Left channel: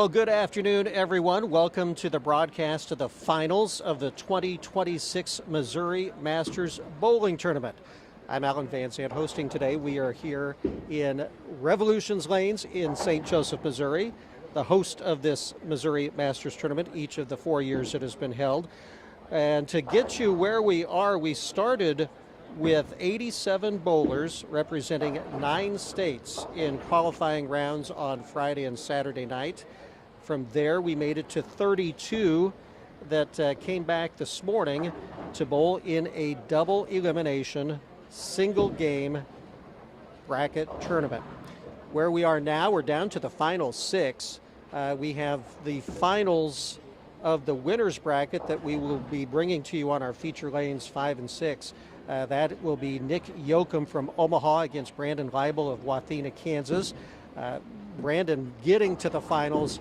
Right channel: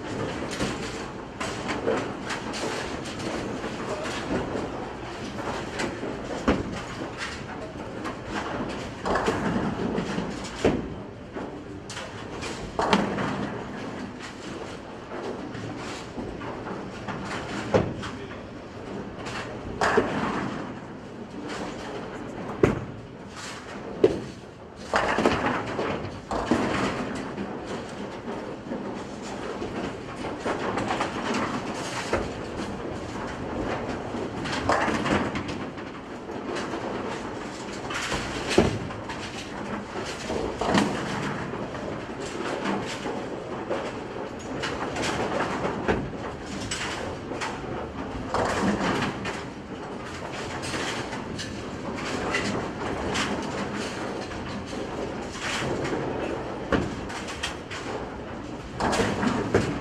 Well, good afternoon, everyone. Welcome to the broadcast of the finals of the 2026 Missouri Masters Bowling Tournament. I'm Alan Dancy. I'm hosting today. We are here in Revolutions Lanes in St. Joseph, Missouri, the host of this Missouri Masters Tournament each of the 4 years it has been held. And to get you where we are, we started with 87 bowlers representing 9 states in qualifying rounds on Friday and Saturday night. From there, we made it to 32 that came back this morning to bowl in a double elimination, single game bracket tournament. Where we are now, we're down to the final 6. We have the finals of the winners bracket that we will be bringing to you on our feature lanes 5 and 6. That will be Nick Yoakum from Omaha against Brandon Weibel of Wadena, Kansas. Brandon getting to the finals,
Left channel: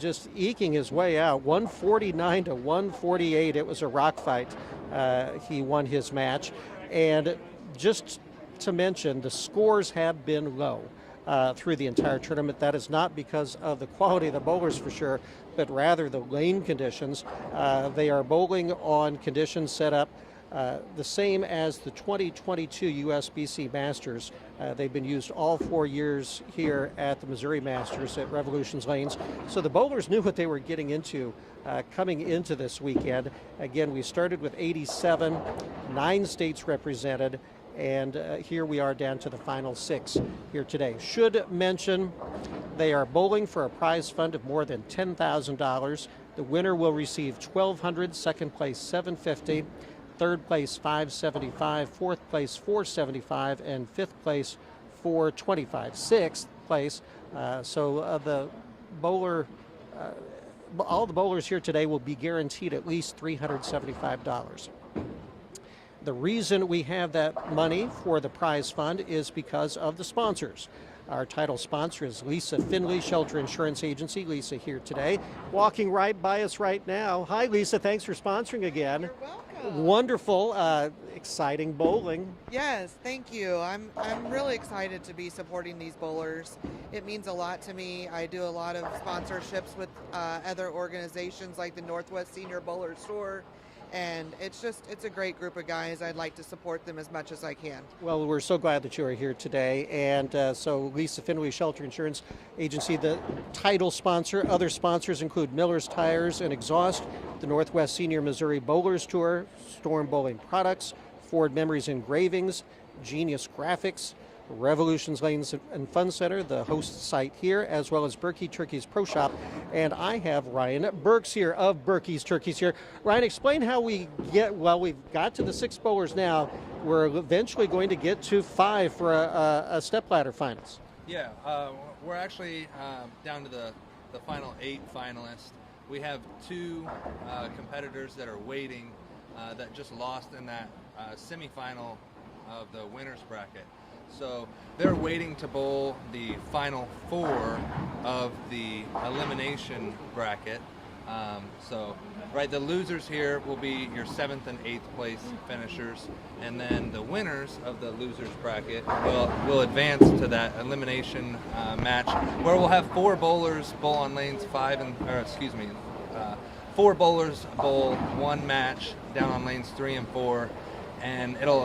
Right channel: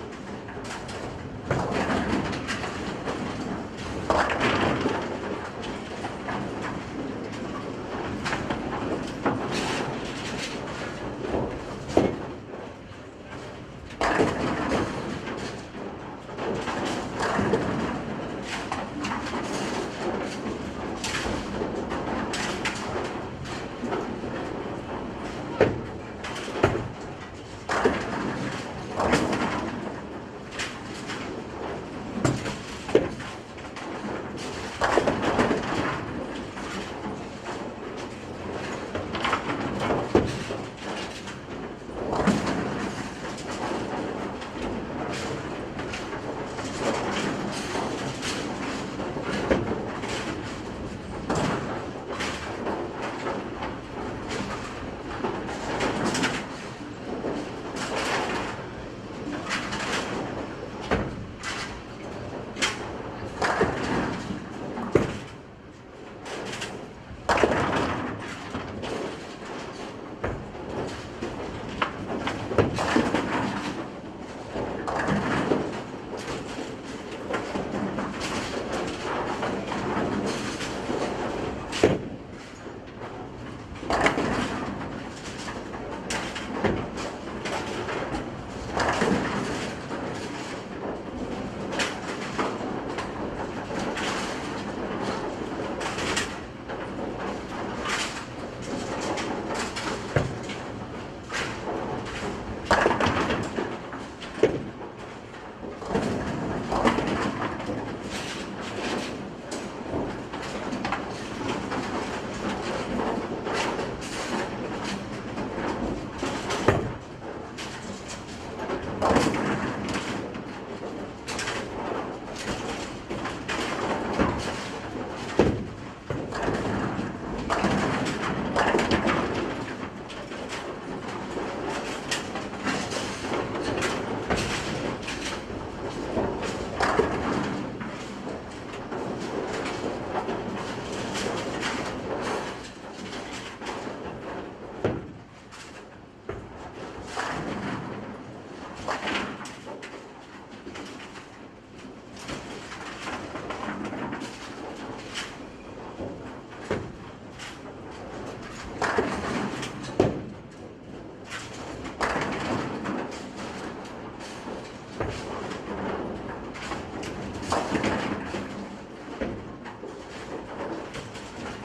just eking his way out, 149 to 148. It was a rock fight. He won his match. And just to mention, the scores have been low through the entire tournament. That is not because of the quality of the bowlers, for sure, but rather the lane conditions. They are bowling on conditions set up the same as the 2022 USBC Masters. They've been used all 4 years here at the Missouri Masters at Revolutions Lanes. So the bowlers knew what they were getting into coming into this weekend. Again, we started with 87, 9 states represented, and here we are down to the final 6 here today. Should mention they are bowling for a prize fund of more than $10,000. The winner will receive $1,200, second place $750, third place $575, fourth place $475, and fifth place $425. Sixth place, so the bowler. All bowlers here today will be guaranteed at least $375. The reason we have that money for the prize fund is because of the sponsors. Our title sponsor is Lisa Finley Shelter Insurance Agency. Lisa here today, walking right by us right now. Hi, Lisa. Thanks for sponsoring again. Wonderful, exciting bowling. Yes, thank you. I'm really excited to be supporting these bowlers. It means a lot to me. I do a lot of sponsorships with other organizations like the Northwest Senior Bowler Tour, and it's a great group of guys that I like to support them as much as I can. Well, we're so glad that you're here today, and so Lisa Finley Shelter Insurance Agency, the title sponsor. Other sponsors include Miller's Tires and Exhaust, Northwest Senior Missouri Bowlers Tour, Storm Bowling Products, Ford Memories Engravings, Genius Graphix, Revolutions Lanes and Fun Center, the host site here, as well as Burky Turkey's Pro Shop. And I have Ryan Burks here of Burky's Turkeys here. Ryan, explain how we get, well, we got to the 6 bowlers now. We're eventually going to get to 5 for a stepladder finals. Yeah, we're actually down to the final game finals. We have 2 competitors that are waiting that just lost their match of the winner's bracket. So they're waiting to bowl the final 4 of the elimination bracket. Right, the losers here will be your 7th and 8th place finishers, and then the winners of the losers bracket will advance to that elimination match, where we'll have 4 bowlers bowl on lanes 4 bowlers bowl 1 match down on lanes 3 and 4, and it'll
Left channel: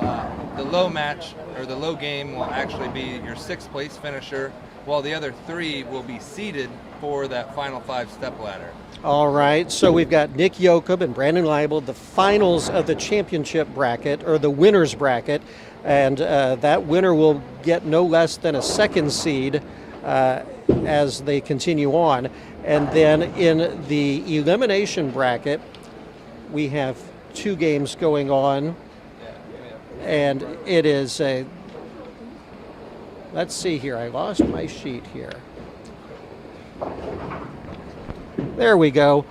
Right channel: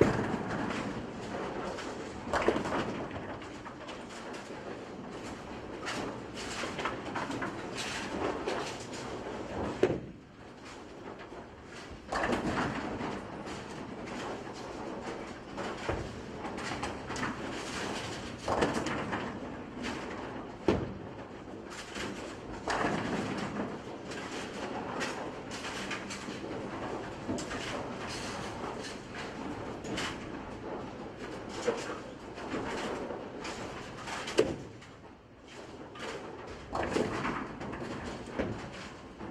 the low match or the low game will actually be your 6th place finisher, while the other 3 will be seeded for that final 5 step ladder. All right, so we've got Nick Yoakum and Brandon Weibel, the finals of the championship bracket, or the winner's bracket, and that winner will get no less than a 2nd seed as they continue on. And then in the elimination bracket, we have 2 games going on, and it is a, let's see here, I lost my sheet here. There we go.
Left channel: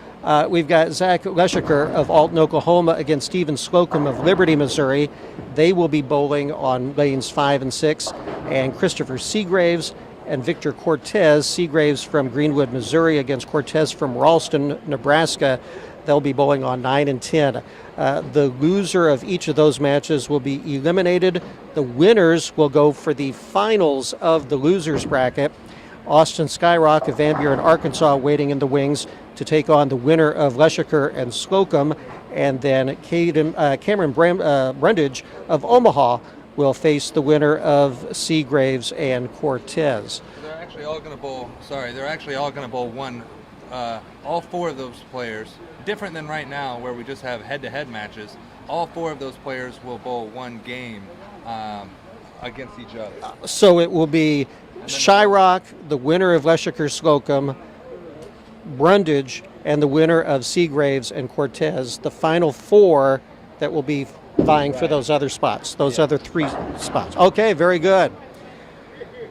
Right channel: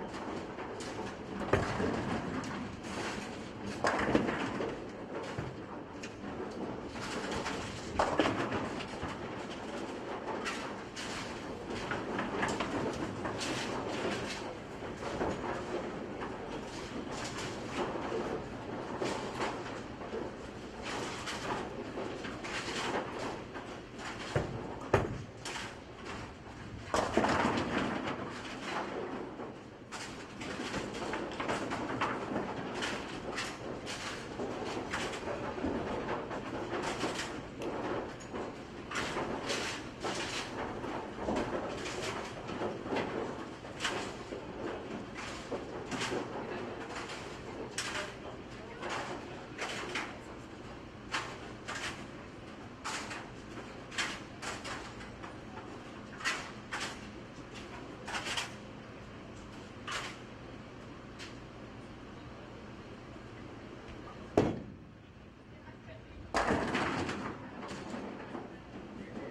We've got Zach Leshiker of Alton, Oklahoma against Stephen Slocum of Liberty, Missouri. They will be bowling on lanes 5 and 6. And Christopher Seagraves and Victor Cortez, Seagraves from Greenwood, Missouri against Cortez from Ralston, Nebraska. They'll be bowling on 9 and 10. The loser of each of those matches will be eliminated. The winners will go for the finals of the losers bracket. Austin Skyrock of Van Buren, Arkansas, waiting in the wings to take on the winner of Leschiker and Slocum. And then Cameron Brundage of Omaha will face the winner of Seagraves and Cortez. They're actually all going to bowl. They're actually all going to bowl one. All 4 of those players, different than right now where we just have head-to-head matches. All 4 of those players will bowl one game against each other. So it will be Shyrock, the winner of Leschiker Slocum, Brundage, and the winner of Seagraves and Cortez, the final 4 that will be vying for those other spots, those other 3 spots. Okay, very good.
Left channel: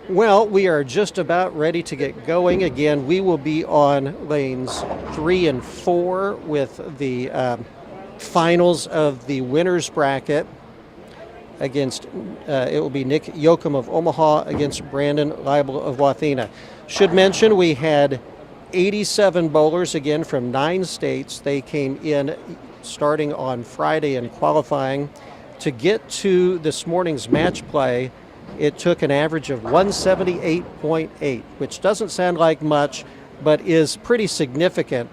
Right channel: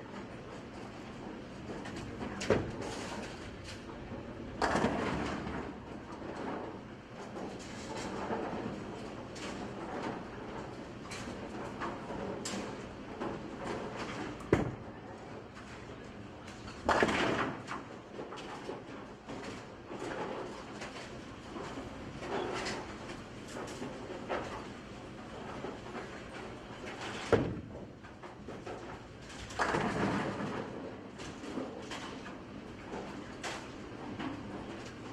Well, we are just about ready to get going. Again, we will be on lanes 3 and 4 with the finals of the winners bracket against, it will be Nick Yoakum of Omaha against Brandon Leibel of Wathena. Should mention we had 87 bowlers, again, from 9 states. They came in starting on Friday in qualifying. To get to this morning's match play, it took an average of 178.8, which doesn't sound like much, but is pretty significant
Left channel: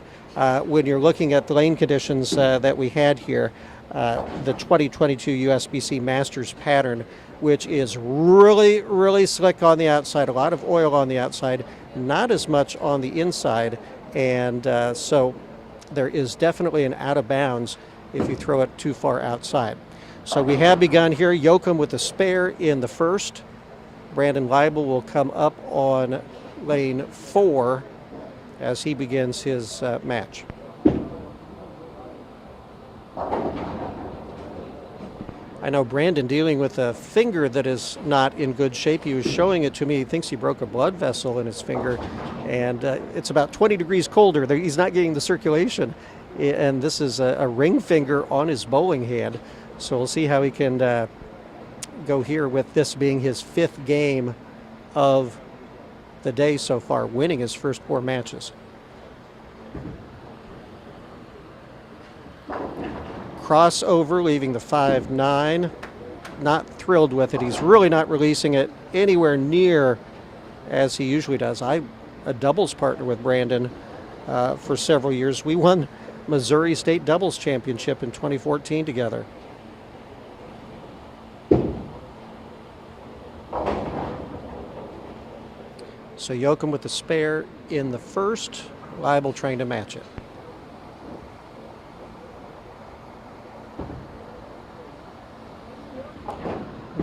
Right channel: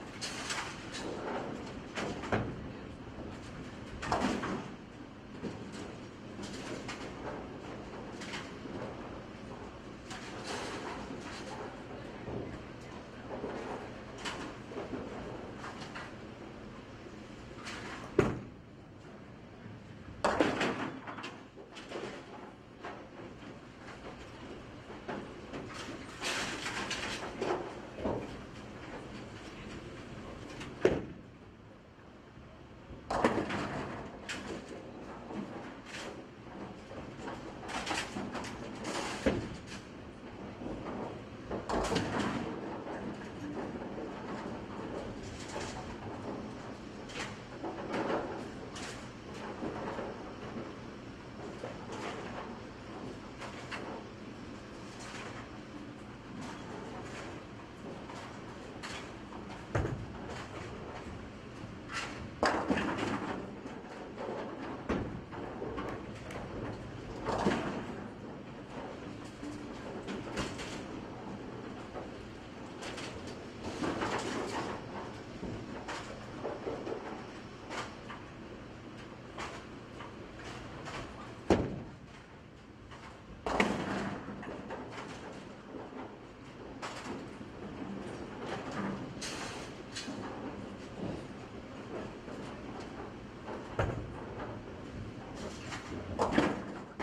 when you're looking at the lane conditions that we had here. The 2022 USBC Masters pattern, which is really, really slick on the outside, a lot of oil on the outside, not as much on the inside, and so there is definitely an out of bounds if you throw it too far outside. So we have begun here. Yoakum with the spare in the first. Brandon Leibel will come up on lane 4 as he begins his match. I know Brandon dealing with a finger that is not in good shape. He was showing it to me. He thinks he broke a blood vessel in his finger, and it's about 20 degrees colder. He's not getting the circulation, and this is a ring finger on his bowling hand. So we'll see how he can go here with this being his 5th game of the day so far, winning his first 4 matches. Crossover, leaving the 5-9. Not thrilled with it. He's really not releasing it anywhere near as he usually does. I'm a doubles partner with Brandon for several years. We won Missouri State Doubles Championship in 2014 together. So Yoakum with the spare in the first, Leibel trying to match it.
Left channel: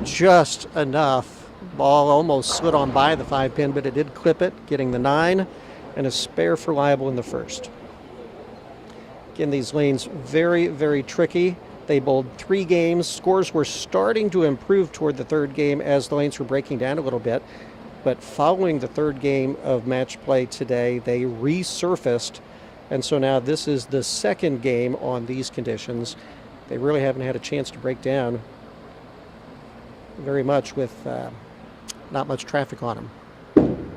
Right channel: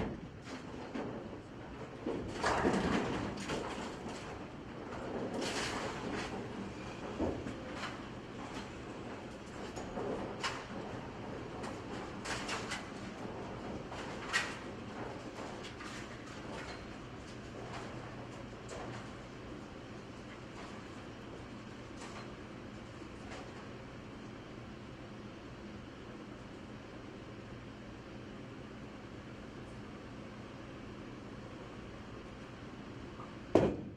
Just enough. Ball almost slid on by the 5-pin, but it did clip it, getting the 9, and a spare for Leibel in the first. Again, these lanes very, very tricky. They bowled 3 games. Scores were starting to improve toward the 3rd game as the lanes were breaking down a little bit. But following the 3rd game of match play today, they resurfaced. And so now this is the 2nd game on these conditions. They really haven't had a chance to break down very much with not much traffic on them.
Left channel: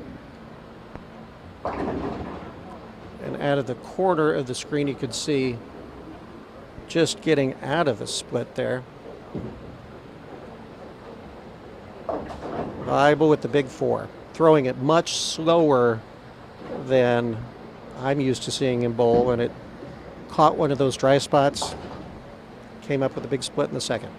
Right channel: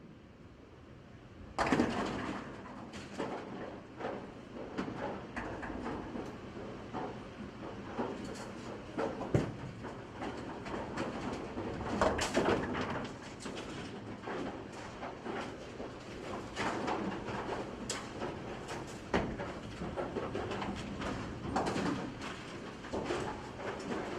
And out of the corner of the screen, you could see just getting out of a split there. Leibel with the big 4, throwing it much slower than I'm used to seeing him bowl, and it caught one of those dry spots, came up with a big split in the second.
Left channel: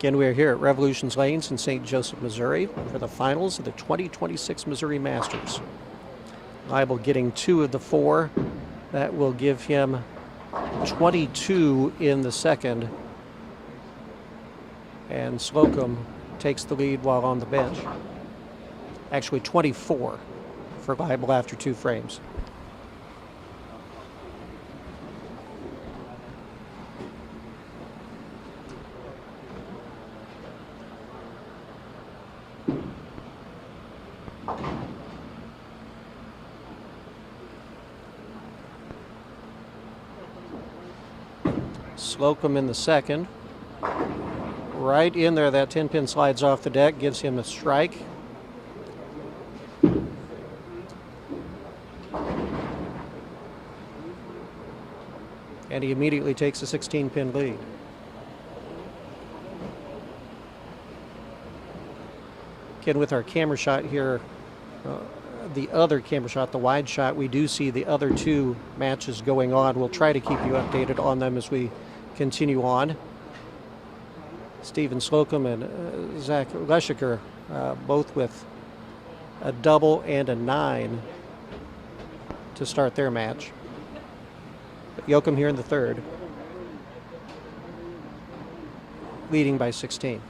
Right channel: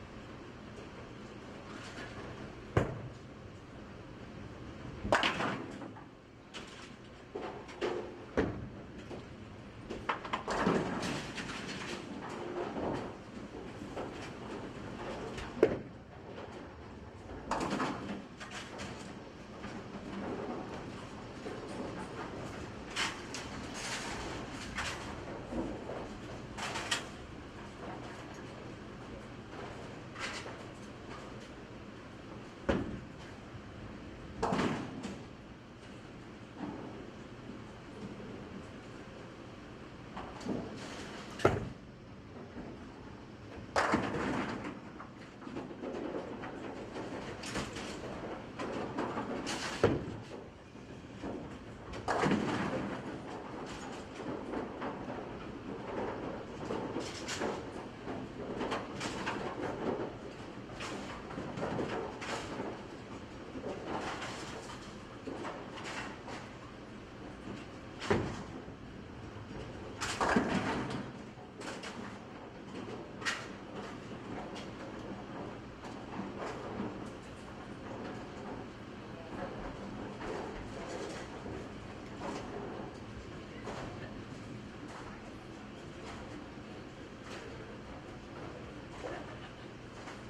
Again, we are here at Revolutions Lanes in St. Joseph, Missouri for the finals of the 2026 Missouri Masters. Leibel getting 2 of the 4. That will give him 22 in the second. And Slocum takes the lead while on the bench. Actually 24 for Leibel after 2 frames. Slocum in the second. Right in there, that 10-pin slides off the deck, gives him a strike. And he immediately takes a 16-pin lead. Again, with our camera shot here, the other camera shot, the wide shot, we do see the other two matches going on. We'll try to keep you updated on them as we continue on. Steven Slocum and Zach Leschiker, both with a double and a 9 to start their match. But Yoakum here in the third, leading by 16.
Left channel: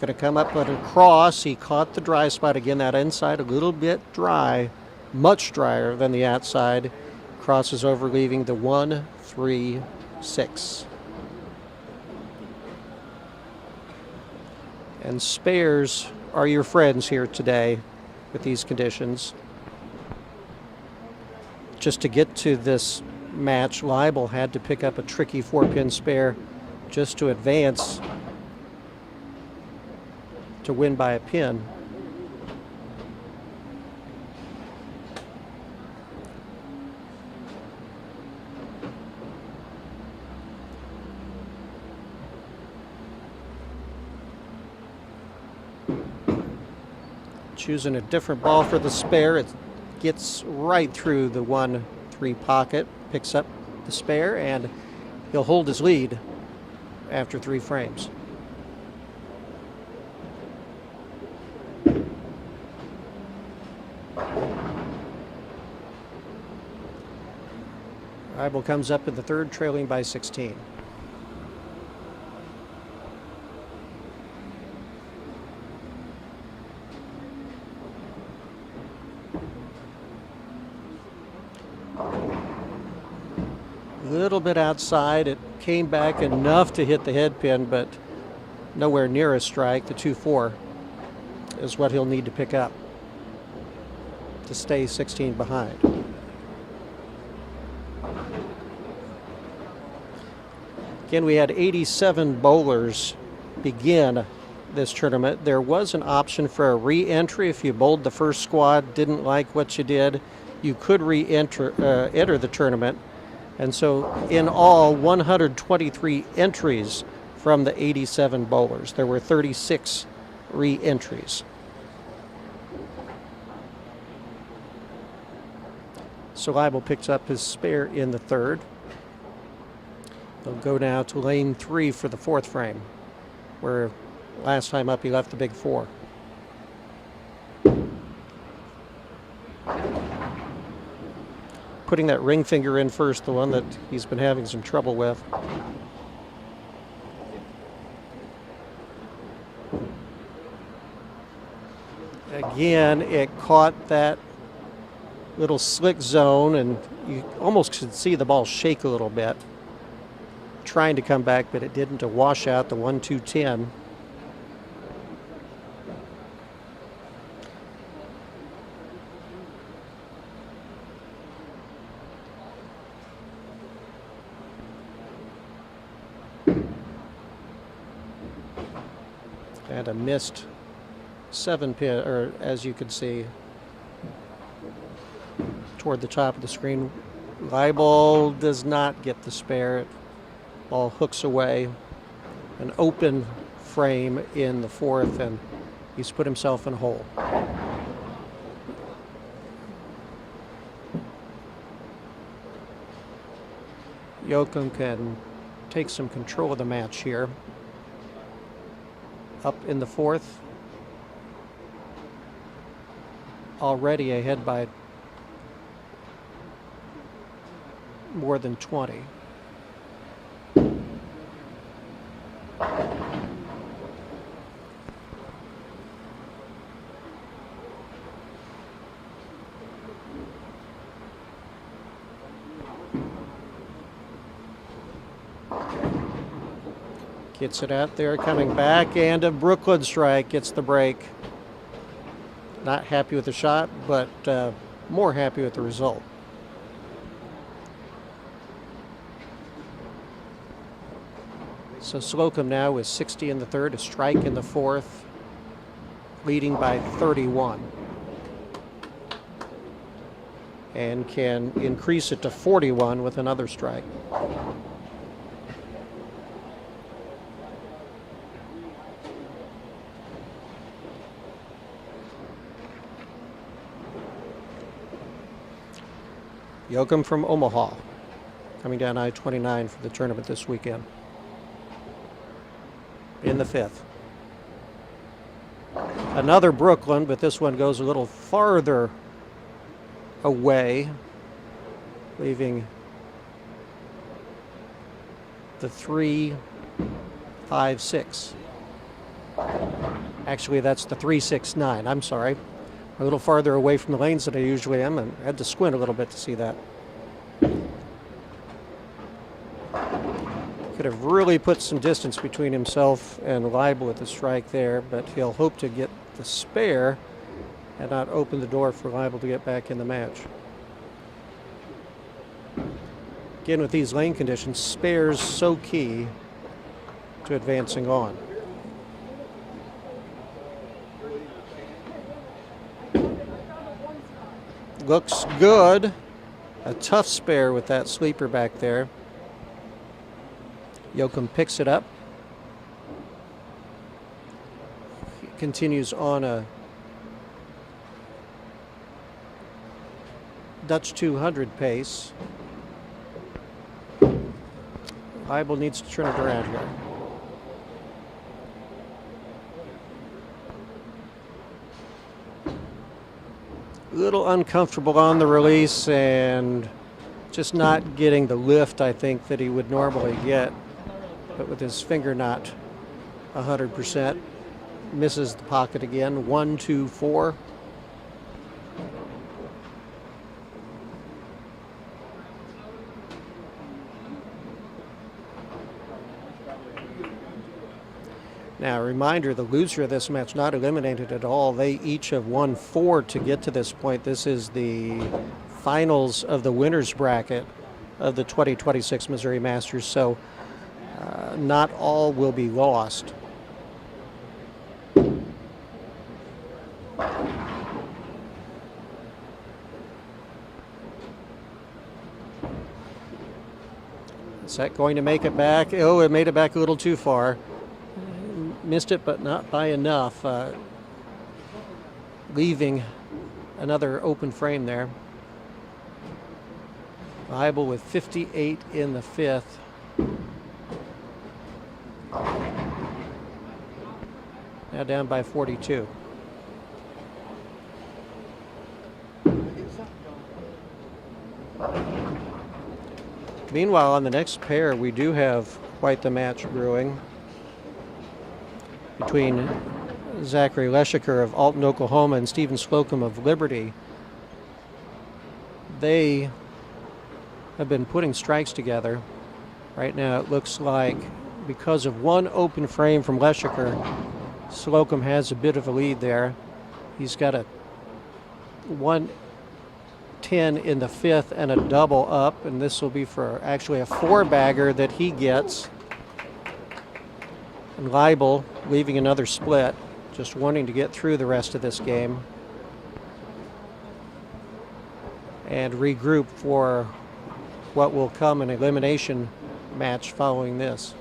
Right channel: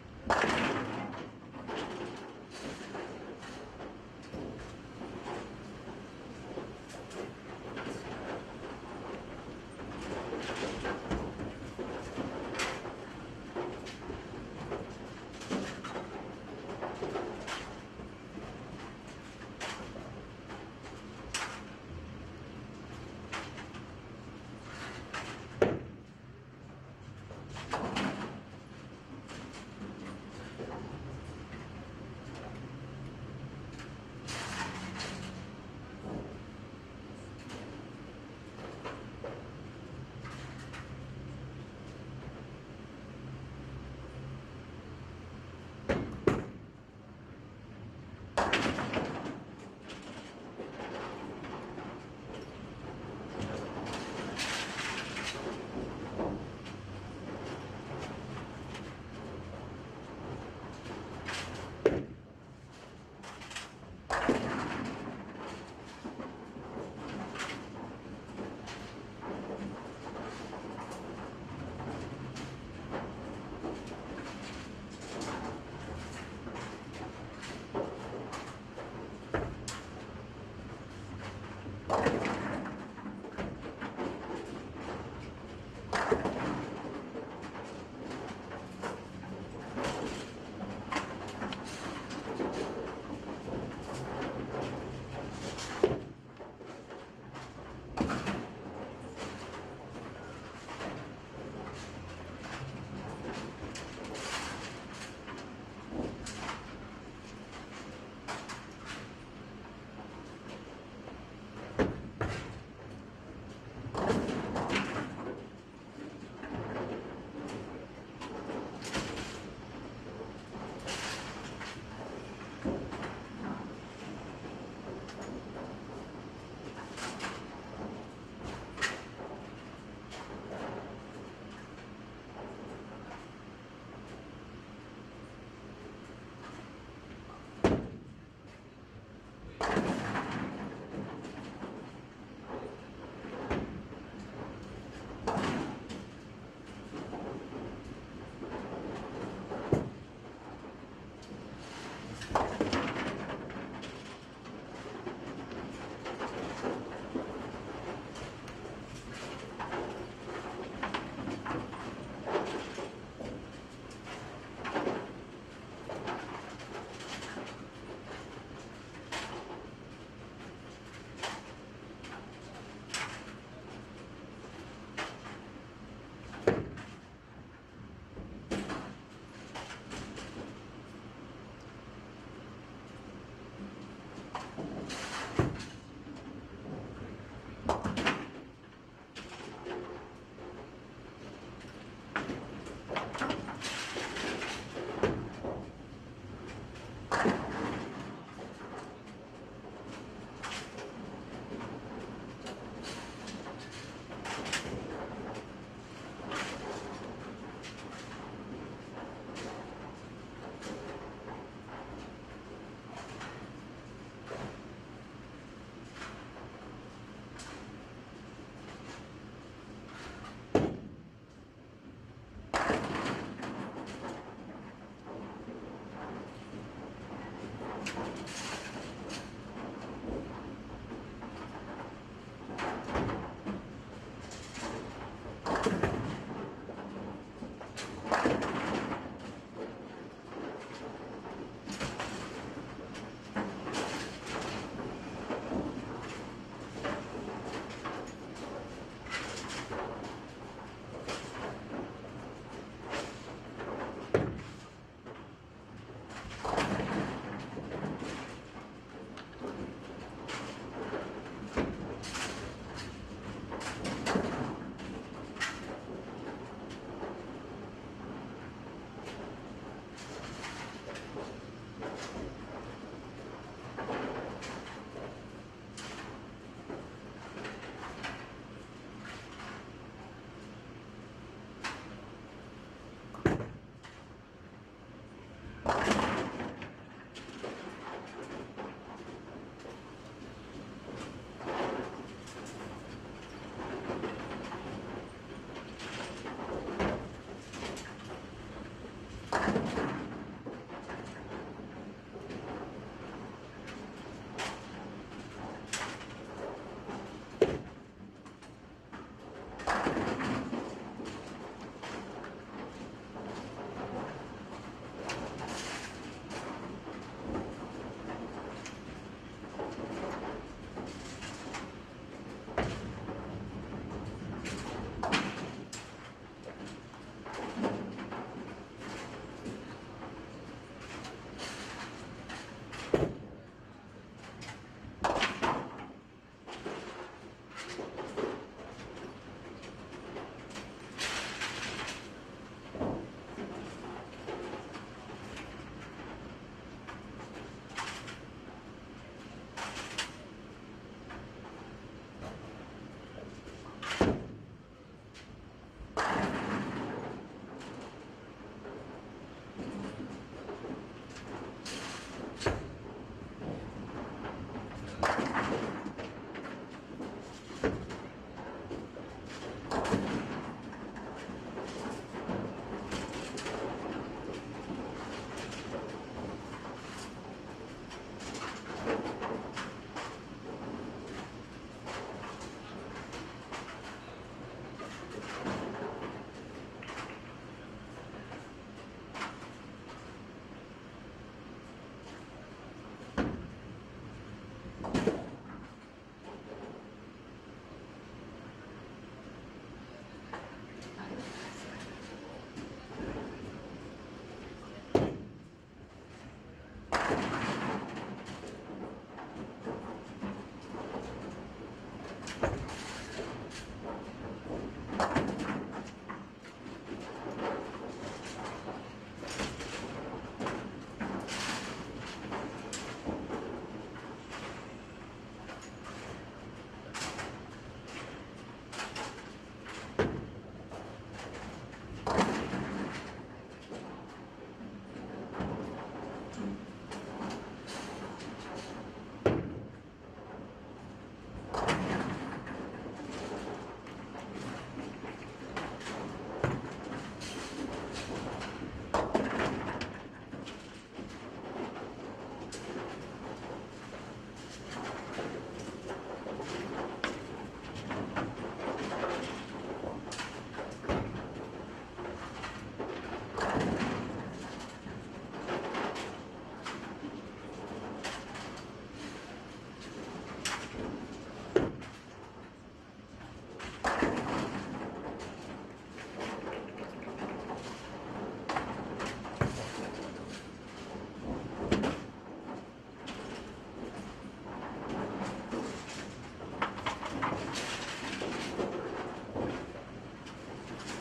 Going to come up with a cross. He caught the dry spot again. That inside a little bit dry, much drier than the outside. Crosses over, leaving the 1, 3, 6. And spares are your friends here today with these conditions. Just to get to this match, Leibel had to pick up a tricky 4-pin spare just to advance to win by a pin. Choosing a different ball for the spare. It gets right through the 1-3 pocket, picks up the spare, and he'll hold his lead after 3 frames. Leibel comes up in the third, trailing by 16. Little bit outside. It came back enough to hit the head pin, but nowhere near a strike. The 2-4 is what he'll need to pick up to stay 16 behind. Again, we had 87 bowlers begin this tournament. There was an option for a re-entry. If you bowled the first squad, didn't like what you did, you could re-enter enter the tournament. And so in all, 123 entries from the 87 bowlers. There were 36 re-entries. So Leibel picks up his spare in the third. He'll go now to lane 3 for the 4th frame, where last time up he left the big 4. Putting that ring finger in first, the one that he's been having some trouble with. Again, it caught that little slick zone, and you almost could see the ball shake a little bit, trying to come back, but it didn't, to wash out the 1-2-10. And a missed 7-pin, or as you can see, toward the top of the screen. Leibel does not get the spare. Ball hooks away. An open frame in the 4th, and he's put himself in a hole. Yoakum can take some control of the match here. Up in the 4th. Already ahead by more than 20. Gets it out there, coming back, and a Brooklyn strike gets the break. Not happy with the shot, but more happy with the result. So Slocum now with 60 in the 3rd, a strike in the 4th. leading by 31. And can increase it to 41 with another strike. Yoakum from Omaha, coming down I-29 for the tournament this weekend. In the 5th. Another Brooklyn, but this one goes a little farther away, leaving the 3, 5, 6. Actually, that's the 3, 6, 9. I'm sorry. A little farther away from the lanes than I usually am, and I had to squint a little bit to see that. Could have really put some distance between himself and Leibel with the strike there, but he'll hope to get the spare and not open the door for Leibel to get back in the match. Again, with these lane conditions, spares so key to advancing on. Looks good. A tough spare with that sleeper back there. Yoakum picks it up. Continues on a Dutch 200 pace. Leibel needs to turn it around here. A little uncomfortable on the release and just not getting the lift I think that he would normally get. But with his finger not 100%, misses the pocket again. 1, 2, 4. Now, a reminder, the loser of this match not eliminated at all. They each have won 4 to get to this point. This is the finals of the winners bracket of the 2026 Missouri Masters, so not all will be lost. Is that going to make it back? Oh, it made it back a little too far. Missed it, but not by enough. Leaving another open frame there. Leibel with 58 in the 5th. Now down by 42. Meanwhile, on the next pair, we do have quite the match brewing between Zachary Leshiker of Alton, Oklahoma, and Stephen Slocum of Liberty. They have been putting strikes together. Right now it looks like because of one open frame from Leshiker, Slocum has a bit of a lead there. He's got a 110 in the 5th and a double up, and this will be for actually a 4-bagger that he gets. And Leibel leaving another split, just wanting to get through the rest of this game and regroup for what will come an elimination match following this.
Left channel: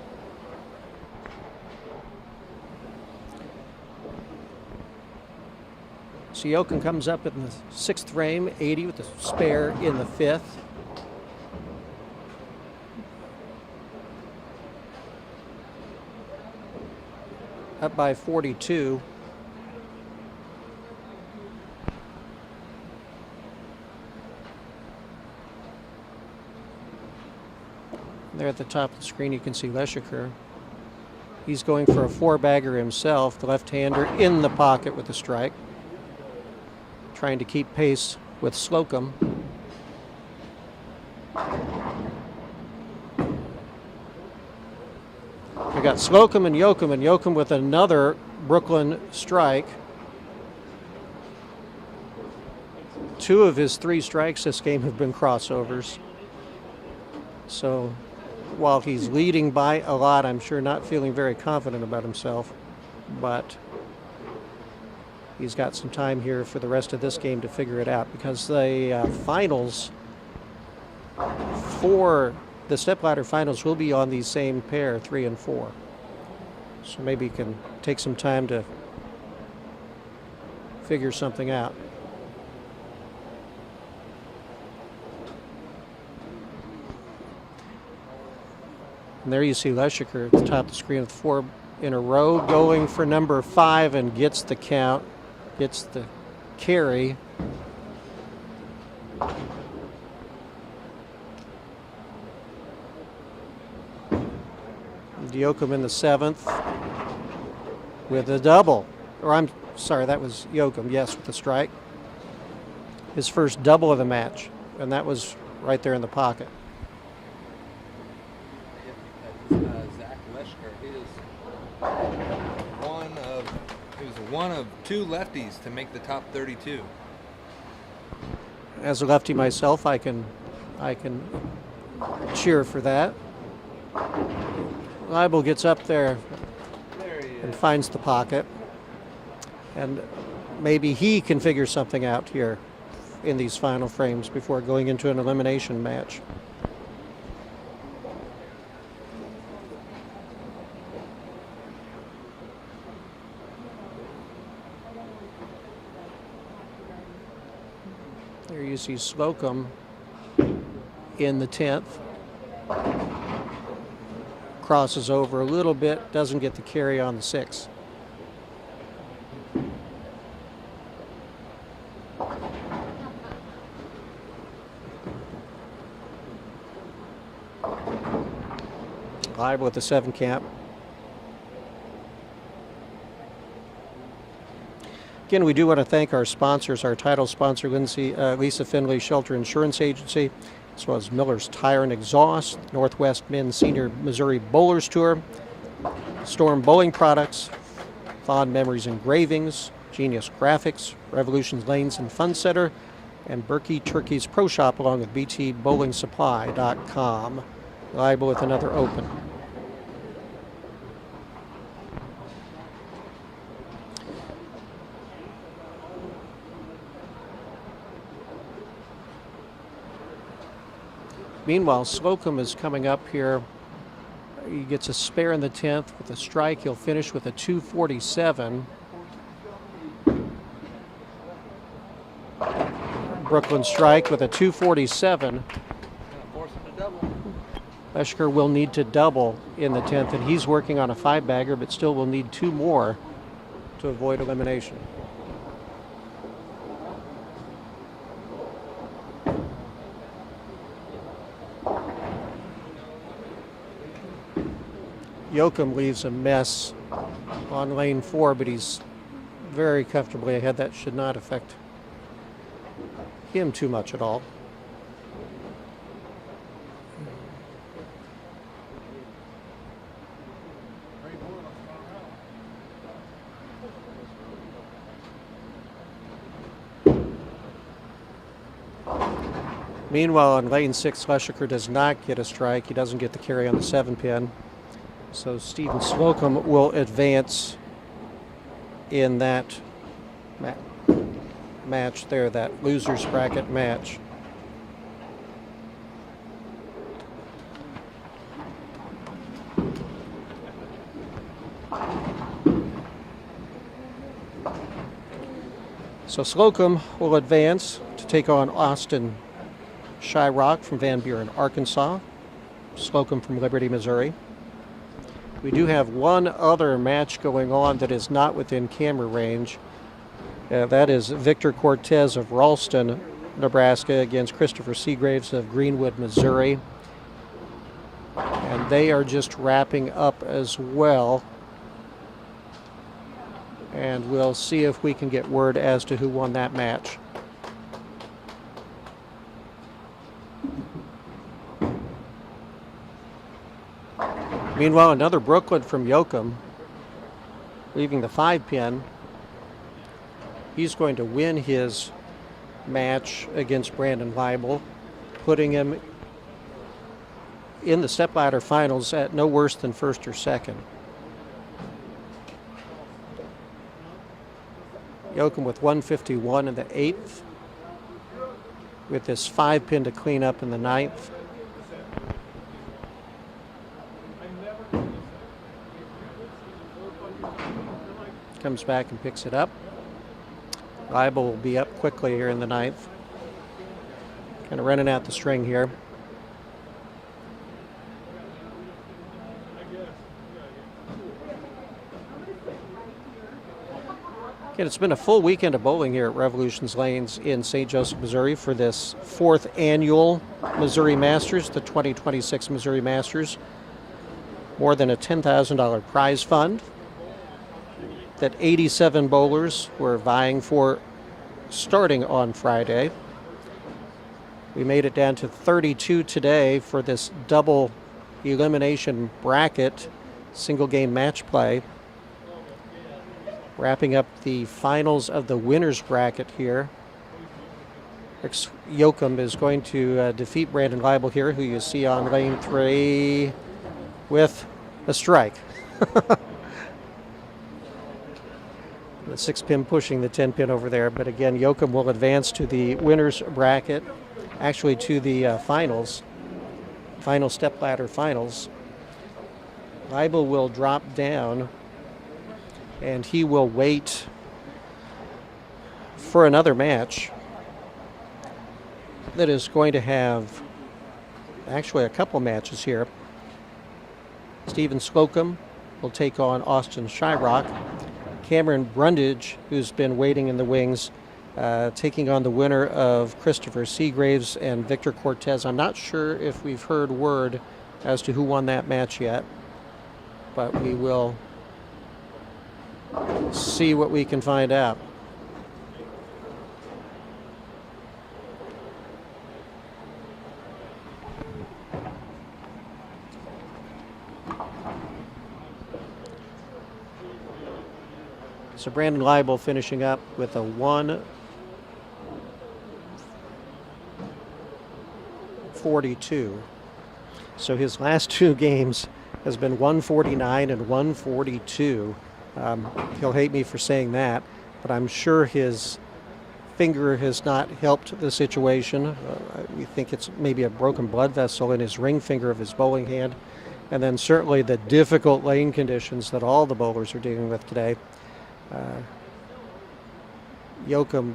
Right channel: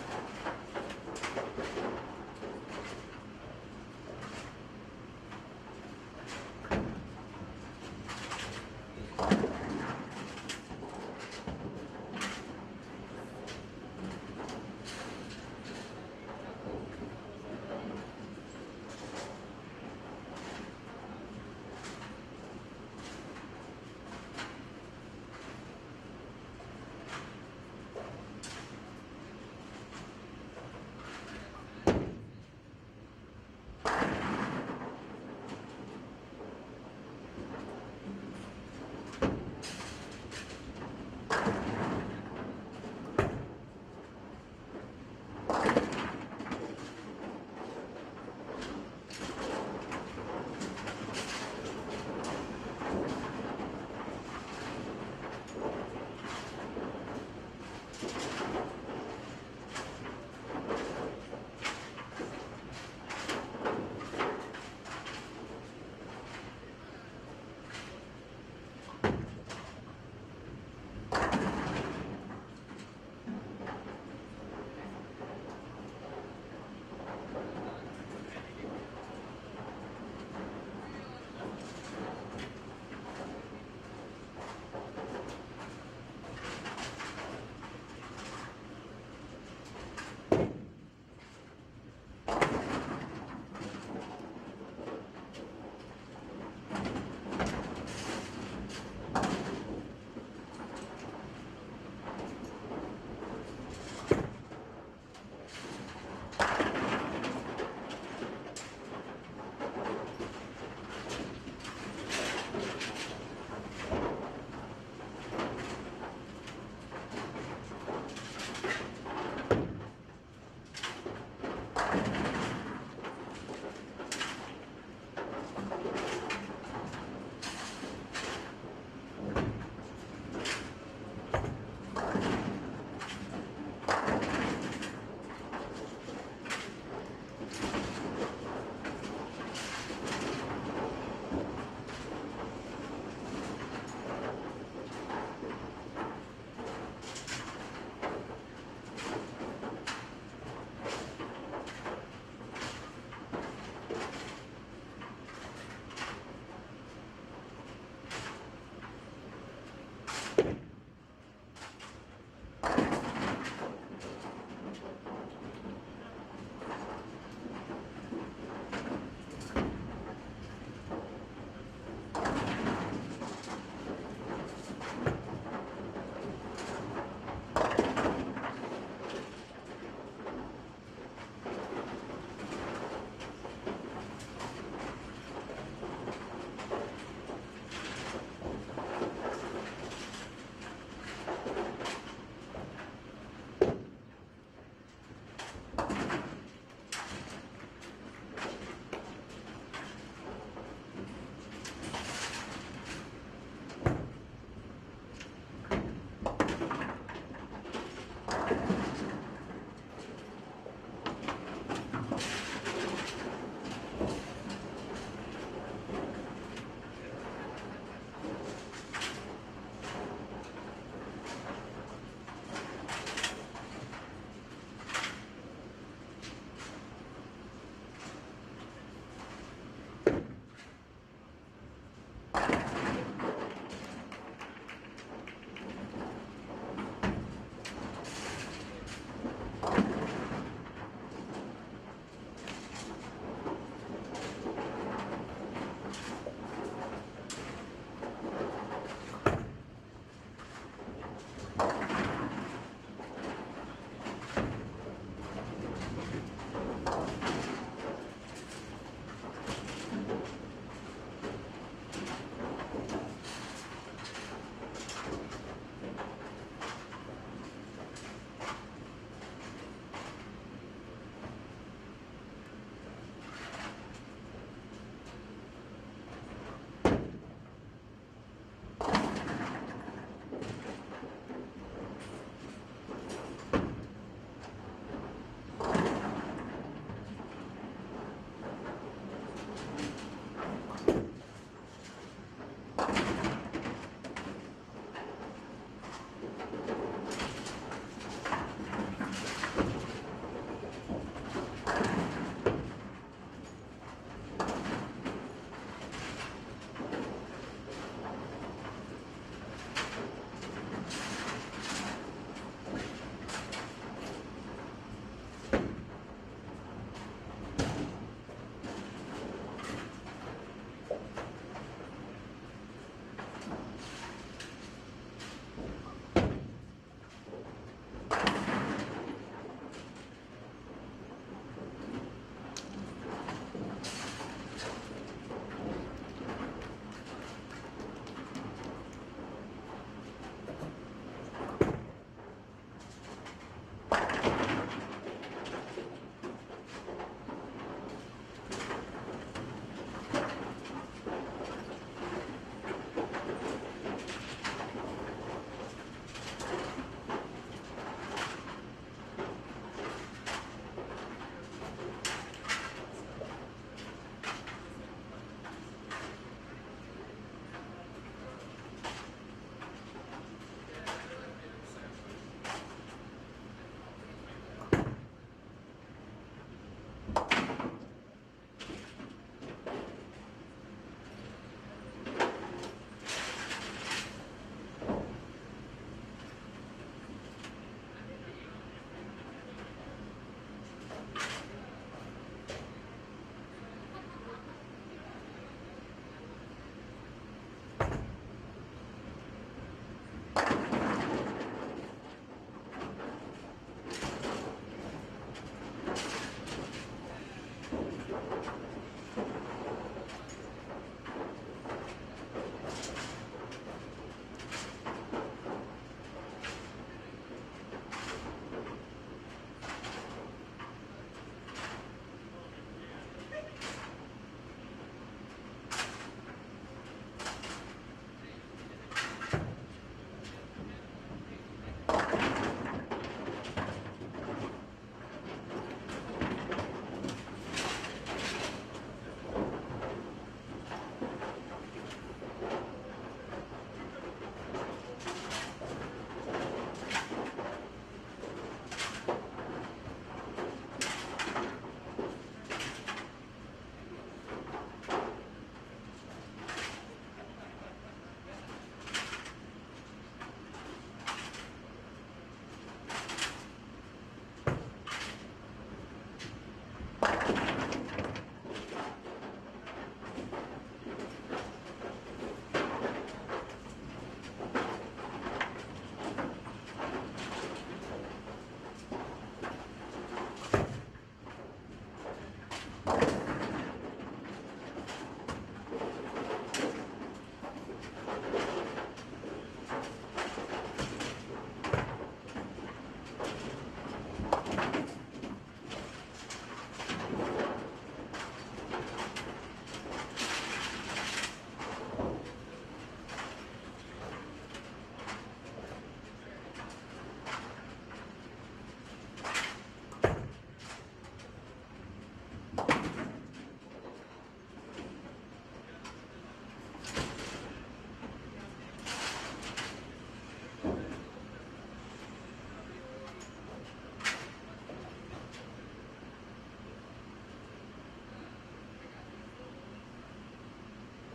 So Yoakum comes up in the 6th frame, 80 with the spare in the 5th. Up by 42. There at the top of the screen you can see Leshiker. He's going for a 4-bagger himself, the left-hander in the pocket with the strike. Trying to keep pace with Slocum. We got Slocum and Yoakum with another Brooklyn strike. 2 of his 3 strikes this game have been crossovers. So while he's leading by a lot, I'm sure not feeling very confident about himself, but he's got some time here for the rest of this game to figure it out, because the finals for the stepladder finals will be on the same pair, 3 and 4. So maybe you can take some time to figure something out. And there you see Leschiker at the top of the screen with 4 in a row, going for number 5, and gets the count, gets the carry. Yoakum in the 7th with a double. Or I'm sorry, that was Yoakum, yes, with the strike. His first double of the match, and that was right there in the pocket. Zach Leschker, who is one of 2 lefties to make the top 32. As a lefty myself, I can cheer for that. Leibel gets up there and finds the pocket, and maybe he can figure something out here in these final frames before going into an elimination match. There you see Slocum in the 10th. Crosses over a little bit, doesn't get the carry on the 6th. Live with the 7 camp. Again, we do want to thank our sponsors, our title sponsor, Lisa Finley Shelter Insurance Agency, as well as Miller's Tire and Exhaust, Northwest Men's Senior Missouri Bowlers Tour, Storm Bowling Products, Fond Memories Engravings, Genius Graphix, Revolutions Lanes and Fun Center, and Burky Turkey's Pro Shop, along with btbowlingsupply.com. Liable with another open. Meanwhile, Slocum is coming up here. He gets a spare in the 10th with a strike. He'll finish with a 247. Brooklyn strike with a 247. Leschker will need to double in the 10th, and he's working on a 5-bagger, but still will need 2 more to avoid elimination. Yoakum leaves a mess on lane 4, but he's very comfortably ahead. That should not affect him too much at all. Meanwhile, on lane 6, Leschker does not get a strike. He doesn't get the carry on the 7-pin. So Stephen Slocum will advance in that match there, that loser's bracket match. So Slocum will advance to take on Austin Shyrock from Van Buren, Arkansas. Slocum from Liberty, Missouri. We do have one other match going on that is not within camera range. That is Victor Cortez of Ralston, Nebraska, against Christopher Seagraves of Greenwood, Missouri. And they are just wrapping up as well. And we'll see if we can get word as to who won that match. Meanwhile, another Brooklyn from Yoakum, leaving the 5-pin. He's going to win his match against Brandon Leibel, putting him in the stepladder finals at no worse than 1st or 2nd. Yoakum with 151 in the 8th, with this 5-pin to clean up in the 9th. Comes back and picks it up. Leibel will be up quickly here in the 9th. Kind of running out the string here. Again, it's been a full weekend of bowling here at Revolutions Lanes in St. Joseph, Missouri for this 4th annual Missouri Masters, the 2026 Missouri Masters. More than a $10,000 prize fund that 87 bowlers were vying for starting on Friday. We made it down to 32 today for this double elimination bracket, single game match play. Wrapping up the finals of the winners bracket here. Yoakum is going to defeat Brandon Leibel here, who you see on lane 3 with a strike. The 6-pin pushing the 10-pin over there, but again, Yoakum will advance to the winners bracket, actually to the finals, final step ladder finals. Leibel will drop down, and he will wait for another match that is going to have actually a couple matches here. Stephen Slocum will take on Austin Shyrock. Cameron Brundage, who's been waiting in the wings, taking on the winner of Christopher Seagraves and Victor Cortez. I'm not sure if we've heard word as to who won that match yet, but we will see what we can find out. So Brandon Leibel finishing up with a 142. So his last 2 games has been 149 and 142. He'll hate me for saying that, but I'm sure his finger has not helped the situation. I think it's maybe a broken blood vessel in his ring finger of his bowling hand. And then certainly the difficult lane conditions that all the bowlers are dealing with today. Yoakum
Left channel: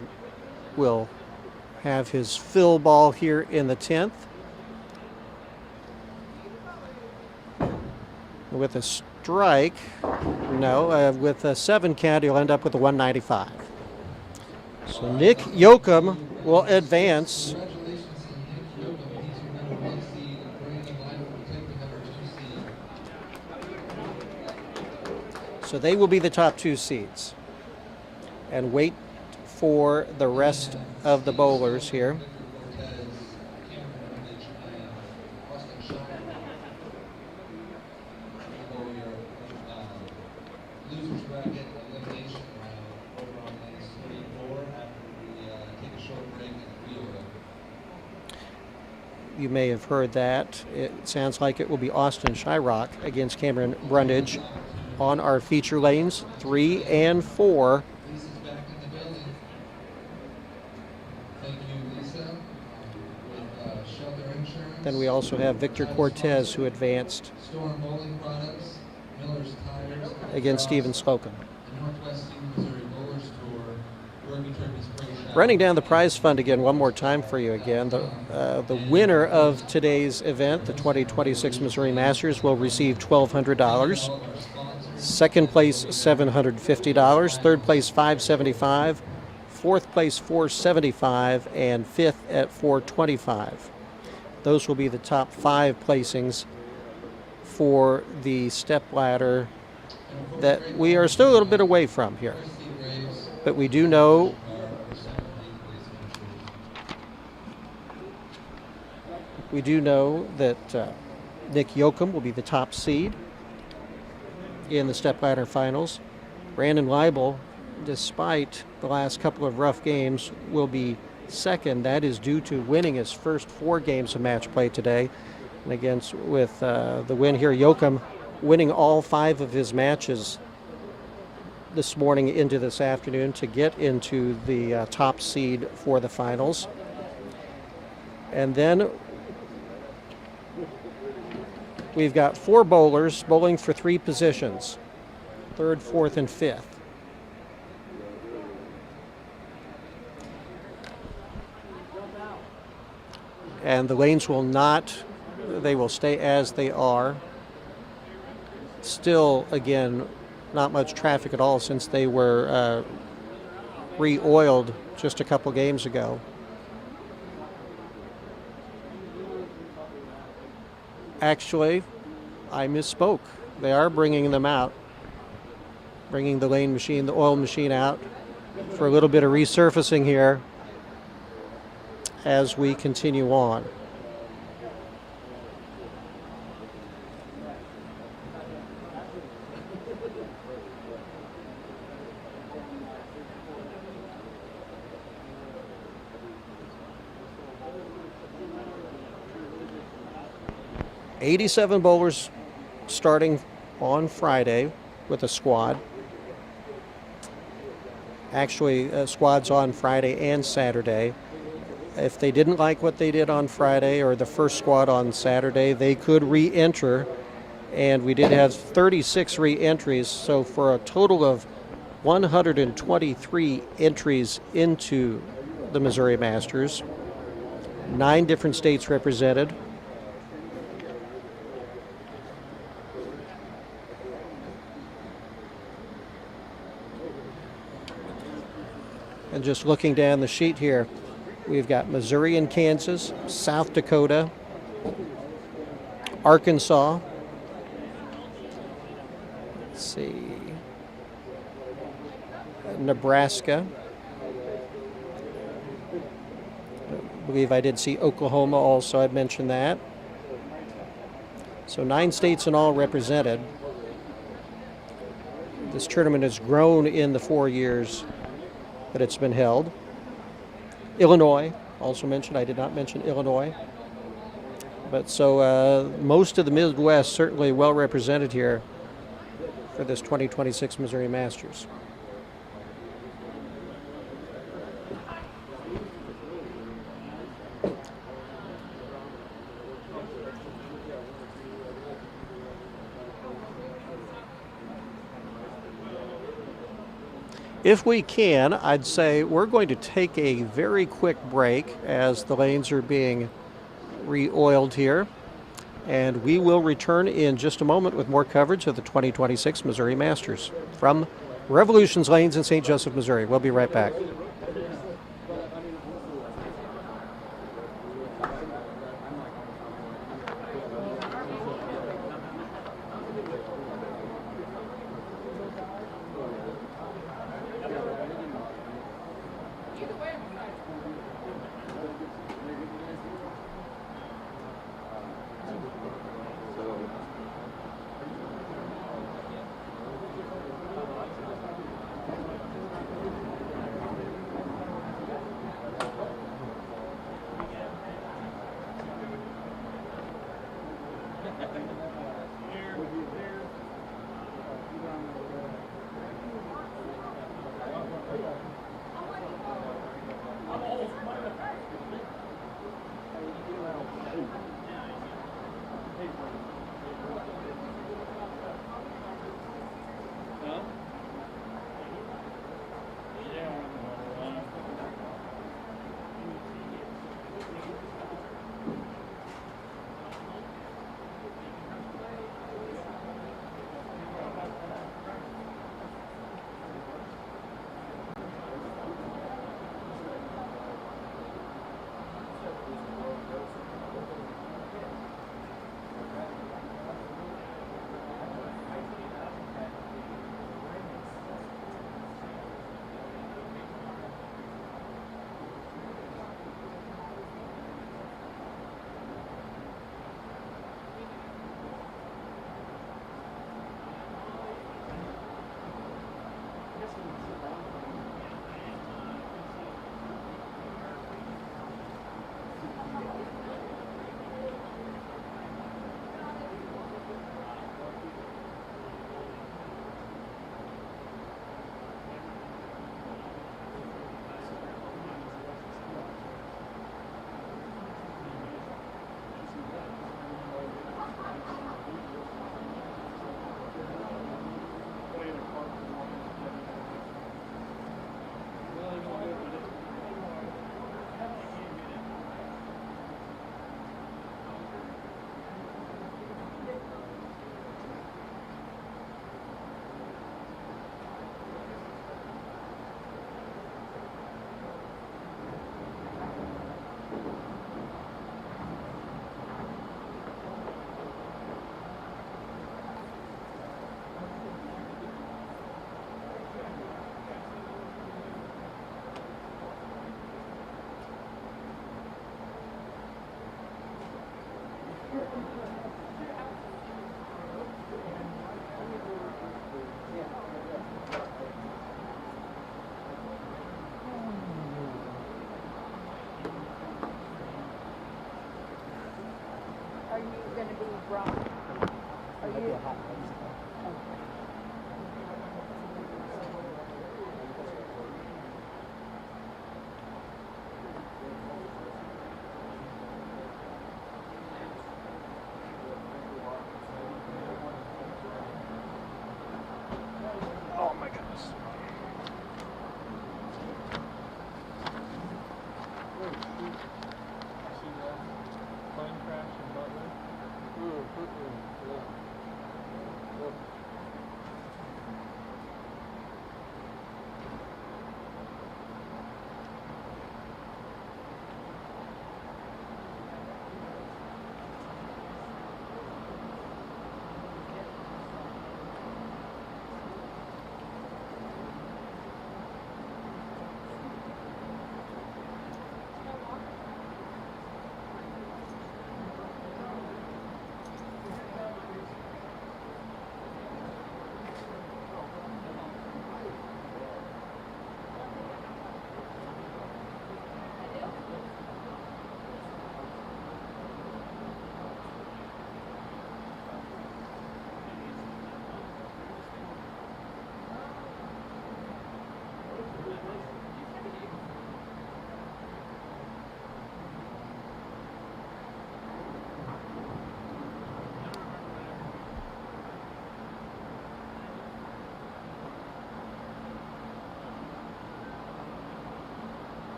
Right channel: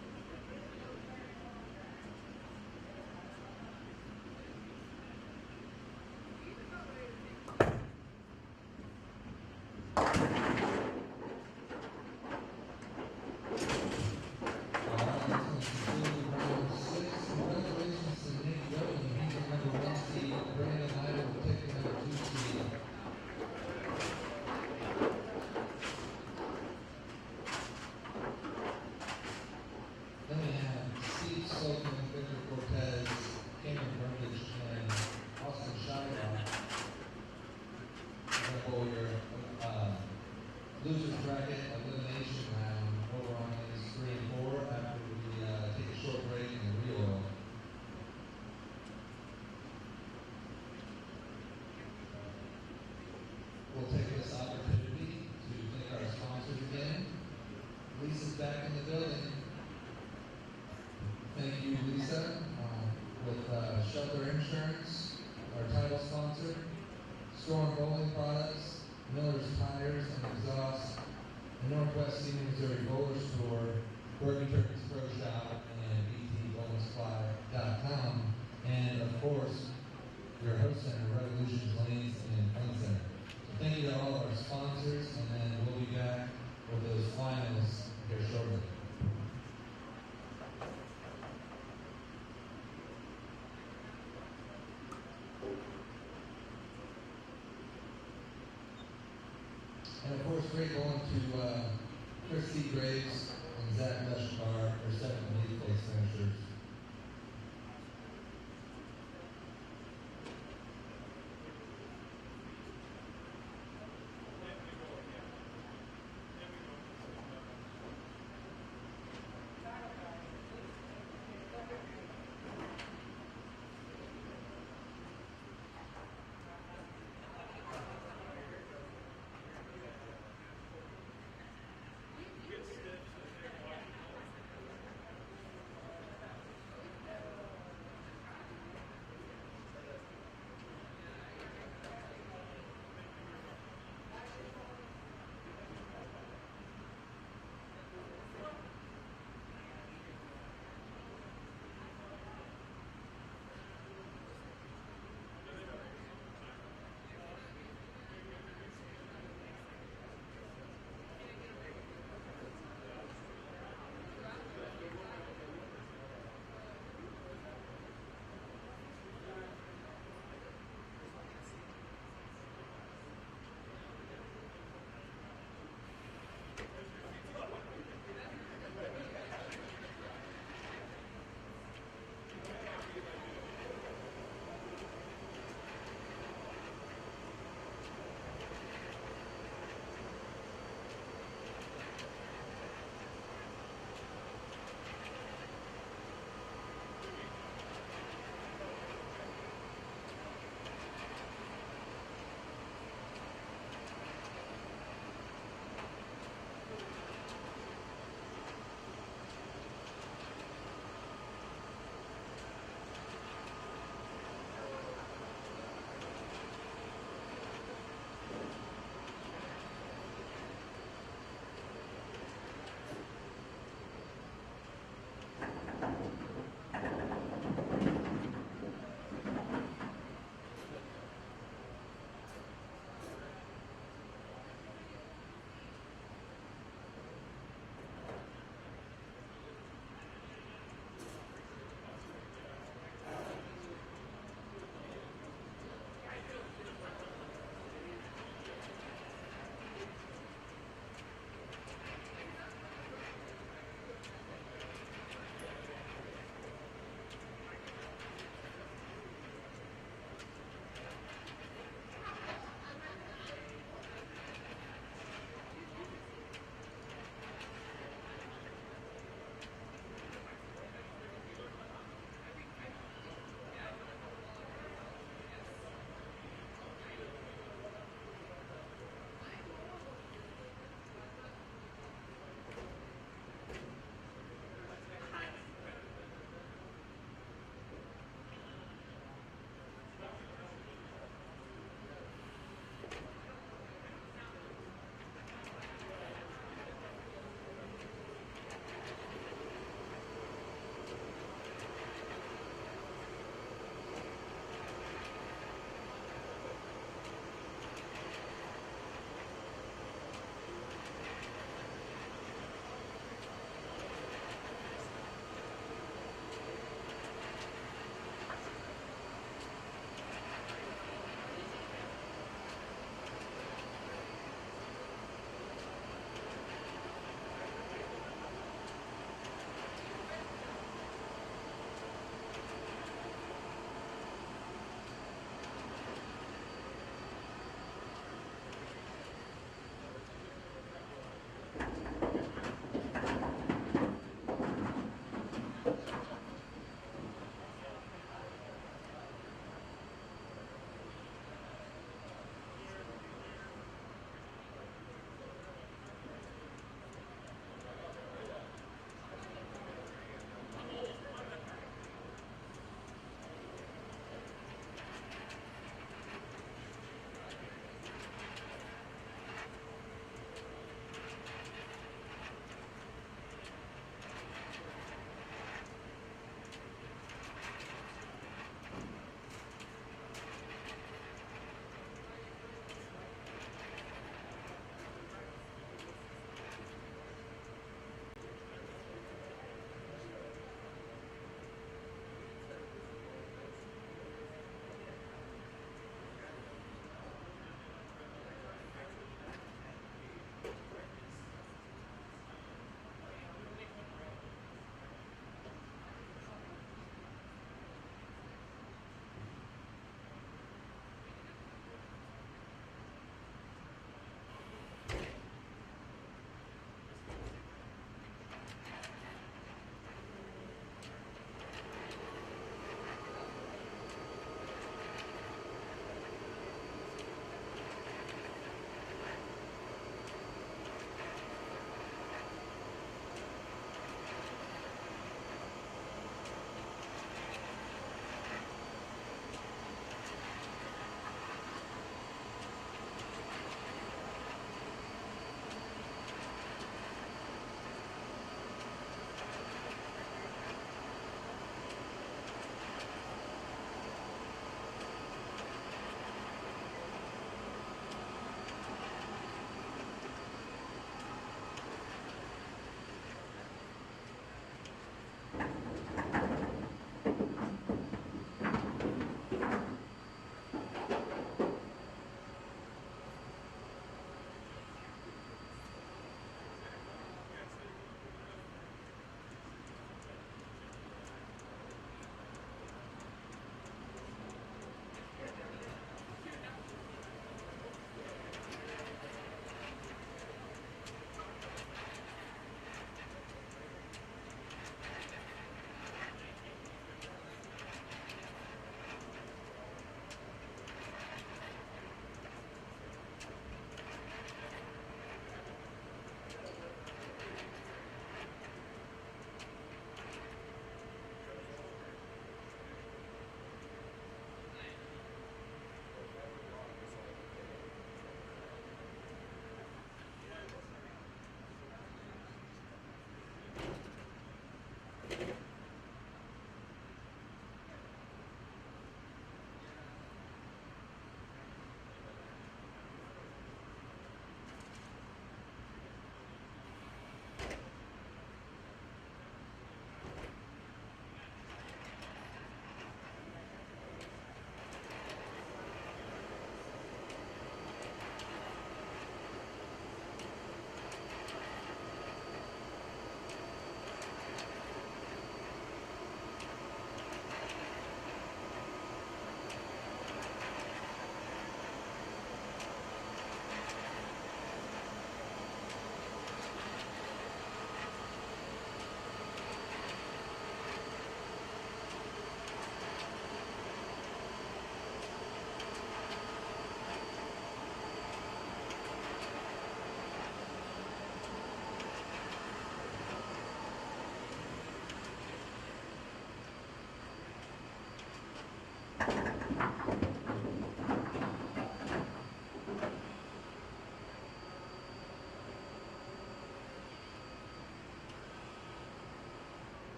will have his fill ball here in the 10th. With a strike, no, with a 7 count, he'll end up with a 195. So Nick Yoakum will advance. So they will be the top 2 seeds. And wait for the rest of the bowlers here. You may have heard that. It sounds like it will be Austin Shyrock against Cameron Brundage on our feature lanes 3 and 4. Then we also have Victor Cortez, who advanced against Stephen Slocum. Running down the prize fund again one more time for you again. The winner of today's event, the 2026 Missouri Masters, will receive $1,200. Second place, $750. Third place, $575. Fourth place, $475. And fifth at $425. Those will be the top 5 placings for the step ladder that we are still a little bit away from here. But we do know that Nick Yoakum will be the top seed in the step ladder finals. Brandon Leibel, despite the last couple of rough games, will be second. That is due to winning his first 4 games of match play today. And again, with the win here, Yoakum winning all 5 of his matches this morning into this afternoon to get into the top seed for the finals. And then we've got 4 bowlers bowling for 3 positions, 3rd, 4th, and 5th. And the lanes will not, they will stay as they are. Still, again, not much traffic at all since they were re-oiled just a couple games ago. Actually, I misspoke. They are bringing them out, bringing the lane machine, the oil machine out for a little bit of resurfacing here as we continue on. '87 bowlers starting on Friday with a squad. Actually, squads on Friday and Saturday. If they didn't like what they did on Friday or the first squad on Saturday, they could re-enter. And we did have 36 re-entries, so for a total of 123 entries into the Missouri Masters. 9 different states represented. And just looking down the sheet here, we've got Missouri and Kansas, South Dakota, Arkansas, let's see, Nebraska. I believe I did see Oklahoma also, I'd mentioned that. So 9 states in all represented. This tournament has grown in the 4 years that it's been held. Illinois, also mentioned. I did not mention Illinois. But so most of the Midwest certainly well represented here for this 2026 Missouri Masters. If we can, I'd say we're going to take a very quick break as the lanes are being re-oiled here. And we will return in just a moment with more coverage of the 2026 Missouri Masters from Revolution's Lanes in St. Joseph, Missouri. We'll be right back.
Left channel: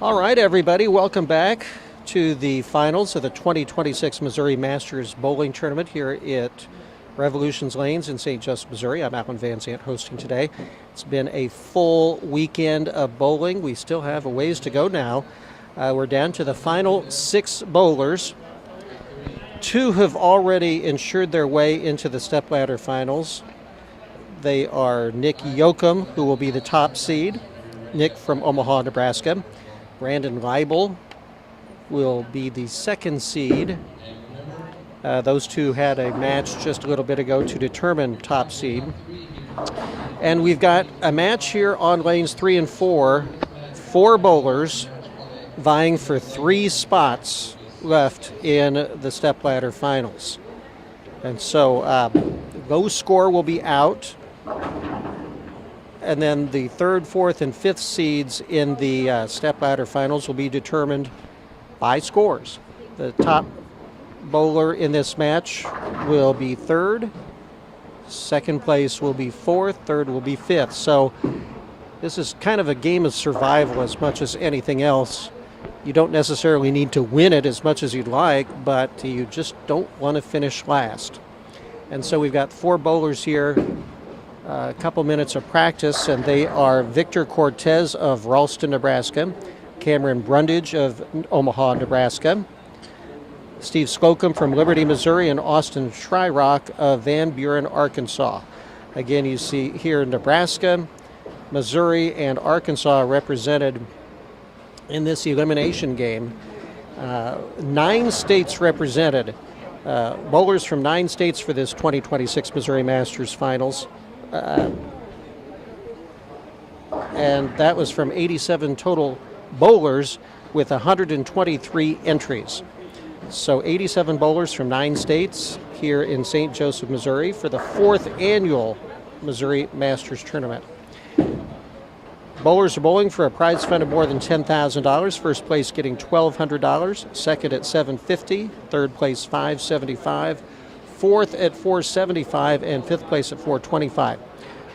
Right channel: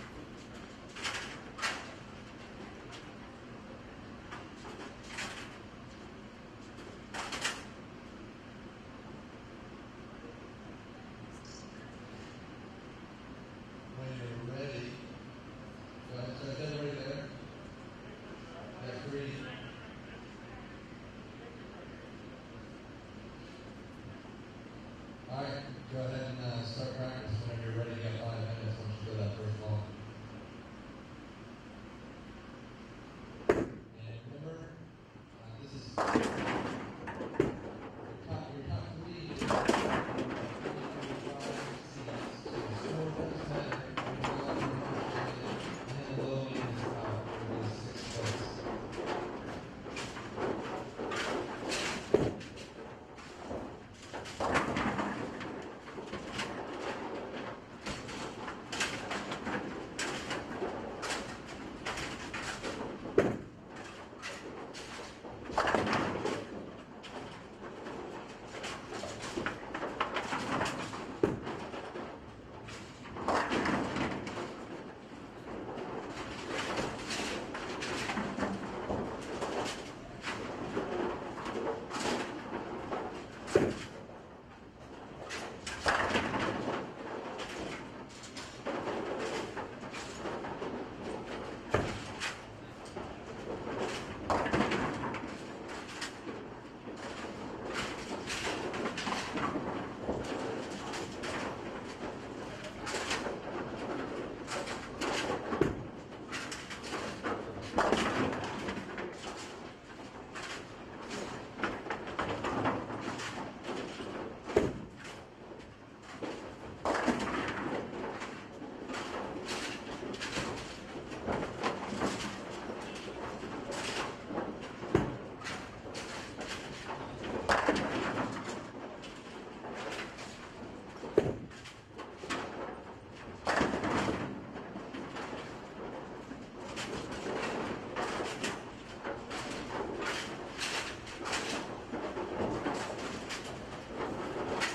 All right, everybody, welcome back to the finals of the 2026 Missouri Masters Bowling Tournament here at Revolutions Lanes in St. Joseph, Missouri. I'm Alan Van Zandt hosting today. It's been a full weekend of bowling. We still have a ways to go now. We're down to the final 6 bowlers. 2 have already ensured their way into the stepladder finals. They are Nick Yoakum, who will be the top seed. Nick from Omaha, Nebraska. Brandon Leibel will be the 2nd seed. Those 2 had a match just a little bit ago to determine top seed. And we've got a match here on lanes 3 and 4. 4 bowlers vying for 3 spots left in the stepladder finals. And so low score will be out. And then the 3rd, 4th, and 5th seeds in the stepladder finals will be determined by scores. The top bowler in this match will be 3rd. 2nd place will be 4th. 3rd will be 5th. So this is kind of a game of survival as much as anything else. You don't necessarily need to win it as much as you'd like, but you just don't want to finish last. And so we've got 4 bowlers here. A couple minutes of practice, and they are Victor Cortez of Ralston, Nebraska, Cameron Brundage of Omaha, Nebraska, Steve Slocum from Liberty, Missouri, and Austin Shryock of Van Buren, Arkansas. Again, you see here Nebraska, Missouri, and Arkansas represented in this elimination game. 9 states represented. Bowlers from 9 states for this 2026 Missouri Masters Finals. And that was from 87 total bowlers with 123 entries. So 87 bowlers from 9 states here in St. Joseph, Missouri for the 4th annual Missouri Masters Tournament. Bowlers are bowling for a prize fund of more than $10,000. First place getting $1,200, second at $750, third place $575, fourth at $475, and fifth place at $425.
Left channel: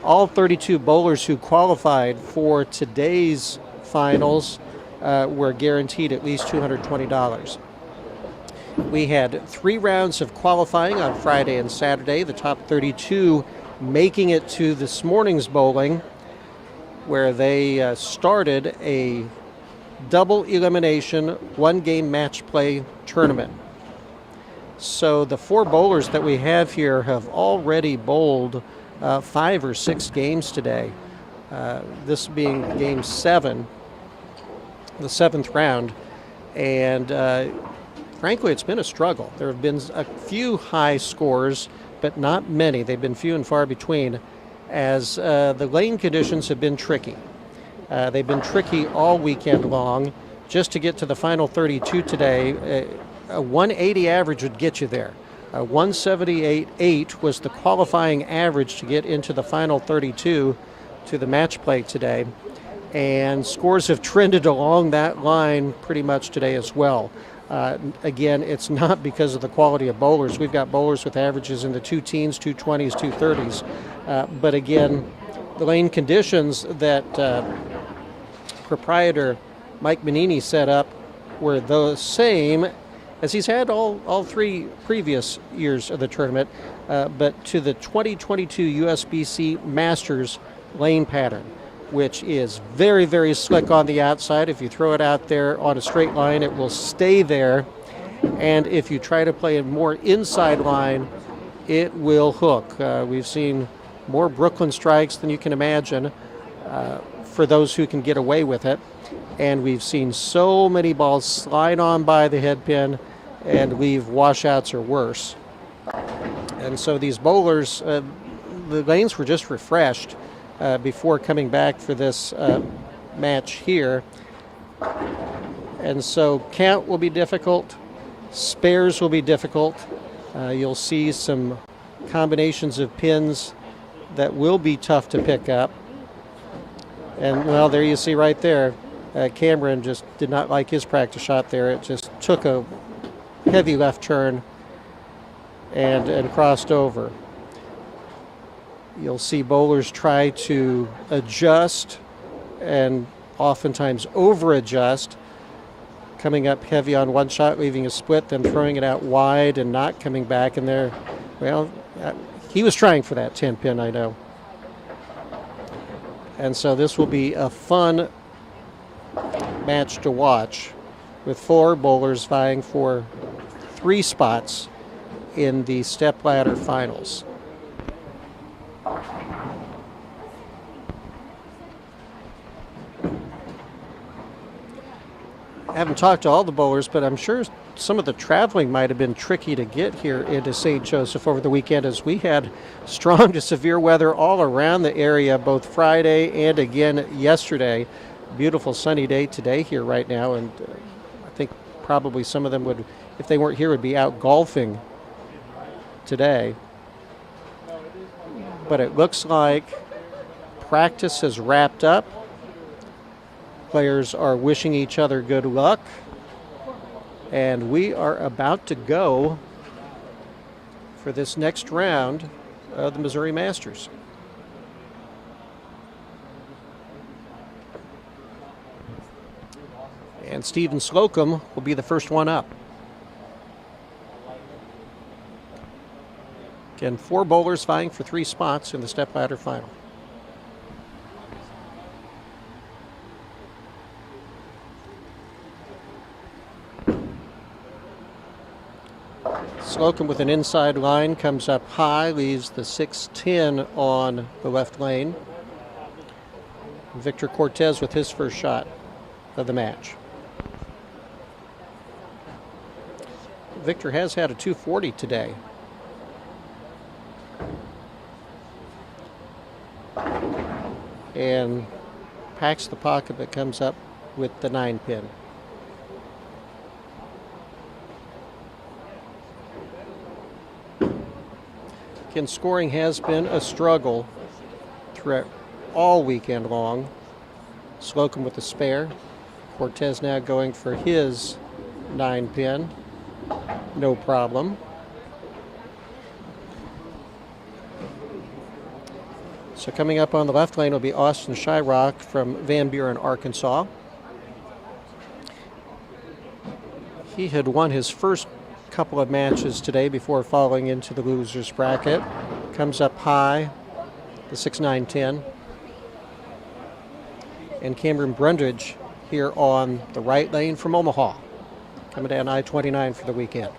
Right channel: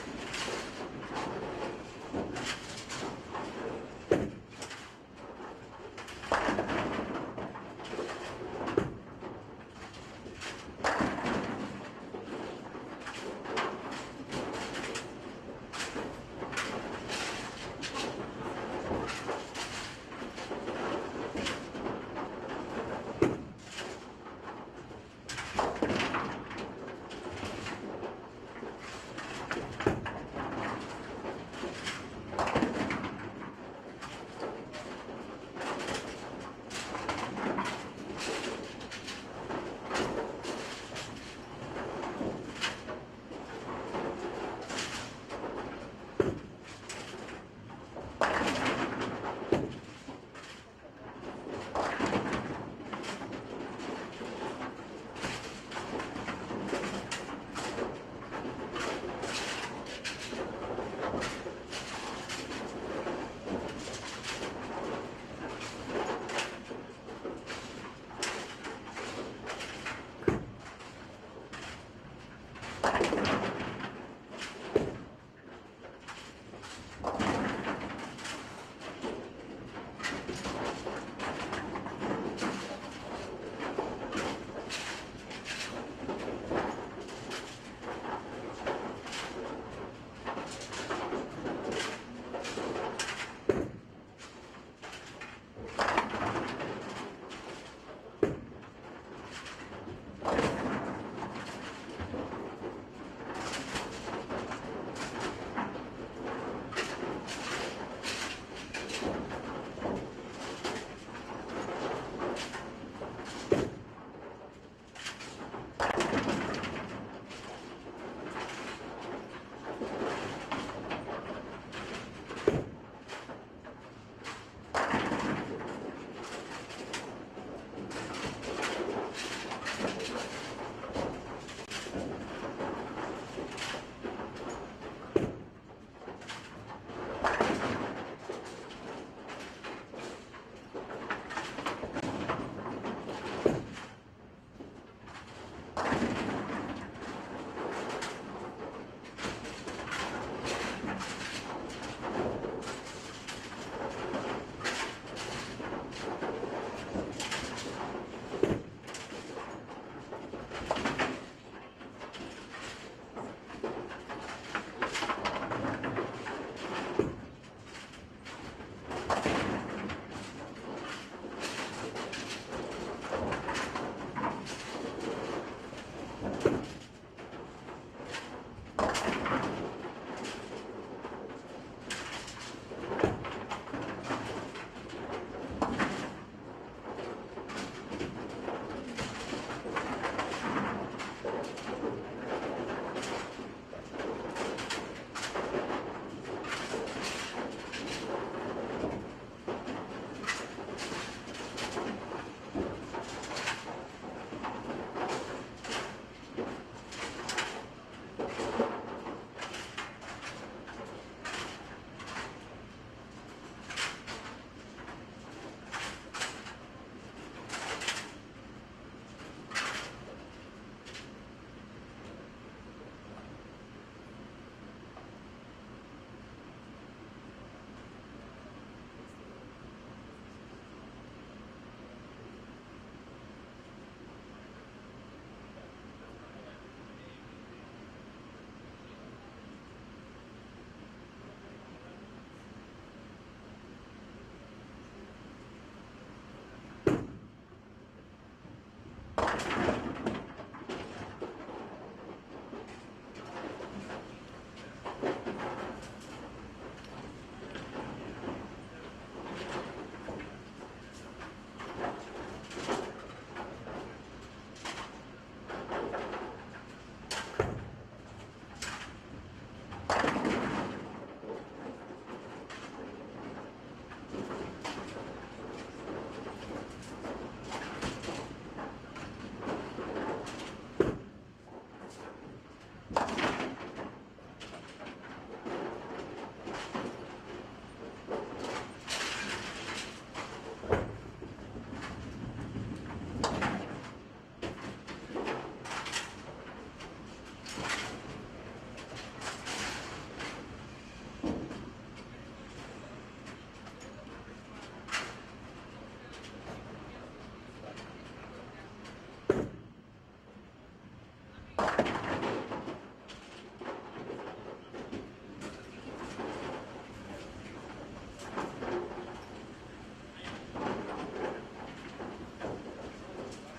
All 32 bowlers who qualified for today's finals were guaranteed at least $220. We had 3 rounds of qualifying on Friday and Saturday, the top 32 making it to this morning's bowling, where they started a double elimination 1-game match play tournament. So the 4 bowlers that we have here have already bowled 5 or 6 games today. This being game 7, the 7th round. And frankly, it's been a struggle. There have been a few high scores, but not many. They've been few and far between, as the lane conditions have been tricky. They've been tricky all weekend long. just to get to the final 32 today, a 180 average would get you there. 178.8 was the qualifying average to get into the final 32 to the match play today. And scores have trended along that line pretty much today as well. Again, it's not because of the quality of bowlers. We've got bowlers with averages in the 2 teens, 220s, 230s. But again, the lane conditions that proprietor Mike Manini set up were the same as he's had all 3 previous years of the tournament, but to the 2022 USBC Masters lane pattern, which is very, very slick on the outside. If you throw it out there on a straight line, it will stay there. And if you try to play a more inside line, it will hook. We've seen more Brooklyn strikes than you can imagine for those who can get away with it. And we've seen so many balls slide on by the head pin and leave washouts or worse. And so these bowlers, the lanes were just refreshed before coming back for this match here. And so count will be difficult, spares will be difficult. You'll see some combinations of pins that will be tough to pick up. And well, there you see right there, Cameron just did not like his practice shot there. It just took a heavy left turn and crossed over. You'll see bowlers try to adjust and oftentimes over adjust, coming up heavy on one shot, leaving a split, then throwing it out wide and not coming back. And there, well, he was trying for that 10 pin, I know. And so this will be a fun match to watch, with 4 bowlers vying for 3 spots in the stepladder finals. I haven't talked to all the bowlers, but I'm sure some of the traveling might have been tricky to get here into St. Joseph over the weekend, as we had strong to severe weather all around the area, both Friday and again yesterday. Beautiful sunny day today here right now, and I think probably some of them would, if they weren't here, would be out golfing today. But it looks like practice has wrapped up. Players are wishing each other good luck, and we are about to go for this next round of the Missouri Masters. And Stephen Slocum will be the first one up. Again, 4 bowlers vying for 3 spots in the stepladder final. Slocum with an inside line comes up high, leaves the 6-10 on the left lane. Victor Cortez with his first shot of the match. Victor has had a 240 today. And packs the pocket, but comes up with the 9 pin. Again, scoring has been a struggle throughout all weekend long. Slocum with the spare. Cortez now going for his 9 pin. No problem. So coming up on the left lane will be Austin Shyrock from Van Buren, Arkansas. He had won his first couple of matches today before falling into the losers bracket. Comes up high, the 6-9-10. And Cameron Brundage here on the right lane from Omaha, coming down I-29 for the weekend.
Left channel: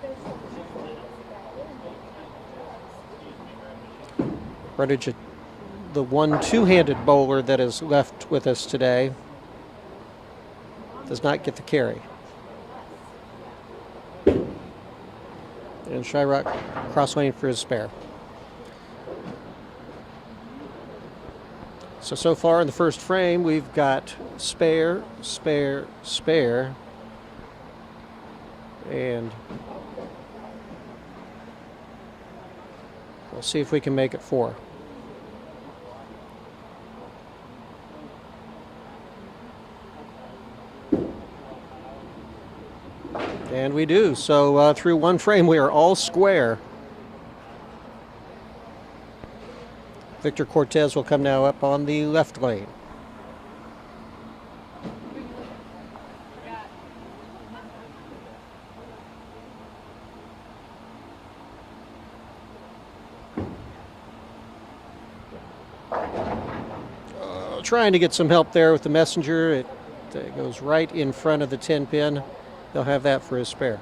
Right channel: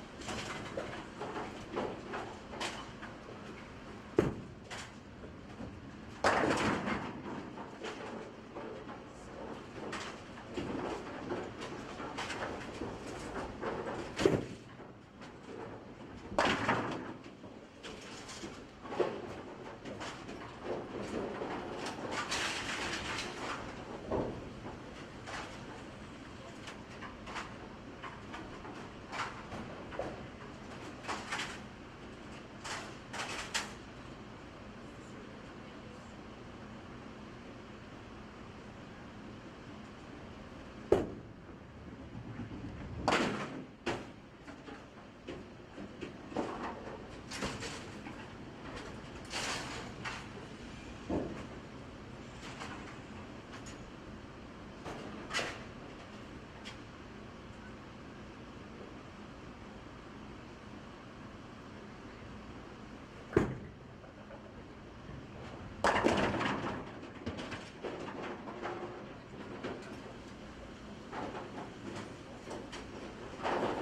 Brundage, the one two-handed bowler that is left with us today, does not get the carry. And Shyrock cross lane for his spare. So far in the first frame, we've got spare, spare, spare, and we'll see if we can make it 4. And we do. So through one frame, we are all square. Victor Cortez will come now up on the left lane. Trying to get some help there with the messenger. It goes right in front of the 10 pin. They'll have that for his spare.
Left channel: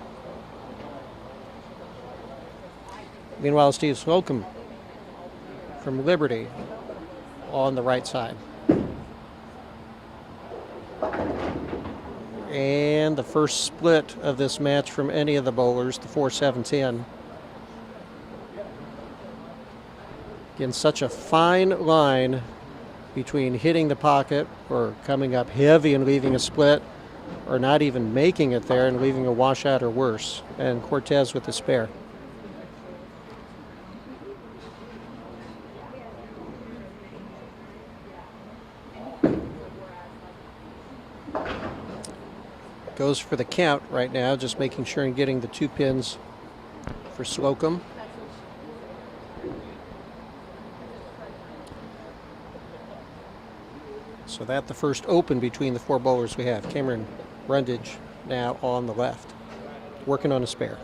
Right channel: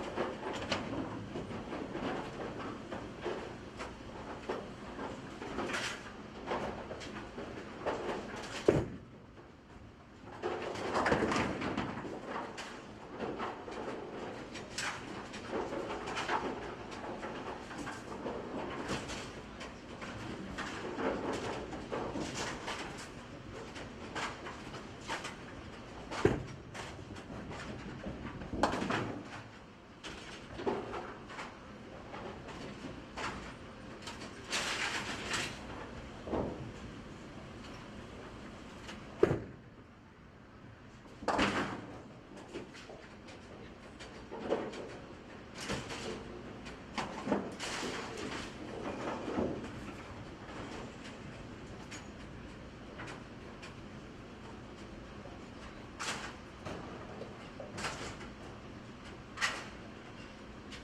Meanwhile, Steve Slocum from Liberty on the right side. And the first split of this match from any of the bowlers, the 4-7-10. In such a fine line between hitting the pocket or coming up heavy and leaving a split, or not even making it there and leaving a washout or worse. And Cortez with the spare. Goes for the count right now, just making sure and getting the 2 pins for Slocum. So that's the first open between the 4 bowlers we have. Cameron Brundage now on the left, working on a spare.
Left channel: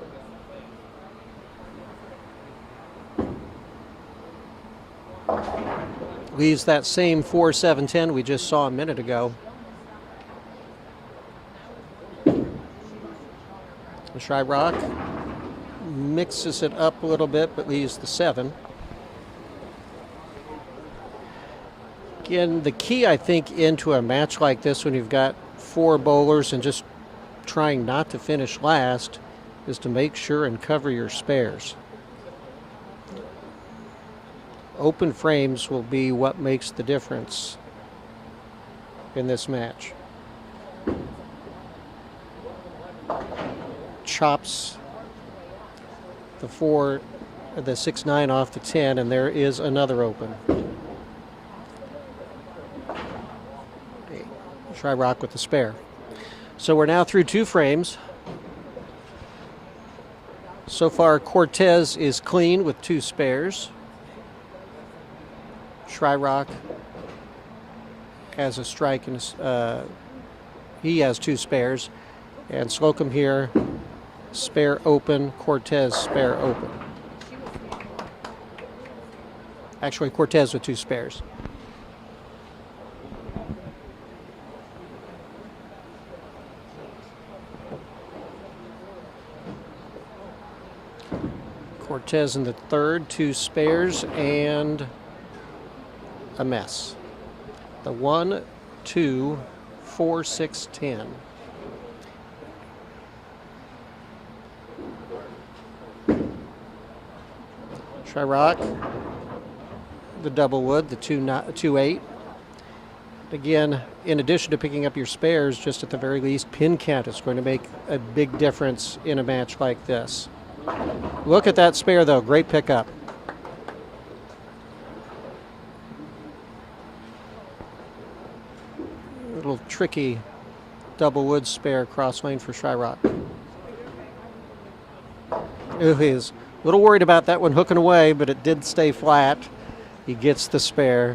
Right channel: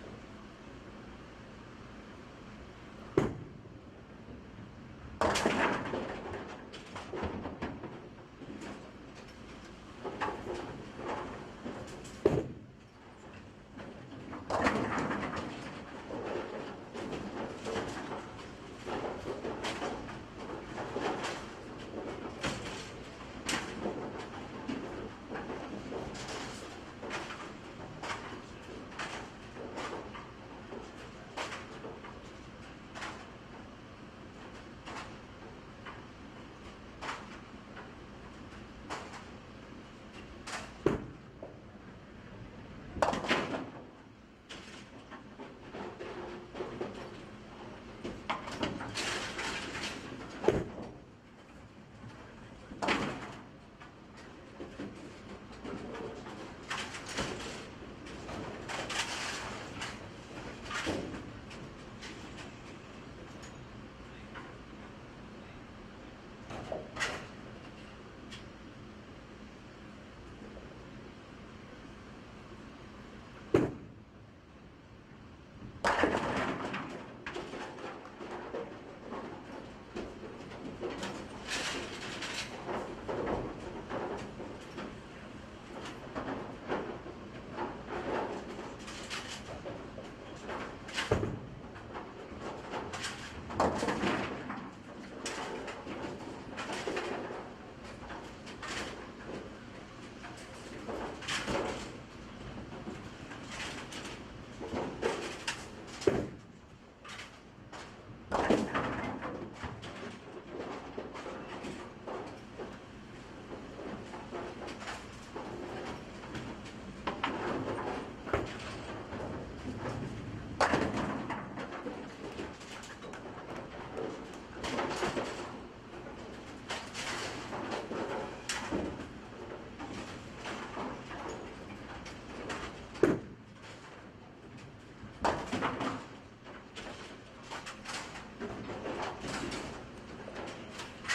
Leaves that same 4-7-10 we just saw a minute ago. Shyrock mixes it up a little bit, but leaves the 7. Again, the key, I think, into a match like this when you've got 4 bowlers and just trying not to finish last is to make sure and cover your spares. Open frames will be what makes the difference in this match. Chops the 6-9 off the 10, and there is another open. Shyrock with the spare. So we're now through 2 frames. So far, Cortez is clean with 2 spares. Shyrock has a strike, and he has 2 spares. And Slocum here, spare open, Cortez spare open. Actually, Cortez with 2 spares. Cortez in the third, 2 spares, and a mess. The 1, 2, 4, 6, 10. Shyrock, the double wood, the 2-8. Again, in addition to picking up your spares, just at the very least, pin count is going to make a big difference in a match like this. Look at that spare, though. Great pickup. A little tricky double wood spare cross lane for Shyrock. Ooh, he's a little worried about that one hooking away, but it did stay flat. He gets the spare.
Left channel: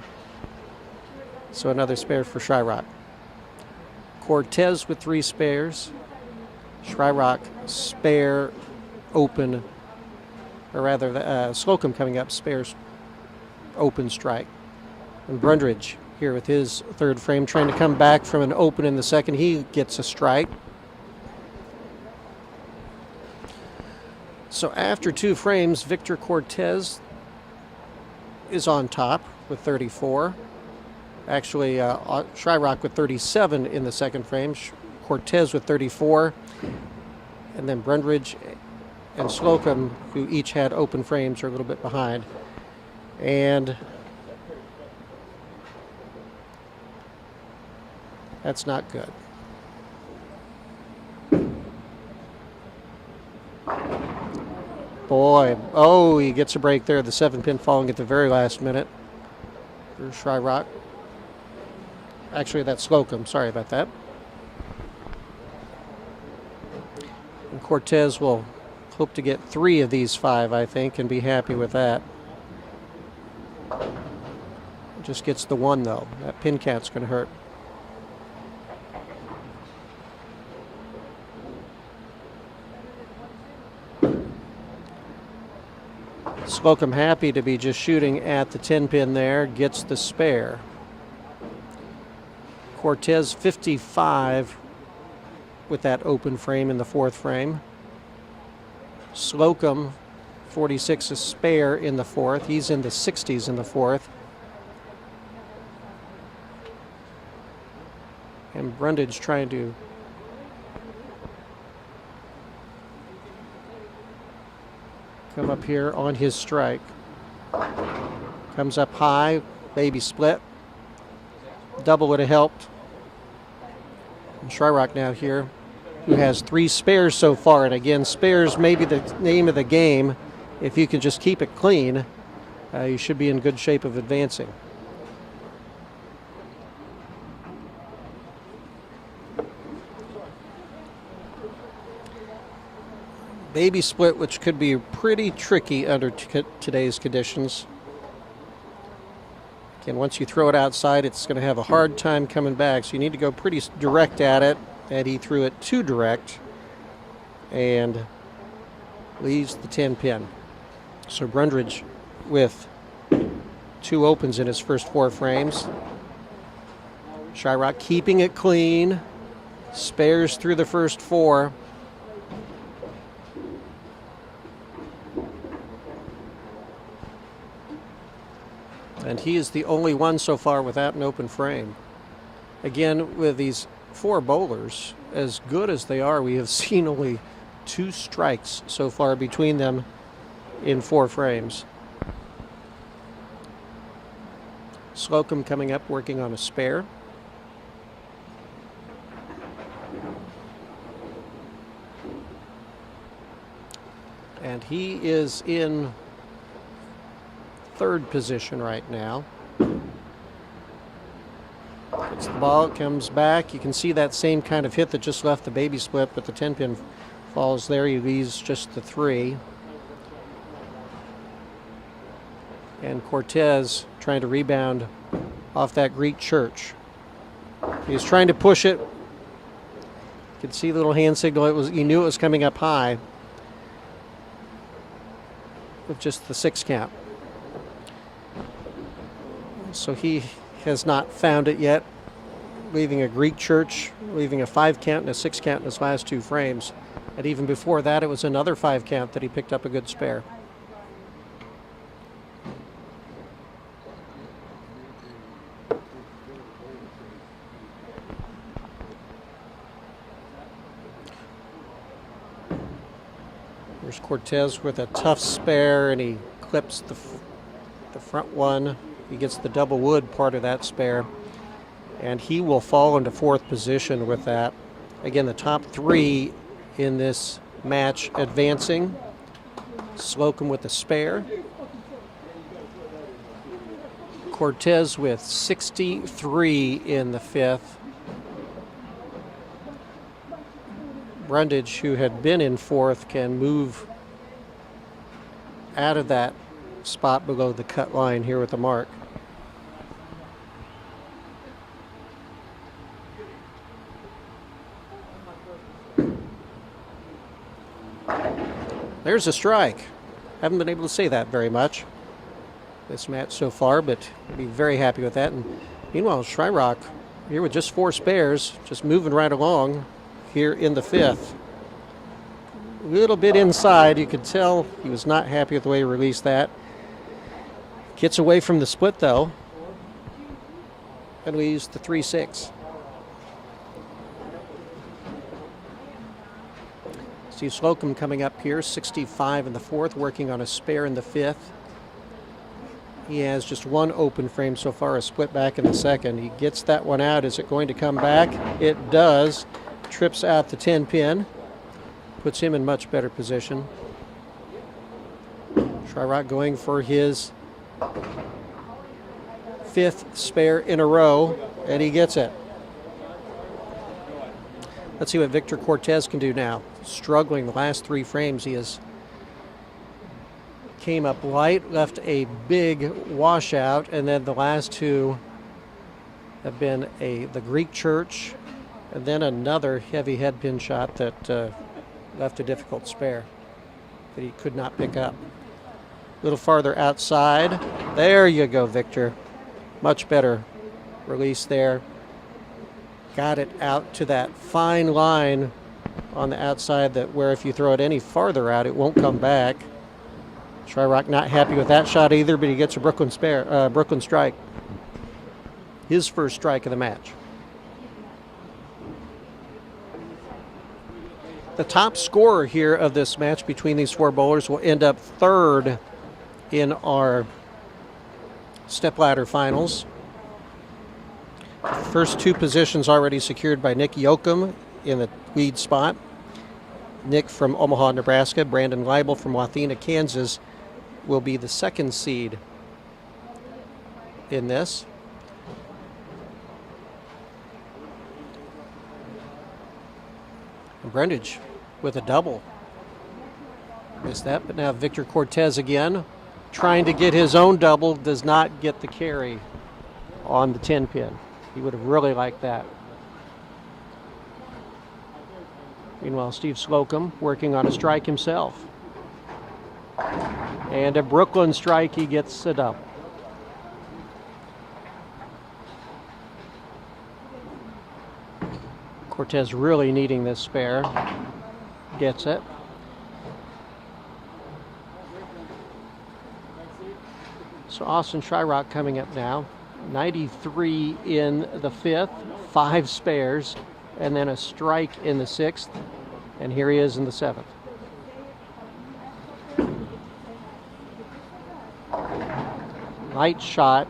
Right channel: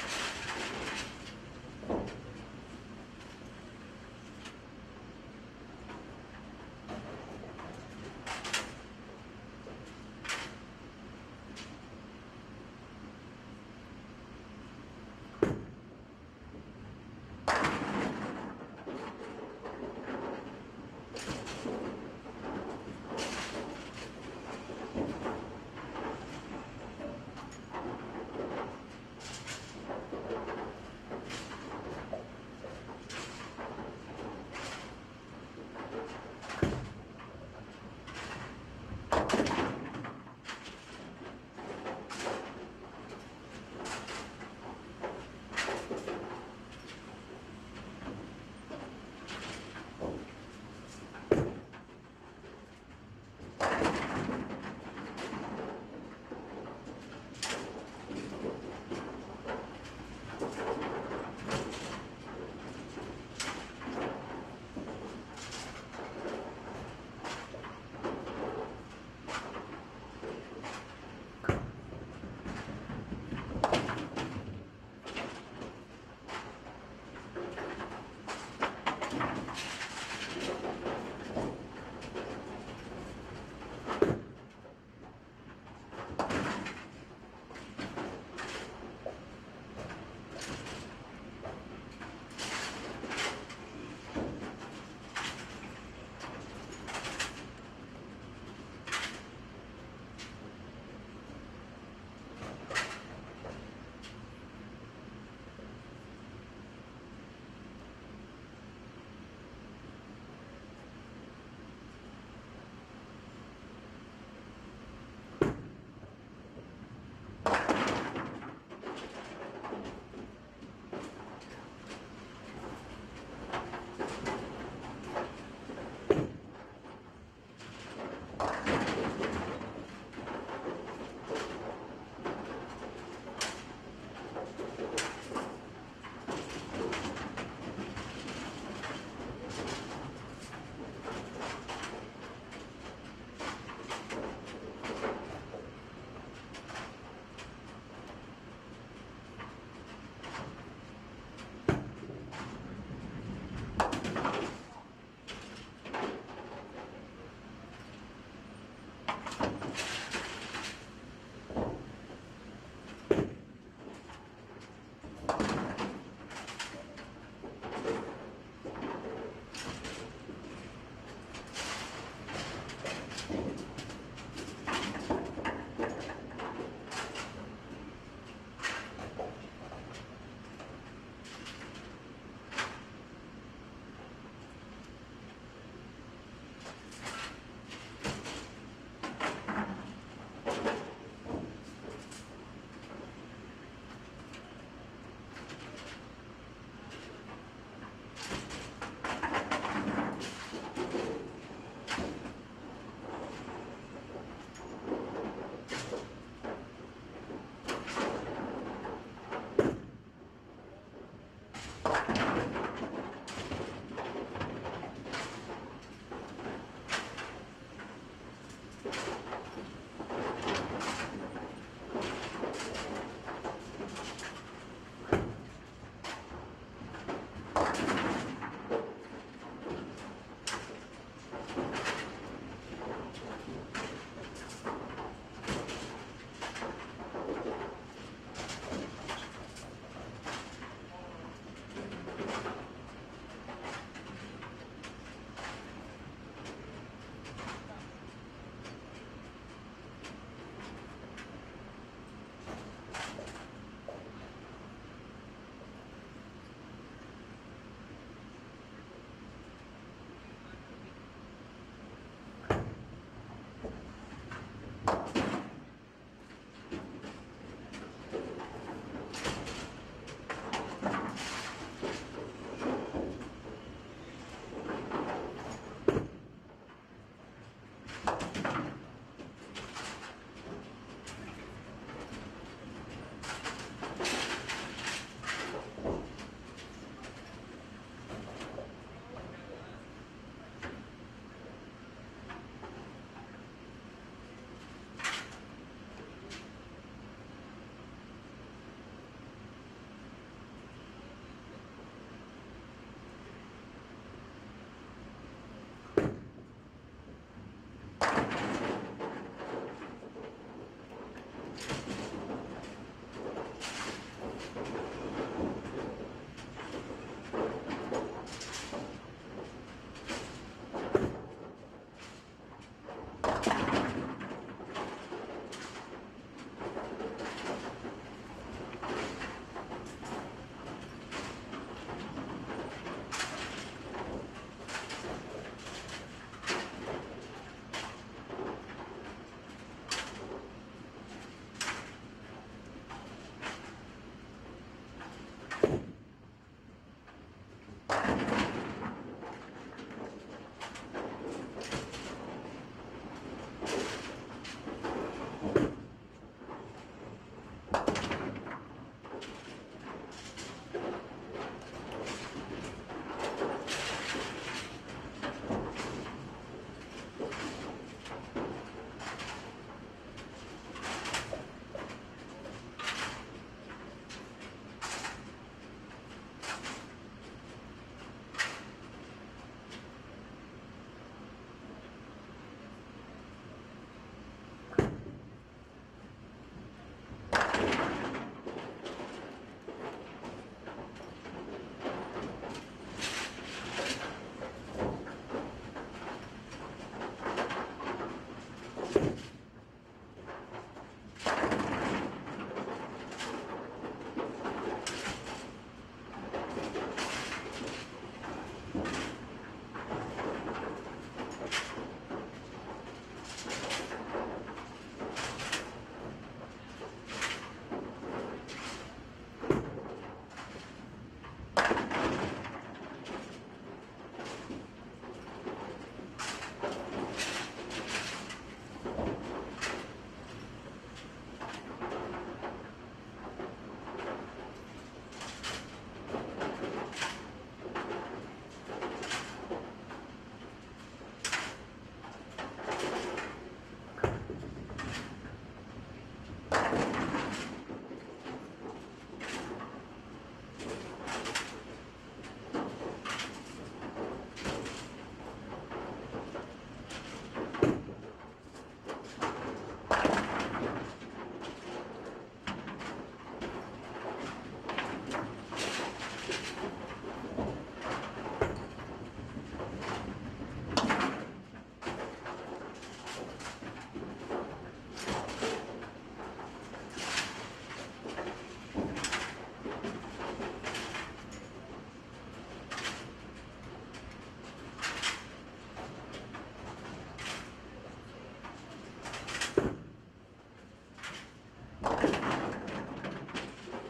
So another spare for Shyrock. Cortez with 3 spares. Shyrock spare open, or rather Slocum coming up, spares open strike. And Brundage here with his 3rd frame, trying to come back from an open in the second. He gets a strike. So after 2 frames, Victor Cortez is on top with 34. Actually, Shyrock with 37 in the second frame. Cortez with 34. And then Brundage and Slocum, who each had open frames, are a little bit behind. And That's not good. Boy, oh, he gets a break there. The 7-pin falling at the very last minute for Shryock. Actually, that's Slocum. Sorry about that. And Cortez will hope to get 3 of these 5, I think, and be happy with that. Just gets the 1, though. That pin count's going to hurt. Slocum happy to be just shooting at the 10-pin there, gets the spare. Cortez 55 with that open frame in the 4th frame. Slocum 46 a spare in the 4th. He's in the 60s in the 4th. And Brundage trying to come up here on his strike. Comes up high, baby split. Double would have helped. And Shryock now here, who has 3 spares so far. And again, spares may be the name of the game. If you can just keep it clean, you should be in good shape of advancing. Baby split, which could be pretty tricky under today's conditions. Again, once you throw it outside, it's going to have a hard time coming back, so you need to go pretty direct at it, and he threw it too direct and leaves the 10-pin. So Brundage with 2 opens in his first 4 frames. Shryock keeping it clean, spares through the first 4. And he is the only one so far without an open frame. Again, with these 4 bowlers, as good as they are, we have seen only 2 strikes so far between them in 4 frames. Slocum coming up, working on a spare. And he is in 3rd position right now. As the ball comes back, you can see that same kind of hit that just left the baby split, but the 10-pin falls there. He leaves just the 3. And Cortez trying to rebound off that Greek church. He was trying to push it. You could see the little hand signal. He knew it was coming up high. With just the 6 count. So he has not found it yet, leaving a Greek church, leaving a 5 count and a 6 count in his last 2 frames. And even before that, it was another 5 count that he picked up a good spare. There's Cortez with a tough spare, and he clips the front one. He gets the double wood part of that spare, and he will fall into 4th position with that. Again, the top 3 in this match advancing. Slocum with the spare. Cortez with 63 in the 5th. Brundage, who had been in 4th, can move out of that spot below the cut line here with the mark. There's a strike. Haven't been able to say that very much this match so far, but I'd be very happy with that. And meanwhile, Shryock here with just 4 spares, just moving right along here in the 5th. A little bit inside, you could tell he was not happy with the way he released that. Gets away from the split though, and leaves the 3-6. Steve Slocum coming up here, 65 in the 4th, working on a spare in the 5th. He has just one open frame so far, a split back in the second. He gets that one out. Is it going to come back? It does. Trips out the 10 pin. Puts him in much better position. Shryock going for his 5th spare in a row, and he gets it. Let's see what Victor Cortez can do now. Struggling the last 3 frames. He has came up light, left a big washout, and then the last 2 have been the Greek church, and then another heavy head pin shot that left a difficult spare that he could not pick up. A little farther outside. There you go, Victor. Much better release there. Got it out to that fine line on the outside that where if you throw it any farther out, it won't come back. Shryock not happy with that shot either, but he gets a Brooklyn strike. His first strike of the match. The top scorer here of this match between these 4 bowlers will end up 3rd in our stepladder finals. First 2 positions already secured by Nick Yoakum in the lead spot. Nick from Omaha, Nebraska. Brandon Leibel from Wathena, Kansas will be the 2nd seed in this. Brundage with a double. Missed that, but now Victor Cortez again trying to get his own double, does not get the carry on the 10 pin. He would have really liked that. Meanwhile, Steve Slocum working on a strike himself. And a Brooklyn strike, he gets it up. Cortez really needing this spare. Gets it. So Austin Shryock coming up now. 93 in the 5th, 5 spares, and then a strike in the 6th. And here he is in the 7th. Light shot,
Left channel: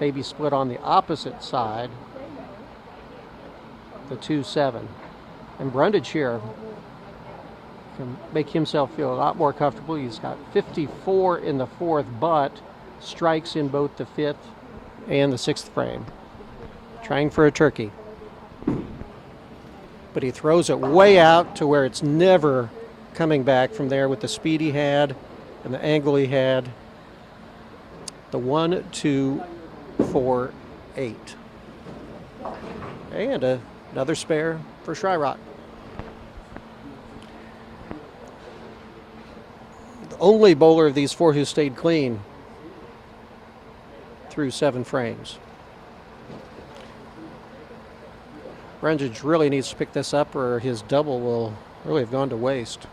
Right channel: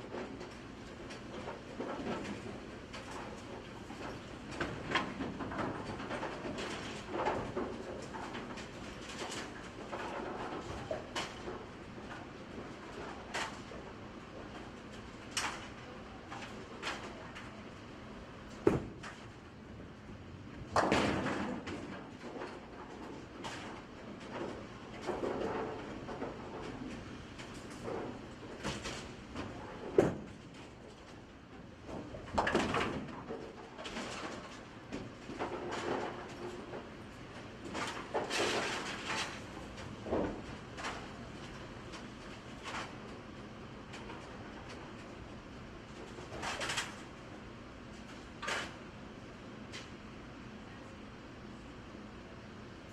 maybe split on the opposite side. The 2-7. And Brundage here can make himself feel a lot more comfortable. He's got 54 in the 4th, but strikes in both the 5th and the 6th frame. Trying for a turkey. But he throws it way out to where it's never coming back from there with the speed he had and the angle he had. The 1, 2, 4, 8. And another spare for Shryock. Only bowler of these 4 who stayed clean through 7 frames. Brundage really needs to pick this up or his double will really have gone to waste.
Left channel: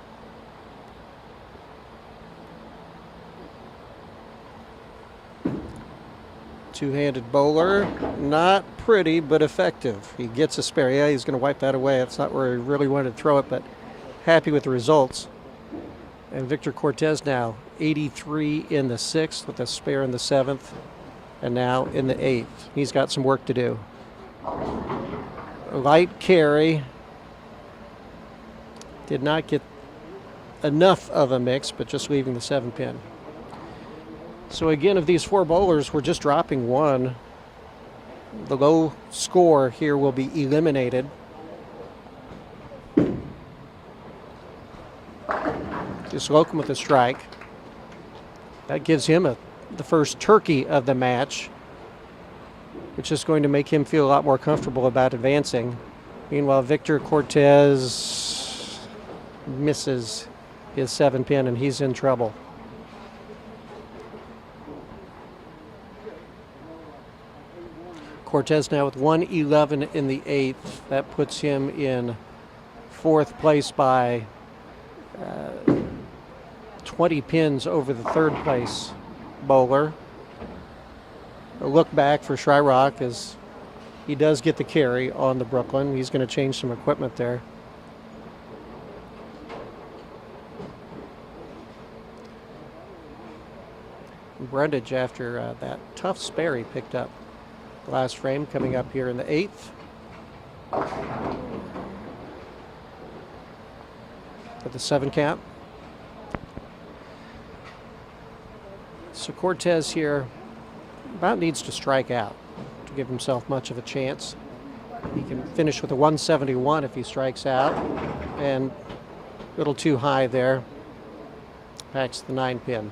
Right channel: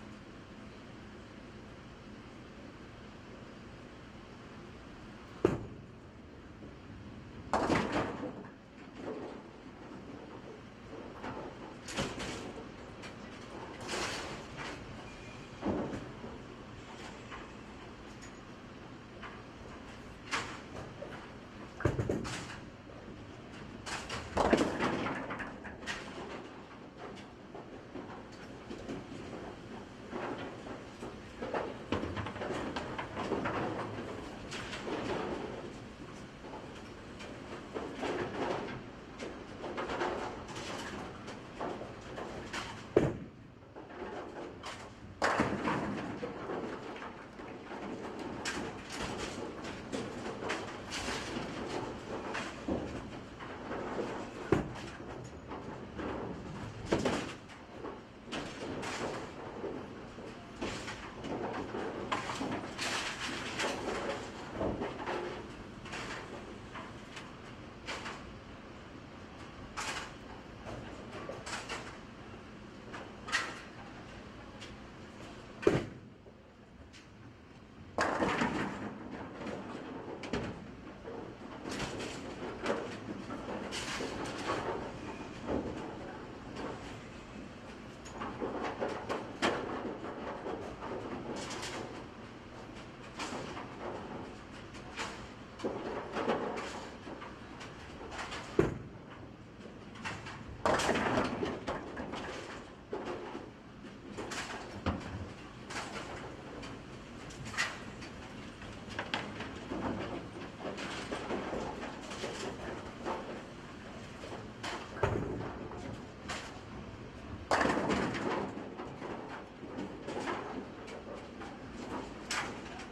Two-handed bowler, not pretty, but effective. He gets a spare. Yeah, he's going to wipe that away. That's not where he really wanted to throw it, but happy with the results. And Victor Cortez now 83 in the 6th with a spare in the 7th, and now in the 8th. He's got some work to do. Light carry. Did not get enough of a mix, but just leaving the 7 pin. So again, of these 4 bowlers, we're just dropping 1. The low score here will be eliminated. Just Slocum with a strike. That gives him the first turkey of the match, which is going to make him feel a lot more comfortable about advancing. Meanwhile, Victor Cortez misses his 7 pin, and he's in trouble. Cortez now with 111 in the 8th. That puts him in 4th place by 20 pins over the 3rd place bowler. A look back for Shryock as he does get the carry on the Brooklyn. He's going to change some equipment there. Brundage after that tough spare he picked up last frame, coming up here in the 8th. To the 7 count. So Cortez here about needs to strike out to give himself much of a chance. He can finish with a 171 if he strikes out, and a little too high there. Packs the 9 pin.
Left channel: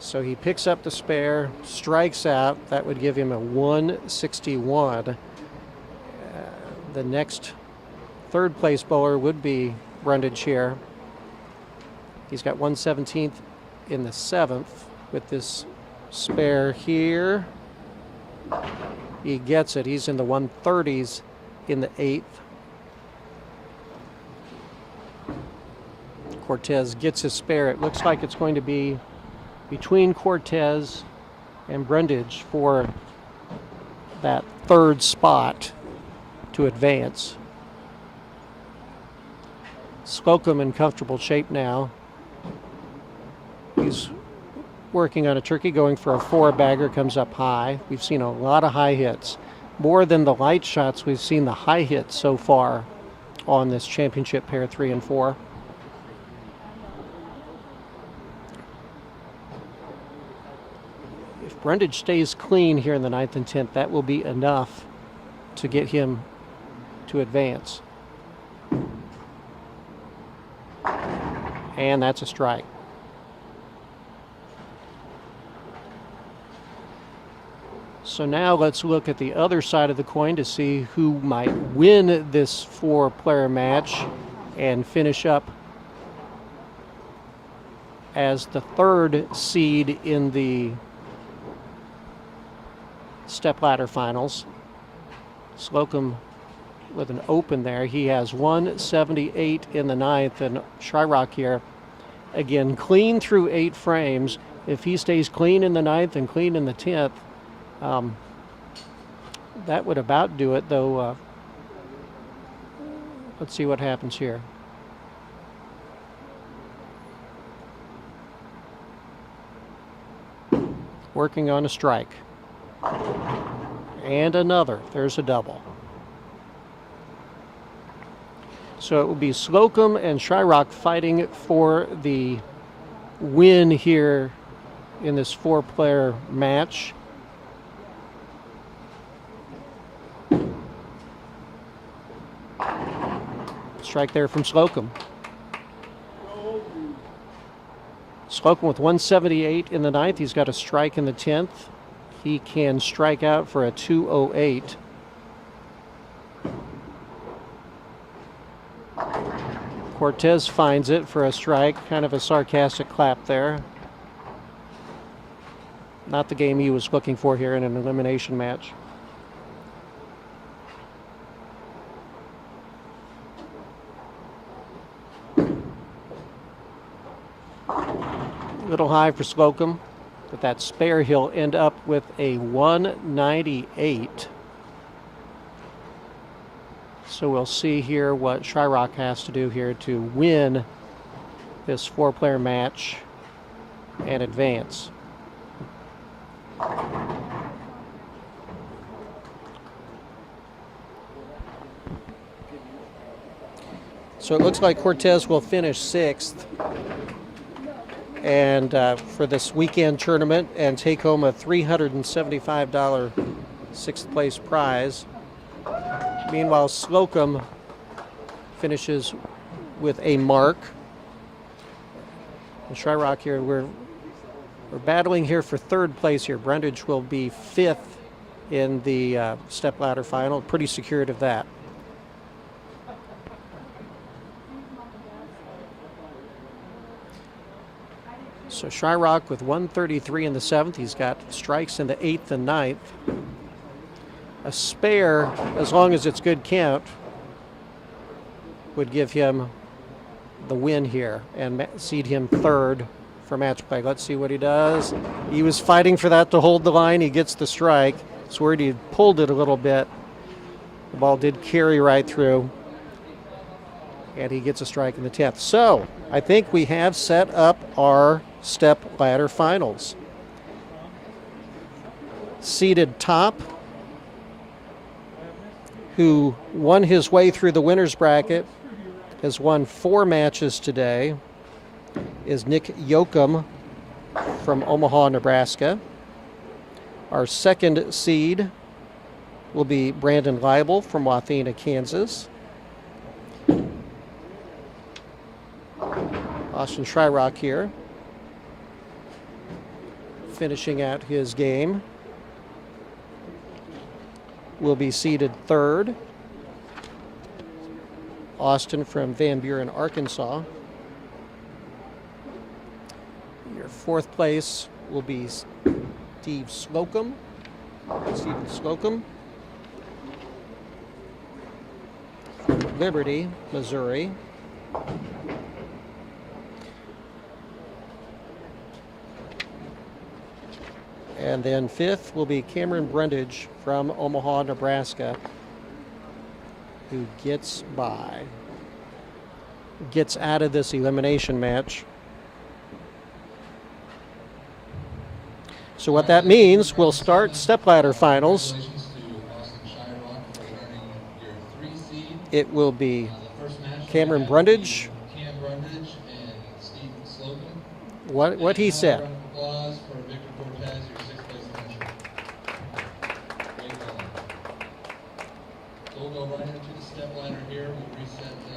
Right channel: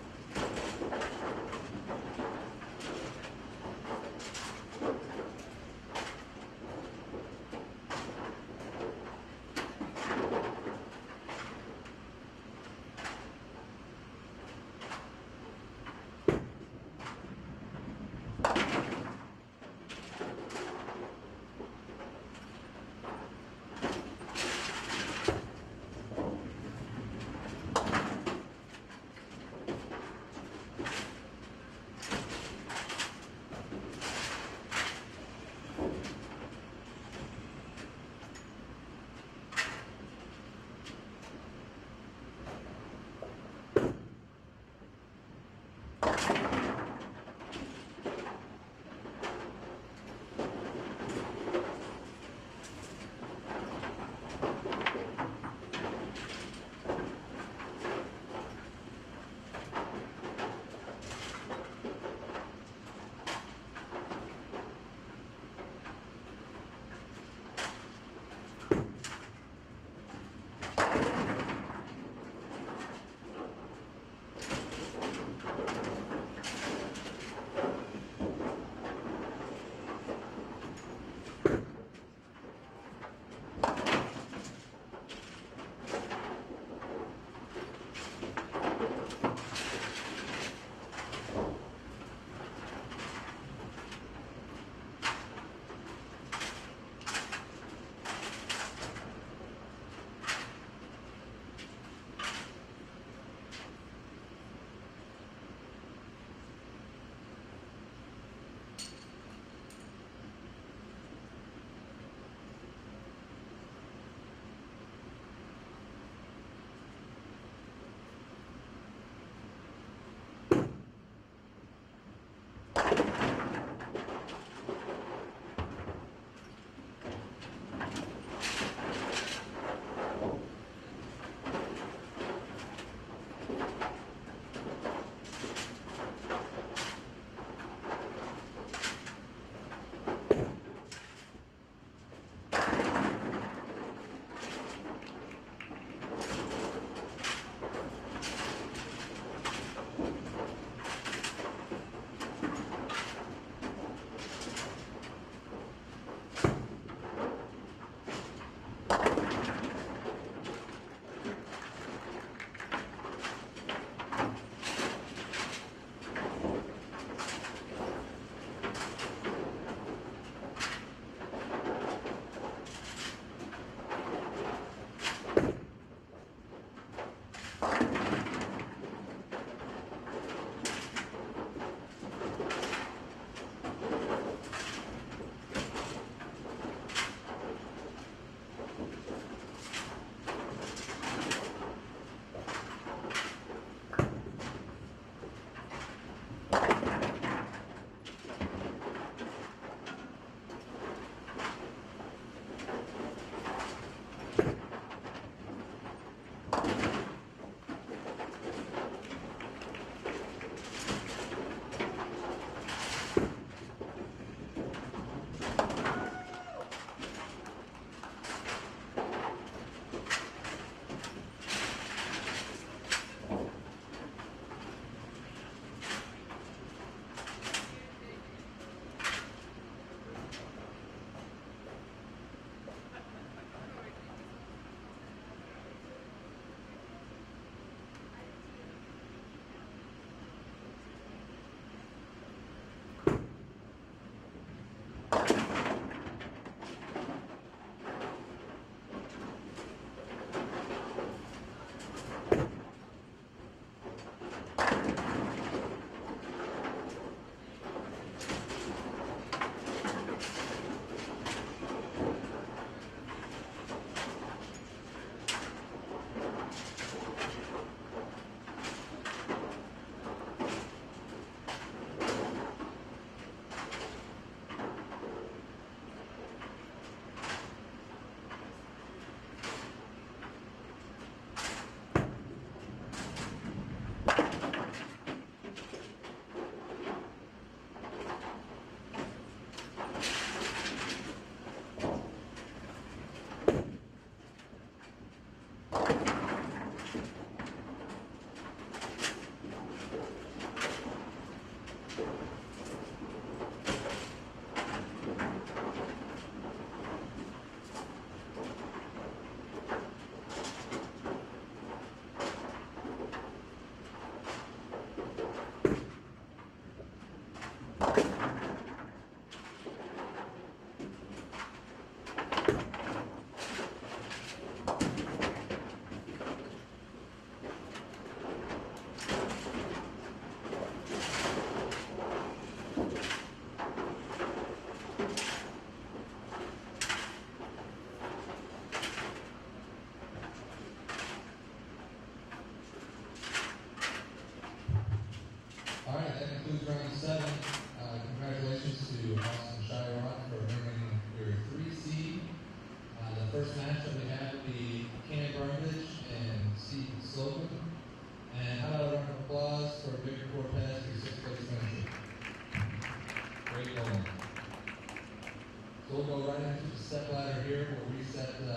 So he picks up the spare, strikes out. That would give him a 161. The next third place bowler would be Brundage here. He's got 117th in the 7th with this spare here. He gets it. He's in the 130s in the 8th. Cortez gets his spare. It looks like it's going to be between Cortez and Brundage for that third spot to advance. Slocum in comfortable shape now. He's working on a turkey, going for a 4-bagger, comes up high. We've seen a lot of high hits. More than the light shots, we've seen the high hits so far on this championship pair 3 and 4. If Brundage stays clean here in the 9th and 10th, that will be enough to get him to advance. And that's a strike. So now let's look at the other side of the coin to see who might win this 4-player match and finish up as the 3rd seed in the stepladder finals. Slocum with an open there. He has 178 in the 9th, and Shyrock here, again, clean through 8 frames. If he stays clean in the 9th and clean in the 10th, that would about do it, though. Let's see what happens here. Working on a strike. And another. There's a double. So it will be Slocum and Shyrock fighting for the win here in this 4-player match. Strike there from Slocum. Slocum with 178 in the 9th. He's got a strike in the 10th. He can strike out for a 208. Cortez finds it for a strike. Kind of a sarcastic clap there. Not the game he was looking for here in an elimination match. Little high for Slocum. With that spare, he'll end up with a 198. So we'll see here what Shyrock has to do here to win this 4-player match and advance. So it looks like Cortez will finish 6th. And for this weekend tournament, and take home a $375 6th place prize. Meanwhile, Slocum finishes with a mark. And Shyrock here, we're battling here for 3rd place here. Brundage will be 5th in the stepladder final. Pretty secured of that. So Shyrock with 133 in the 7th. He's got strikes in the 8th and 9th. A spare, as long as it's good count, would give him the win here and seed him 3rd for match play. Let's see what he does. He was fighting for that to hold the line. He gets the strike. It's where he pulled it a little bit. The ball did carry right through. And he gets a strike in the 10th. So I think we have set up our step ladder finals. Seated top, who won his way through the winner's bracket, has won 4 matches today, is Nick Yoakum from Omaha, Nebraska. Our second seed will be Brandon Leibel from Wathena, Kansas. Austin Shyrock here, finishing out his game, will be seeded third. Austin from Van Buren, Arkansas. Your fourth place will be Steve Slocum. Stephen Slocum from Liberty, Missouri. And then fifth will be Cameron Brundage from Omaha, Nebraska, who gets out of this elimination match. So what that means, we'll start stepladder finals. It will be Cameron Brundage. What he said. We'll go right into the step ladder here. We'll reset the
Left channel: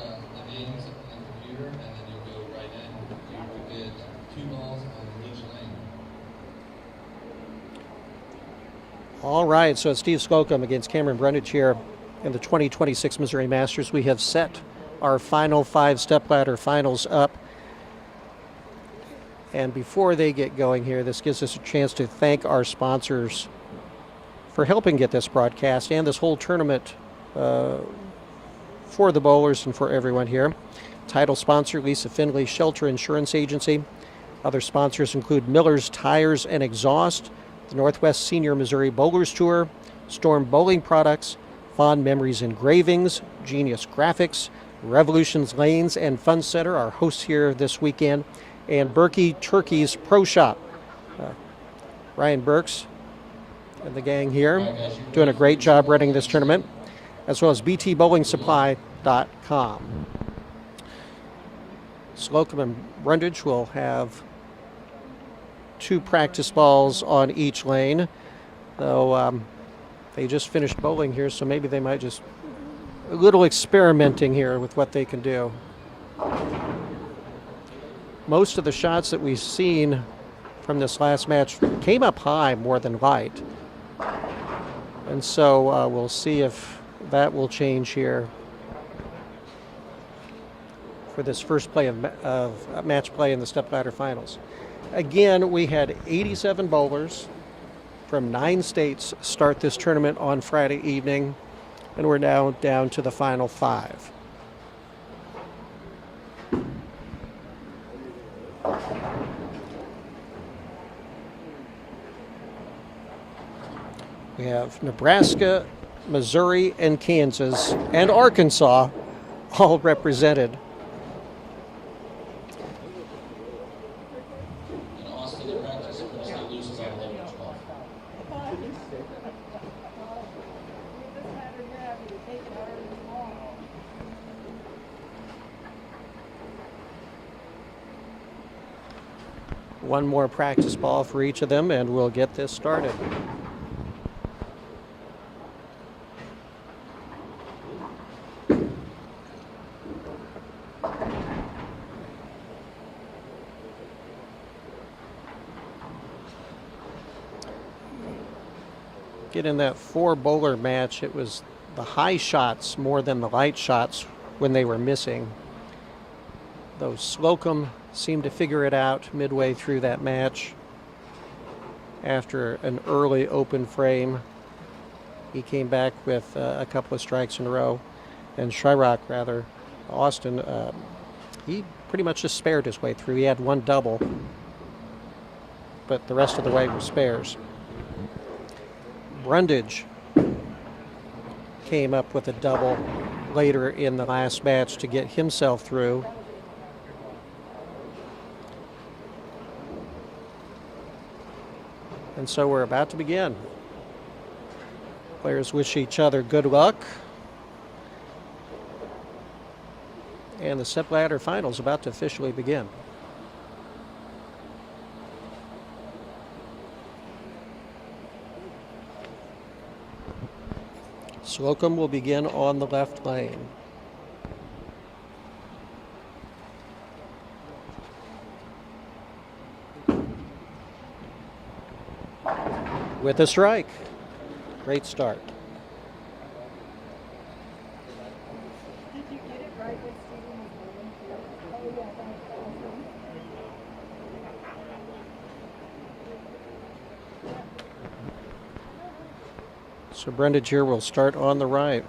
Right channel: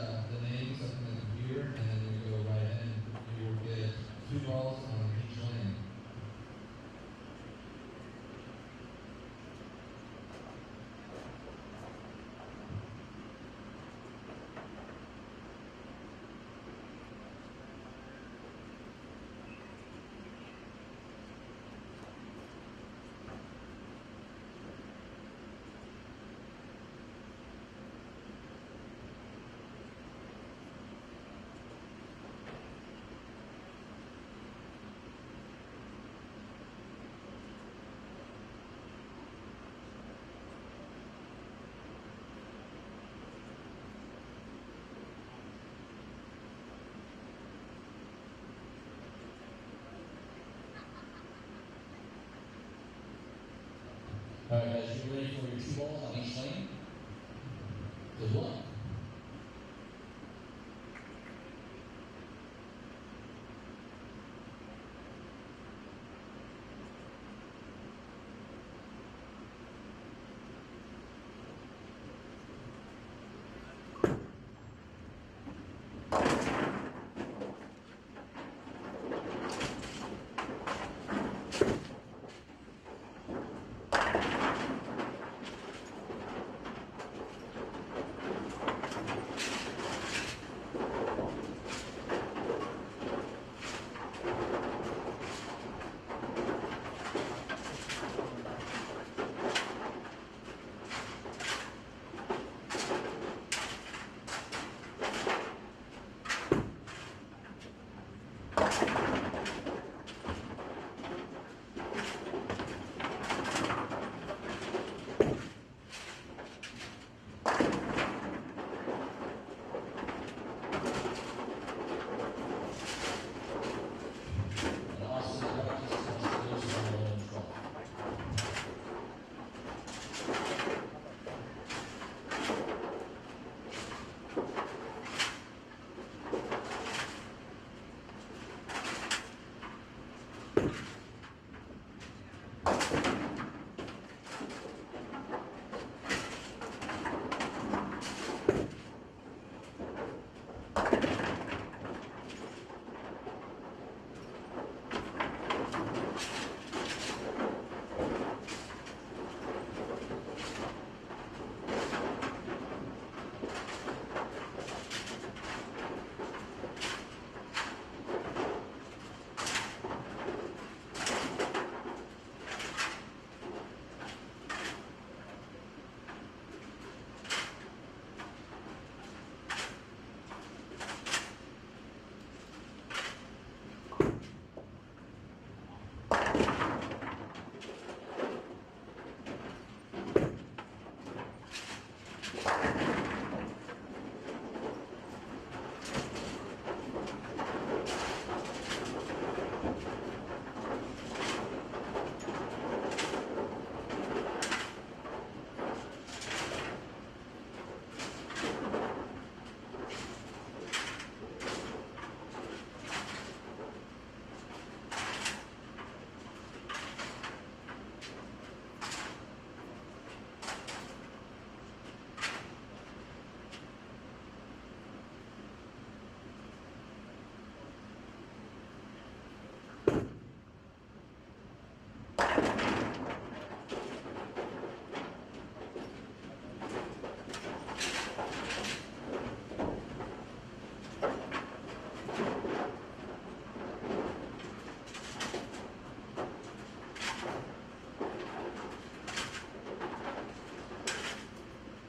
names on the computer, and then you'll go right in. You will get 2 balls on each lane. All right, so it's Steve Slocum against Cameron Brundage here in the 2026 Missouri Masters. We have set our final 5 stepladder finals up. And before they get going here, this gives us a chance to thank our sponsors for helping get this broadcast and this whole tournament for the bowlers and for everyone here. Title sponsor, Lisa Finley Shelter Insurance Agency. Other sponsors include Miller's Tires and Exhaust, the Northwest Senior Missouri Bowlers Tour, Storm Bowling Products, Fond Memories Engravings, Genius Graphics, Revolutions Lanes and Fun Center, our hosts here this weekend, and Burky Turkey's Pro Shop. Ryan Burks and the gang here doing a great job running this tournament, as well as btbowlingsupply.com. Slocum and Brundage will have 2 practice balls on each lane, though they just finished bowling here, so maybe they might just a little experimenting here with what they can do. Most of the shots that we've seen from this last match came up high more than light. And so we'll see if that will change here for this first play of match play in the stepladder finals. Again, we had 87 bowlers from 9 states start this tournament on Friday evening, and we're now down to the final 5. We have Nebraska, Missouri, and Kansas, and Arkansas all represented. One more practice ball for each of them, and we'll get this started. In that 4 bowler match, it was the high shots more than the light shots when they were missing. Though Slocum seemed to figure it out midway through that match. After an early open frame, he came back with a couple of strikes in a row. And Shyrock, rather, Austin, he pretty much just spared his way through. He had 1 double, but the rest of the way were spares. Brundage came up with a double later in the last match to get himself through. And so we're about to begin. Players wish each other good luck. And the step ladder finals about to officially begin. Slocum will begin on the left lane. With a strike. Great start. So Brundage here will start on the right.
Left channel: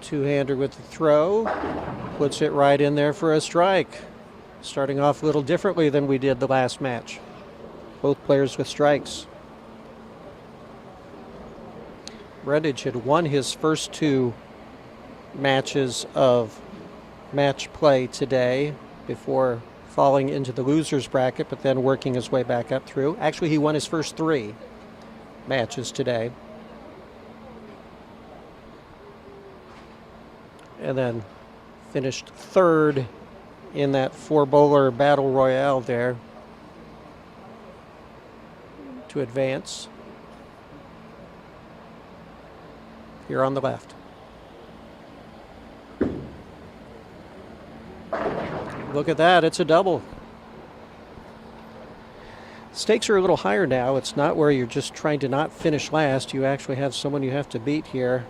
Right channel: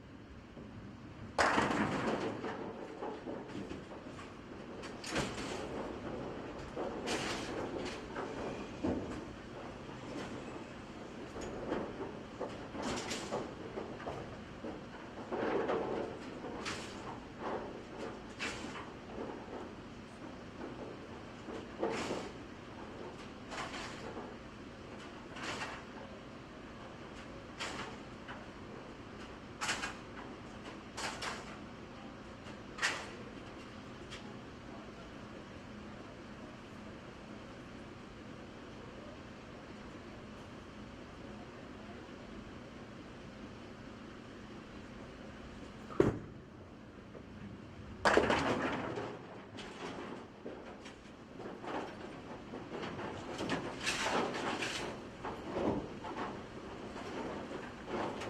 Two-hander with the throw, puts it right in there for a strike. Starting off a little differently than we did the last match. Both players with strikes. Brundage had won his first two matches of match play today before falling into the loser's bracket, but then working his way back up through. Actually, he won his first three matches today. And then finished third in that four-bowler battle royale there to advance. Here on the left. Look at that, it's a double. Stakes are a little higher now. It's not where you're just trying to not finish last. You actually have someone you have to beat here.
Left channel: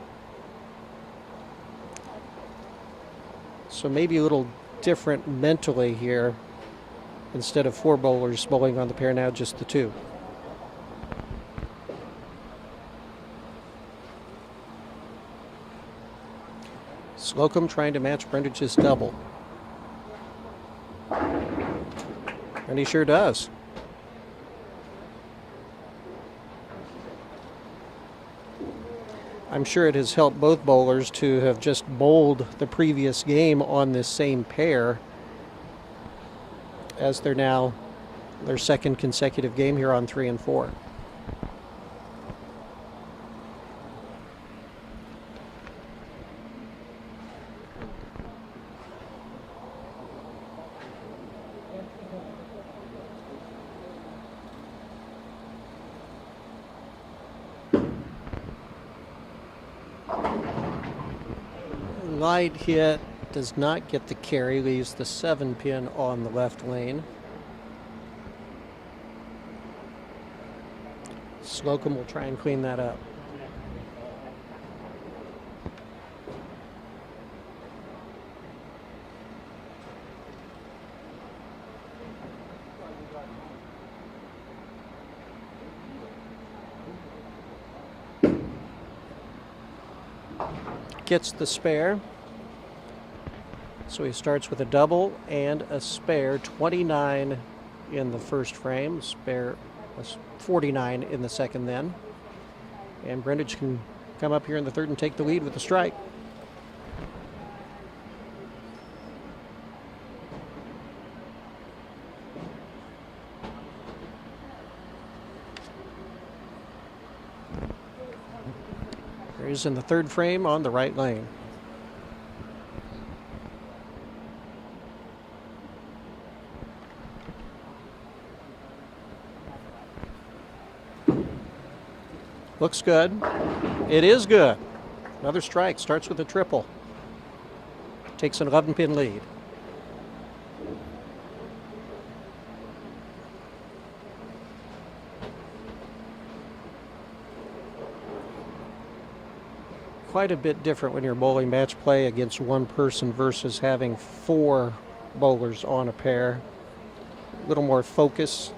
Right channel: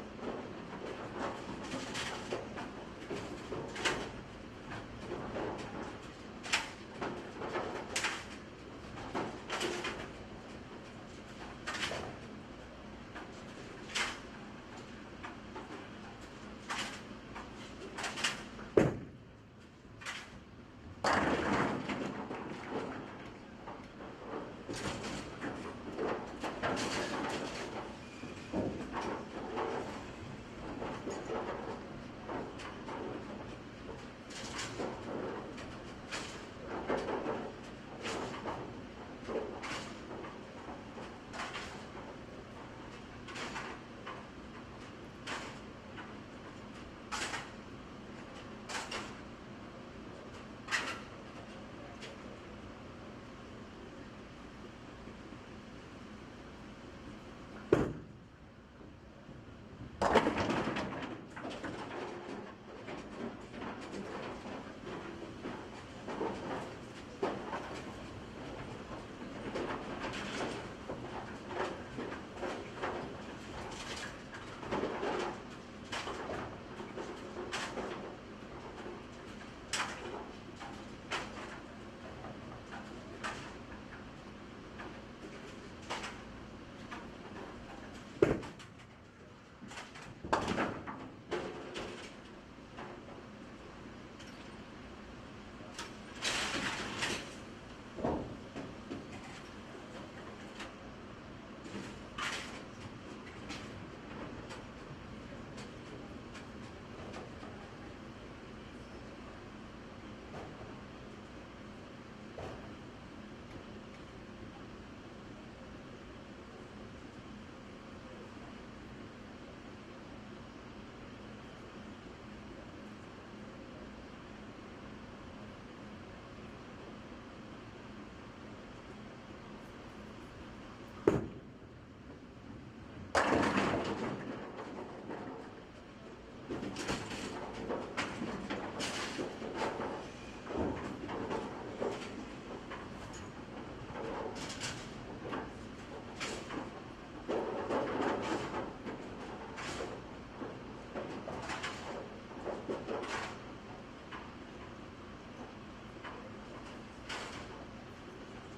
So maybe a little different mentally here. Instead of four bowlers bowling on the pair, now just the two. Slocum trying to match Brundage's double. And he sure does. I'm sure it has helped both bowlers to have just bowled the previous game on this same pair, as they're now their second consecutive game here on 3 and 4. Light hit, does not get the carry, leaves the 7-pin on the left lane. Slocum will try and clean that up. Gets the spare. So he starts with a double and a spare. 29 in the first frame, spare 49 in the second then. And Brundage can come up here in the third and take the lead with the strike. He's in the third frame on the right lane. Looks good. It is good. Another strike. Starts with a triple. Takes an 11-pin lead. Quite a bit different when you're bowling match play against one person versus having four bowlers on a pair. A little more focus.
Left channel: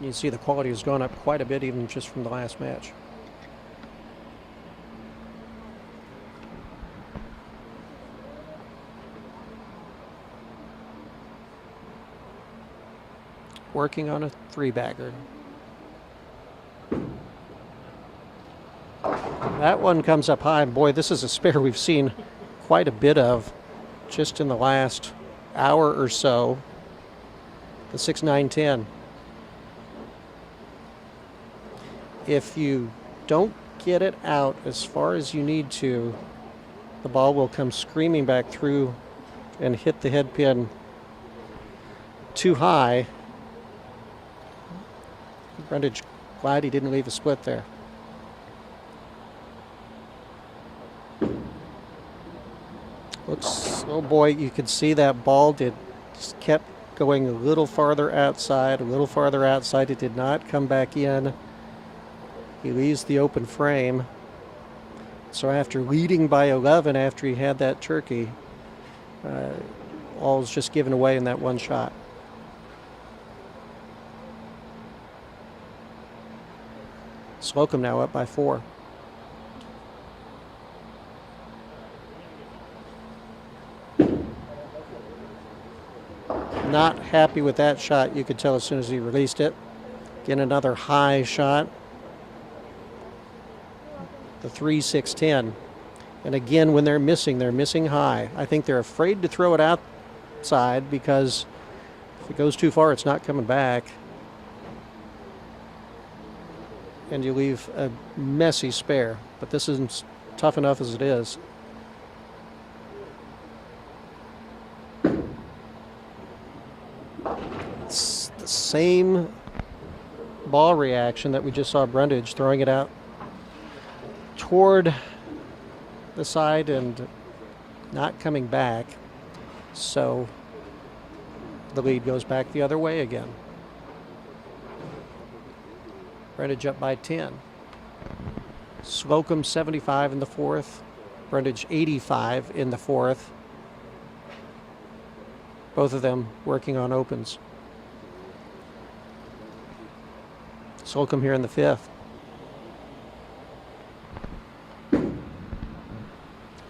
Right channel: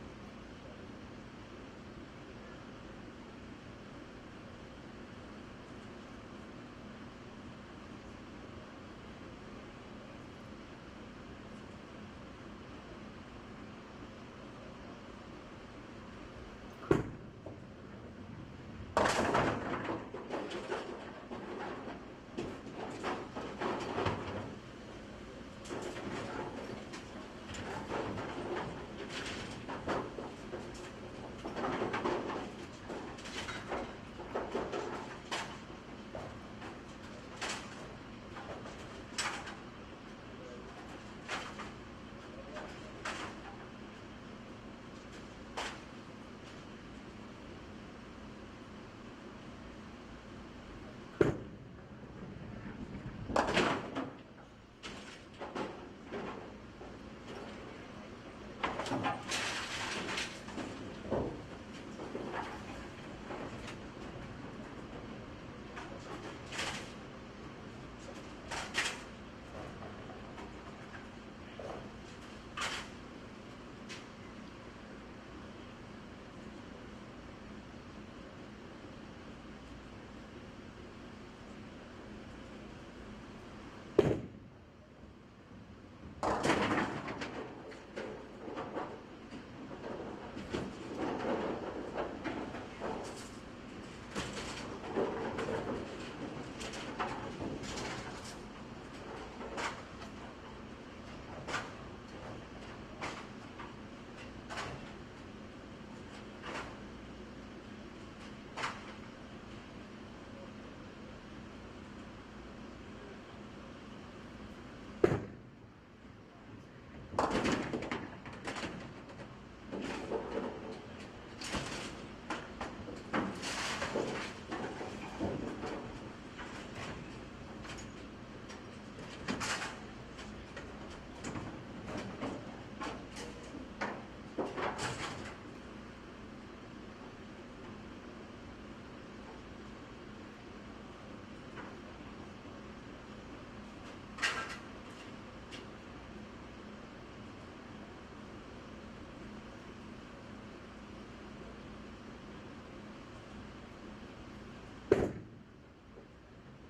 You can see the quality has gone up quite a bit even just from the last match. working on a 3-bagger. That one comes up high. Boy, this is a spare we've seen quite a bit of just in the last hour or so. The 6-9-10. If you don't get it out as far as you need to, the ball will come screaming back through and hit the head pin too high. Brundage glad he didn't leave a split there. Looks, oh boy, you could see that ball just kept going a little farther outside, a little farther outside. It did not come back in. He leaves the open frame. So after leading by 11 after he had that turkey, all was just given away in that one shot. Slocum now up by 4. Not happy with that shot, you could tell as soon as he released it. Again, another high shot. The 3-6-10. And again, when they're missing high. I think they're afraid to throw it outside because if it goes too far, it's not coming back. And you leave a messy spare. But this isn't tough enough as it is. It's the same ball reaction that we just saw Brundage throwing it out toward the side and not coming back. So the lead goes back the other way again. Brundage up by 10. Slocum 75 in the 4th. Brundage 85 in the 4th. Both of them working on opens. Slocum here in the 5th.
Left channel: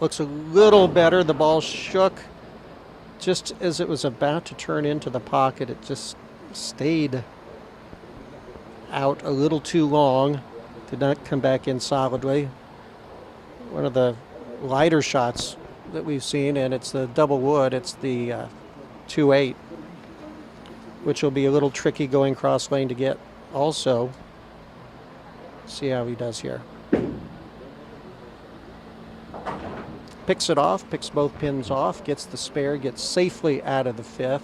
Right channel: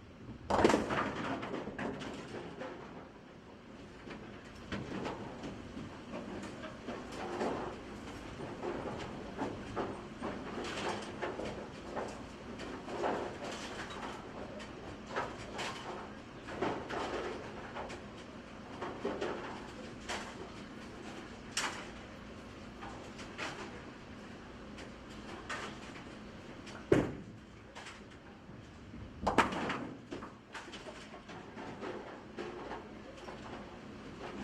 Looks a little better. The ball shook just as it was about to turn into the pocket. It just stayed out a little too long. Did not come back in solidly. One of the lighter shots that we've seen, and it's the double wood. It's the 2-8, which will be a little tricky going cross lane to get also. See how he does here. Picks it off, picks both pins off, gets the spare, gets safely out of the 5th.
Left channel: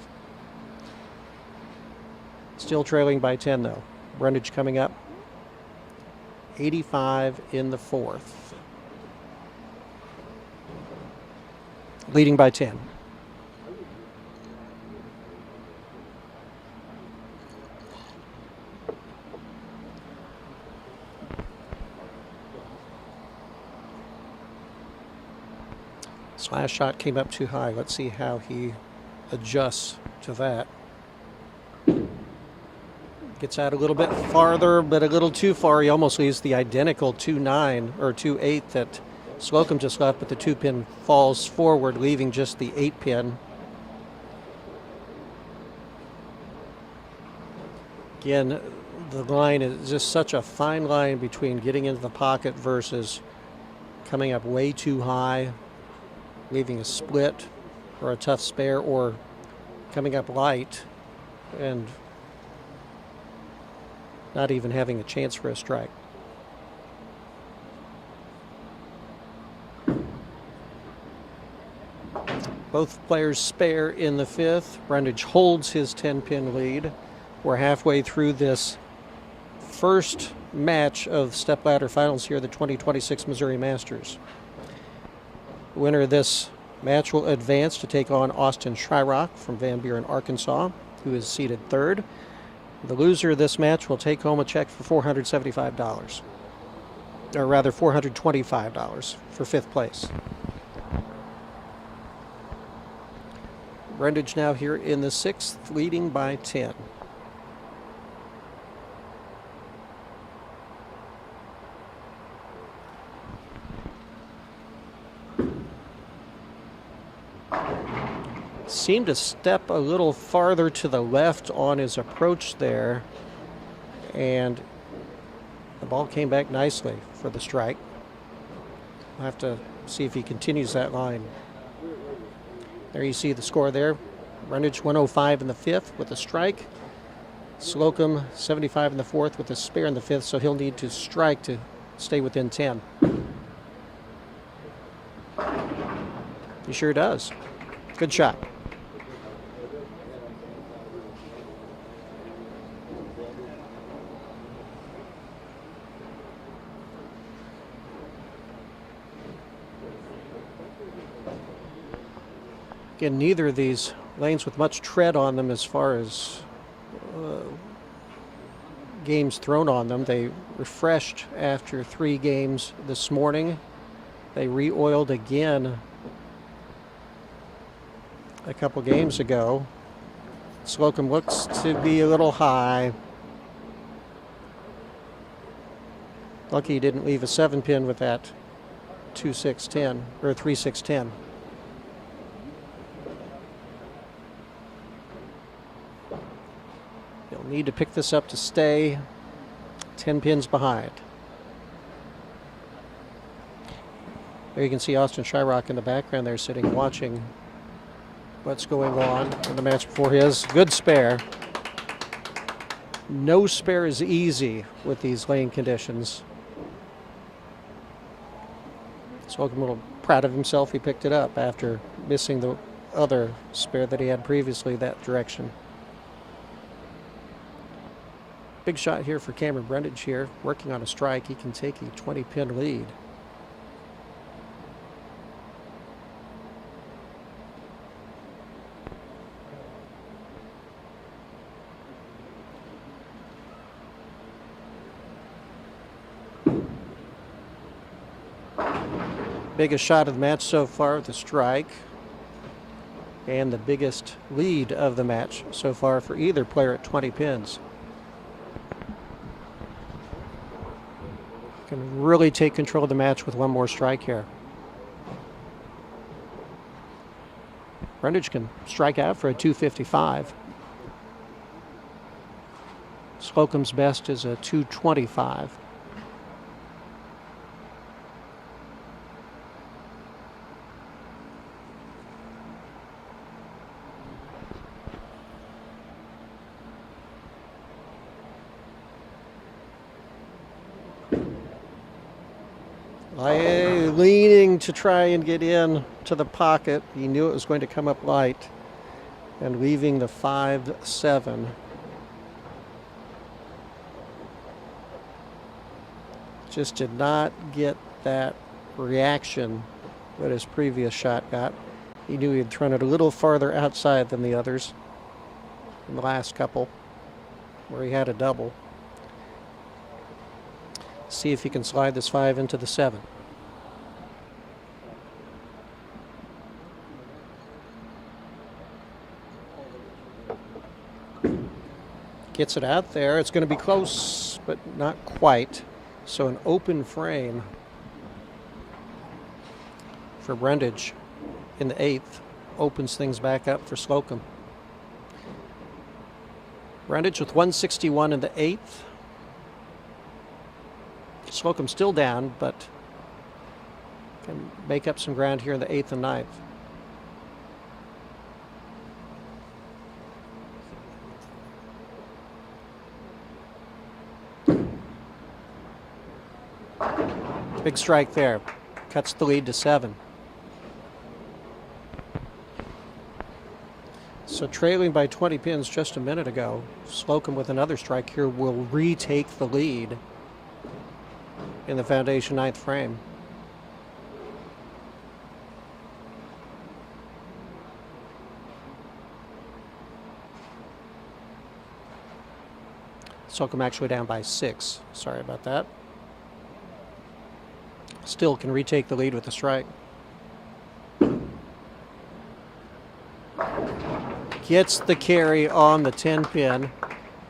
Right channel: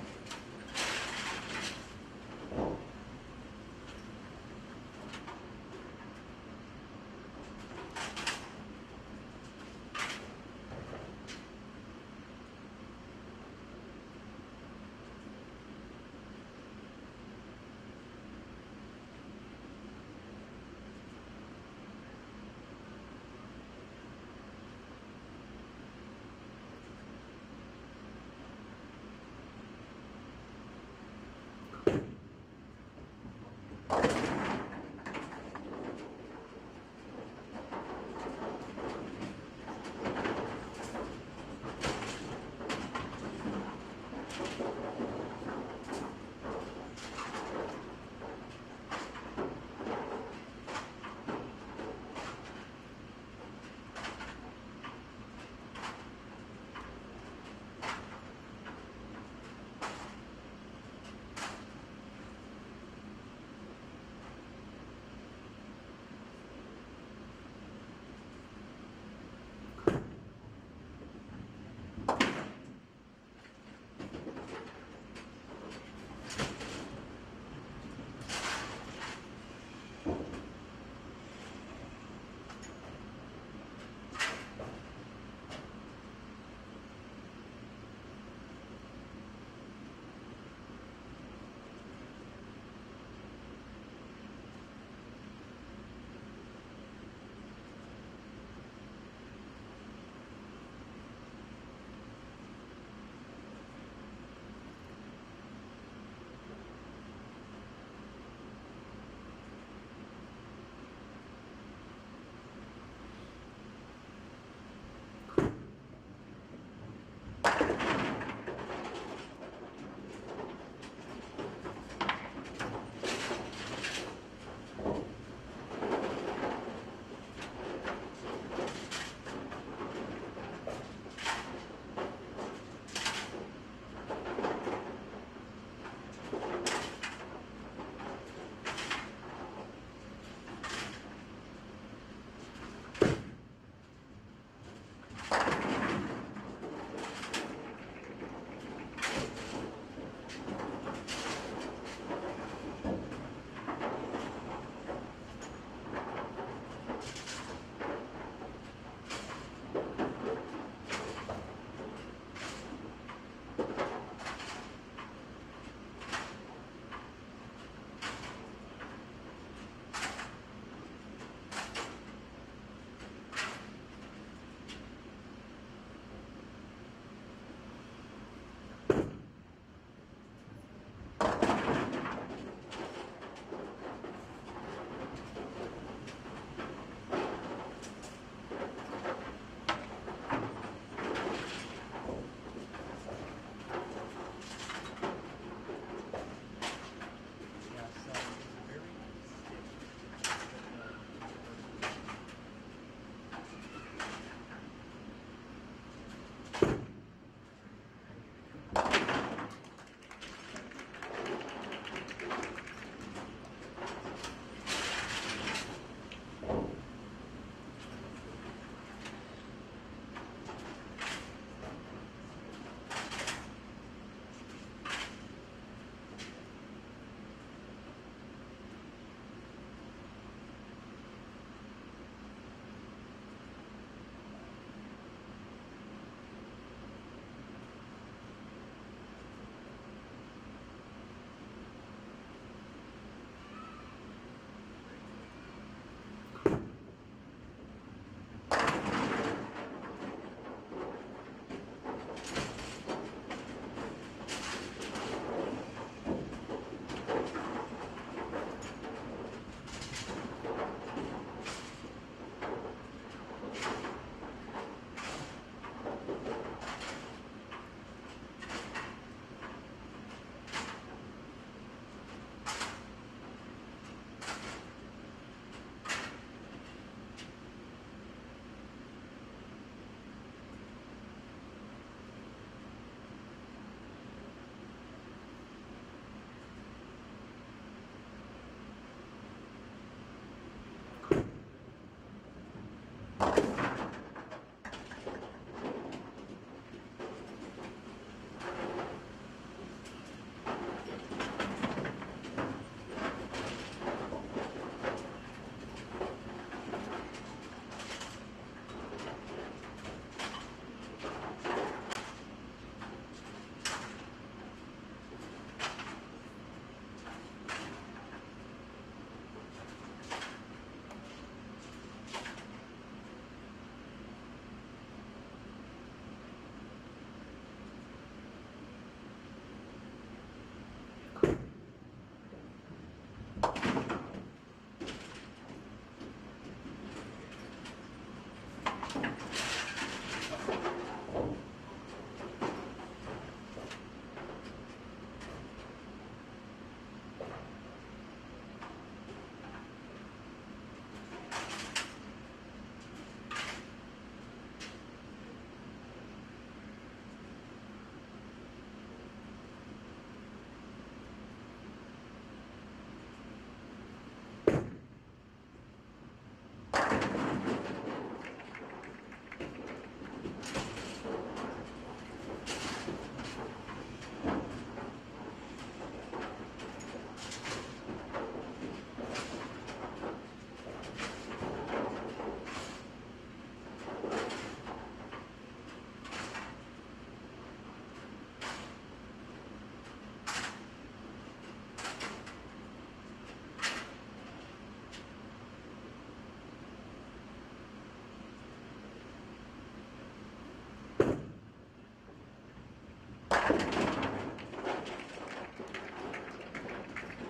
Still trailing by 10 though. Brundage coming up 85 in the 4th. Leading by 10. This last shot came up too high. Let's see how he adjusts to that. Gets out a little bit farther, but a little too far. He almost leaves the identical 2-9 or 2-8 that Slocum just left, but the 2-pin falls forward, leaving just the 8-pin. Again, the line is just such a fine line between getting into the pocket versus coming up way too high, leaving a split or a tough spare, or coming up light and not even having a chance for a strike. Both players spare in the 5th. Brundage holds his 10-pin lead. We're halfway through this first match of stepladder finals here at the 2026 Missouri Masters. The winner of this match will advance to take on Austin Shyrock from Van Buren, Arkansas, who is seated 3rd. The loser of this match will take home a check for $475, or rather $425 for 5th place. Brundage now here in the 6th, leading by 10. Seemed to step a little farther to the left on his approach there, and the ball came back nicely for the strike. We'll have to see if he continues that line. There you see the score there. Brundage 105 in the fifth with a strike. Slocum 75 in the fourth with a spare in the fifth, so he'll need to strike to stay within 10. He sure does. Good shot. Again, neither of these lanes with much tread on them as far as games thrown on them. They refreshed after 3 games this morning. They re-oiled again a couple games ago. Slocum looks to be a little high. Lucky he didn't leave a 7-pin with that 2-6-10 or 3-6-10. He'll need to pick this up to stay 10 pins behind. There you can see Austin Shyrock in the background there sitting watching what's going on in the match before his. Good spare. No spare is easy with these lane conditions. Slocum a little proud of himself. He picked it up after missing the other spare that he had previously that direction. Big shot here for Cameron Brundage here, working on a strike. He can take a 20-pin lead. Biggest shot of the match so far with the strike, and the biggest lead of the match so far for either player at 20 pins. Can really take control of the match with one more strike here. Brundage can strike out for a 255. Slocum's best is a 225. Leaning to try and get in to the pocket. He knew it was going to come up light, and leaving the 5-7. Just did not get that reaction that his previous shot got. He knew he had thrown it a little farther outside than the others in the last couple where he had a double. See if he can slide this 5 into the 7. Gets it out there. It's going to be close, but not quite. So an open frame for Brundage in the 8th opens things back up for Slocum. Brundage with 161 in the 8th. Slocum still down, but can make up some ground here in the 8th and 9th. Big strike there. Cuts the lead to 7. So trailing by 20 pins just a minute ago, Slocum with another strike here will retake the lead in the foundation 9th frame. Slocum actually down by 6. Sorry about that. Still can retake the lead with a strike. Gets the carry on the 10 pin.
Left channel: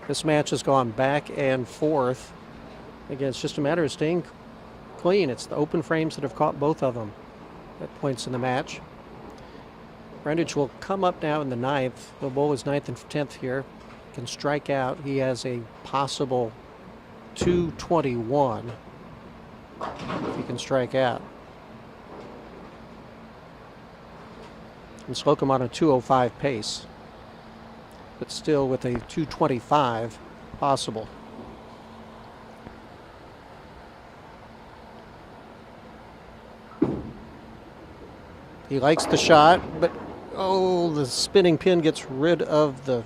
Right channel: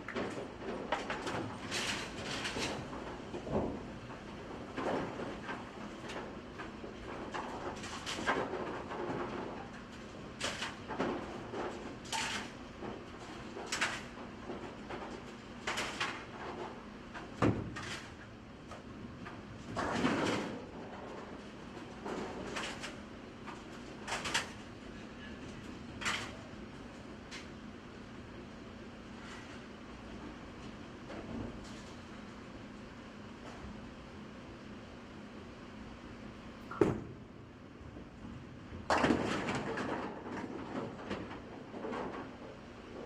This match has gone back and forth. Again, it's just a matter of staying clean. It's the open frames that have caught both of them at points in the match. Brundage will come up now in the ninth. The bowl is ninth and 10th here. Can strike out. He has a possible 221. He can strike out. And Slocum on a 205 pace, but still with a 225 possible. He likes the shot, but oh, the spinning pin gets rid of the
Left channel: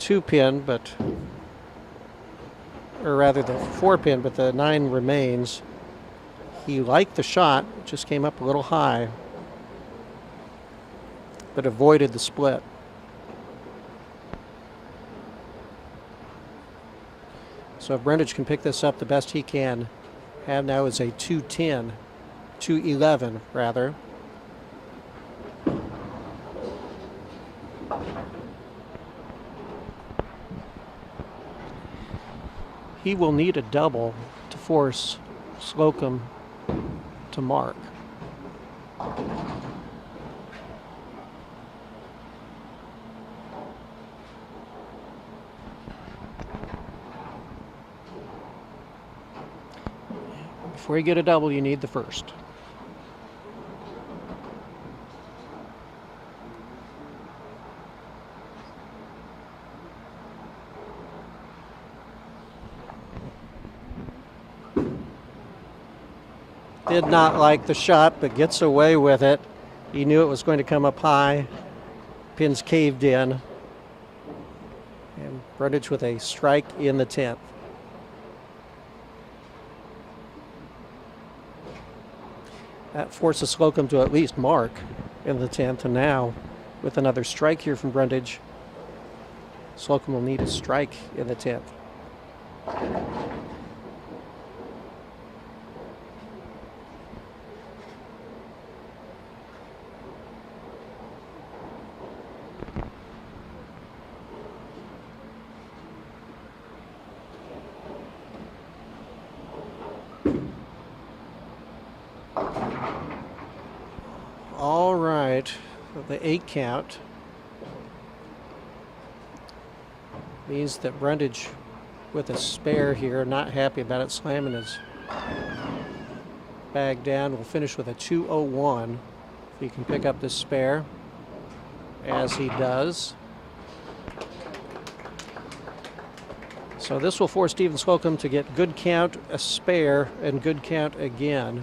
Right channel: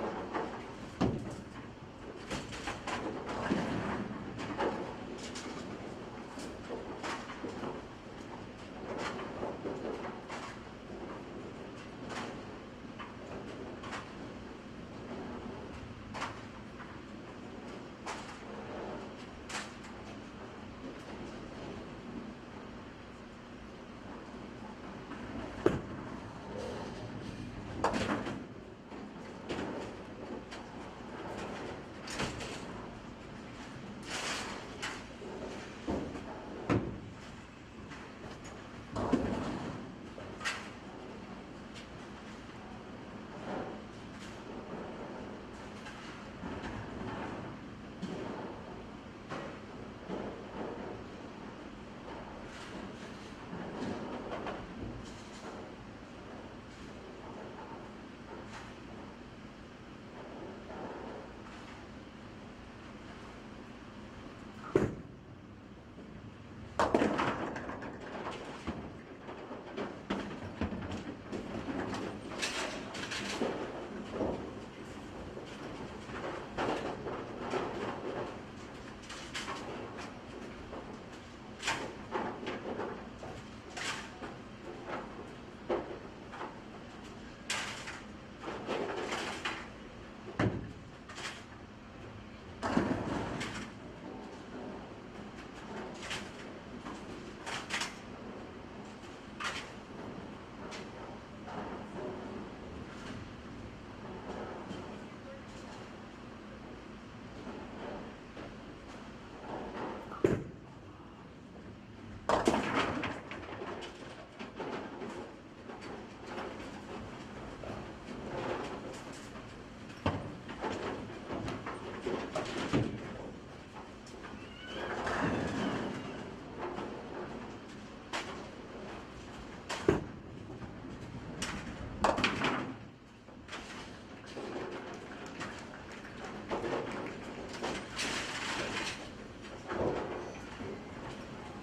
2-pin, or rather the 4-pin, but the 9 remains. He liked the shot, just came up a little high, but avoided the split. So if Brundage can pick this up, the best he can have now is a 210, 211 rather. He will need a double to force Slocum to mark. Before you get a double, you need the first. Did not like the shot, but gets away with it. He knew it was going to come up high. Pins caved in. And Brundage with a strike in the 10th. That forces Slocum to at least mark in the 10th, and now with another strike here from Brundage, Slocum will need a strike in the 10th. All right, the 8 count means that Brundage with a spare here, not happy about it, slamming his bag down, will finish with a 201. If he can pick up this spare, as he does. So this will force Stephen Slocum to get good count, a spare, and good count again.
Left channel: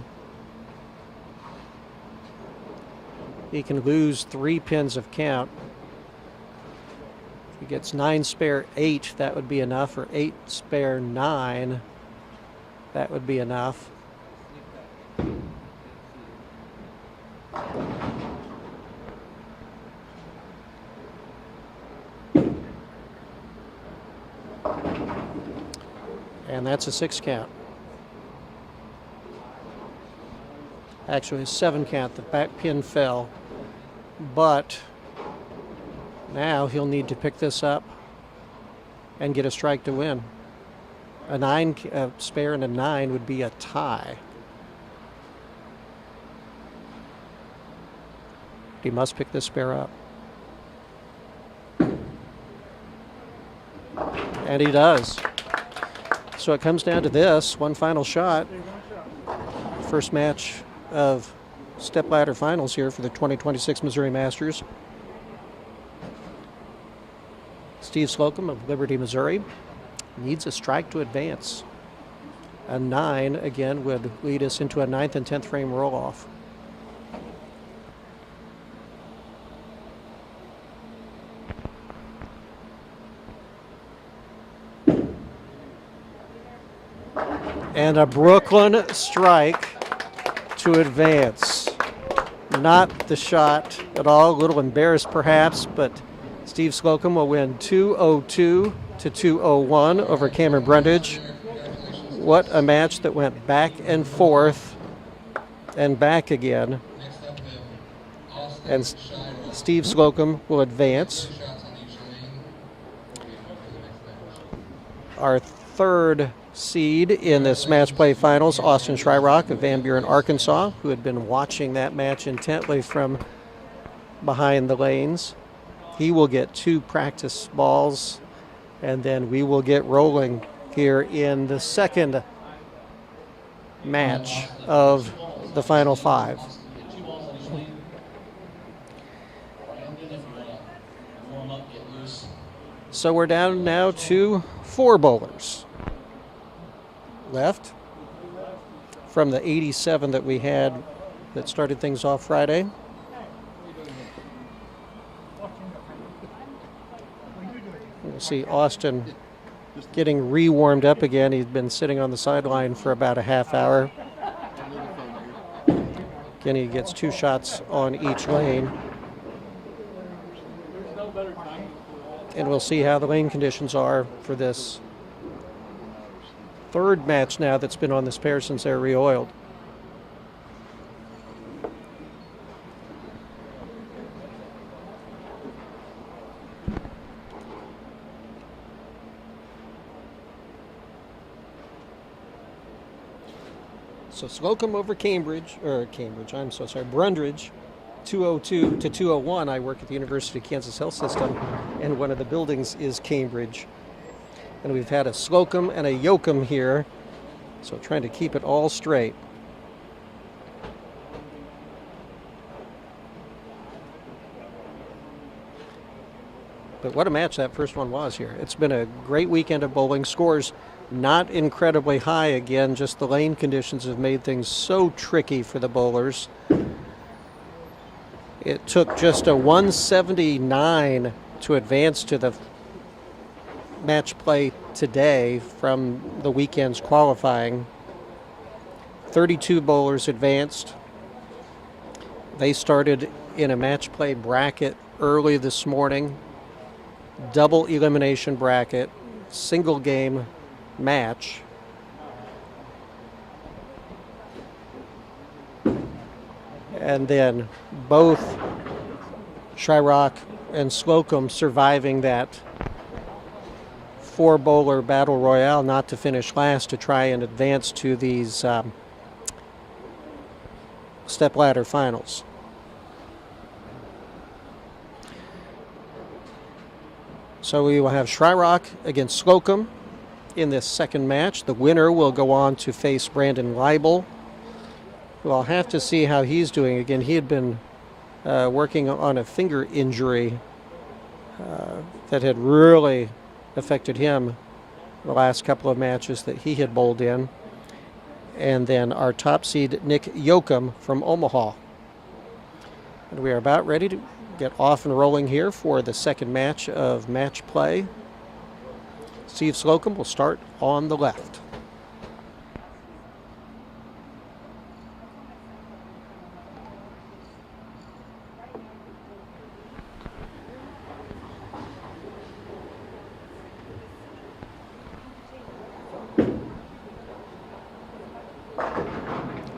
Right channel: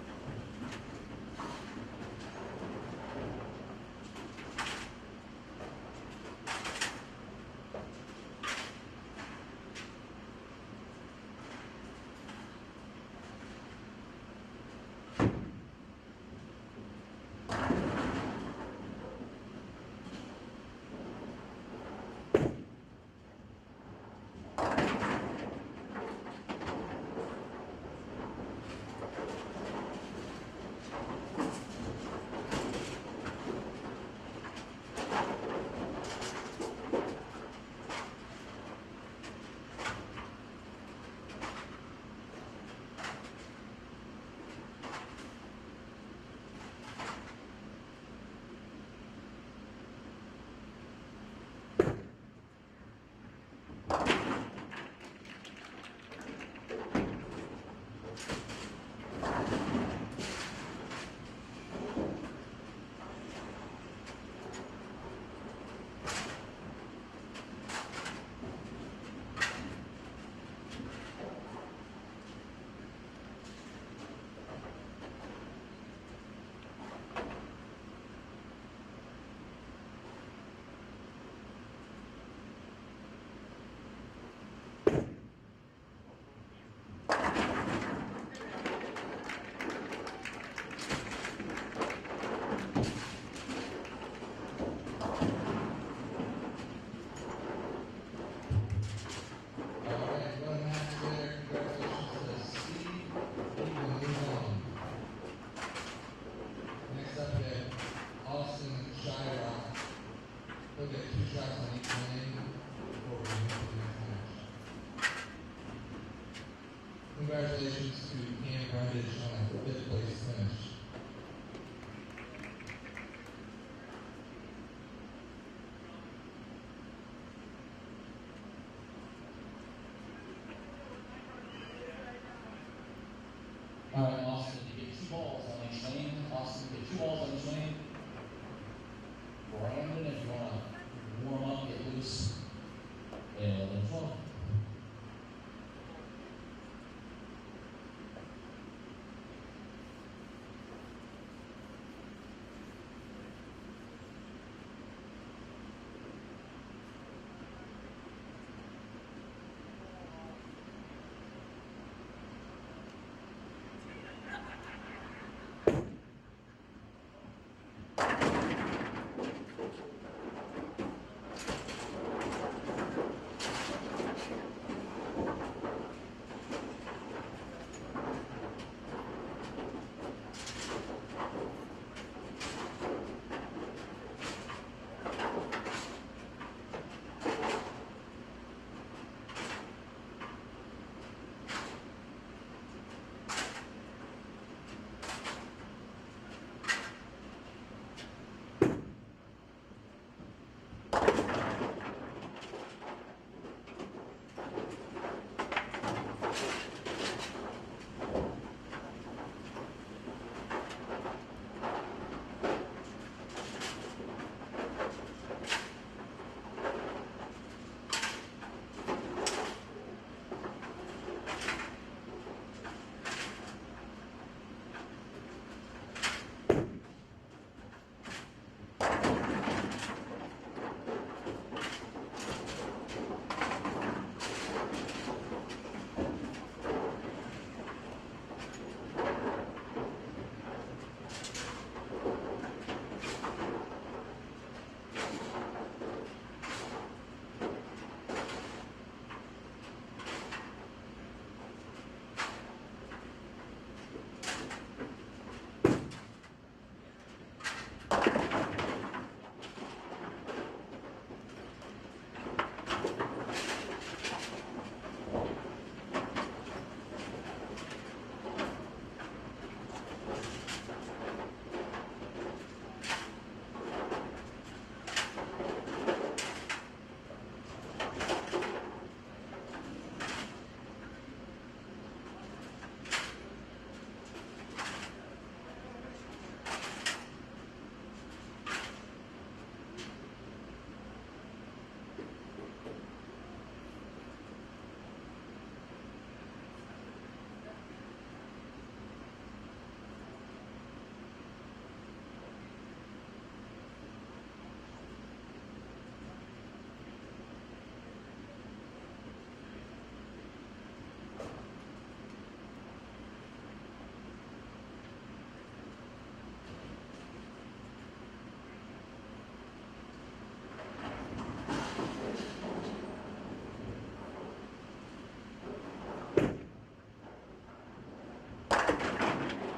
He can lose 3 pins of count. If he gets 9 spare 8, that would be enough, or 8 spare 9, that would be enough. And that's a 6 count. Actually, a 7 count. The back pin fell. But now he'll need to pick this up and get a strike to win. A 9 spare and a 9 would be a tie. He must pick this spare up. And he does. So it comes down to this, one final shot. First match of stepladder finals here for the 2026 Missouri Masters. Steve Slocum of Liberty, Missouri needs a strike to advance. A 9 again would lead us into a 9th and 10th frame roll-off. And a Brooklyn strike to advance. Not the shot at all, a little embarrassed perhaps, but Steve Slocum will win 202 to 201 over Cameron Brundage. What a match that went back and forth and back again. And Steve Slocum will advance. Our third seed in this match play finals, Austin Schreirock of Van Buren, Arkansas, who had been watching that match intently from behind the lanes. He will get 2 practice balls, and then we will get rolling here in the second match of the final 5. So we're down now to 4 bowlers left from the 87 that we had that started things off Friday. We'll see Austin getting re-warmed up again. He's been sitting on the sideline for about a half hour. Again, he gets 2 shots on each lane. And we'll see how the lane conditions are for this third match now that's been on this pair since they're re-oiled. So Slocum over Brundridge, 202 to 201. I work at the University of Kansas Health System, and one of the buildings is Cambridge. And we've had a Slocum and a Yoakum here, so trying to keep it all straight. But what a match that first one was here. It's been a great weekend of bowling. Scores not incredibly high again, just the lane conditions have made things so tricky for the bowlers. It took just a 179 to advance to the match play today from the weekend's qualifying. 32 bowlers advanced. They started in a match play bracket early this morning. Double elimination bracket, single game match. And then both Shyrock and Slocum surviving that 4-bowler battle royale, not to finish last, to try and advance to these stepladder finals. So we will have Shyrock against Slocum in this second match. The winner will go on to face Brandon Leibel. We'll have to see how he's doing. Again, he had been working on a finger injury that had really affected him the last couple of matches that he had bowled in. And then our top seed, Nick Yoakum from Omaha. And we are about ready to get off and rolling here for the second match of match play. Steve Slocum will start on the left.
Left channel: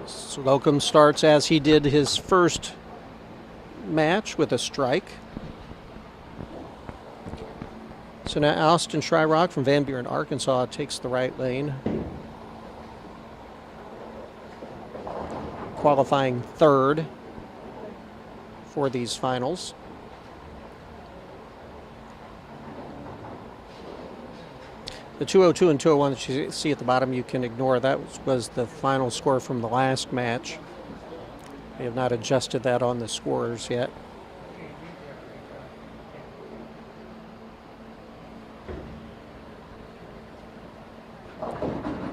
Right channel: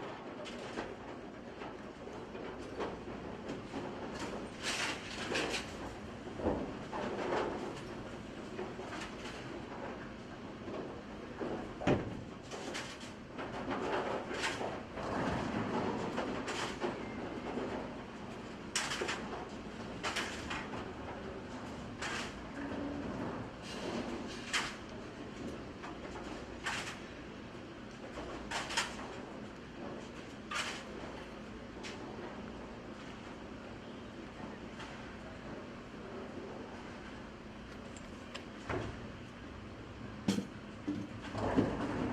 Slocum starts as he did his first match with a strike. So now Austin Shyrock from Van Buren, Arkansas takes the right lane. Qualifying third for these finals. The 202 and 201 that you see at the bottom, you can ignore. That was the final score from the last match. They have not adjusted that on the scores yet.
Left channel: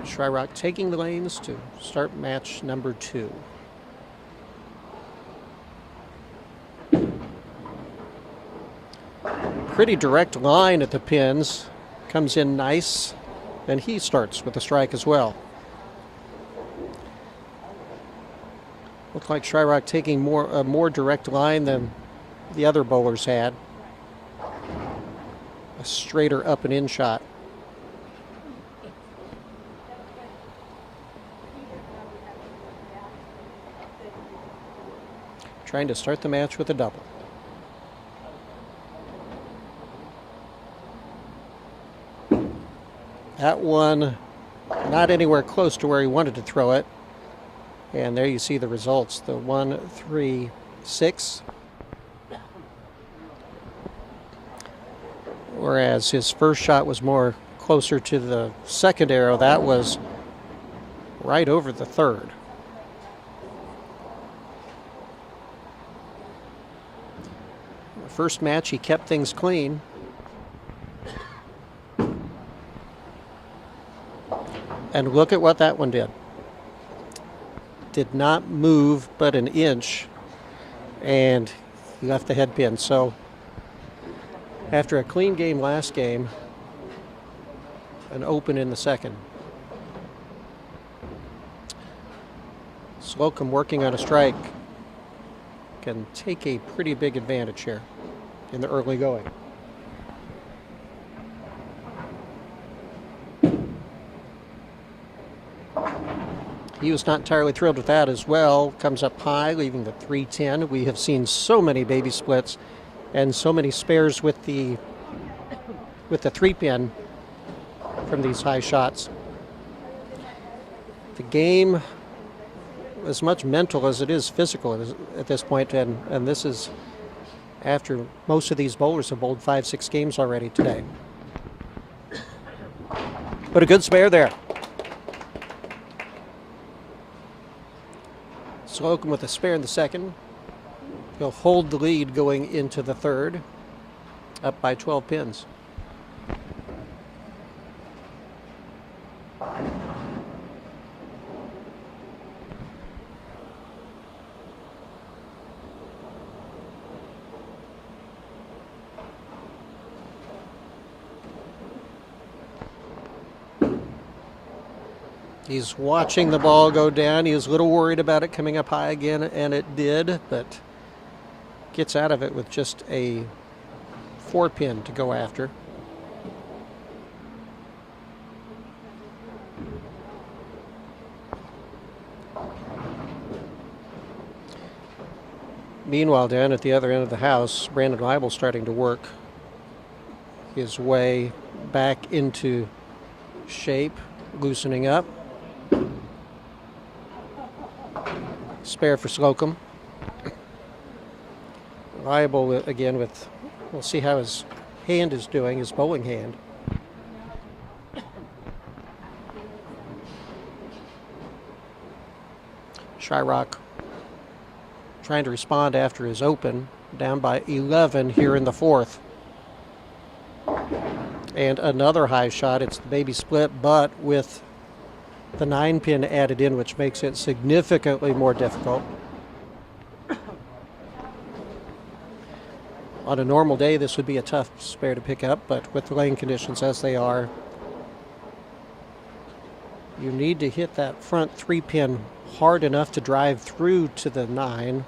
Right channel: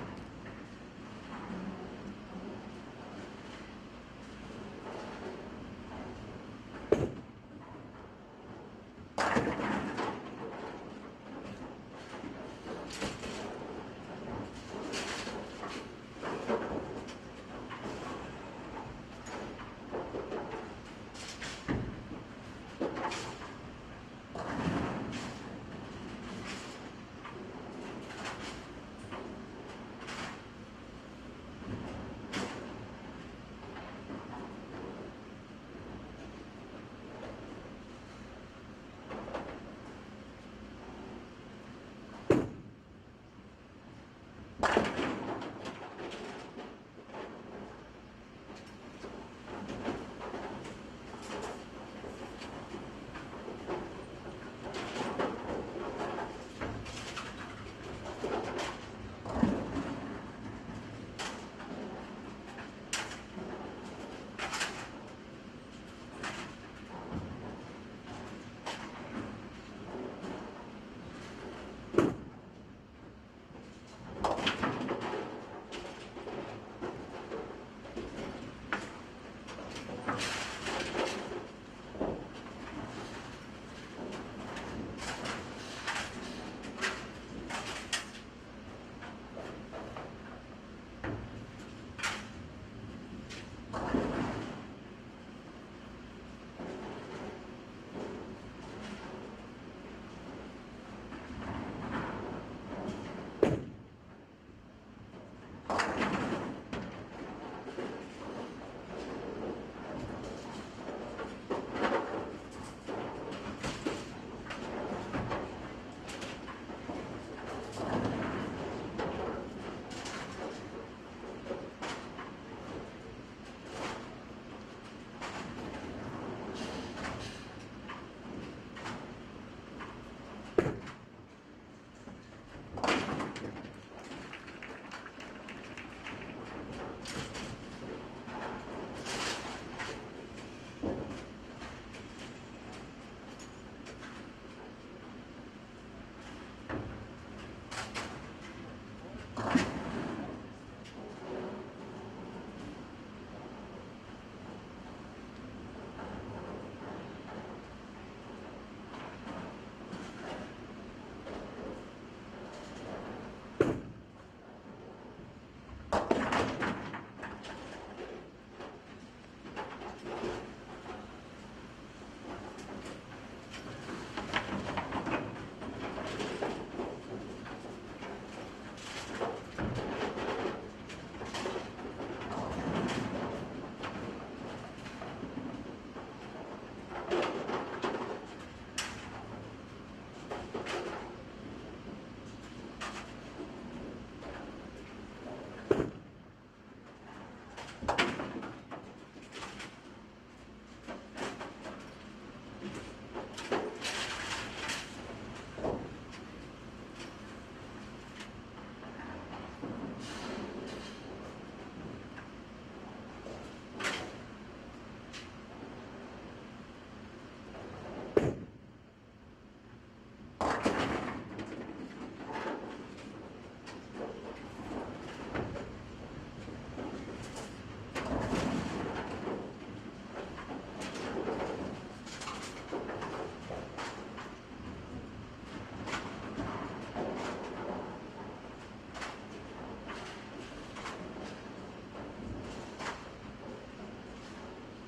Shyrock taking the lanes to start match number 2. Pretty direct line at the pins. Comes in nice, and he starts with a strike as well. Looks like Shyrock taking a more direct line than the other bowlers had. A straighter up and in shot. Trying to start the match with a double. That one not anywhere close to where he wanted to throw it. And there you see the results. The 1-3-6 Whereas his first shot was more closer to the second arrow. That was right over the third. The first match, he kept things clean. And look at what that one did. Did not move but an inch and left the head pin. So after a clean game last game, an open in the second. Slocum working on a strike can take a pretty big advantage here in the early going. He was not entirely thrilled with that as well. Comes up high, leaving the 310. We have seen so many baby splits and so many spares with the 3-pin from these high shots. The game as much mental as it is physical at this point, and this is after most of these bowlers have bowled 5-6 games already today. But a good spare there. Slocum with a spare in the second. He'll hold the lead going into the third, up by 12 pins. He's watching the ball go down. He was a little worried about it coming up high again, and it did, but gets out of it with just a 4-pin to go after. Meanwhile, down at the other end of the house, Brandon Leibel starting to work his way back into shape, loosening up. Spare for Slocum. Leibel again with, we'll see how his hand is doing, his bowling hand. Shyrock trying to respond after his open, down by 11 here in the fourth. And another high shot. It's the baby split, but with the 9-pin added in, which makes it significantly more difficult. On a normal day, this would be a tough spare to pick up, but with the lane conditions as they are, you need to hit that front 3-pin hard enough to drive through to the 9,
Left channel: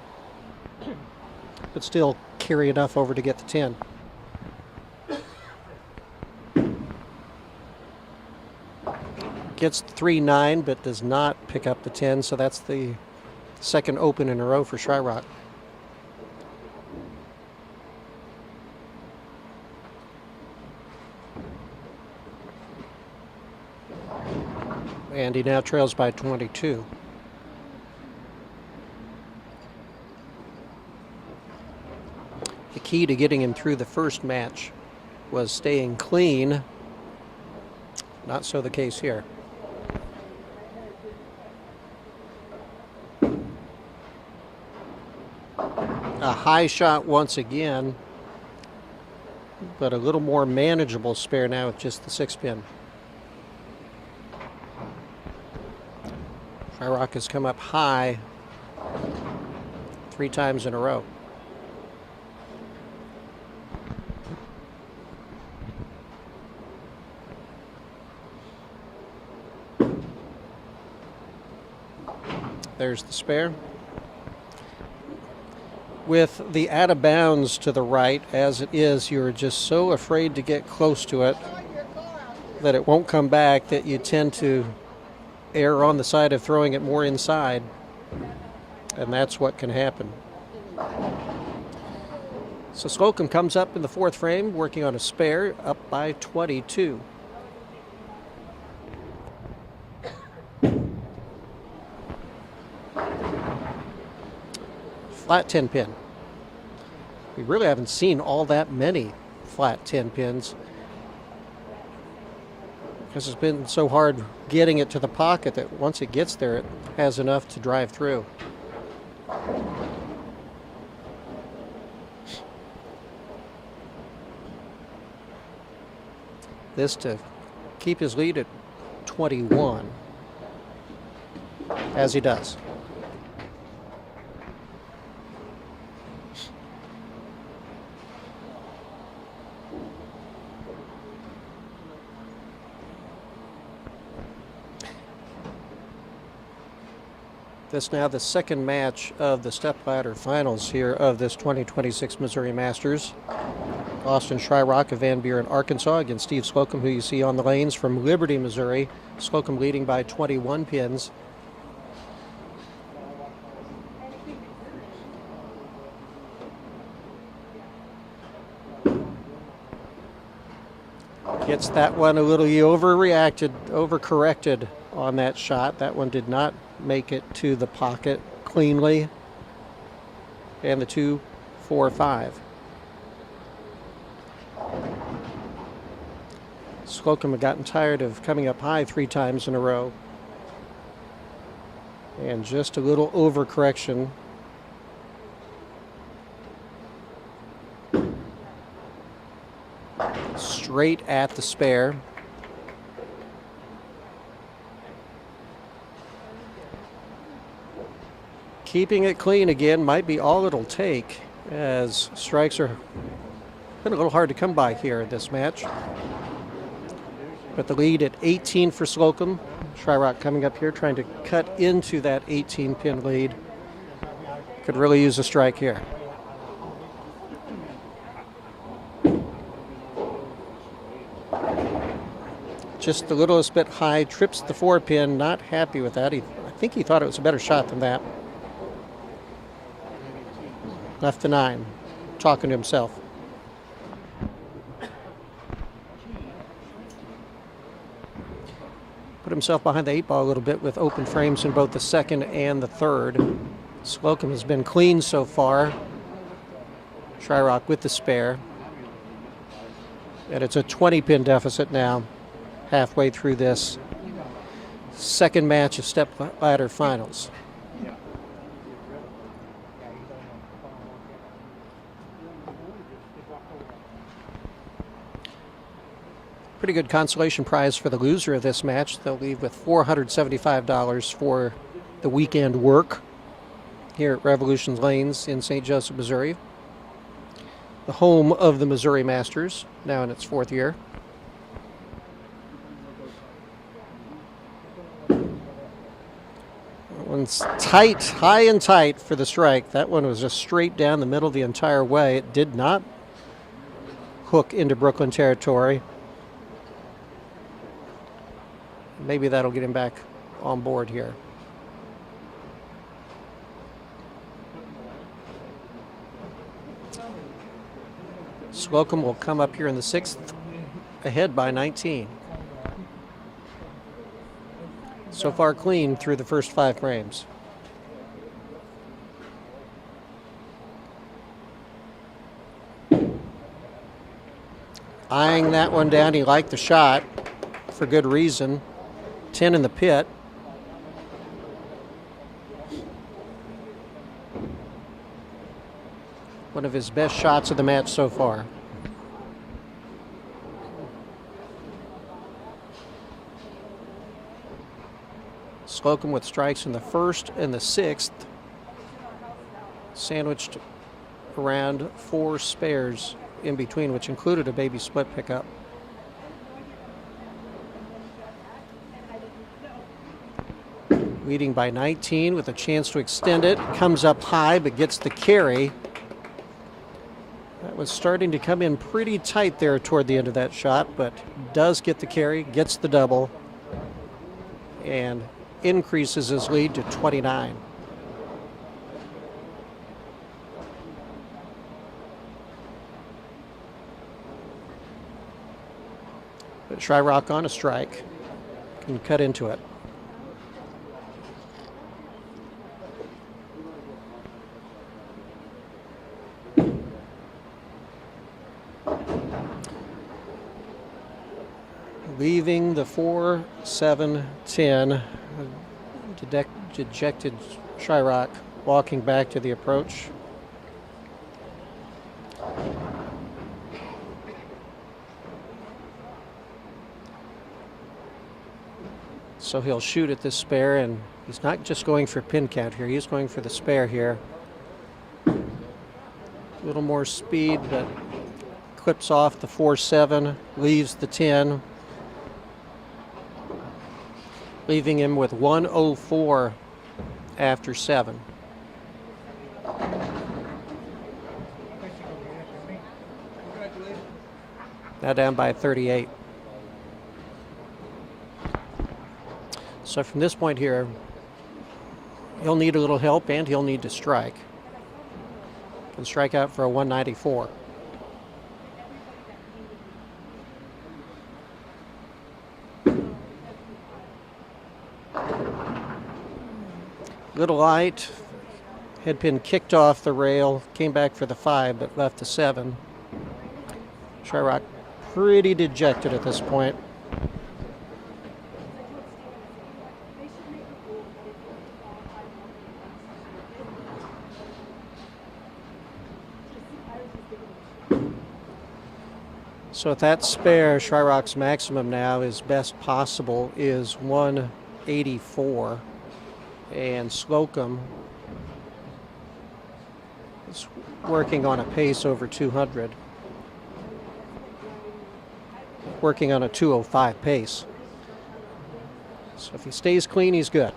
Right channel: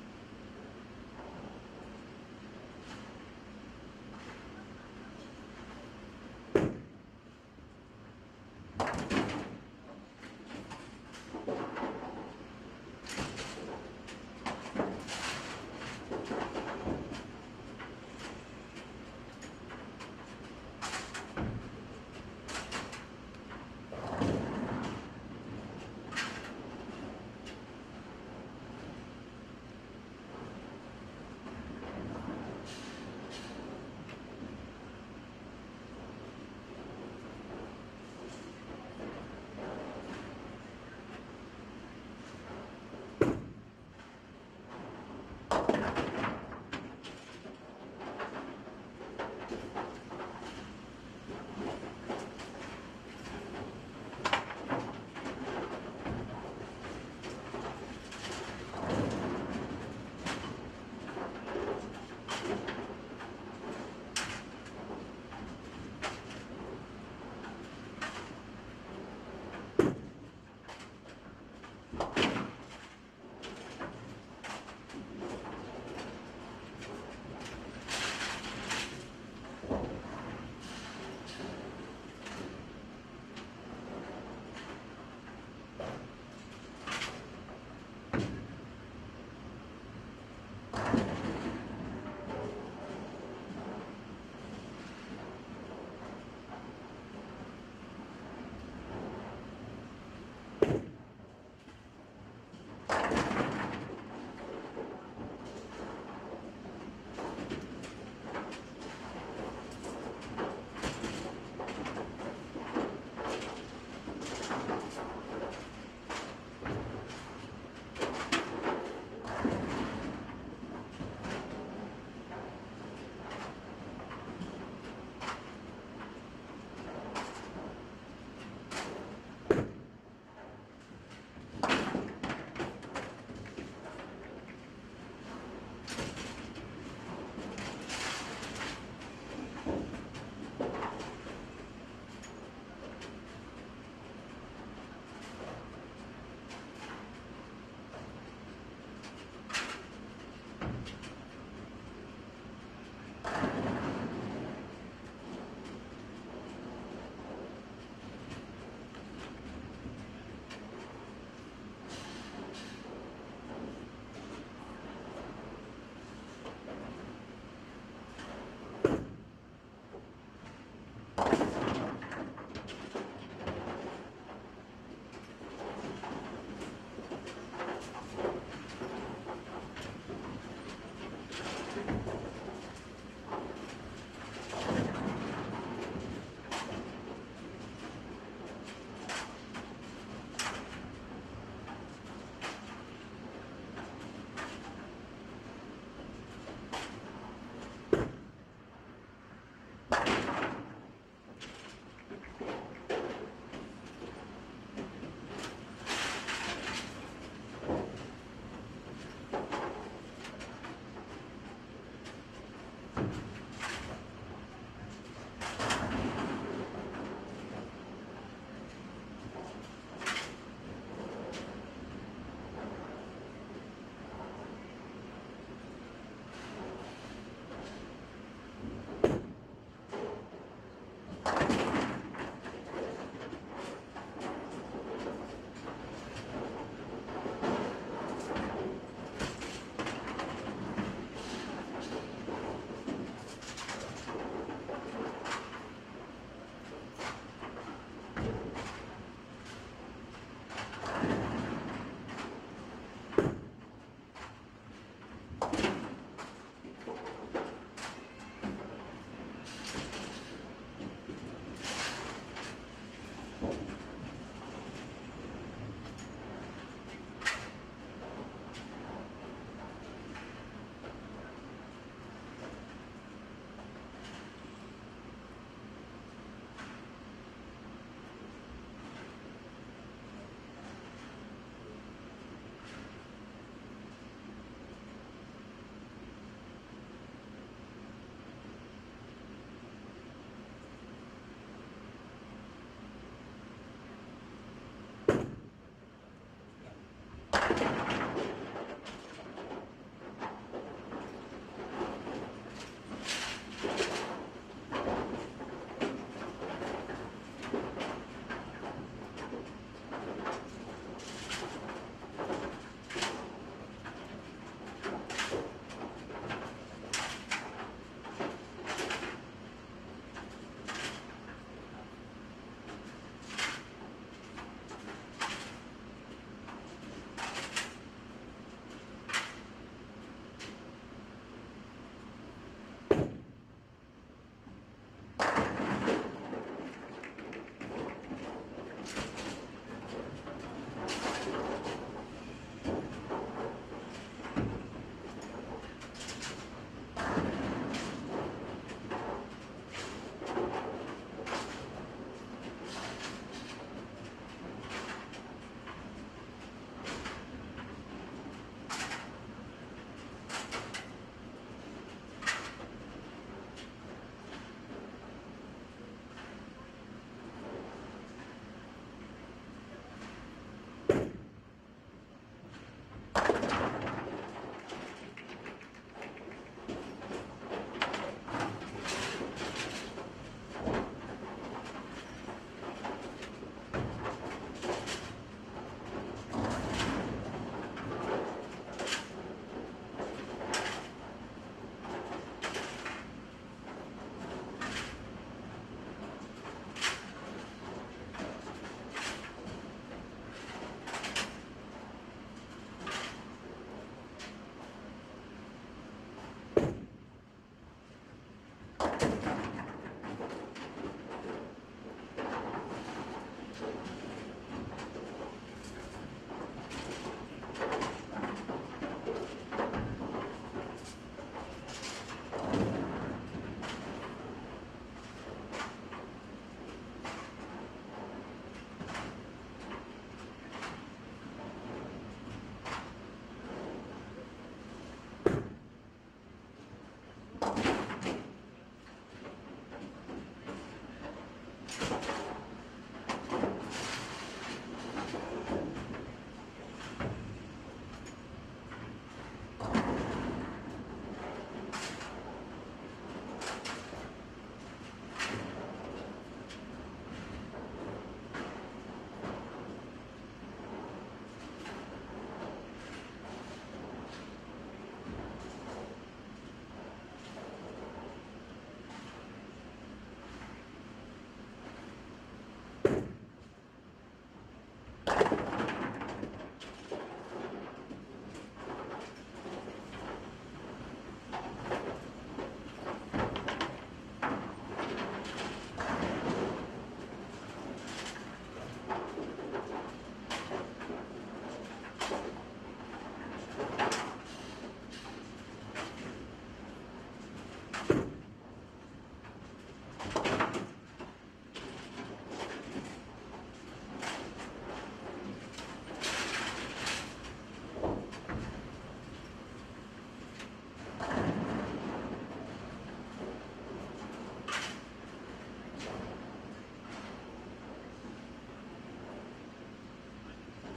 but still carry enough over to get the 10. Gets the 3-9, but does not pick up the 10, so that's the second open in a row for Shyrock. And he now trails by 22. The key to getting him through the first match was staying clean. Not so the case here. A high shot once again, but a little more manageable spare now with just the 6-pin. Shyrock has come up high 3 times in a row. There's the spare. With the out of bounds to the right, as it is, you're just so afraid to get close to it that it won't come back that you tend to err on the side of throwing it more inside, and that's what can happen. So Slocum comes up in the fourth frame, working on a spare, up by 22. Flat 10-pin. We really haven't seen all that many flat 10 pins. Because it's been so hard getting it to the pocket that once it gets there, it has enough to drive through. This to keep his lead at 21, as he does. This now the second match of the stepladder finals here of this 2026 Missouri Masters. Austin Shryock of Van Buren, Arkansas against Steve Slocum, who you see on the lanes from Liberty, Missouri. Slocum leading by 21 pins. Gets that one a little, he overcorrected on that shot. That one did not make it to the pocket cleanly. And the 2, 4, 5. Slocum had gotten tired of coming up high 3 times in a row. And just a little overcorrection. Straight at the spare. Keeping it clean again might be all it'll take, as strikes are been a little hard to come by here in this match. But the lead at 18 for Slocum. Shryock coming up here trying to cut into that 18-pin lead. Could really use a strike here. Just the littlest bit high, trips the 4-pin, not happy with that. I think he thought it was a better shot than that. Left to 9, talking to himself. Put himself behind the 8-ball a little bit with open frames in both the second and the third. Slocum has been clean so far. Shryock with the spare. And it's a 20-pin deficit now, halfway through this second match of stepladder finals. Pretty good consolation prize for the loser of this match. They'll leave with $475 for the weekend work here at Revolution Lanes in St. Joseph, Missouri. The home of the Missouri Masters, now in its 4th year. That one's tight, high and tight for the strike. That one was just straight down the middle the entire way. It did not hook into Brooklyn territory. Maybe that'll get him back on board here. Slocum will come up here in the 6th, ahead by 19. So far clean through the first 5 frames. Eyeing that one down, he liked the shot for good reason. 10 in the pit. One of his best shots of the match so far. Slocum with strikes in the 1st and the 6th. Sandwiched around 4 spares in between, which included a baby split pickup. Leading by 19 with a chance to extend it. Comes up high but gets the carry. That was starting to come in pretty tight there toward the end of that shot, but does get the carry, gets the double, and increases his lead to 29. But Shryock on a strike. Can cut into it. leaving the 4, 7, 10. Dejected Shyrock walking back to the approach. So he'll shoot at this spare, and he's not just going for pin count here, he's going for the spare here. A little more speed, but clips off the 4-7, leaves the 10, leaving him with 104 after 7. Now down by 38. So from this point here, he'll need a little help and he'll need to strike. Can strike out for a 194. Little light, head pin kicked off the rail, came back for the 5, but left the 7. Shyrock pretty dejected at this point. So with that spare, Shyrock's maximum now, his best possible, is 184. And Slocum is working on a pace over 200. Working on a 205 pace. So if he stays clean, he's good.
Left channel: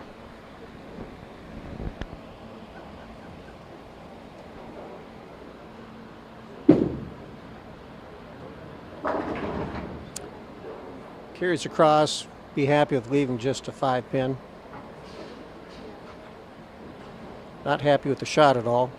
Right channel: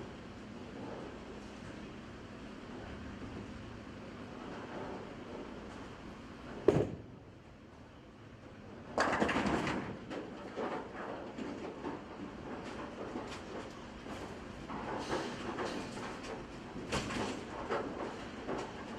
Carries across, be happy with leaving just a 5-pin. Not happy with the shot at all.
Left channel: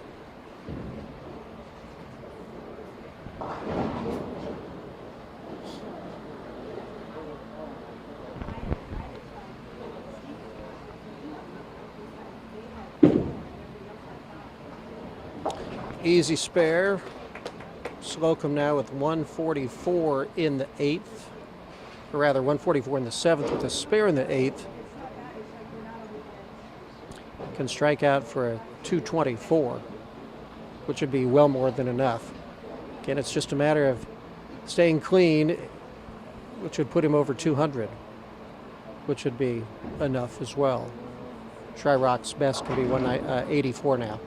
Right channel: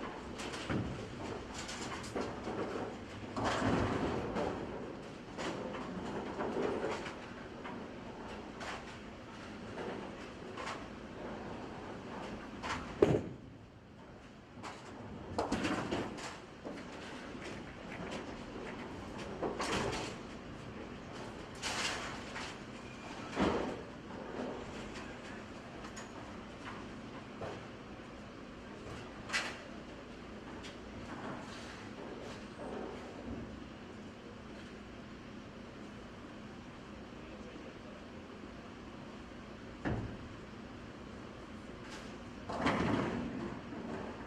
Easy spare. Slocum now with 144 in the 8th. Or rather, 144 in the 7th with a spare in the 8th. Can strike out for a 224, which would be well more than enough. Again, it's just a matter of staying clean, which would put him over 200, which would be enough as well. Shyrock's best will be 184 now.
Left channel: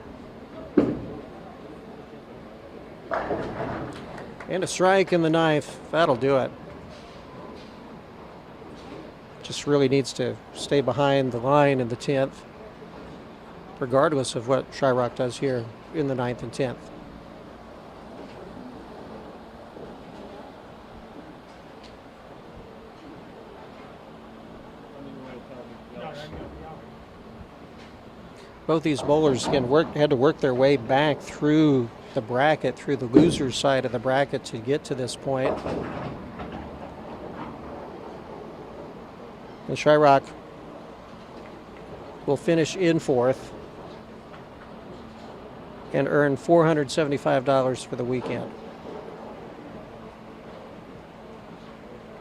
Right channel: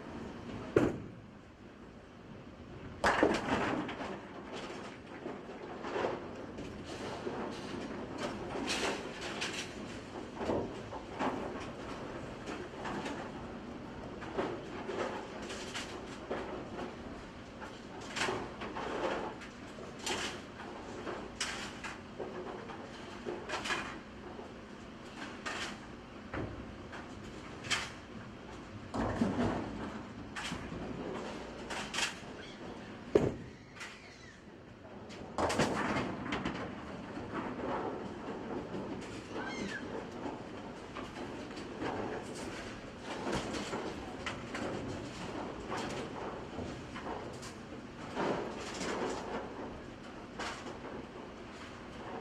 And a strike in the 9th. That'll do it. Just really needs to stay behind the line in the 10th, regardless of what Shyrock does here in the 9th and 10th. Both these bowlers again had to work their way back through the bracket, through the loser's side of the bracket to get to this point. And Shyrock will finish in 4th and earn $475 for the weekend.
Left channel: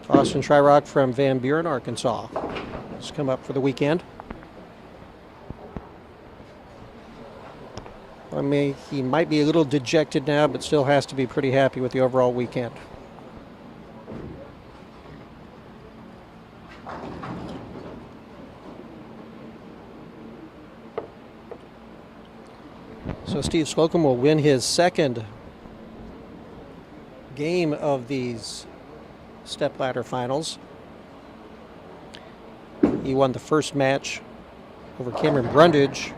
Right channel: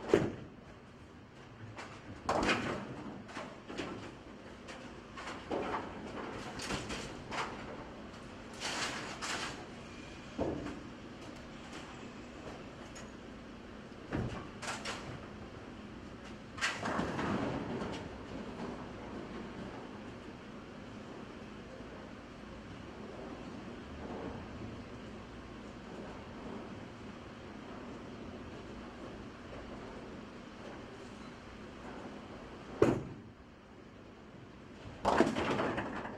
Austin Shyrock from Van Buren, Arkansas, has come up for the weekend. I mean, he might be a little dejected now, but still has to be pretty happy with the overall weekend. So Steve Slocum will win his second game of these stepladder finals. He won the first match over Cameron Brundage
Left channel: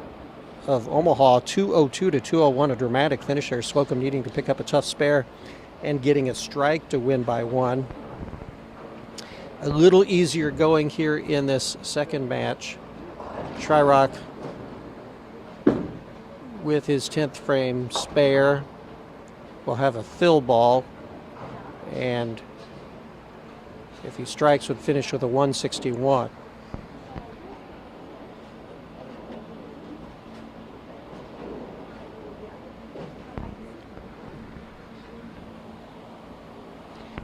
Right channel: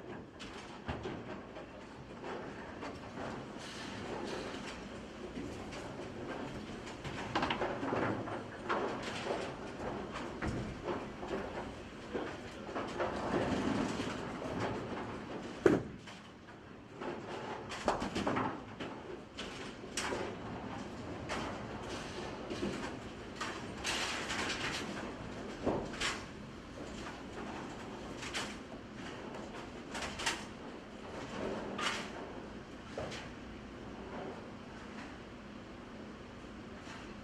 of Omaha, 202 to 201, a dramatic finish there. Slocum needing to pick up a tough spare and getting a strike to win by 1. A little easier going here in this second match. Shyrock with his 10th frame spare will have a fill ball, and if he strikes would finish with a 161.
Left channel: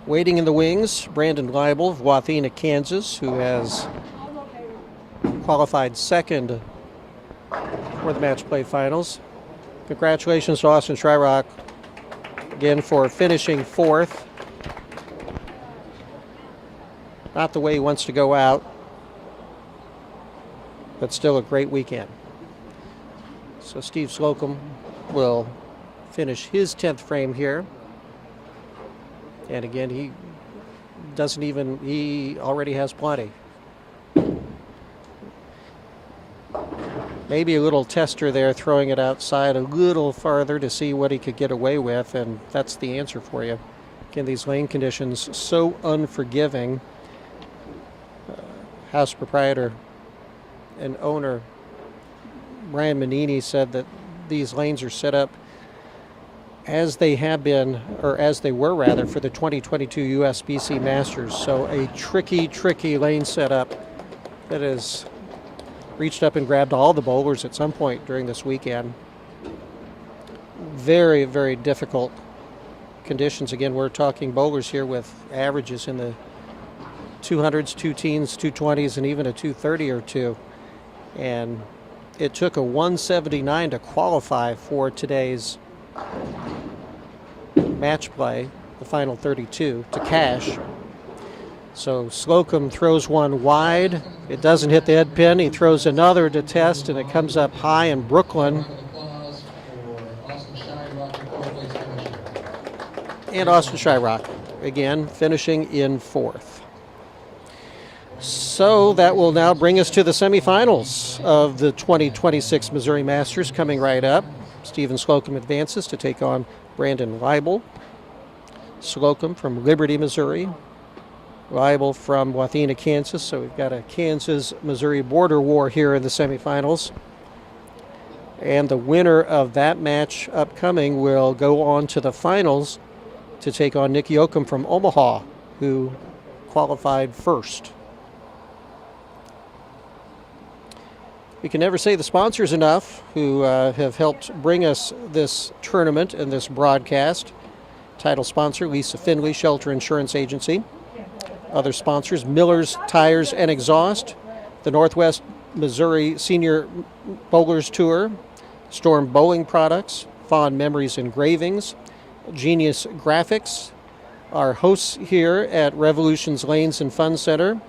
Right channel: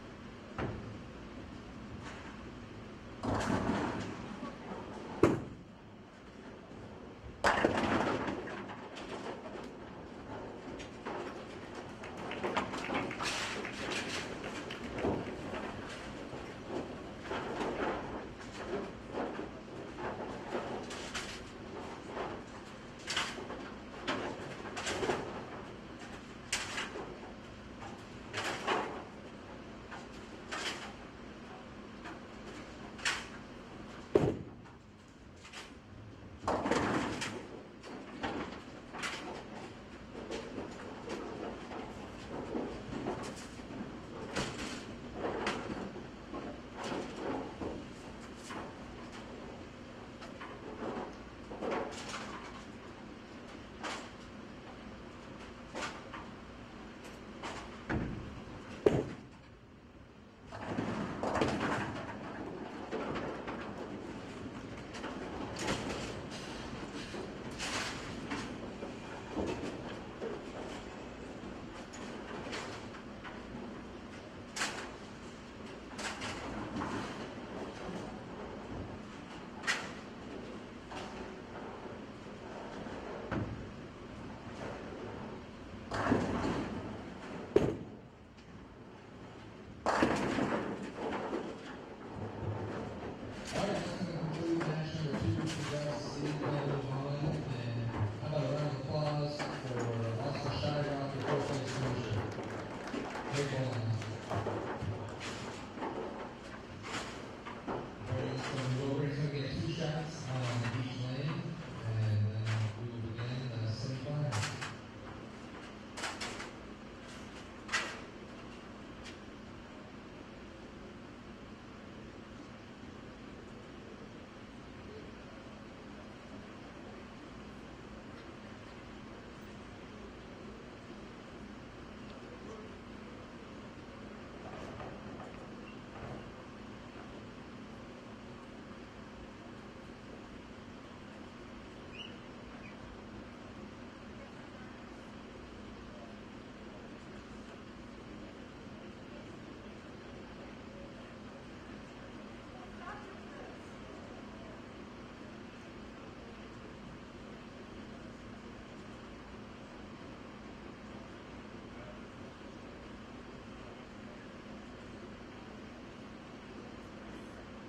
Waiting in the wings, Brandon Leibel of Wathena, Kansas, who has qualified second for the match play finals. Congratulations to Austin Shryock again for finishing fourth. Not the way he wants to go out, but still a great weekend. So Steve Slocum will finish his 10th frame here. And again, he already has plenty. Maybe a little tester there, throwing it outside a little farther to see what he could get away with, and that's the answer for you. Again, these lane conditions so unforgiving. House proprietor and owner Brian Manini said that these lanes are set up as they have been, or as they were rather, for the 2022 USBC Masters. So a tricky lane setup that has reached up and grabbed all the bowlers at some point during this weekend. Very, very difficult conditions. Again, we're talking bowlers here with averages in the 200s, 2-teens, 220s, and even a 230 or two. And it took a 179 to qualify for today's match play, the final 32, to cash. So Slocum throws one wide. It doesn't hit the head pin. He throws another to test, and it comes up high in Brooklyn. And Austin Shryock, again, finishing in fourth. So that will now bring us to the semifinals of the 2026 Missouri Masters coming right up. Stephen Slocum advances to take on Brandon Leibel. Slocum from Liberty, Missouri. Leibel from Wathena, Kansas. So we've got a Kansas-Missouri border war here in the semifinals. And the winner of that match upcoming will go on to the finals to take on Nick Yoakum from Omaha, who qualified first. We can never say the sponsors enough who have helped bring us this tournament and this broadcast. Title sponsor, Lisa Finley, Shelter Insurance Agency. Other sponsors, Miller's Tires and Exhaust, the Northwest Missouri Senior Bowlers Tour, Storm Bowling Products, Fond Memories Engravings, Genius Graphix, our hosts here at Revolution's Lanes and Fun Center,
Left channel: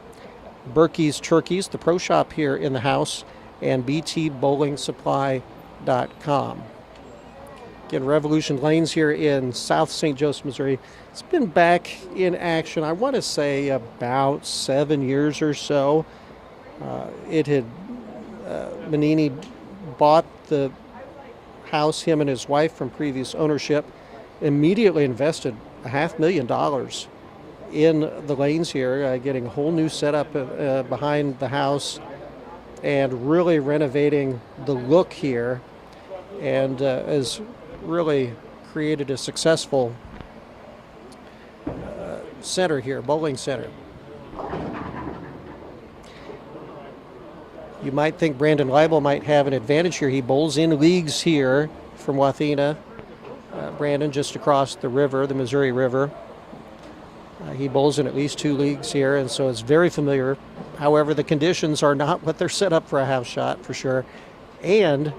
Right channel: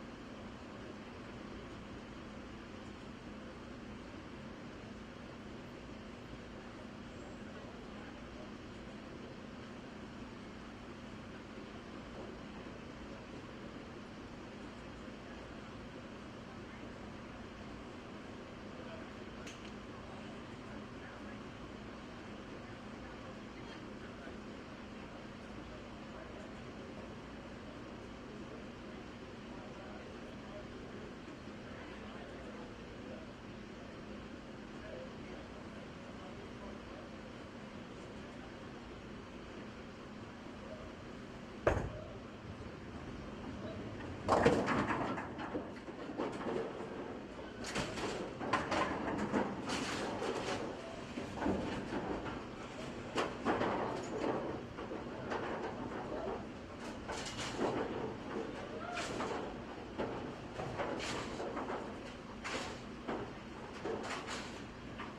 Burky's Turkeys, the pro shop here in the house, and btbowlingsupply.com. Again, Revolution Lanes here in South St. Joseph, Missouri. It's been back in action, I want to say, about 7 years or so. Manini bought the house, him and his wife, from previous ownership, immediately invested $500,000 in the lanes here, getting a whole new setup behind the house, and really renovating the look here, and has really created a successful center here, bowling center. You might think Brandon Leibel might have an advantage here. He bowls in leagues here from Wathena. Brandon just across the river, the Missouri River. He bowls in at least 2 leagues here, and so it's very familiar. However, the conditions are not what they're set up for a house shot, for sure. And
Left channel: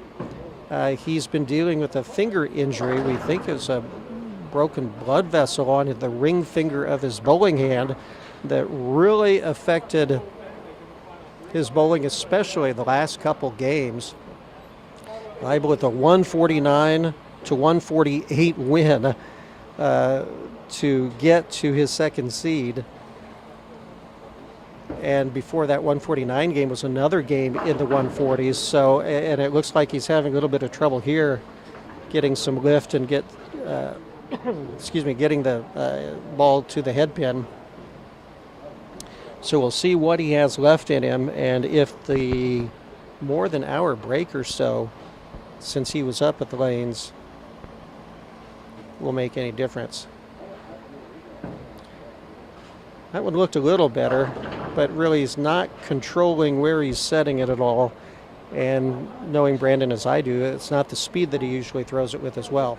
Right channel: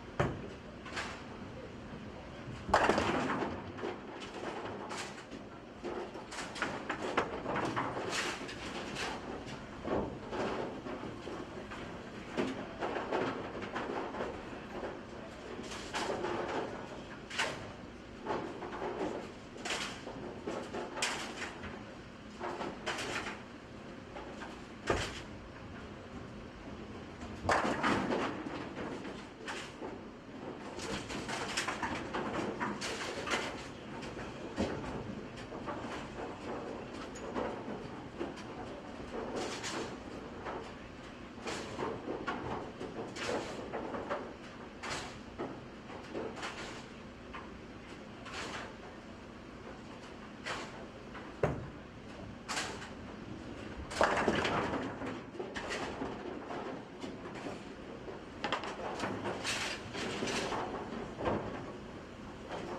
he's been dealing with a finger injury, we think is a broken blood vessel on the ring finger of his bowling hand that really affected his bowling, especially the last couple games. Leibel with a 149 to 148 win to get to his second seed. And before that 149 game was another game in the 140s. So, and it looks like he's having a little bit of trouble here getting some lift and getting the ball to the head pin. So we'll see what he has left in him, and if the more than hour break or so since he was up at the lanes will make any difference. That one looked a little better, but really he's not controlling where he's setting it at all. And knowing Brandon as I do, it's not the speed that he usually throws it with as well.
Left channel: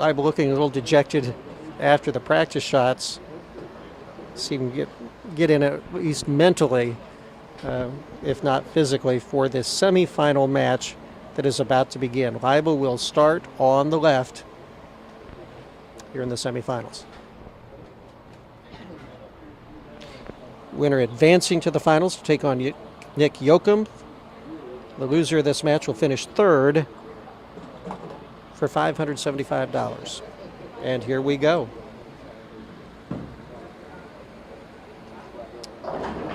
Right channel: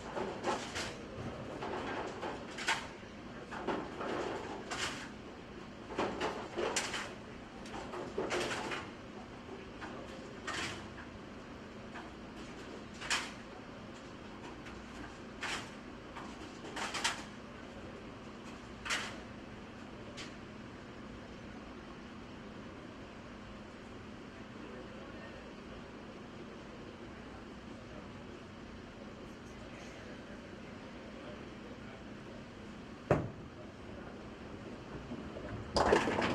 I'm looking a little dejected after the practice shots. See him get in at least mentally, if not physically, for this semifinal match that is about to begin. Leibel will start on the left here in the semifinals. Winner advancing to the finals to take on Nick Yoakum. The loser of this match will finish third for $575. And here we go.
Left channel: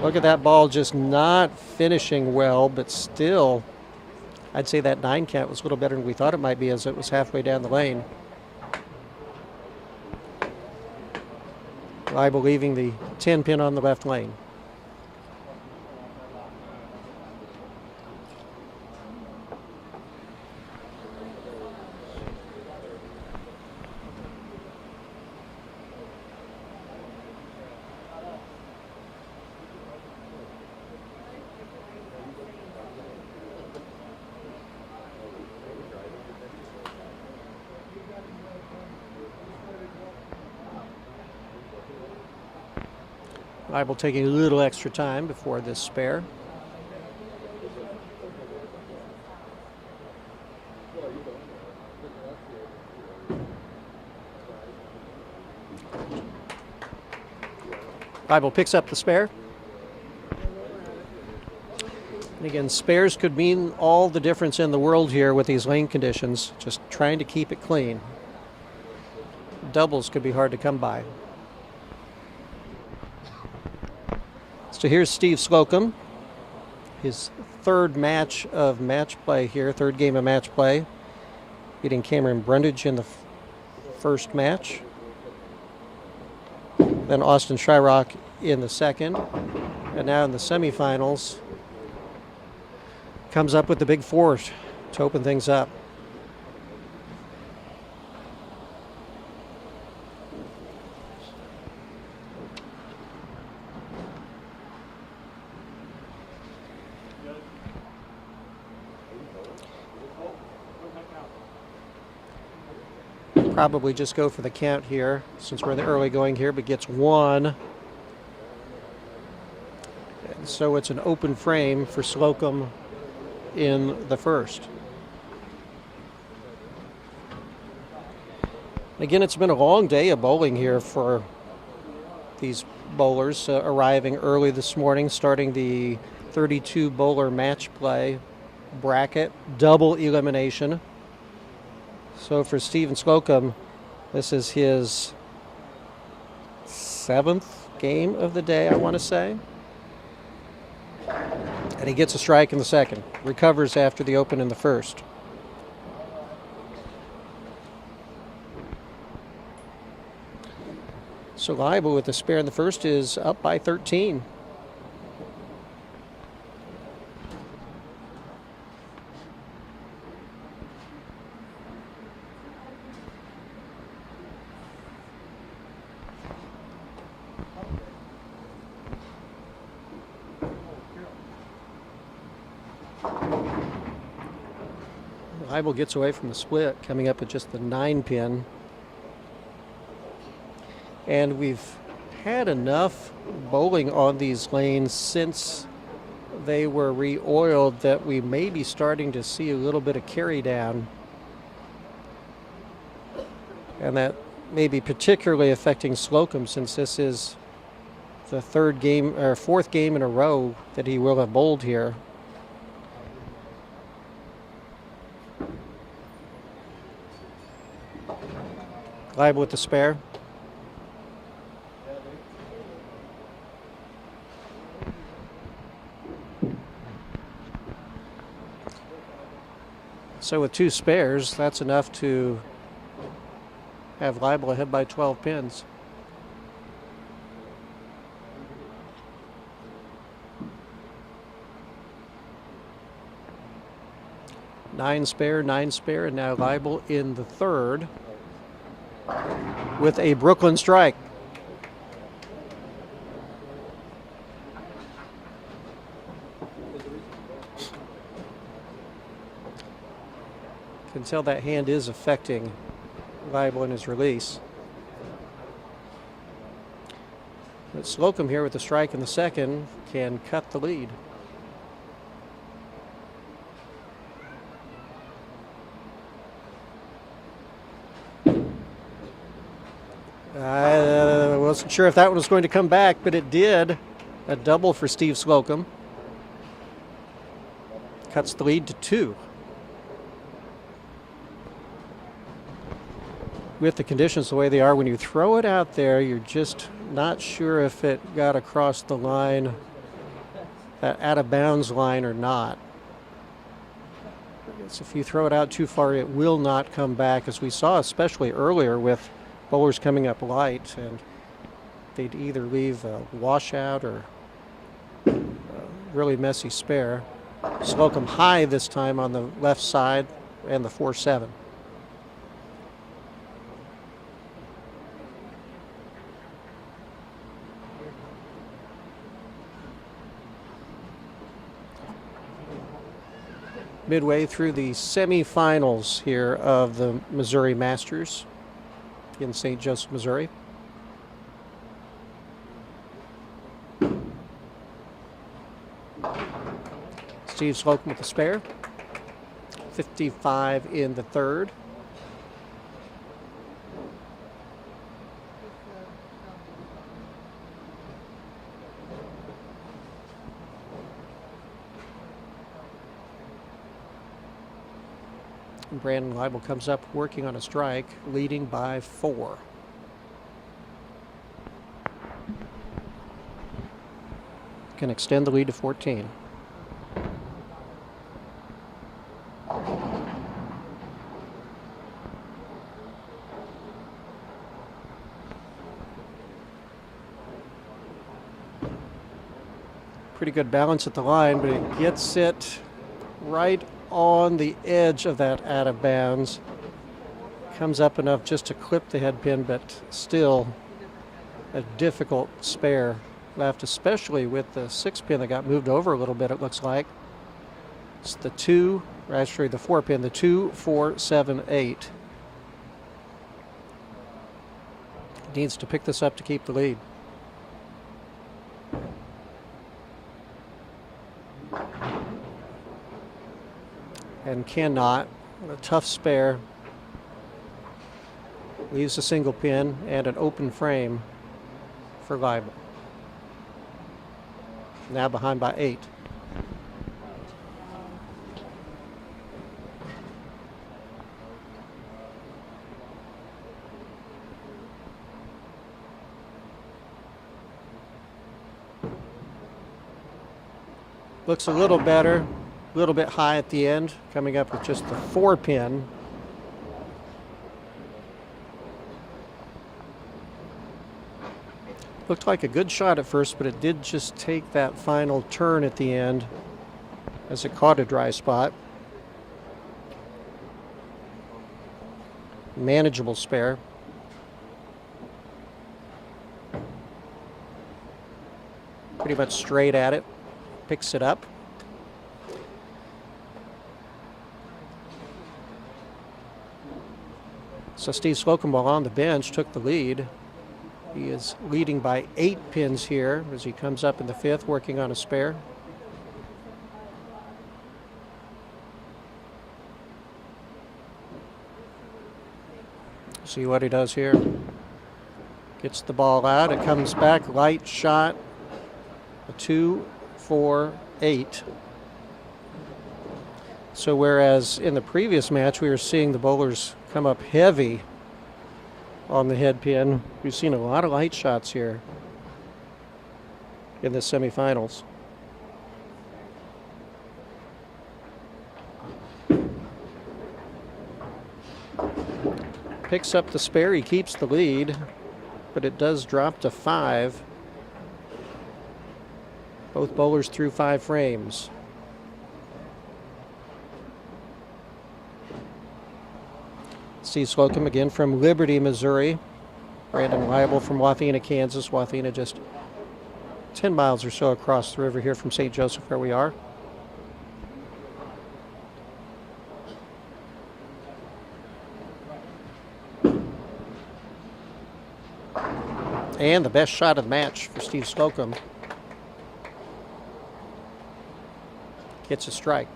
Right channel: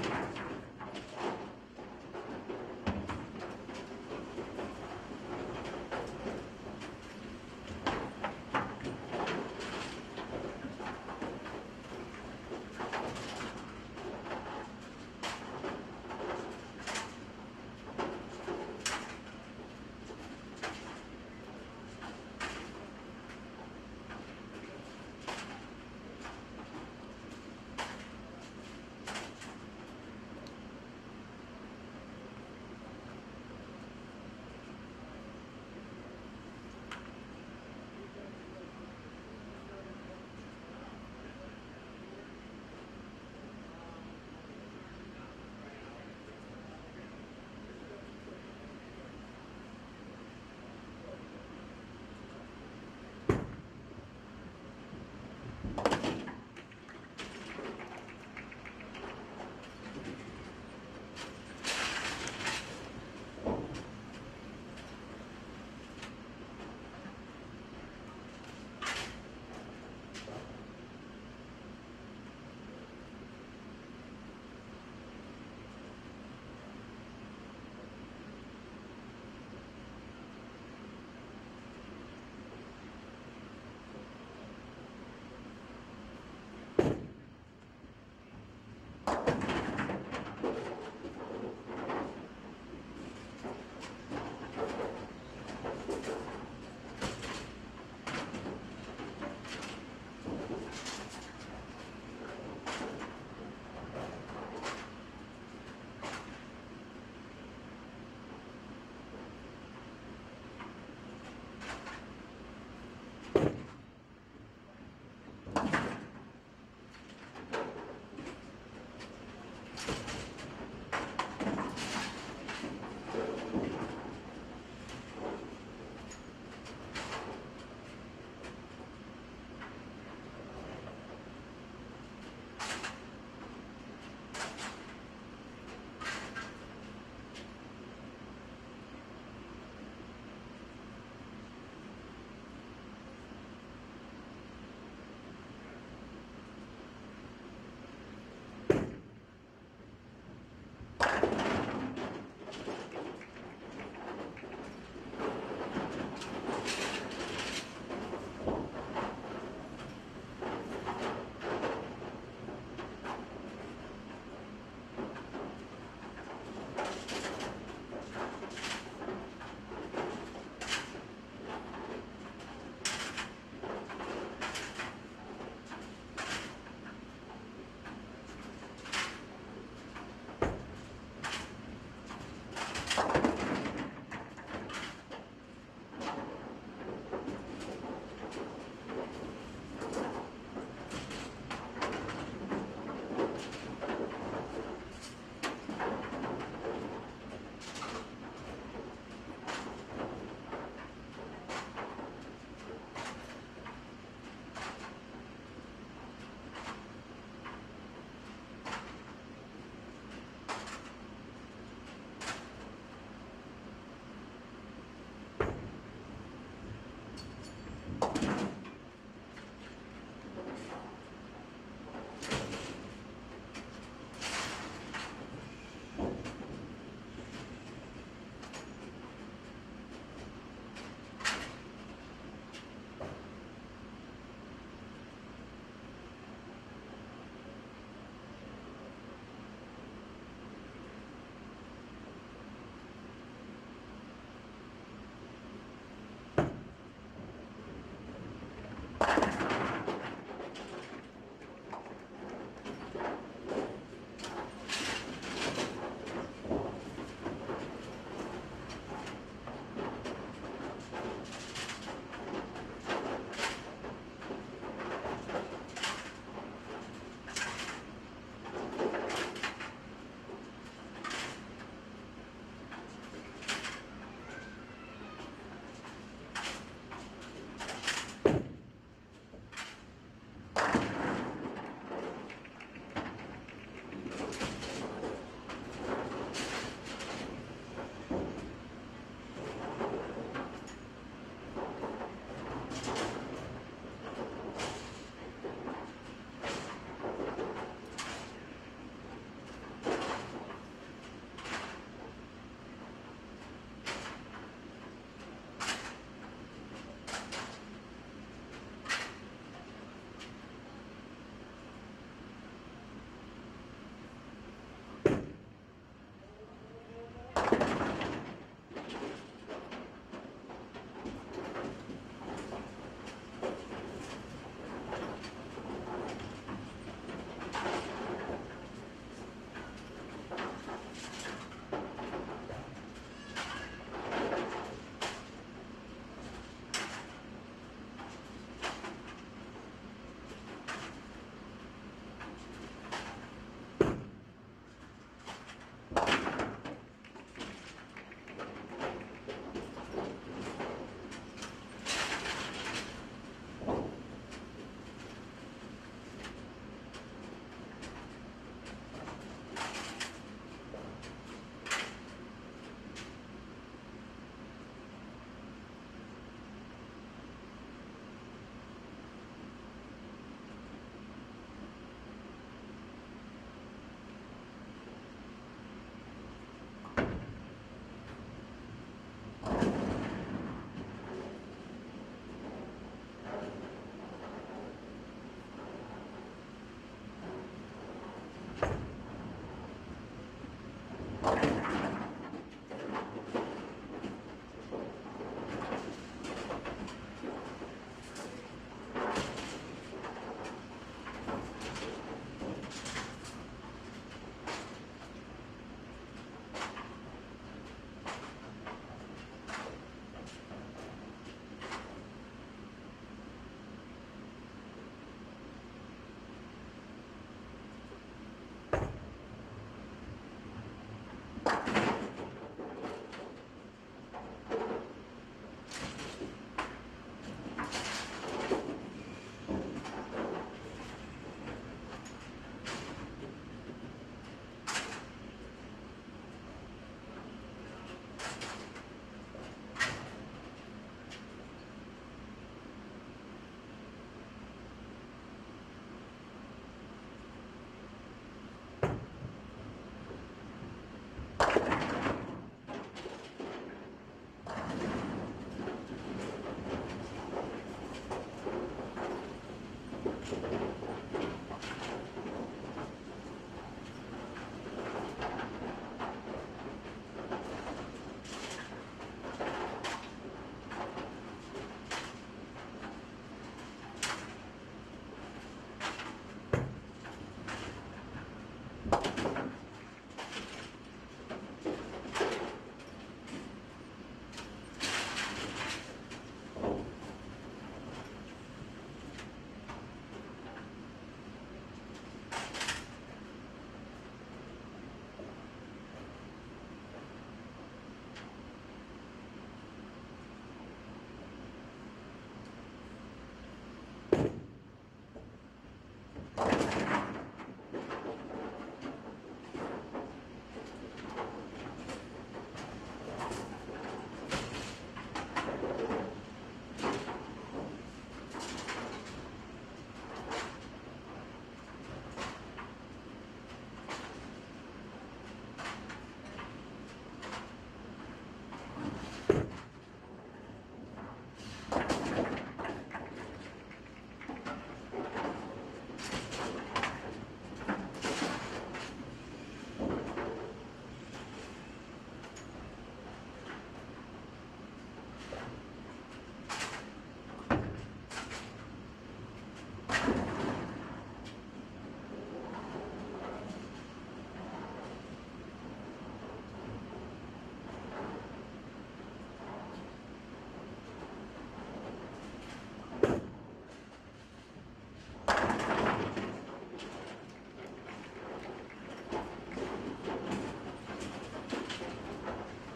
Look at that ball just not finishing well, but still, I'd say that 9 count was a little better than we thought it might be as it was halfway down the lane. Leibel leaving the 10 pin on the left lane. Leibel taking a little extra time before this spare. Leibel picks up the spare. And again, spares could mean all the difference in the world here with these lane conditions, just trying to keep it clean. Doubles could be hard to come by. So here's Steve Slocum, his third match of match play here, third game of match play, beating Cameron Brundage in the first match. Then Austin Shyrock in the second, and now in the semifinals, comes up with the big four to open things up. Probably just go for the count here since we're in the early going here, but gets 1. And so it's an open frame for Slocum in the first. Again, it's been a long day of bowling here for these bowlers, arriving early this morning, starting the 32 bowler match play bracket, double elimination. So for Steven Slocum, this is his 7th game of the day, I want to say. And he gets a strike in the second, recovers after the open in the first. So Leibel with the spare in the first is up by 13. Leibel gets away from the split, coming up with just the 9 pin. And we've had enough bowling on these lanes since they were re-oiled that we may be starting to see a little bit of carry down. And that may be particularly affecting Slocum since this is the 4th game in a row that he will have bowled here. Leibel with the spare. So with 2 spares, that's enough to have Leibel ahead by 12 pins. Nine spare, and now Leibel in the third with a Brooklyn strike. You can tell that hand is affecting Leibel in his release. But Slocum here with the strike in the second can cut the lead. I wasn't sure if that one was going to come back, but it did. A double for Steve Slocum. Cuts the lead to 2. With the conditions the way they are, when you throw it out there, you're just not sure if it got across the line, that out of bounds line or not. So if you throw it out too far, it will not come back, as we saw especially earlier with bowlers coming up light, and they'd either leave a washout or a really messy spare. Slocum high this time on the left side and the 4-7. Midway through the semifinals here of the Missouri Masters in St. Joseph, Missouri. Steve Slocum with the spare. 55 in the third. Brandon Leibel comes up working on a strike, leading by 4. Can extend the lead to 14. Pretty good balance at the line, but it gets it right on the edge of that out of bounds. Comes up enough just to clip the head pin, but still a difficult spare left, especially with the 6 pin that got moved over a little bit, it looks like. It's the 2, or actually the 4 pin, the 2, 4, 7, 8. Needs to pick this up to keep the lead. And cannot. A tough spare. Leaves a single pin and an open frame for Leibel. Now behind by 8. Looks a little better. A little bit high at the end, coming up with just the 4 pin. Looked like a good shot at first, but it did just take that final turn at the end as it caught a dry spot. Manageable spare. Pretty much straight at it. Picks it up. So Steve Slocum, while on the bench, took the lead. He is leading by 8 pins here as he comes up in the 5th, working on a spare. See what he does here. Gets the ball out. It comes back, light shot. A 2, 4, 8. So whereas in the previous match we were seeing the bowlers come up heavy on the head pin, we've seen a lot of light shots here in the semifinals. Picks up the spare, he keeps the lead, but it does drop to 5. Both bowlers through 5 frames. Steve Slocum again from Liberty, Missouri. Brandon Leibel from Wathena, Kansas. Wathena just 10 miles or so across the river here from St. Joseph, where we are. And the best shot of the match for Steve Slocum. Hits a strike.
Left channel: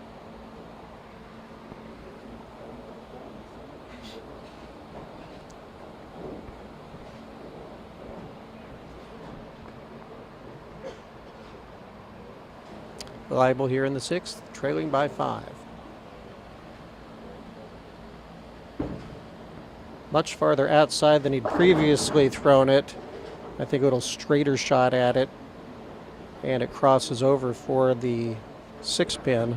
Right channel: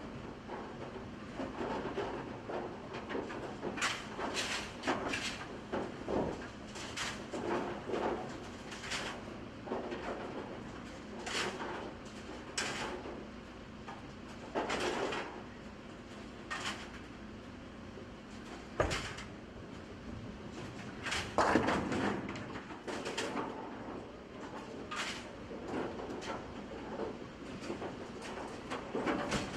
Reliable here in the 6th, trailing by 5. Much farther outside than he'd previously thrown it. I think a little straighter shot at it. And it crosses over for the 6-pin.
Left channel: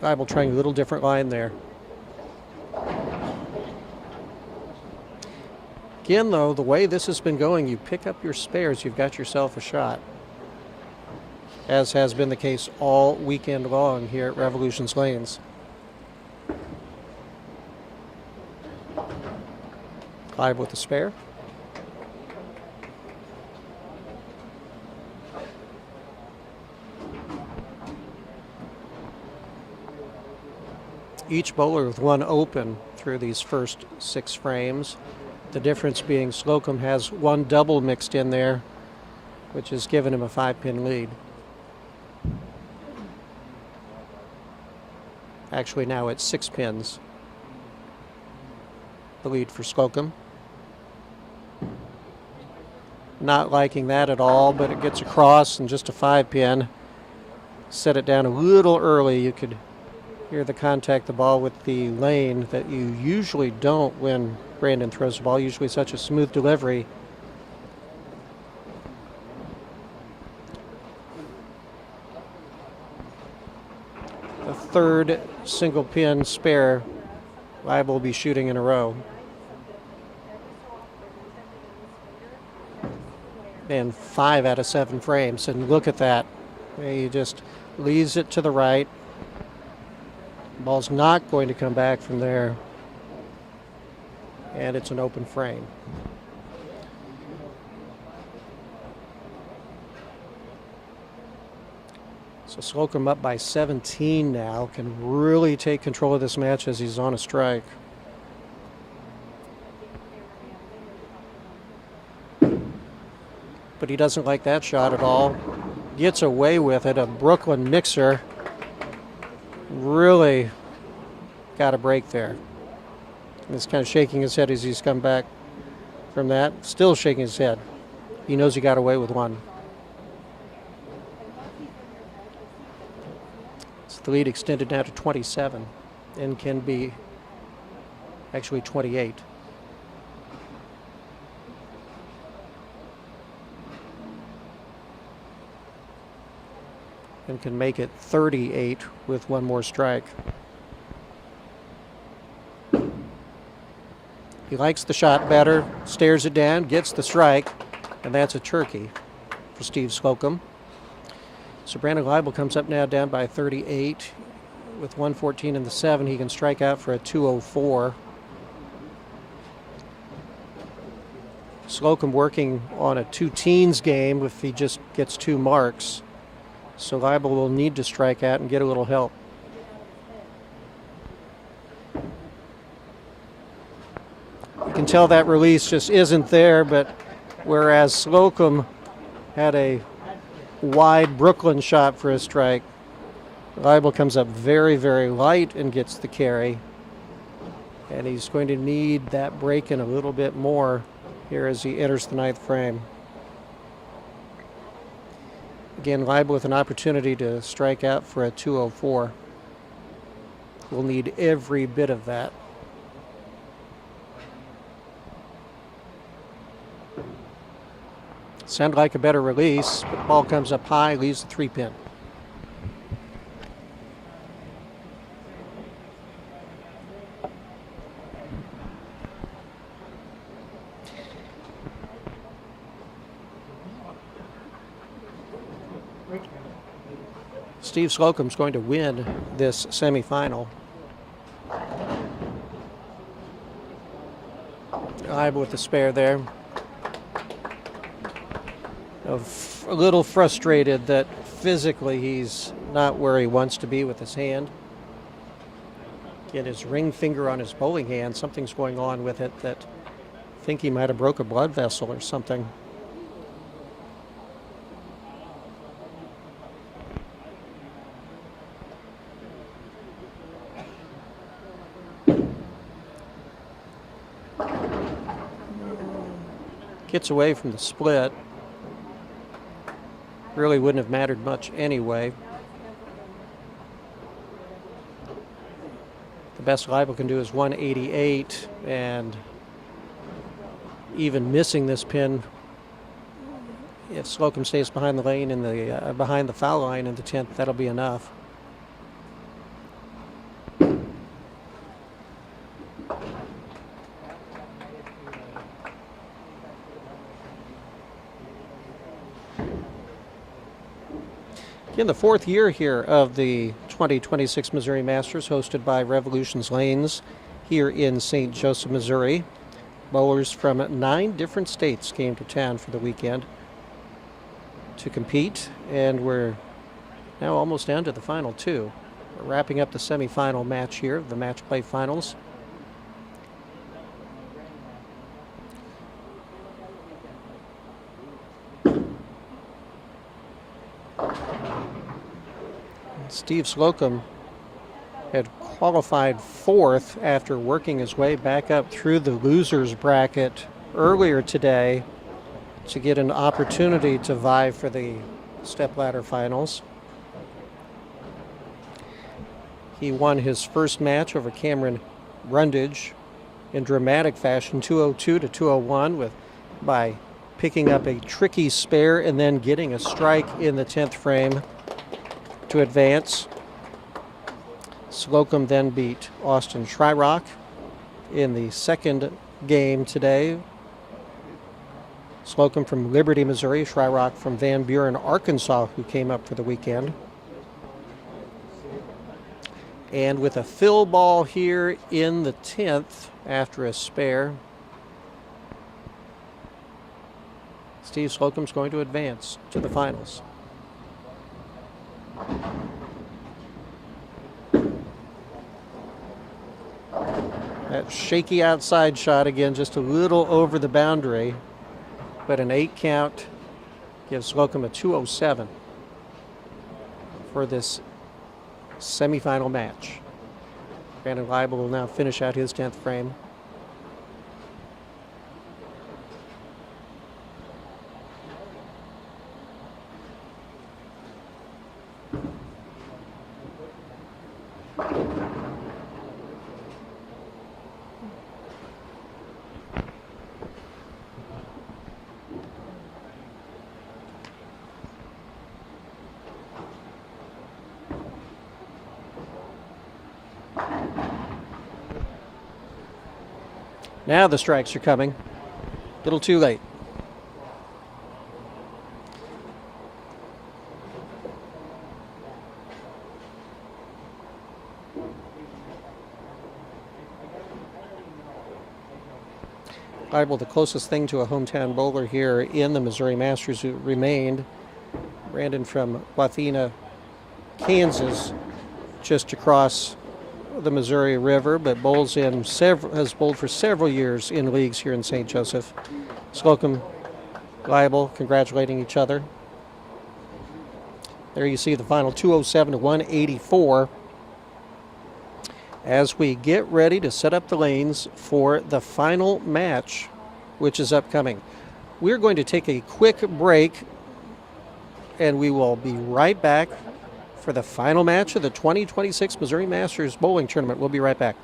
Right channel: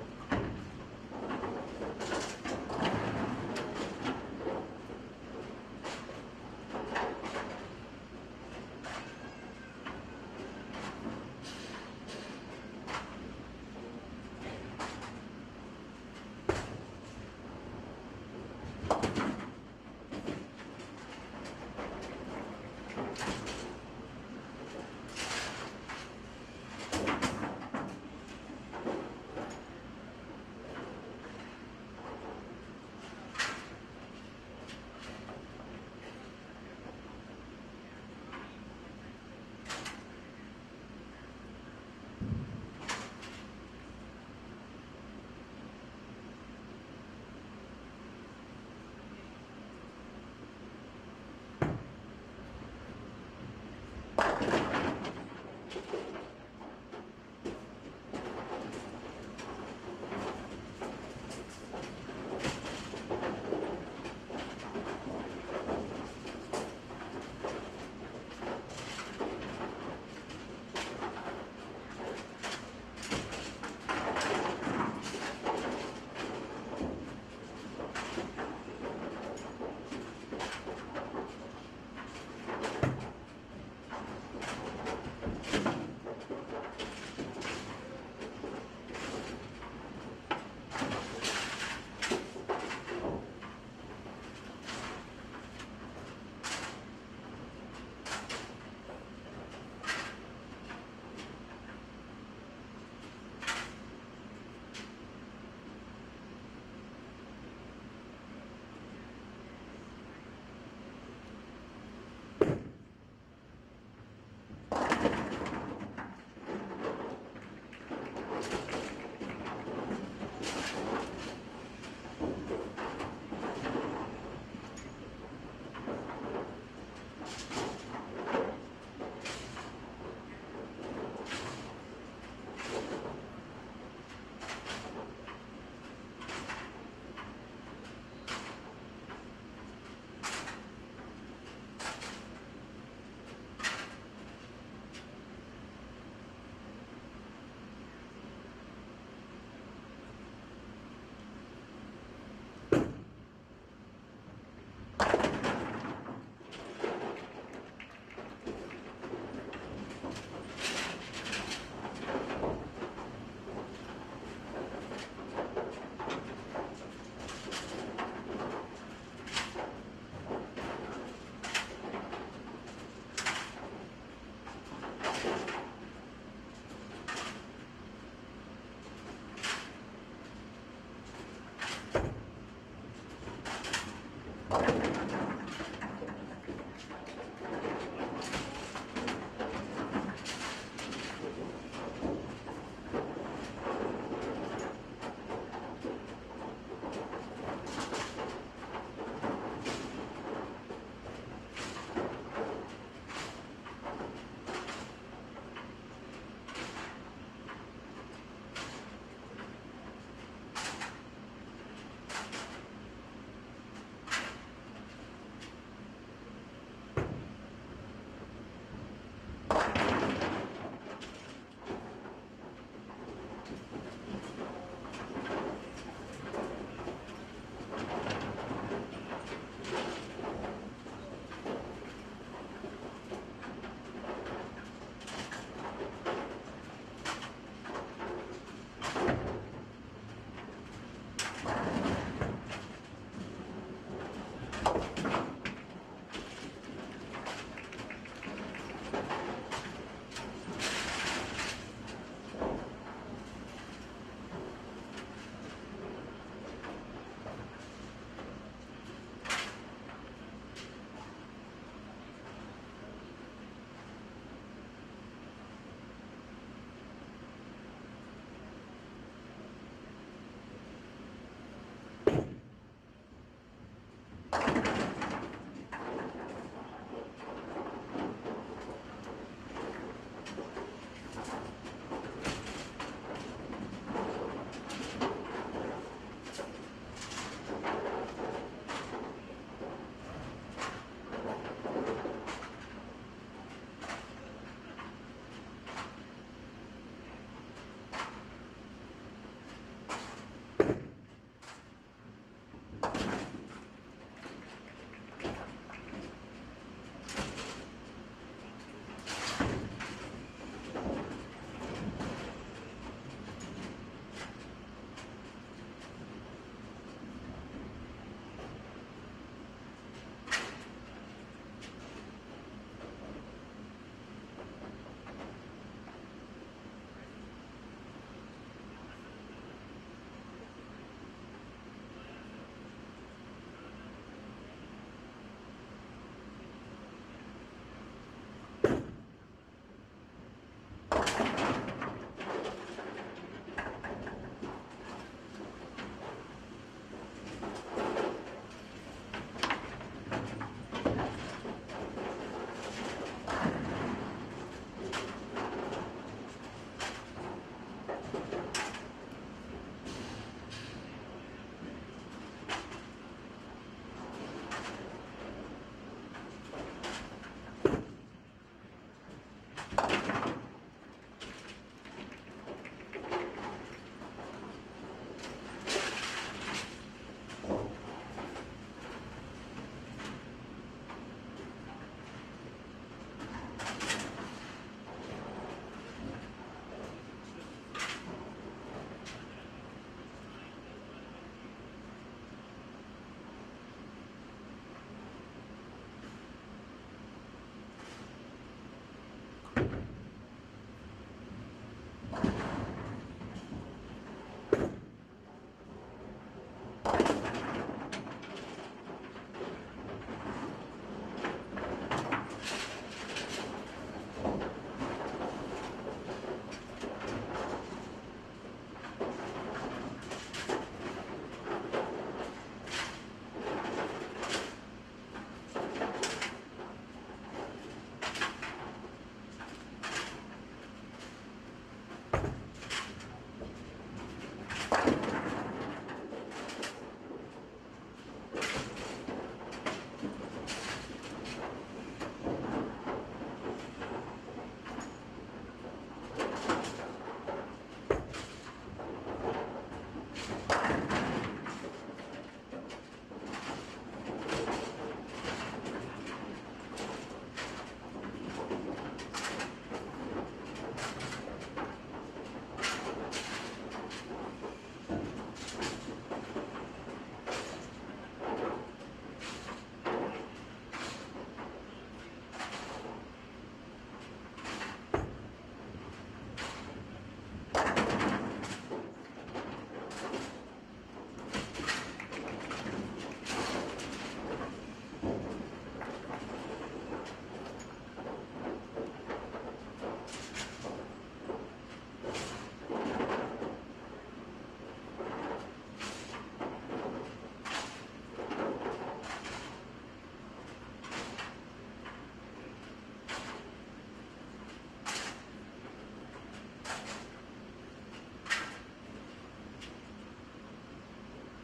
Reliable trying a little different line there. Again, though, the way this has been going, you pick up your spares, you've got yourself a shot. As has been the case all weekend long here at Revolution's Lanes. Live with the spare. Each bowler with one open through these first 6 frames. The difference being Slocum has one double mixed in there, which has given him a 5-pin lead. Actually, now it's 6 pins. The lead for Slocum. Not liking that at all, but it gets across and just a 5-pin. Set it down a little early. You could hear the contact the ball with the lane that you usually don't when Brandon throws the ball. Usually such a smooth delivery. Third single pin spare Liable will be shooting in a row. And 5 out of 7 frames. And look at that. He just leaves it to the right. Ball's not going to come back from there. And it's an open frame. So Slocum up by 17 now, can really take control of this match as he's on a strike. But he doesn't like that shot at all. Gets away with it. A Brooklyn mixer. Really got a break there. He's kind of shaking his head as he's come back from that. Still shaking his head. He knows he got away with one. The lead extended now to 27 and can be actually 28. And can make it 38 with one more strike. He likes the shot better, stares it down, gets the strike, and that's a turkey for Steve Slocum. So Brandon Liable comes up now down by 38 with 114 in the 7. He can strike out for a 204. Slocum working on a 2 teens game if he just gets 2 marks. So Liable will need to strike out and get a little help. You can tell that release just isn't there, but whereas Slocum had a wide Brooklyn shot for a strike, Liable comes up very, very light and gets the carry. And he's going to need that break in a little bit more here as he enters the 9th frame. Again, Liable with an opportunity to strike out for a 204. We'll need every bit of that. Sounded like a better release. Ball comes up high, leaves the 3-pin. Steve Slocum's going to win this semifinal. Liable with the spare there. A little frustrated that physically he's not where he wants to be with his hand. Get his ring finger on his bowling hand. Something's going on with it that think he might have broke a blood vessel or something. Gets away from the split. Really wouldn't have mattered much anyway. The best Leibel can do is 188, and even missing this pin, if Slocum stays behind the lane in the behind the foul line in the 10th, that'll be enough. In the 4th year here of the 2026 Missouri Masters, hosted by Revolution's Lanes here in St. Joseph, Missouri. Bowlers from 9 different states came to town for the weekend to compete, and we're now almost down to the final 2. We're wrapping up the semifinal match here, the match play finals. Steve Slocum had qualified 4th after working his way back up through the losers bracket earlier today to get an opportunity to vie for the stepladder finals. He won his first match over Cameron Brundage in dramatic fashion, 202 to 201, by picking up a tricky spare and then getting a strike in the 10th frame to advance. Slocum then beat Austin Shryock in the second game today. Slocum from Liberty, Missouri, Shryock from Van Buren, Arkansas, who came up for the weekend. And with a fill ball here in the 10th after a spare, Steve Slocum's going to advance to the finals. That shaky outside shot again, just a little over the boundary, but an 8 count gives Slocum a 207 for this semifinal match. Brandon Leibel will now finish out his 10th frame. Now the strikes are coming. A little too late. Leibel, the closest thing to a hometown bowler here in the Missouri Masters who remained. Brandon from Wathena, Kansas, just across the Missouri River, but has bowled for several years in leagues here in St. Joseph. Slocum, Leibel congratulating each other. There you see the final 207 to 184 as we get ready to set up the lanes for the final match, which is upcoming. We're going to take a quick break, and we will be right back for the final match of the 2026 Missouri Masters Bowling Tournament. We'll be right back.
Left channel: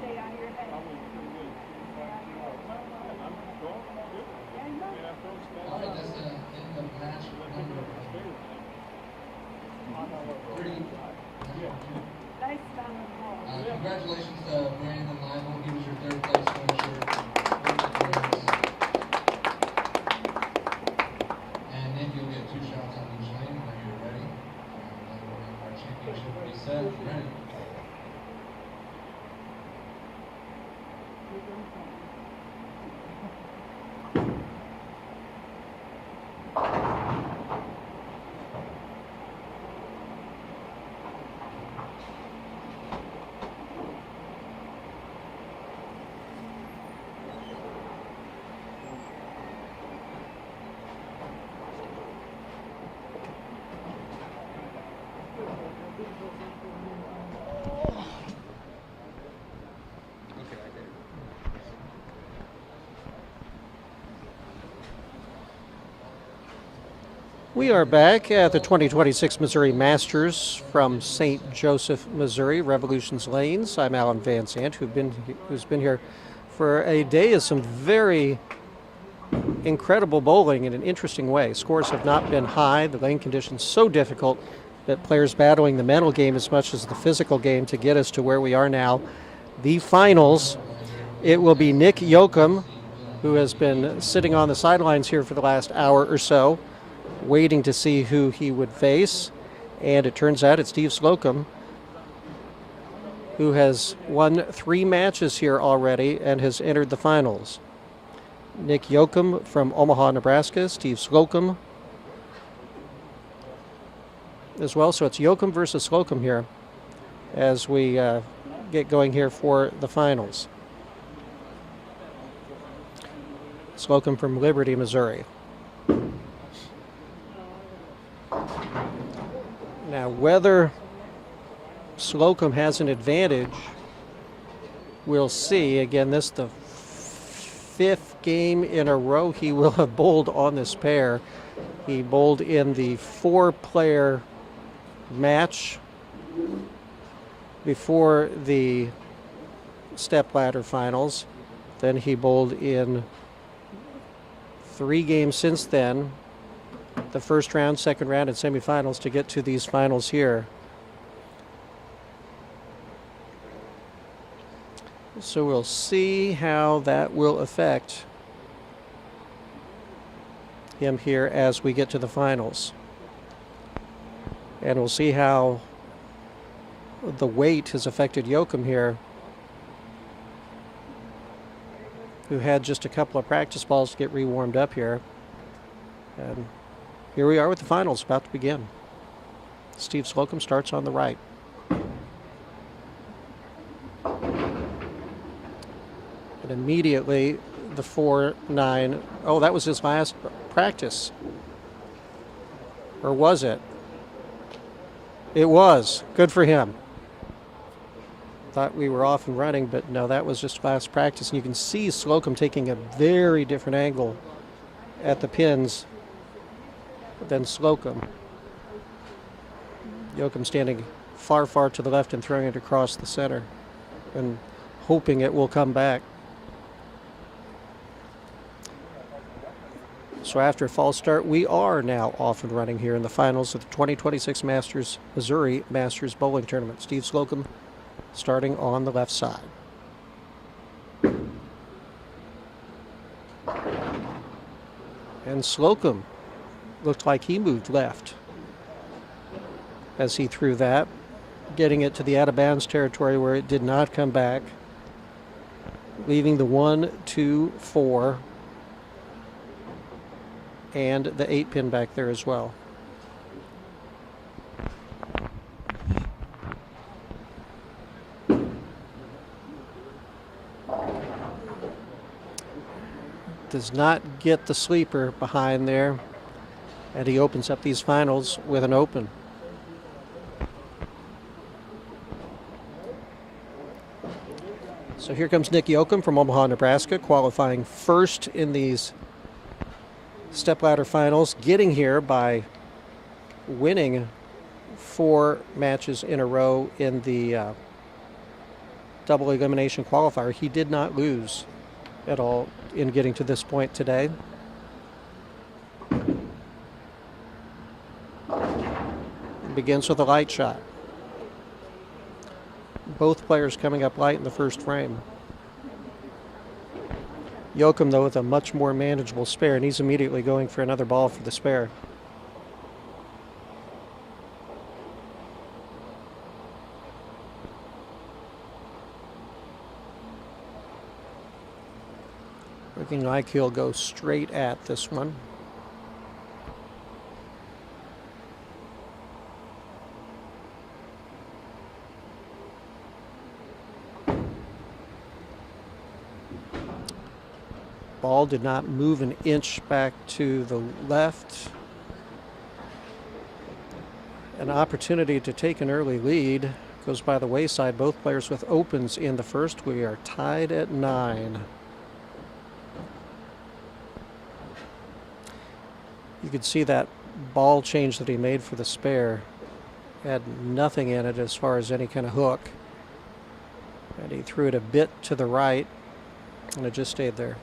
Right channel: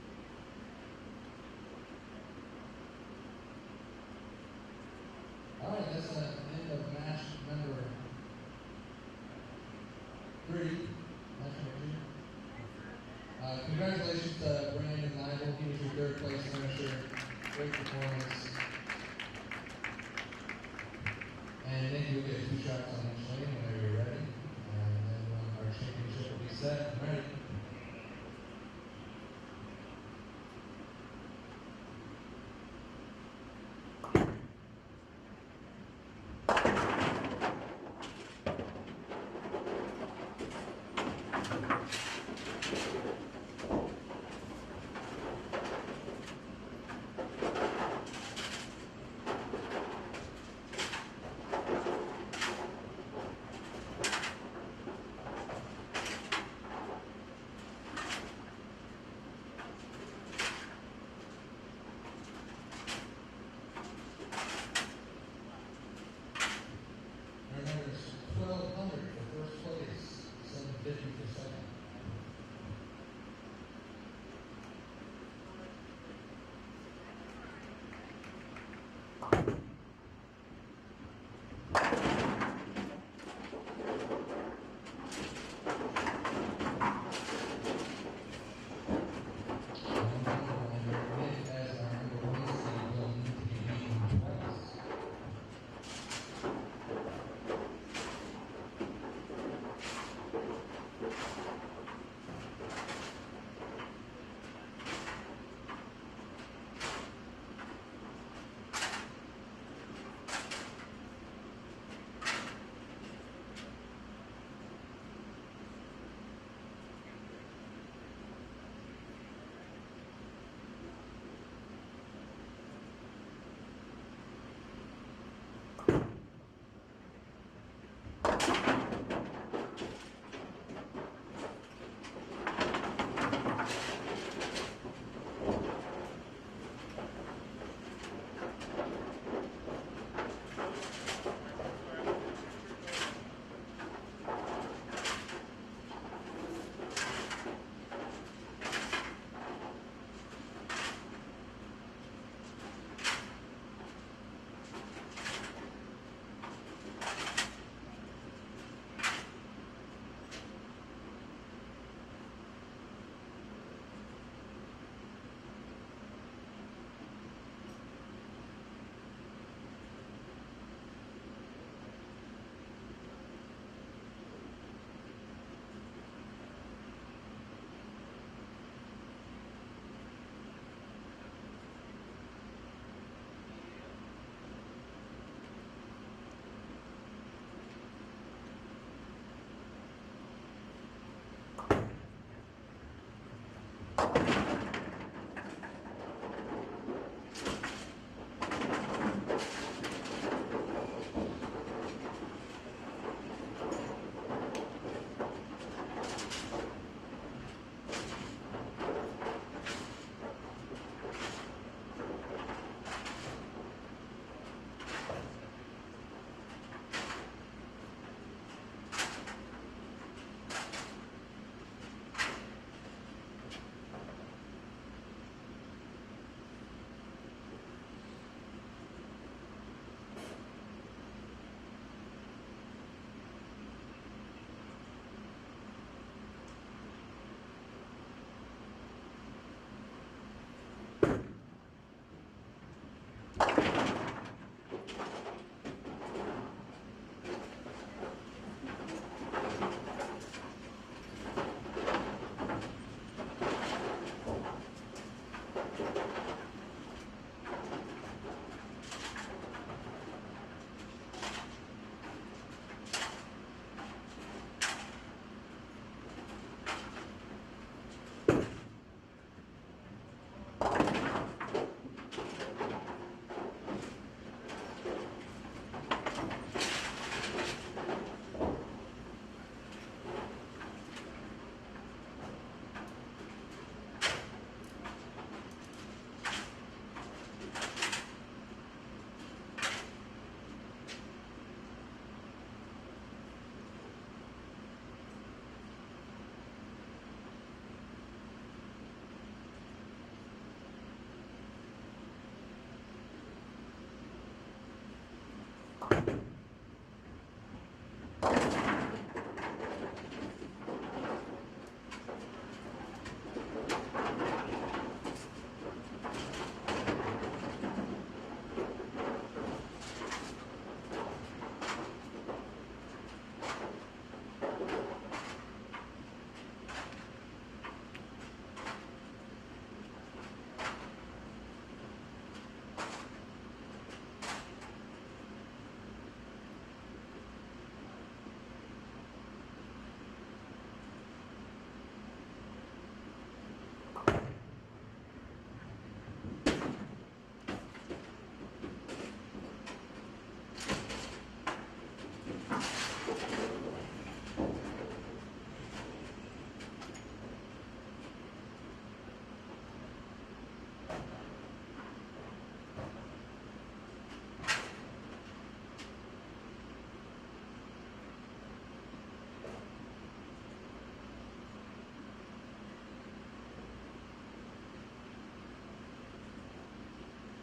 Stay on your head. We are back at the 2026 Missouri Masters from St. Joseph, Missouri, Revolutions Lanes. I'm Alan Van Sant, who's been here for a day of some very incredible bowling in an interesting way. Scores have not been high. The lane conditions so difficult that players battling the mental game as much as the physical game to get us to where we are now. The finals, it will be Nick Yoakum, who has been sitting on the sidelines here for the last hour or so, waiting to see who he would face. And it turns out it's Steve Slocum, who has won 3 matches here already and has entered the finals. Nick Yoakum from Omaha, Nebraska, Steve Slocum as well. So it's Yoakum versus Slocum here as we get going here for the finals. Slocum from Liberty, Missouri. Now, whether Slocum has an advantage, we'll see. Again, this the 5th game in a row he will have bowled on this pair. He bowled in the 4-player match before the stepladder finals. Then he bowled in 3 games since then, the first round, second round, and semifinals to get to these finals here. So we'll see how that will affect him here as we get to the finals. And we'll see how the weight has affected Yoakum here, who had just a couple of practice balls to get re-warmed up here. And here we are with the finals about to begin. Steve Slocum starts on the right. And immediately the 4-9. Oh, that was his last practice. Or was it? It was. Good for him. Thought we were off and running, but no, that was just last practice. And you can see Slocum taking a very different angle at the pins than Slocum. Yoakum standing far, far to the left and throwing it across the center and hoping it will come back. So after a false start, we are now off and running here in the finals of the 2026 Missouri Masters Bowling Tournament. Steve Slocum starting on the left side. And Slocum looked like he moved left as he threw that, getting it to the out of bounds territory where it did not come back, leaving the 1, 2, 4 and the 8-pin back there as well. Does not get the sleeper behind there, and he opens up these finals with an open. So here comes Nick Yoakum from Omaha, Nebraska, qualifying first in these stepladder finals, getting here by winning 4 matches in a row in the double elimination qualifier. He did not lose at all in getting to this point today. Begins with a light shot. Both players coming up light in the first frame. Yoakum, though, with a much more manageable spare, and he's immediately going for another ball for the spare. Looking like he'll go straight at this one. Ball did not move an inch back to the left. An opportunity to take an early lead goes by the wayside. Both players with opens in the first. We are tied at 9. You could see that ball change that he made for the spare had nothing in it as far as any kind of hook. And he threw it a bit to the right, and it just stayed there.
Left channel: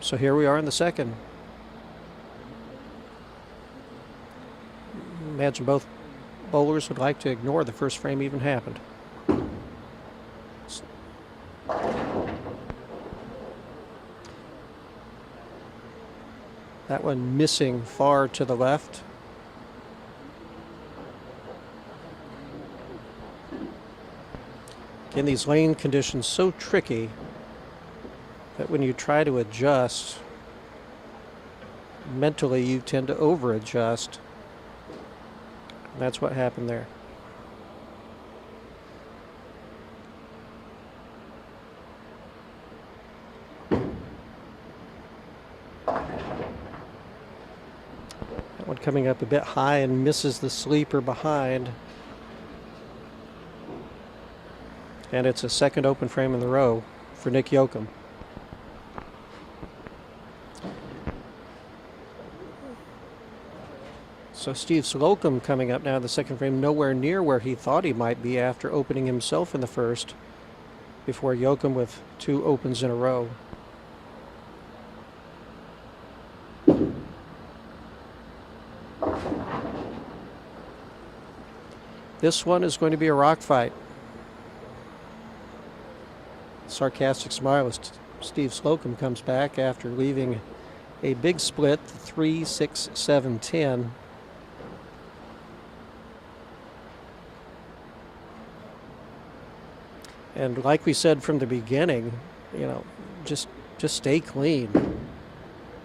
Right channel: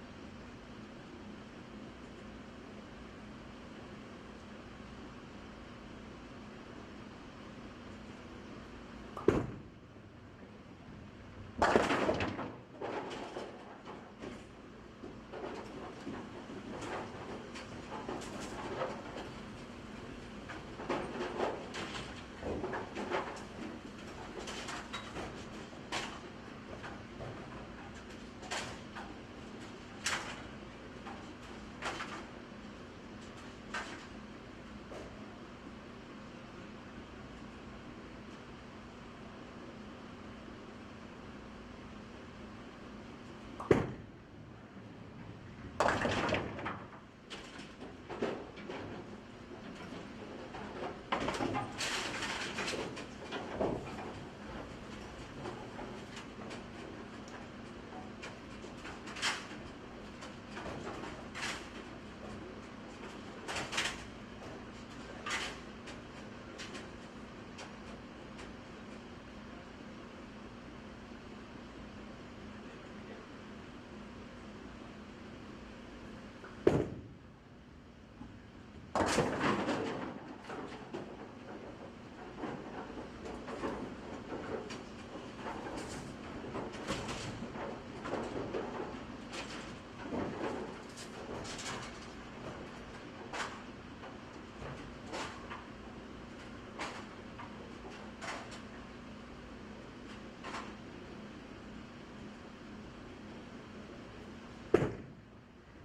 So here we are in the second. Imagine both bowlers would like to ignore the first frame even happened. That one missing far to the left. Again, these lane conditions so tricky that when you try to adjust, mentally you tend to over-adjust. That's what happened there. That one coming up a bit high and misses the sleeper behind. And it's a second open frame in the row for Nick Yoakum. So Steve Slocum coming up now in the second frame, nowhere near where he thought he might be after opening himself in the first, before Yoakum with two opens in a row. This one is going to be a rock fight. Sarcastic smile as Steve Slocum comes back after leaving a big split, 3, 6, 7, 10. And like we said from the beginning, you know, just stay clean.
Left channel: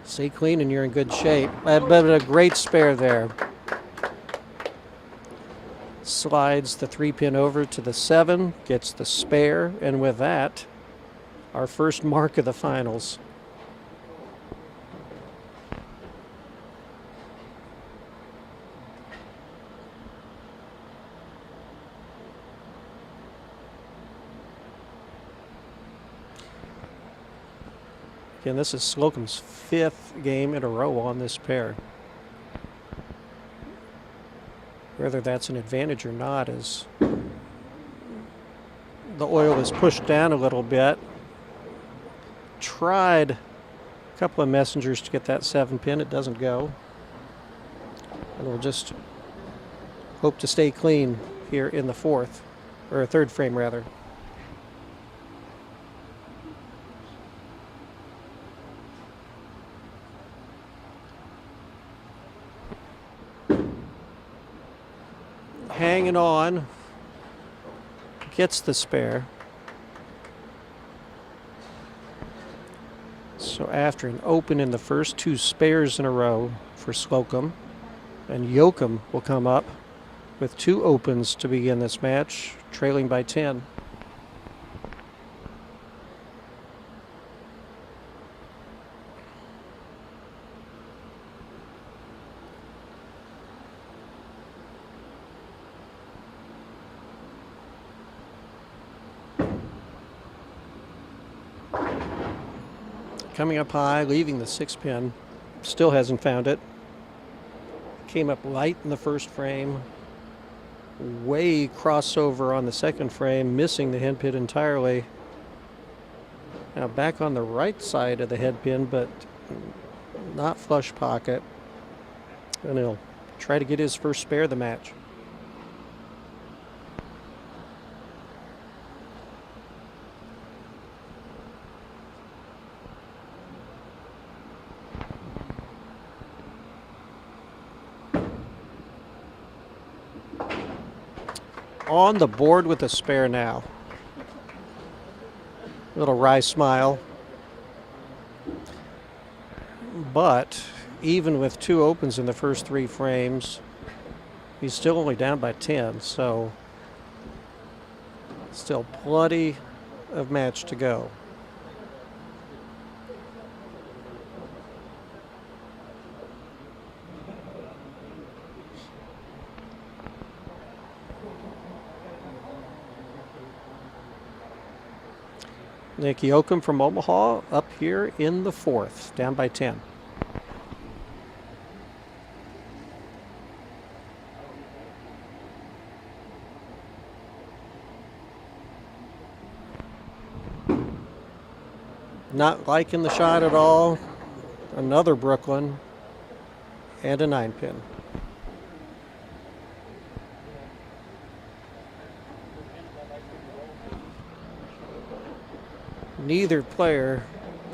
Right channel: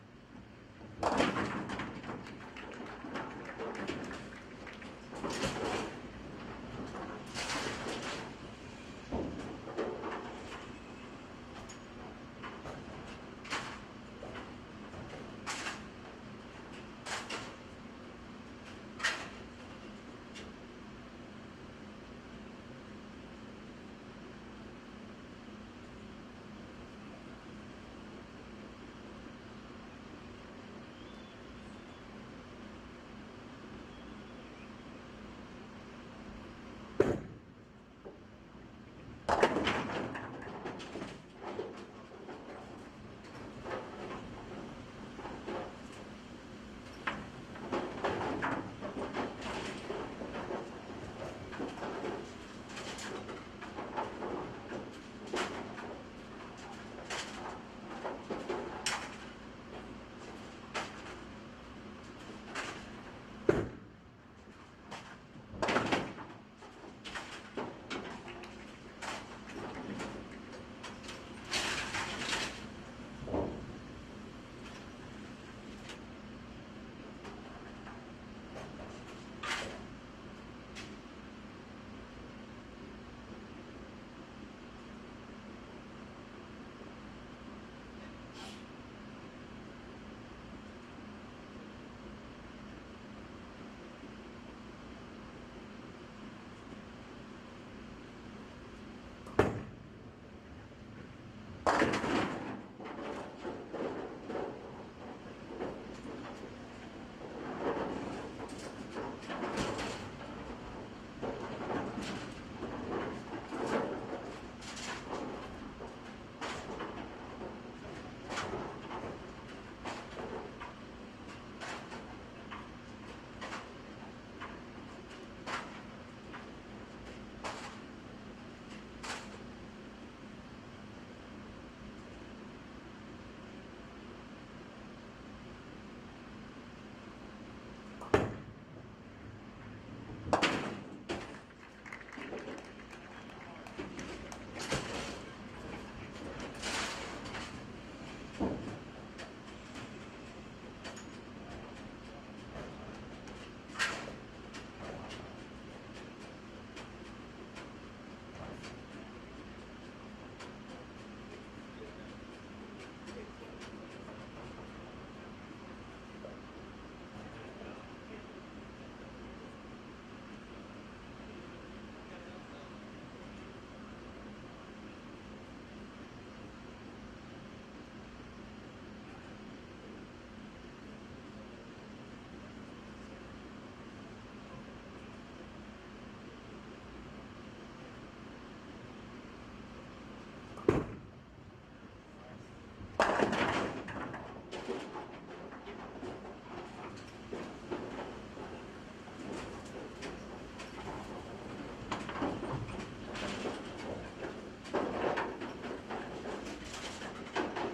Stay clean and you're in good shape. But a great spare there. Slides the 3-pin over to the 7, gets the spare, and with that, our first mark of the finals. Again, this is Slocum's 5th game in a row on this pair. Whether that's an advantage or not is the oil is pushed down a little bit. Tried a couple of messengers to get that 7-pin. It doesn't go. And we'll just hope to stay clean here in the fourth, or third frame rather. Hanging on, gets the spare. So after an open in the first, 2 spares in a row for Slocum, and Yoakum will come up with 2 opens to begin this match, trailing by 10. Coming up high, leaving the 6-pin. Still hasn't found it. Came up light in the first frame. Way crossover on the second frame, missing the head pin entirely. Now back on the right side of the head pin, but not flush pocket. And he'll try to get his first spare of the match. On the board with a spare now. Little wry smile. But even with 2 opens in the first 3 frames, he's still only down by 10, so still plenty of match to go. Nick Yoakum from Omaha up here in the fourth, down by 10. Not liking the shot at all. Another Brooklyn and a 9-pin. Neither player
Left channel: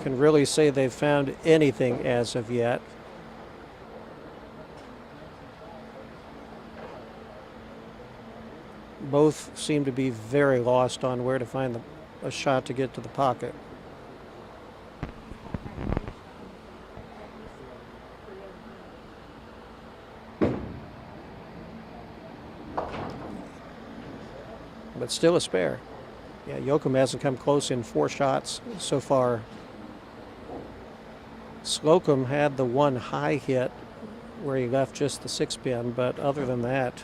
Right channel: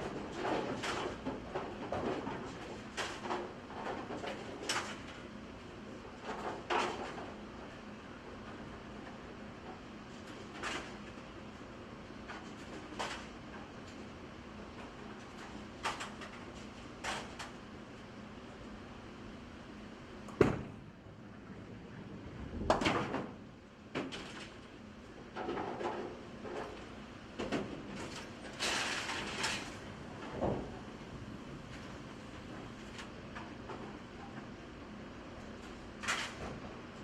can really say they've found anything as of yet. Both seem to be very lost on where to find a shot to get to the pocket. But still a spare. Yeah, Yoakum hasn't come close in 4 shots so far. Slocum had the one high hit where he left just the 6-pin, but other than that,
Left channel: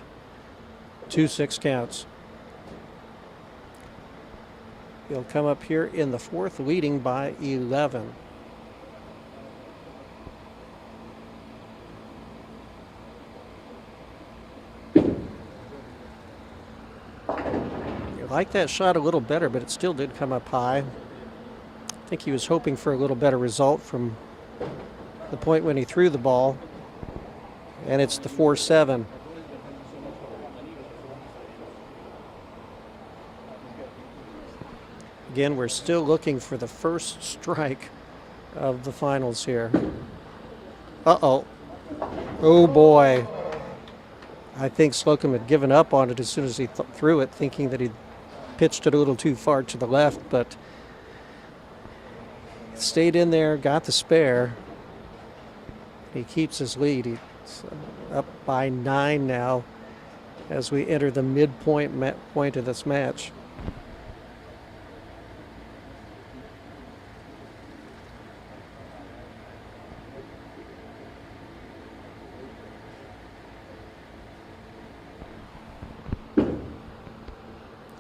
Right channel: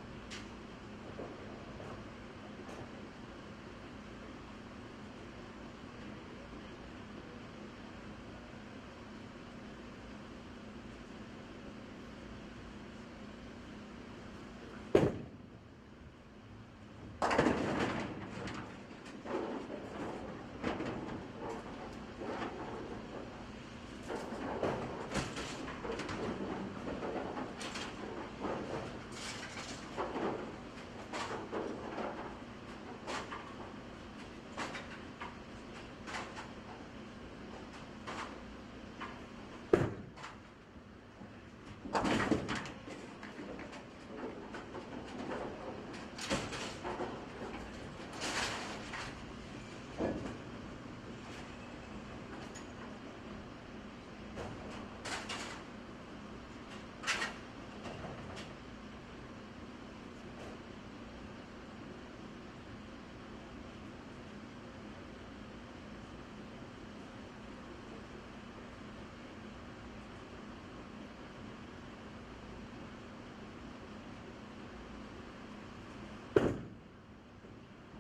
2 6 counts. He'll come up here in the 4th, leading by 11. I like that shot a little better, but it still did come up high. I think he was hoping for a little better result from the point when he threw the ball. And it's the 4-7. Again, we're still looking for the first strike of the finals here. Uh-oh. Oh, boy. I think Slocum had given up on it as soon as he threw it, thinking that he'd pitched it a little too far to the left, but stayed in there, got the spare. He keeps his lead. He's up by 9 now as we enter the midpoint point of this match.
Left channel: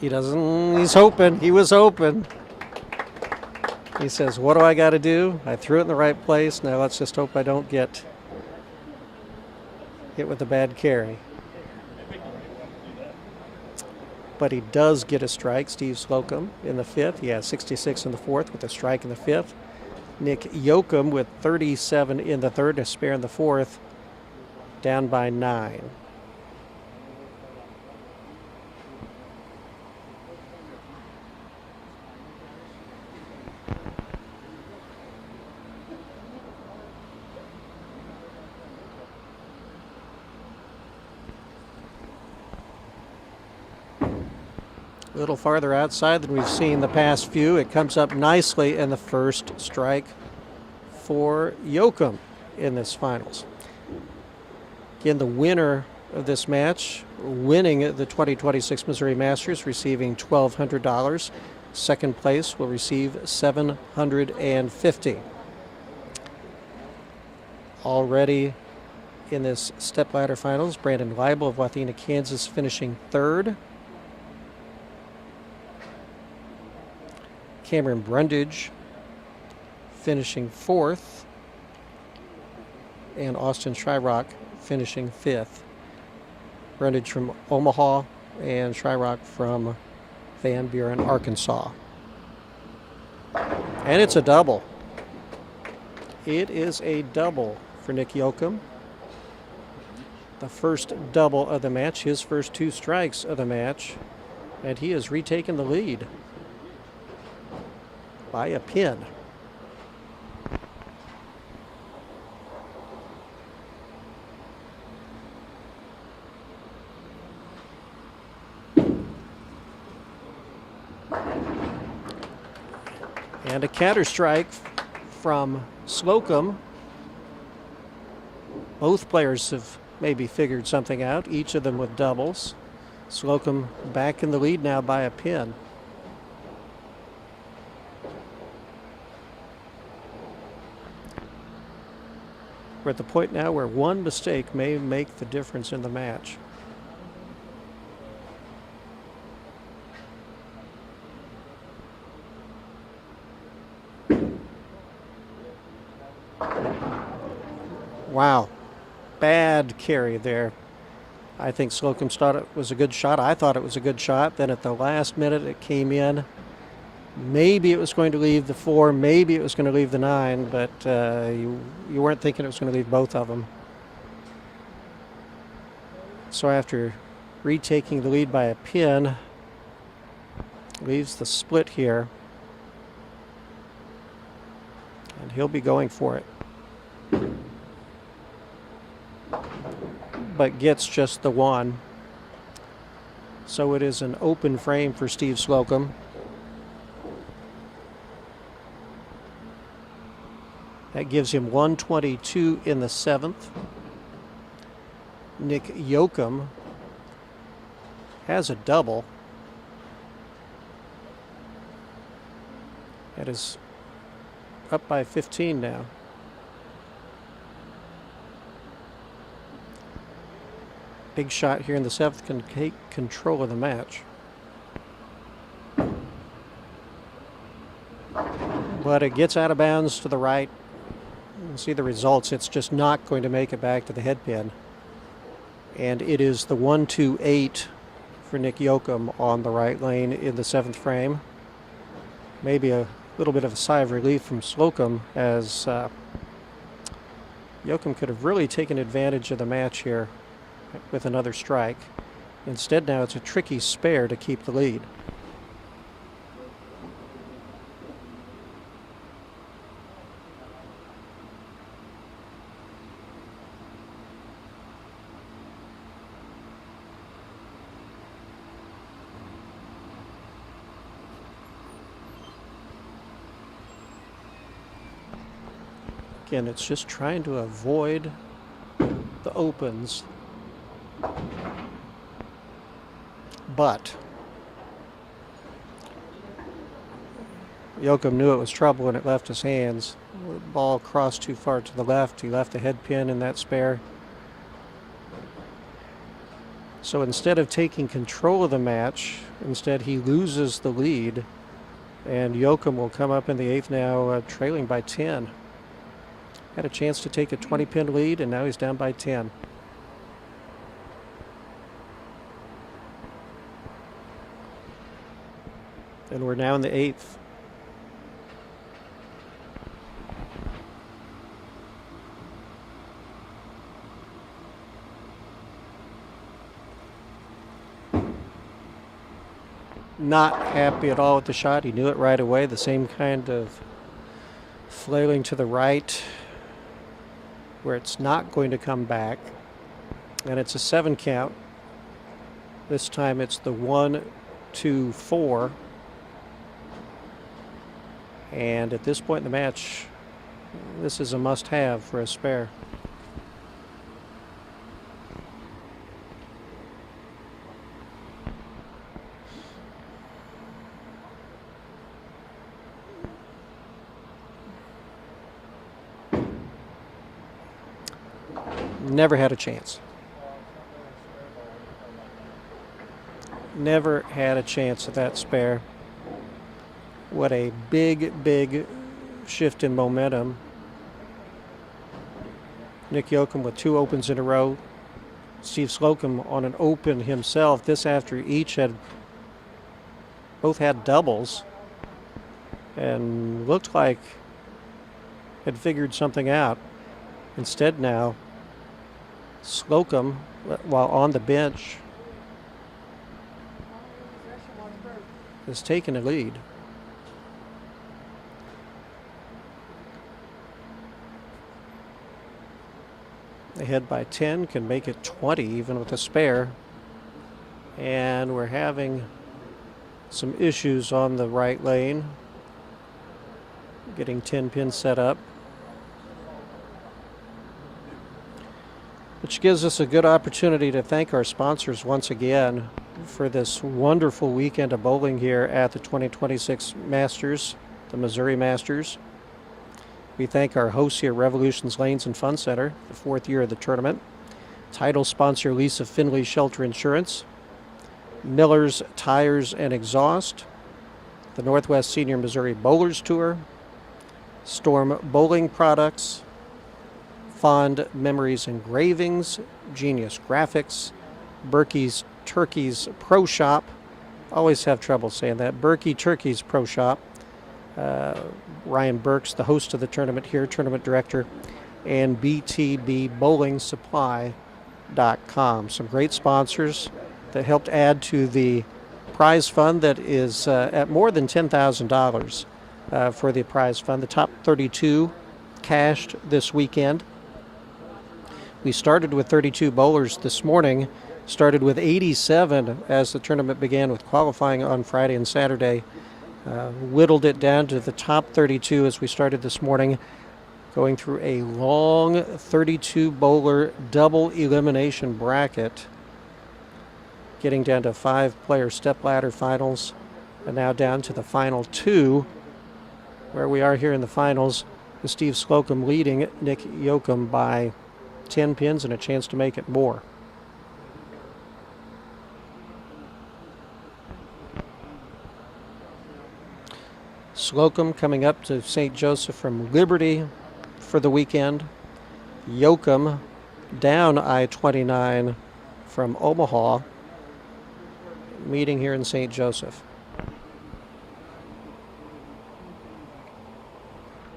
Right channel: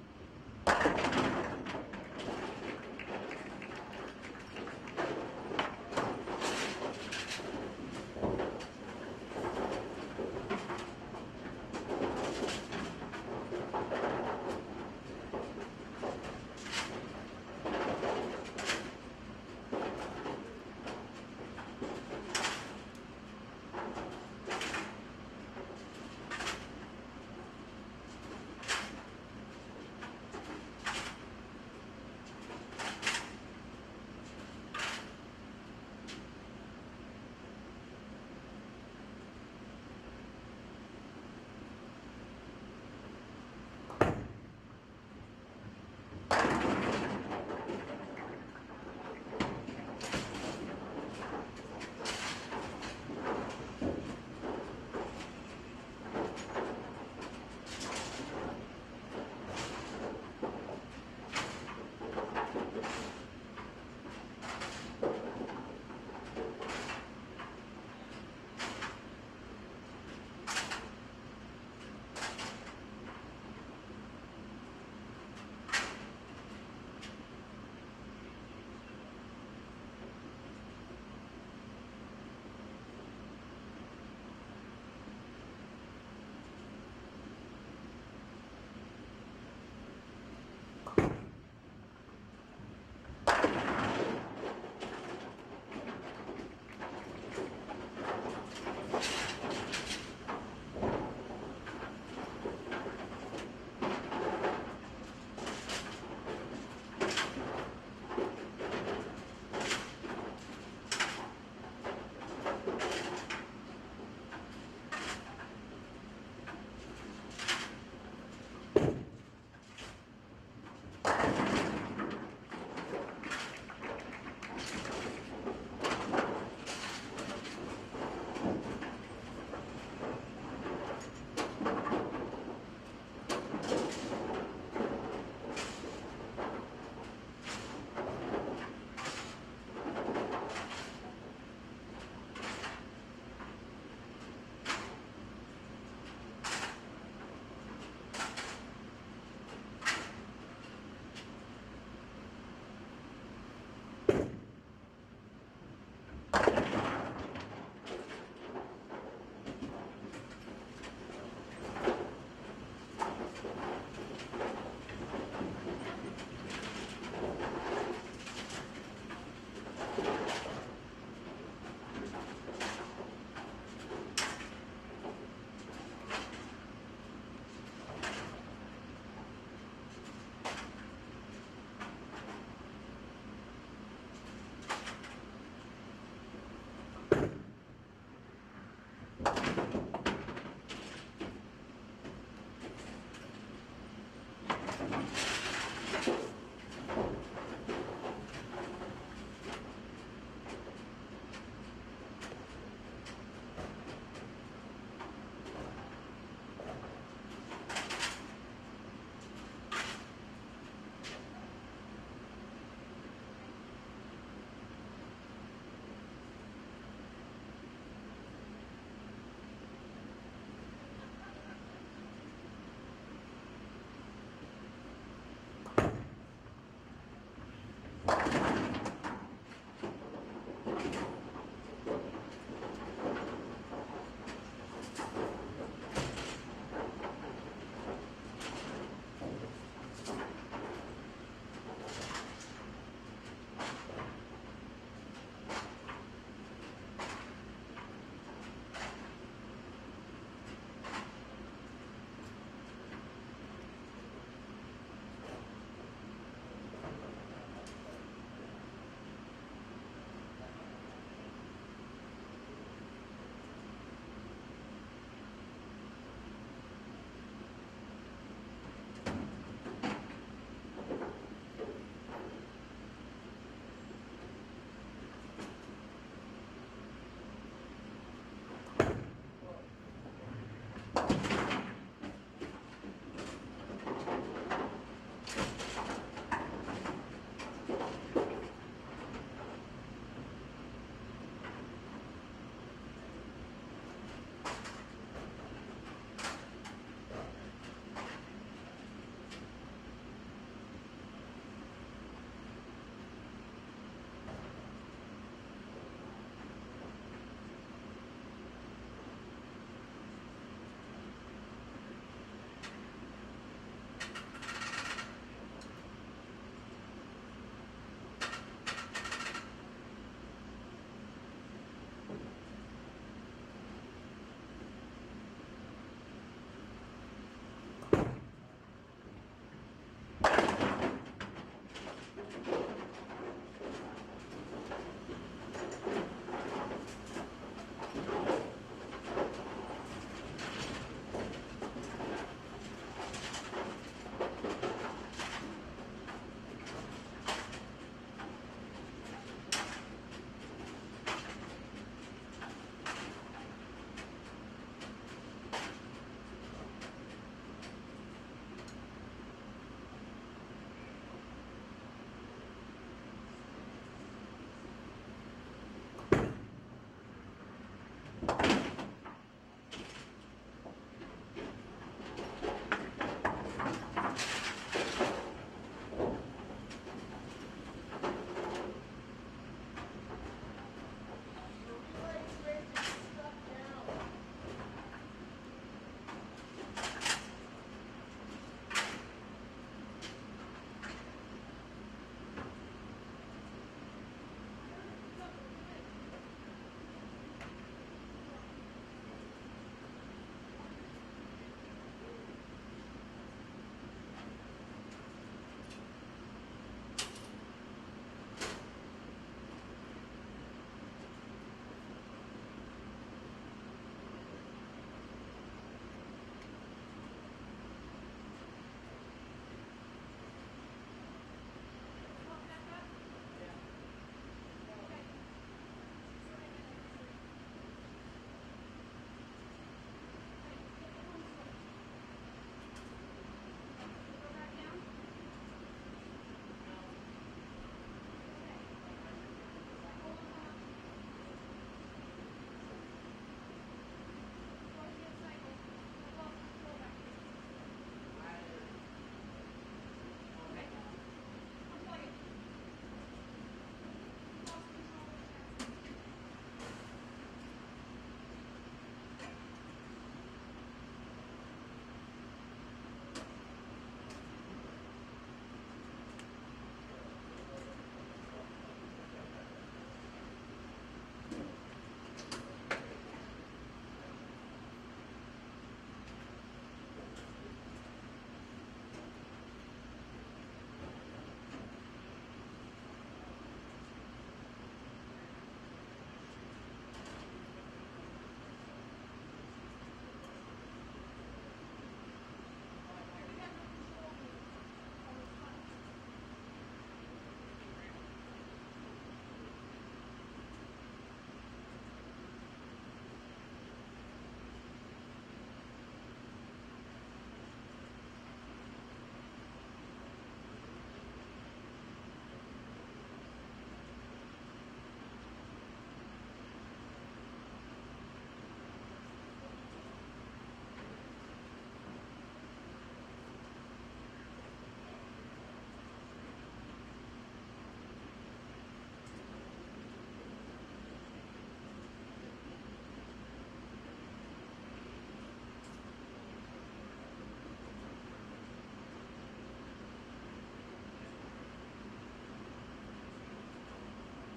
He's hoping. He was open. He says, what do I got to do? I threw it in the right place. Now let's just hope I don't get hit with a bad carry. But he does get a strike, Steve Slocum, in the 5th. He has 66 in the 4th with a strike in the 5th. Nick Yoakum with 37 in the 3rd, a spare in the 4th, down by 9. A little farther outside than we've seen the past few. It comes up nicely in the first strike for Yoakum in this finals. Again, the winner of this match, winning the 2026 Missouri Masters, receiving $1,200. Second place will receive $750. Already in this stepladder finals, Brandon Leibel of Wathena, Kansas, finishing 3rd. Cameron Brundage finishing 4th, and Austin Shyrock finishing 5th. Brundage from Omaha and Shyrock from Van Buren, Arkansas. And it's a double. It is a double for Nick Yoakum. The first double of the match, his first 2 strikes of the match, and he has retaken the lead by a pin. And a counter strike from Slocum. Both players have maybe figured something out, each of them with doubles. Slocum back in the lead now by a pin. We're at the point now where one mistake may make the difference in the match. Wow, bad carry there. I think Slocum thought it was a good shot. I thought it was a good shot. Then at the last minute it came in Maybe it was going to leave the 4, maybe it was going to leave the 9, but you weren't thinking it was going to leave both of them. So after retaking the lead by a pin, leaves the split here, and he'll be going for it. But gets just the 1. So it is an open frame for Steve Slocum. That gives him 122 in the 7th. Nick Yoakum has a double. That is up by 15 now. Big shot here in the 7th can take control of the match. But it gets out of bounds to the right. You see the results. It's just not going to make it back to the head pin. And it is the 1-2-8 for Nick Yoakum on the right lane in the 7th frame. Maybe a little bit of a sigh of relief from Slocum, as Yoakum could have really taken advantage of the match here with another strike. Instead, now it's a tricky spare to keep the lead. Again, it's just trying to avoid the opens. But Yoakum knew it was trouble when it left his hands. The ball crossed too far to the left. He left the head pin in that spare. So instead of taking control of the match, instead he loses the lead. And Yoakum will come up in the 8th now, trailing by 10. Had a chance to take a 20-pin lead, and now he's down by 10. And we're now in the 8th. Not happy at all with the shot. He knew it right away. The same kind of flailing to the right, where it's not going to come back. And it's a 7 count. This time it's the 1, 2, 4. And at this point in the match, this is a must-have for a spare. Never had a chance. Never had a chance at that spare. What a big, big shift in momentum. Nick Yoakum with 2 opens in a row. Steve Slocum on an open himself. This after both had doubles and looked like had figured something out. Instead now, Slocum, while on the bench, has taken a lead. Ahead by 10, can make it 20 even with a spare. And we're having some issues on the right lane, getting 10 pins set up, which gives us a good opportunity to thank our sponsors once again for this wonderful weekend of bowling here at the 2026 Masters, the Missouri Masters. We thank our hosts here, Revolutions Lanes and Fun Center, the 4th year of the tournament. Title sponsor Lisa Finley Shelter Insurance, Miller's Tires and Exhaust, the Northwest Senior Missouri Bowlers Tour, Storm Bowling Products, Fond Memories Engravings, Genius Graphix, Burky's Turkeys Pro Shop. Always have trouble saying that. Burky Turkeys Pro Shop. Ryan Burks, the host of the tournament here, tournament director, and btbbowlingsupply.com. Some great sponsors that helped add to the prize fund that is at more than $10,000 for the prize fund. The top 32 cashed this weekend. We started with 32 bowlers this morning, started with 87 as the tournament began with qualifying on Friday and Saturday. Whittled it down to the top 32 as we started this morning, going through a long 32 bowler double elimination bracket, getting down to 5-player stepladder finals, and now down to the final 2, where we are here in the finals, with Steve Slocum leading Nick Yoakum by 10 pins and a chance to make it more. Slocum coming up to St. Joseph from Liberty for the weekend. Yoakum down I-29 from Omaha, meeting here in St. Joseph.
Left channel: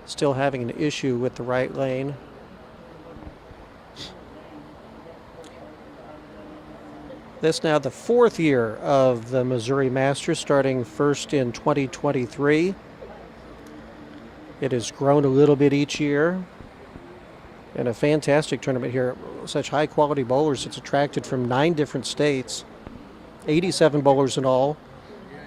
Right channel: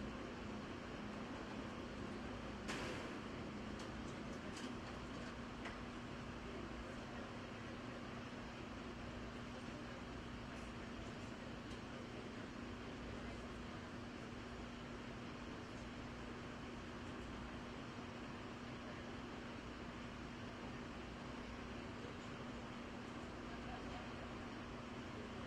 Still having an issue with the right lane. This now the 4th year of the Missouri Masters, starting first in 2023. It has grown a little bit each year, and a fantastic tournament here. Such high quality bowlers. It's attracted from 9 different states, 87 bowlers in all. Yeah,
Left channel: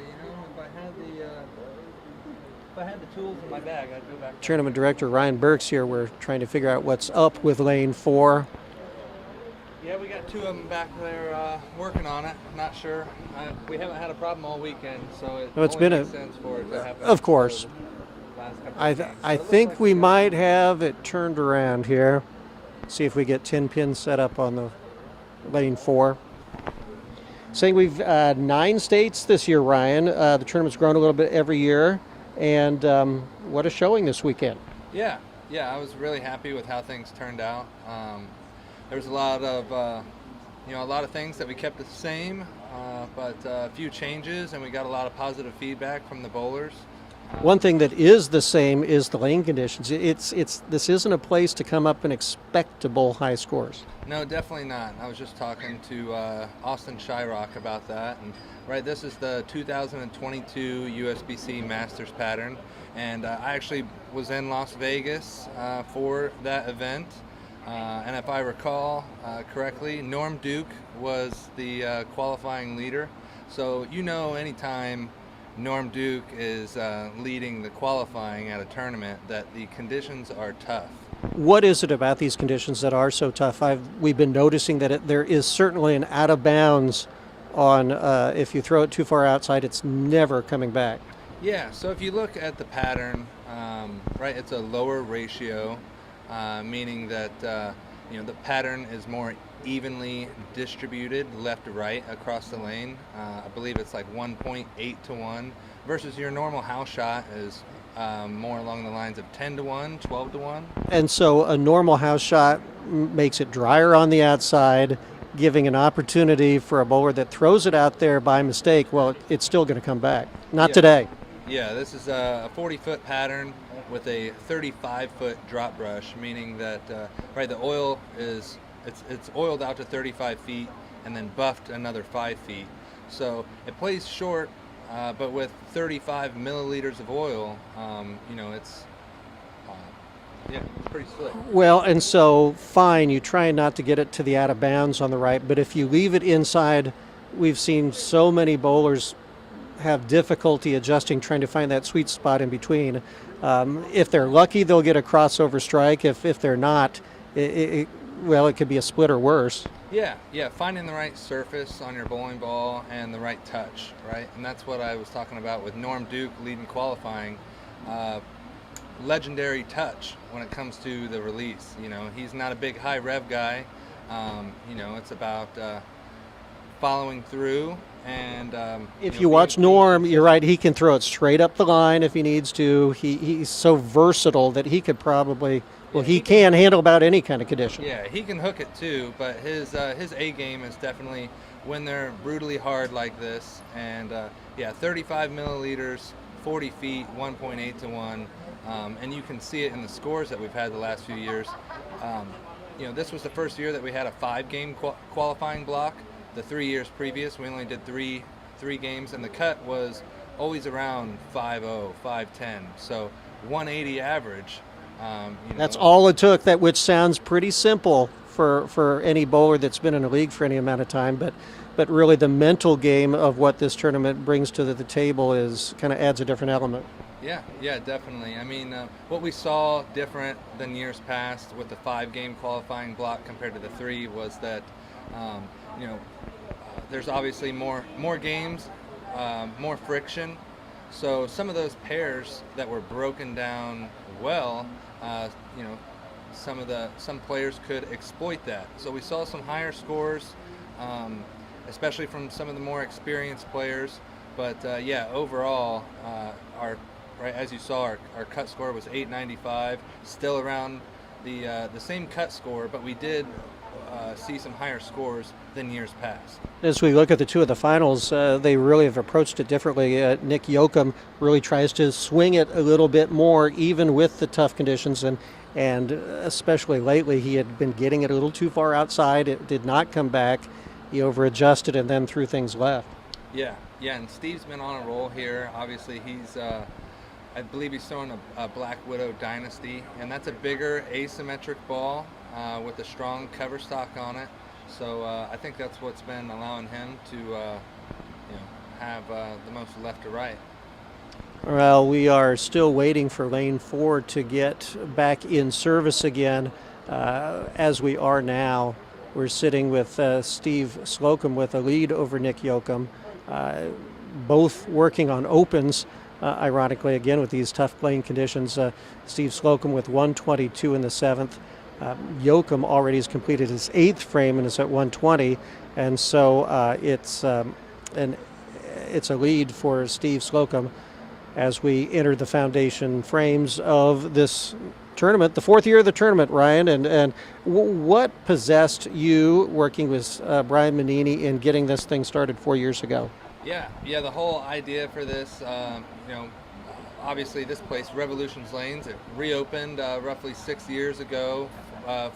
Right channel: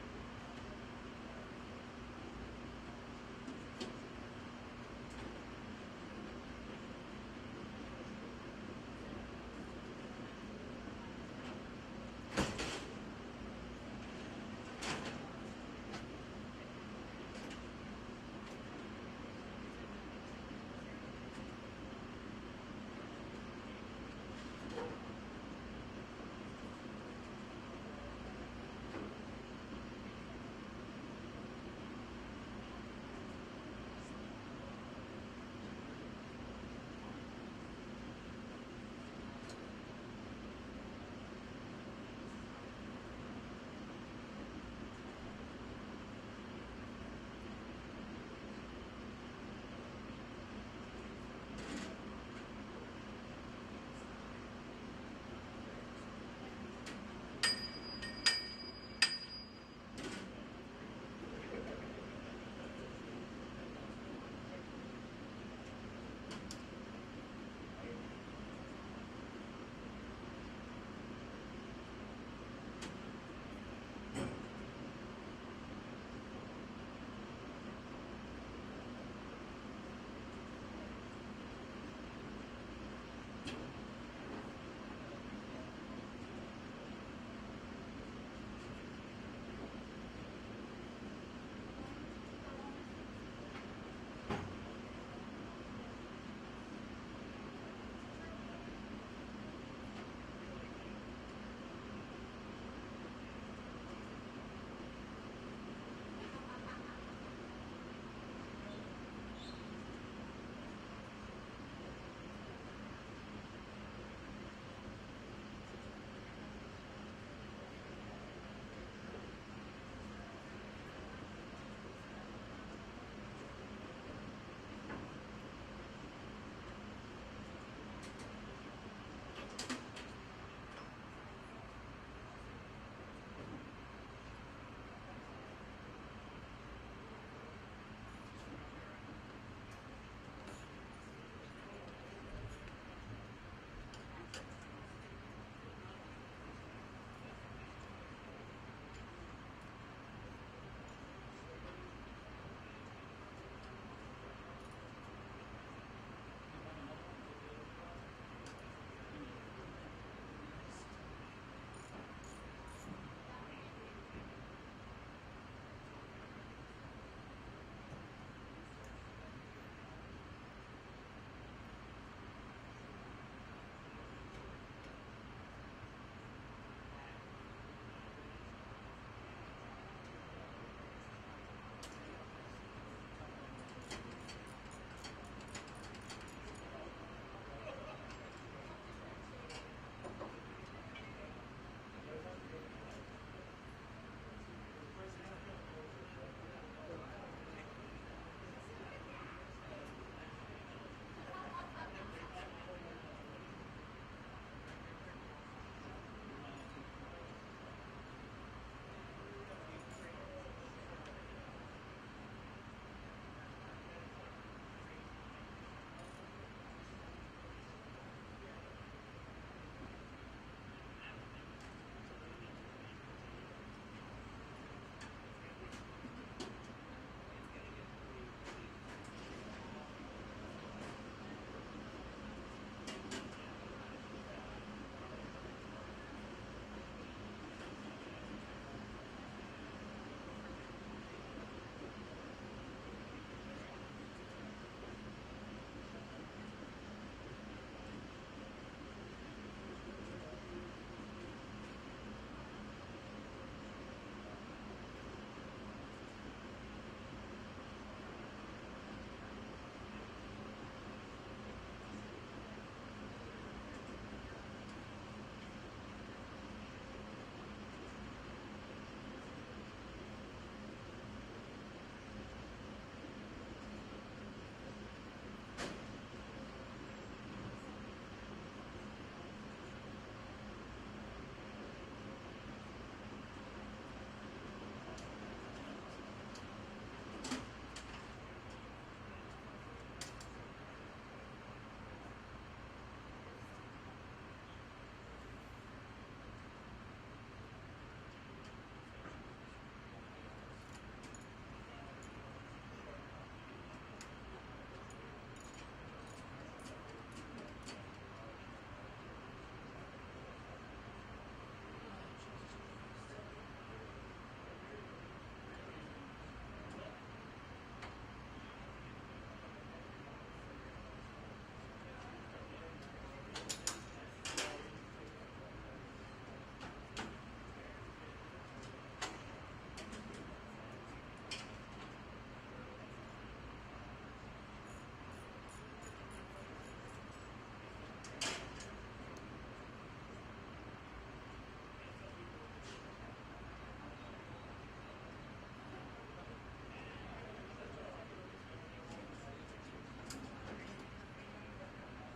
if I had the tools in my bag, I'd go back. Tournament director Ryan Burks here. We're trying to figure out what's up with lane 4. Yeah, we got 2 of them back there working on it. Not sure. We haven't had a problem all weekend, so It's only been makes sense for it to happen. Of course. Last couple I of games. So it looks think like we got- might have it turned around here. See if we get 10 pins set up on the lane 4. Saying we've 9 states this year, Ryan. The tournament's grown a little bit every year, and what a showing this weekend. Yeah, I was really happy with how things turned out. There was a lot of, a lot of things that we kept the same, but a few changes, and we got a lot of positive feedback from the bowlers. One thing that is the same is the lane conditions. This isn't a place to come up and expectable high scores. No, definitely not. I was just talking to Austin Shyrock about that. And, right, this is the 2022 USBC Masters pattern, and I actually was in Las Vegas for that event. And if I recall correctly, Norm Duke was the qualifying leader. So anytime Norm Duke is leading the qualifying at a tournament, that the conditions are tough. What is it about these conditions that are so tough? We've been noticing that there is certainly an out of bounds on if you throw it too far outside, it's never coming back. Yeah, so if you look at the pattern, right, it's a lower ratio, meaning that the pattern is more evenly distributed left to right across the lane. I believe it's like 1.8 to 1 versus your normal house shot is more along the lines of 10 to 1, 12 to 1. And so a normal house shot makes it drier on the outside, giving an opportunity for a bowler that throws it out there by mistake. Well, it's still going to come back. Not today. Yeah, this is a 40-foot pattern with a 35-foot drop brush, meaning that right, the oil is it's oiled out to 35 feet and then buffed another 5 feet. So it plays short, but with 35 milliliters of oil, it's pretty slick. Well, and so fine, you try not to get it to the out of bounds on the right, but if you leave it inside, we've seen so many bowlers have difficulty adjusting, trying to find that sweet spot in between. If they're lucky, they'll get a crossover strike. If they're not, it could be a split or worse. Yeah, finding the right surface on your bowling ball and the right touch, right? And that's what I was talking about with Norm Duke leading qualifying. Legendary touch when it comes to the release. He's not a big high rev guy. It's about following through. And if you watch Norm, you're right, he can throw it straight up the line if he needs to. He's so versatile that he could probably, he can handle about any kind of condition. Yeah, he can hook it too, but his A game is definitely when they're brutally hard like this. And 35 milliliters 40 feet, 1.8 to 1, and you can see it in the scores that we've had the last few years. This was the first year that we had a 5-game qualifying block. The 3 years previous, we only did three games, and the cut was always around 5.0, 5.10. So 180 average. That's all it took, which sounds pretty simple for any bowler that's been in a league for any amount of time, but really the mental game of what this tournament brings to the table is kind of adds a different element. Yeah, definitely. I mean, what we saw different than years past with the 5-game qualifying block compared to the 3 was that, there's obviously more games, more friction. So some of those pairs that were broken down well, some players could exploit that. So we saw some higher scores, especially from some of the more experienced players. But overall, as you saw, our cut score was 895, still around the same cut score, but we did see some higher scores than years past. As we look at the two of the finals, they really have approached it differently. Nick Yoakum really tries to swing it a little bit more, even with the tough conditions, and especially lately he had been getting it a little too far outside. It did not come back. He over-adjusted and then threw things left. Yeah, and Steve's been on a roll here. Obviously, I believe he's throwing a Black Widow Dynasty, and that's a bigger asymmetric ball with a strong cover stock on it. So I think that's what's been allowing him to have the most left to right. Well, we are still waiting for lane 4 to get back in service again. As we are now, we're sitting with Steve Slocum with a lead over Nick Yoakum, both working on opens. Ironically, again, with these tough playing conditions, Steve Slocum with 122 in the 7th. Yoakum already has completed his 8th frame and is at 120, and so it's a lead for Steve Slocum as we enter the foundation frames of this tournament, the 4th year of the tournament, Ryan. And what possessed you working with Brian Manini in getting this thing started 4 years ago? Yeah, the whole idea for this, obviously this place, Revolutions Lanes, it reopened roughly 6 years ago,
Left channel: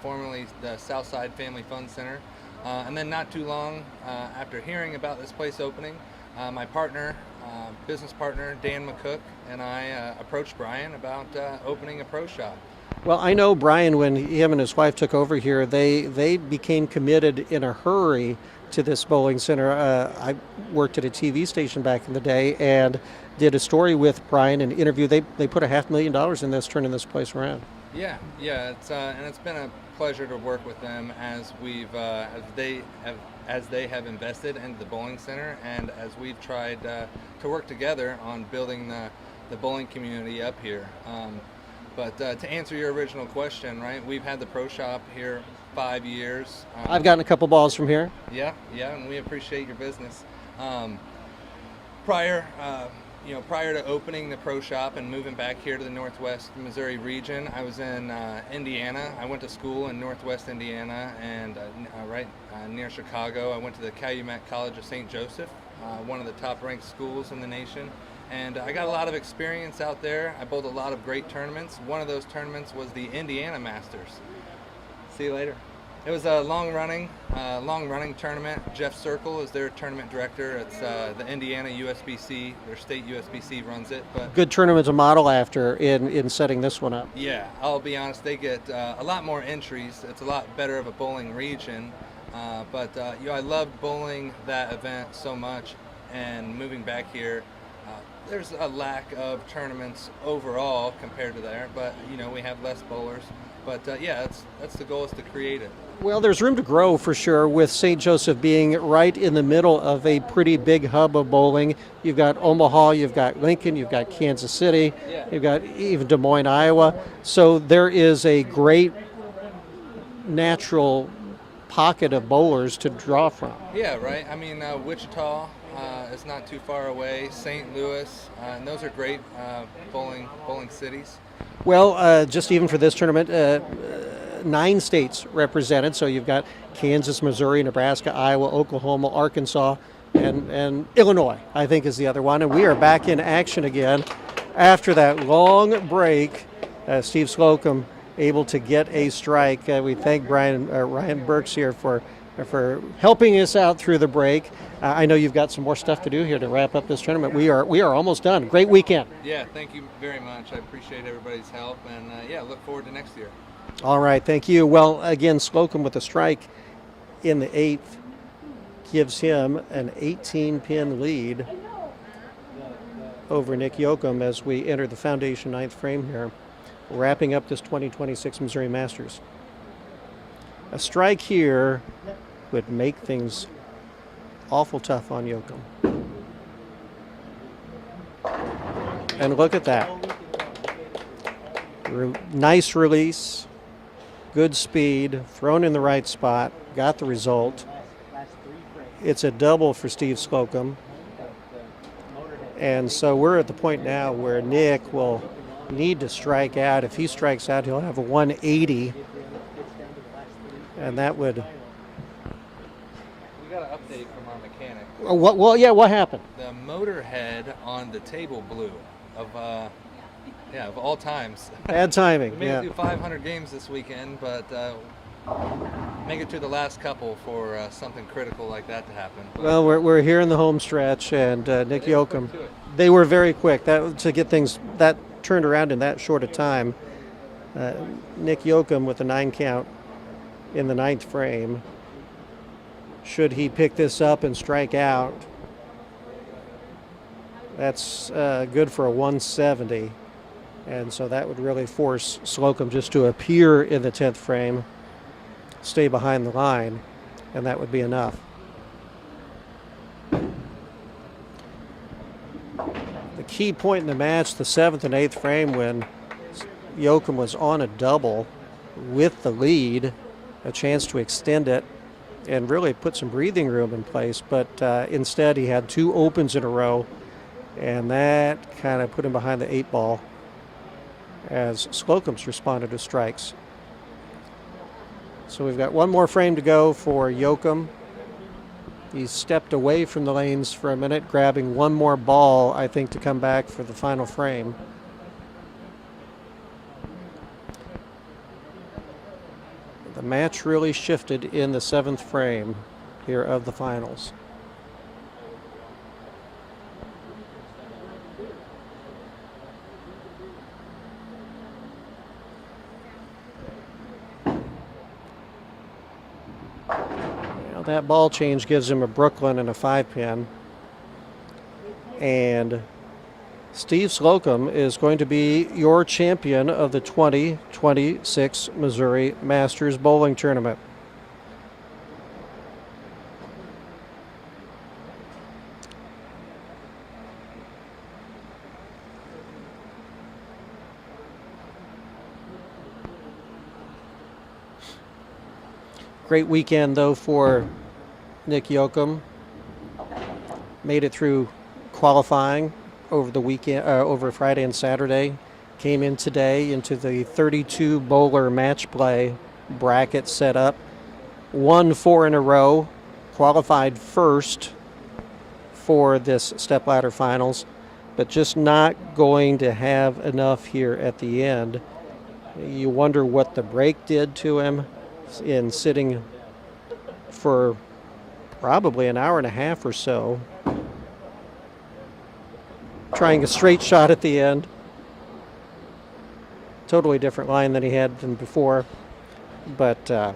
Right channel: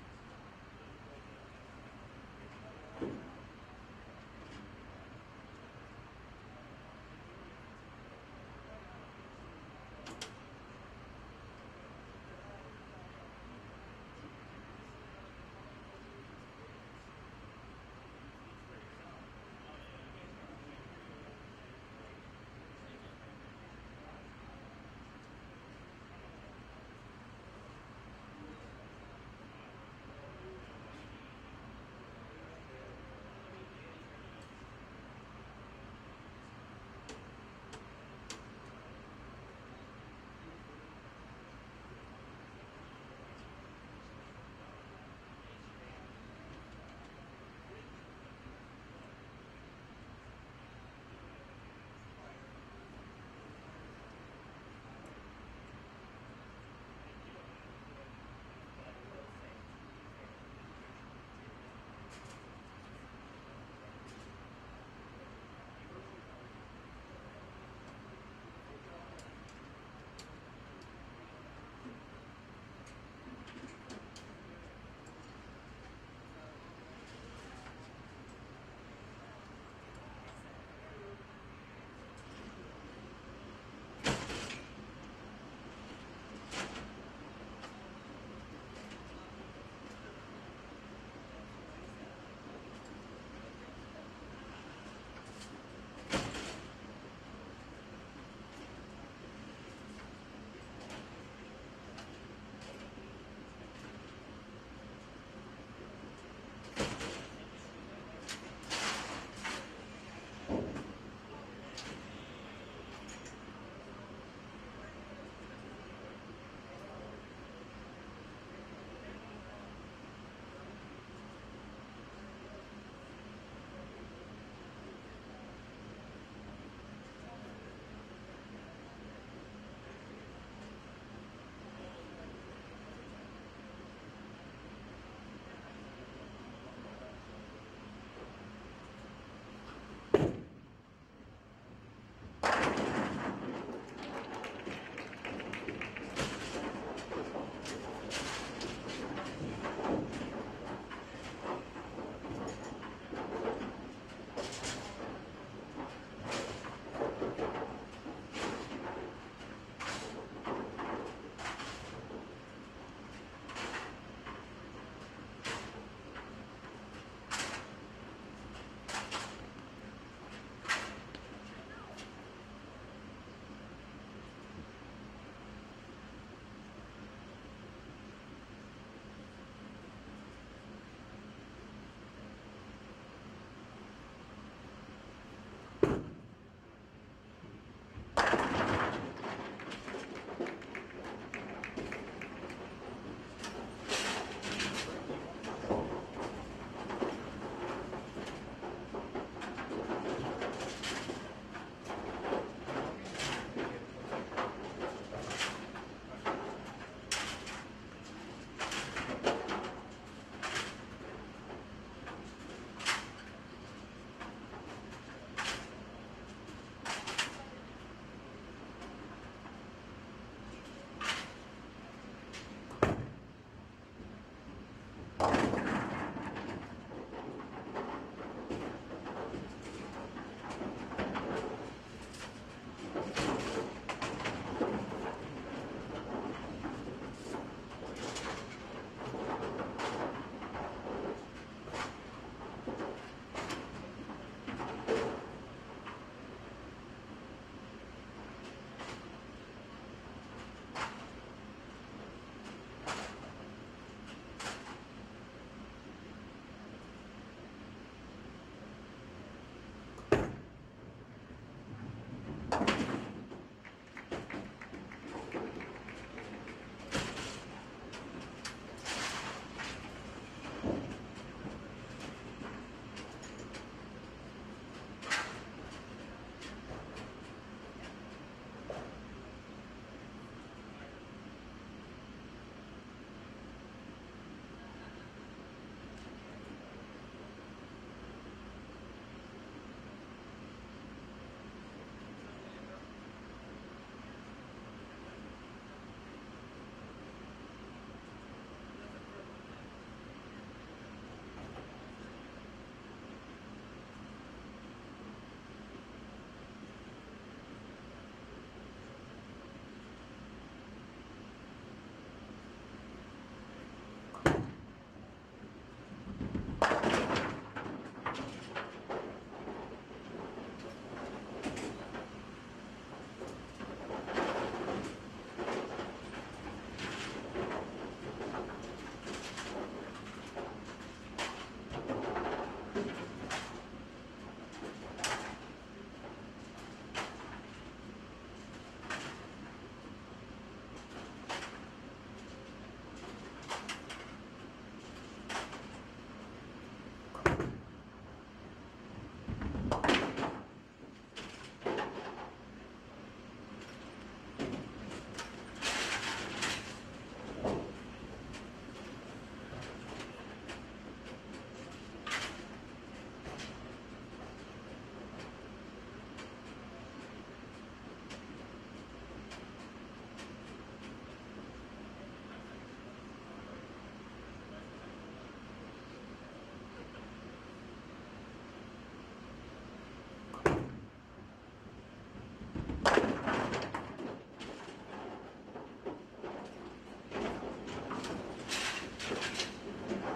formerly the Southside Family Fun Center. And then not too long after hearing about this place opening, my partner, business partner, Dan McCook, and I approached Brian about opening a pro shop. Well, I know Brian, when him and his wife took over here, they became committed in a hurry to this bowling center. I worked at a TV station back in the day and did a story with Brian, an interview. They put $500,000 in this, turning this place around. Yeah, and it's been a pleasure to work with them as they have invested into the bowling center, and as we've tried to work together on building the bowling community up here. But to answer your original question, right, we've had the pro shop here 5 years. I've gotten a couple balls from here. Yeah, and we appreciate your business. Prior to opening the pro shop and moving back here to the Northwest Missouri region, I was in Indiana. I went to school in Northwest Indiana, and near Chicago. I went to the Calumet College of St. Joseph, one of the top-ranked schools in the nation. And I got a lot of experience out there. I bowled a lot of great tournaments. One of those tournaments was the Indiana Masters. See you later. It was a long-running tournament. Jeff Circle is their tournament director. It's the Indiana USBC. Their state USBC runs it. But good tournament to model after in setting this one up. Yeah, I'll be honest. They get a lot more entries. It's a lot better of a bowling region. But I loved bowling that event so much, and moving back here. There's a lack of tournaments overall compared to there, but we have less bowlers. But that's the goal, is to create it. Well, there's room to grow for sure, with St. Joseph being right in the middle of a pretty big hub of bowling. You've got Omaha, you've got Lincoln, you've got Kansas City, you've got even Des Moines, Iowa. So there is a great natural pocket of bowlers to draw from. Yeah, right. I mean, Wichita is not too far away. St. Louis, and those are great bowling cities. Well, just even for this tournament, 9 states represented. So you've got Kansas, Missouri, Nebraska, Iowa, Oklahoma, Arkansas, and Illinois, I think, is the other one. And we are back in action again after that long break. Steve Slocum able to get a strike. We thank Ryan Burks here for helping us out through the break. I know you've got some more stuff to do here to wrap up this tournament. We are almost done. Great weekend. Yeah, thank you very much. I appreciate everybody's help, and yeah, look forward to next year. All right, thank you. Well, again, Slocum with a strike in the 8th gives him an 18-pin lead over Nick Yoakum as we enter the foundation 9th frame here, wrapping up this 2026 Missouri Masters. A strike here would make things awful tough on Yoakum. And look at that. Nice release, good speed, thrown in the right spot, got the result. It's a double for Steve Slocum. And so we're at the point now where Nick will need to strike out. If he strikes out, he'll have a 180. And that would... We got an update from our mechanic. What happened? The motor head on the table blew of all times. Bad timing. We made it through 500 games this weekend, but make it to the last couple for something critical like that to happen. Well, we're here in the home stretch, and Nick Yoakum, they were very quick to get things that turned around in that short a time. Nick Yoakum with a 9 count in the 9th frame. Should he pick this up and strike out, that's good for a 170. And so that would really force Slocum just to appear in the 10th frame, stay behind the line, and that would be enough. The key point in the match, the 7th and 8th frame, when Yoakum was on a double with the lead, a chance to extend it and really put some breathing room in place, but instead he had 2 opens in a row, and that kind of put him behind the 8 ball as Slocum's responded to strikes. So we've got one more frame to go for Yoakum. He's stepped away from the lanes for a minute, grabbing one more ball, I think, to come back for the final frame. The match really shifted in the 7th frame here of the finals. That ball change gives him a Brooklyn and a 5-pin. And Steve Slocum is going to be your champion of the 2026 Missouri Masters Bowling Tournament. Great weekend, though, for Nick Yoakum. Made it through qualifying over the weekend, over Friday and Saturday. Came in today into the 32 bowler match play bracket set up. Won 4 in a row. Qualified first for this stepladder finals, but just not going to have enough here at the end. You wonder what the break did to him in sitting for probably an hour and a half or so, trying a straight shot at the end. Totally different line than he had than before, but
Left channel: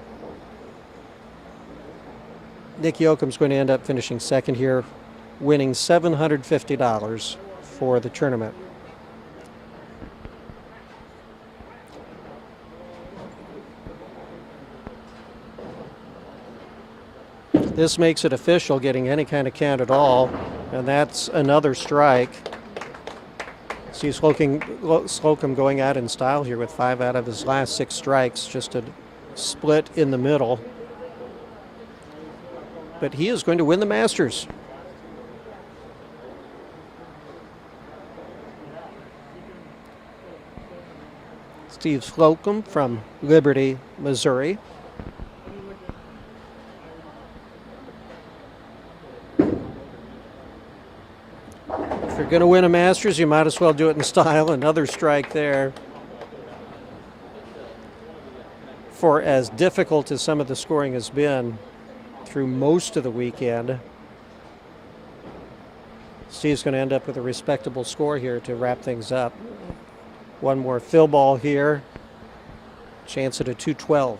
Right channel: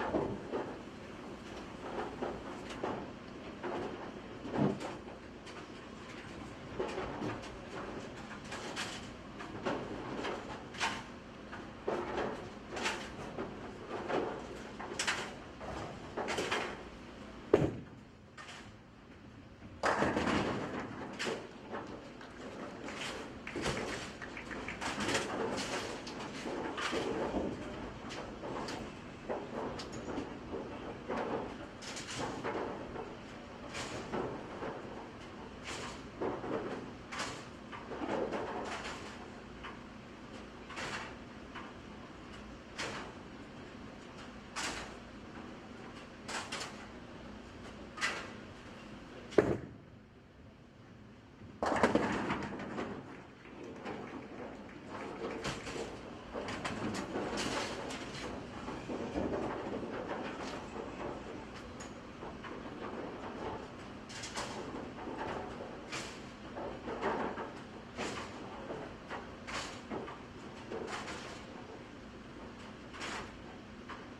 Nick Yoakum's going to end up finishing second here, winning $750 for the tournament. This makes it official, getting any kind of count at all, and that's another strike. See Slocum going out in style here with 5 out of his last 6 strikes, just a split in the middle. But he is going to win the Masters. Steve Slocum from Liberty, Missouri. going to win a Masters, you might as well do it in style. Another strike there. For as difficult as some of the scoring has been through most of the weekend, Steve's going to end up with a respectable score here to wrap things up. One more fill ball here. Chance at a 212.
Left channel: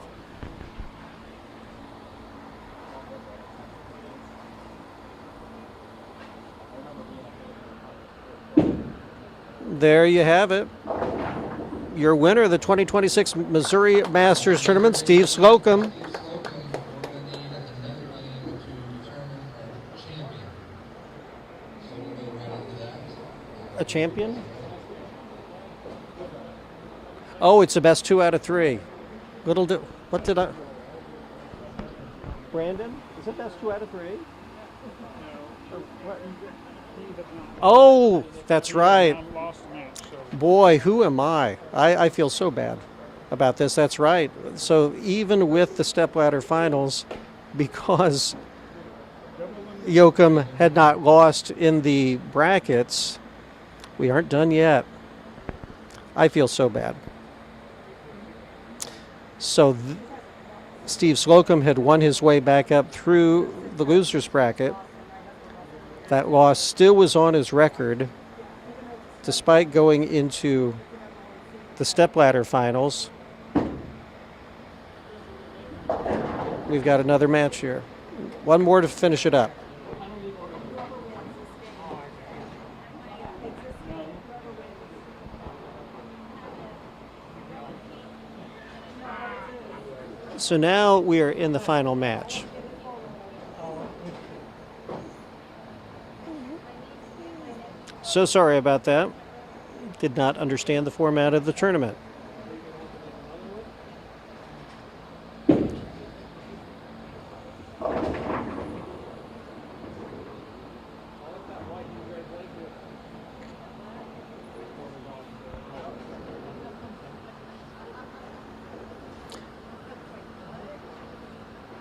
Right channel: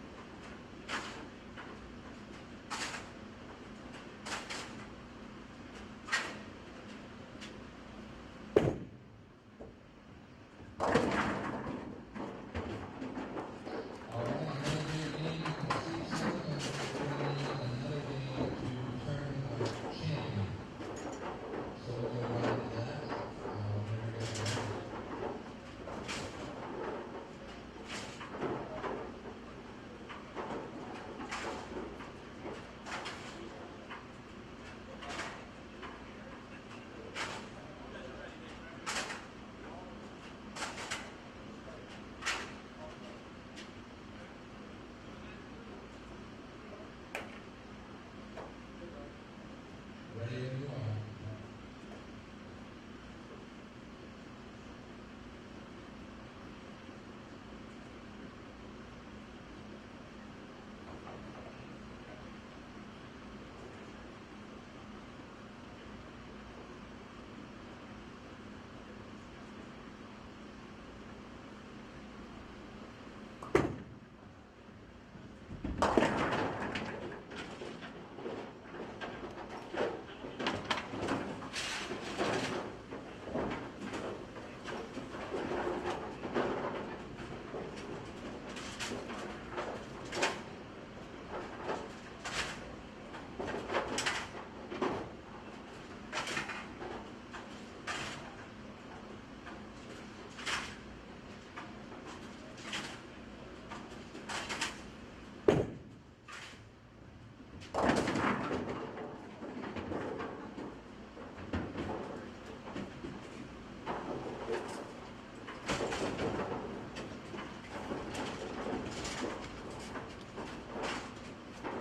There you have it. Your winner of the 2026 Missouri Masters Tournament, Steve Slocum. A champion? Oh, it's the best 2 out of 3. What did I? Brandon, is it best 2 out of 3? Oh, that's right. Boy, who am I? I feel so bad about this. That's right. So even with the stepladder finals, because Yoakum had not lost in the brackets, we aren't done yet. I feel so bad. So Steve Slocum had won his way back up through the losers bracket. That loss still was on his record, despite going into the stepladder finals. We've got another match here. One more to finish it up. So now we are in the final match. So sorry about that. Did not understand the format of the tournament.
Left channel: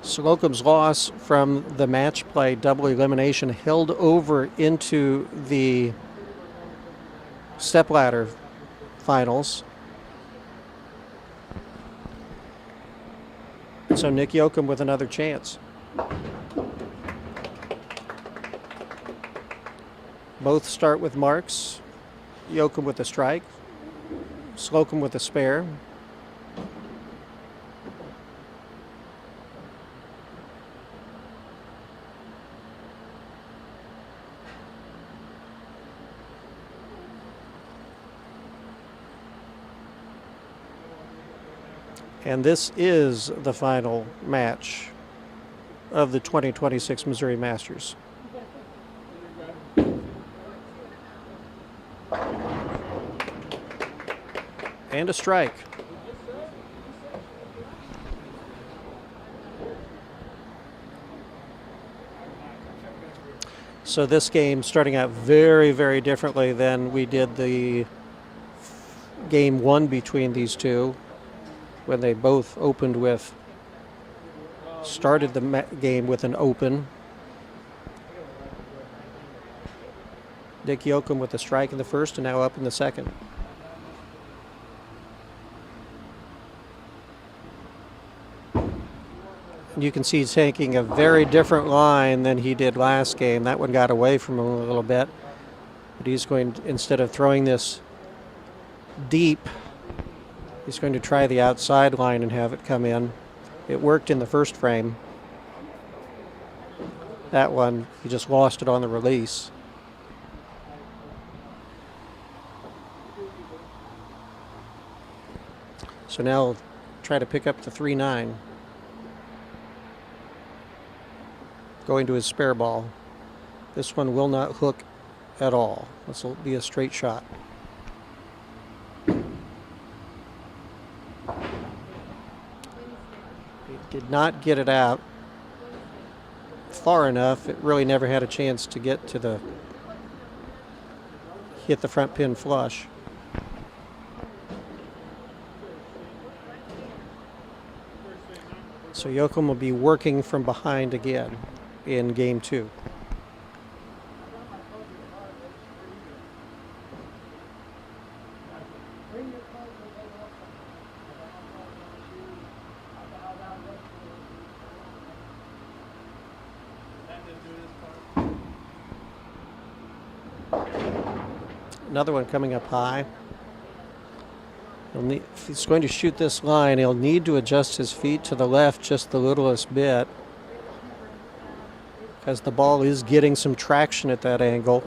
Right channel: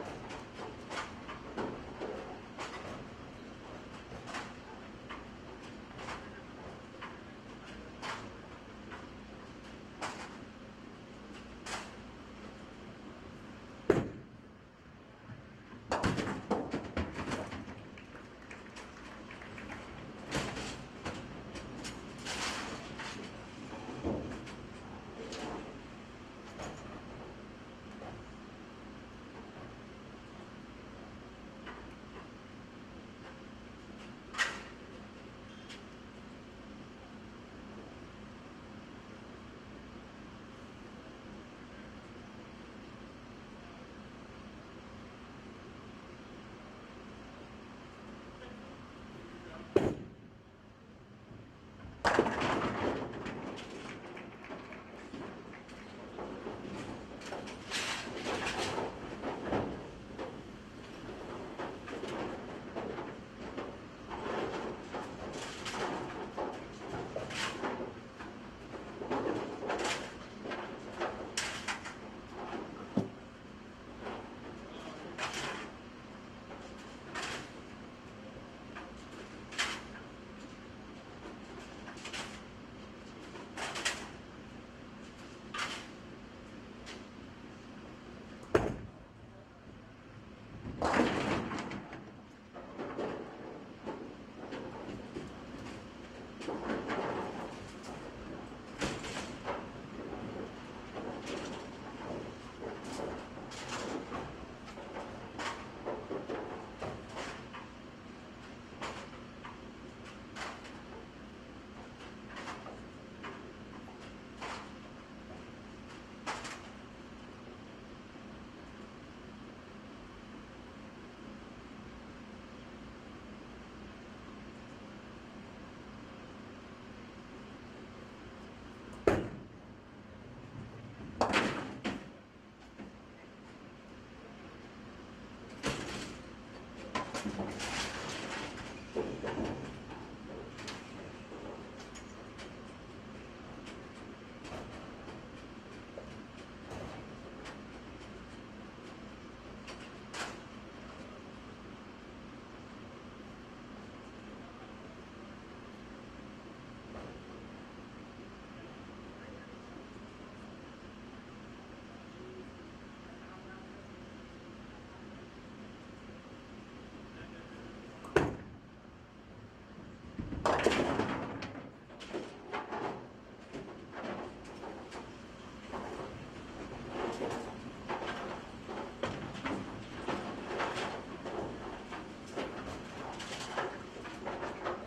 Slocum's loss from the match play double elimination held over into the stepladder finals. So Nick Yoakum with another chance. Both start with marks. Yoakum with a strike. Slocum with a spare. And this is the final match of the 2026 Missouri Masters. And a strike. So this game starting out very, very differently than we did the game one between these two, when they both opened with, started the game with an open. Nick Yoakum with a strike in the first and now up in the second. You can see he's taking a very different line than he did last game. That one got away from him a little bit. But he's going, instead of throwing this deep, he's going to try the outside line and have it come in. It worked in the first frame. That one, he just lost it on the release. So now he'll try to pick up the 3-9. Going to his spare ball. This one will not hook at all. This will be a straight shot. Did not get it out far enough. It really never had a chance to get to the, hit the front pin flush. So Yoakum will be working from behind again in game two. Another one coming up high. If he's going to shoot this line, he'll need to adjust his feet to the left just the littlest bit, as the ball is getting some traction at that angle.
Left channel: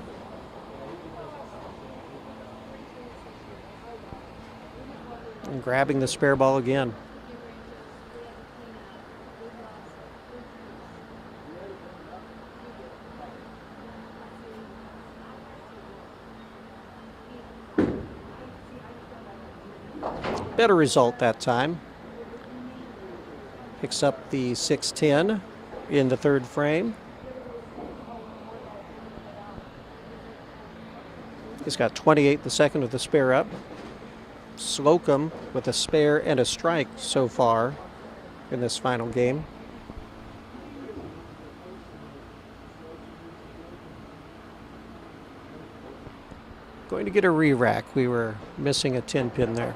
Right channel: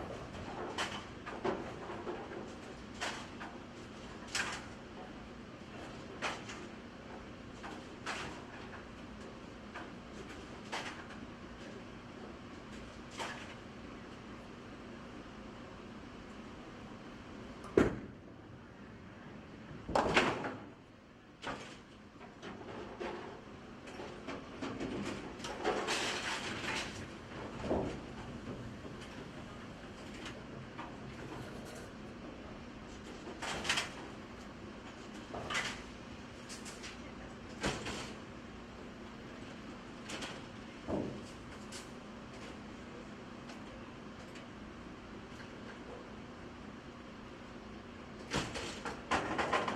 And grabbing the spare ball again. Better result that time. Picks up the 6-10 in the third frame. He's got 28 the second with the spare up. Slocum with a spare and a strike so far in this final game. Going to get a re-rack. We were missing a 10 pin there.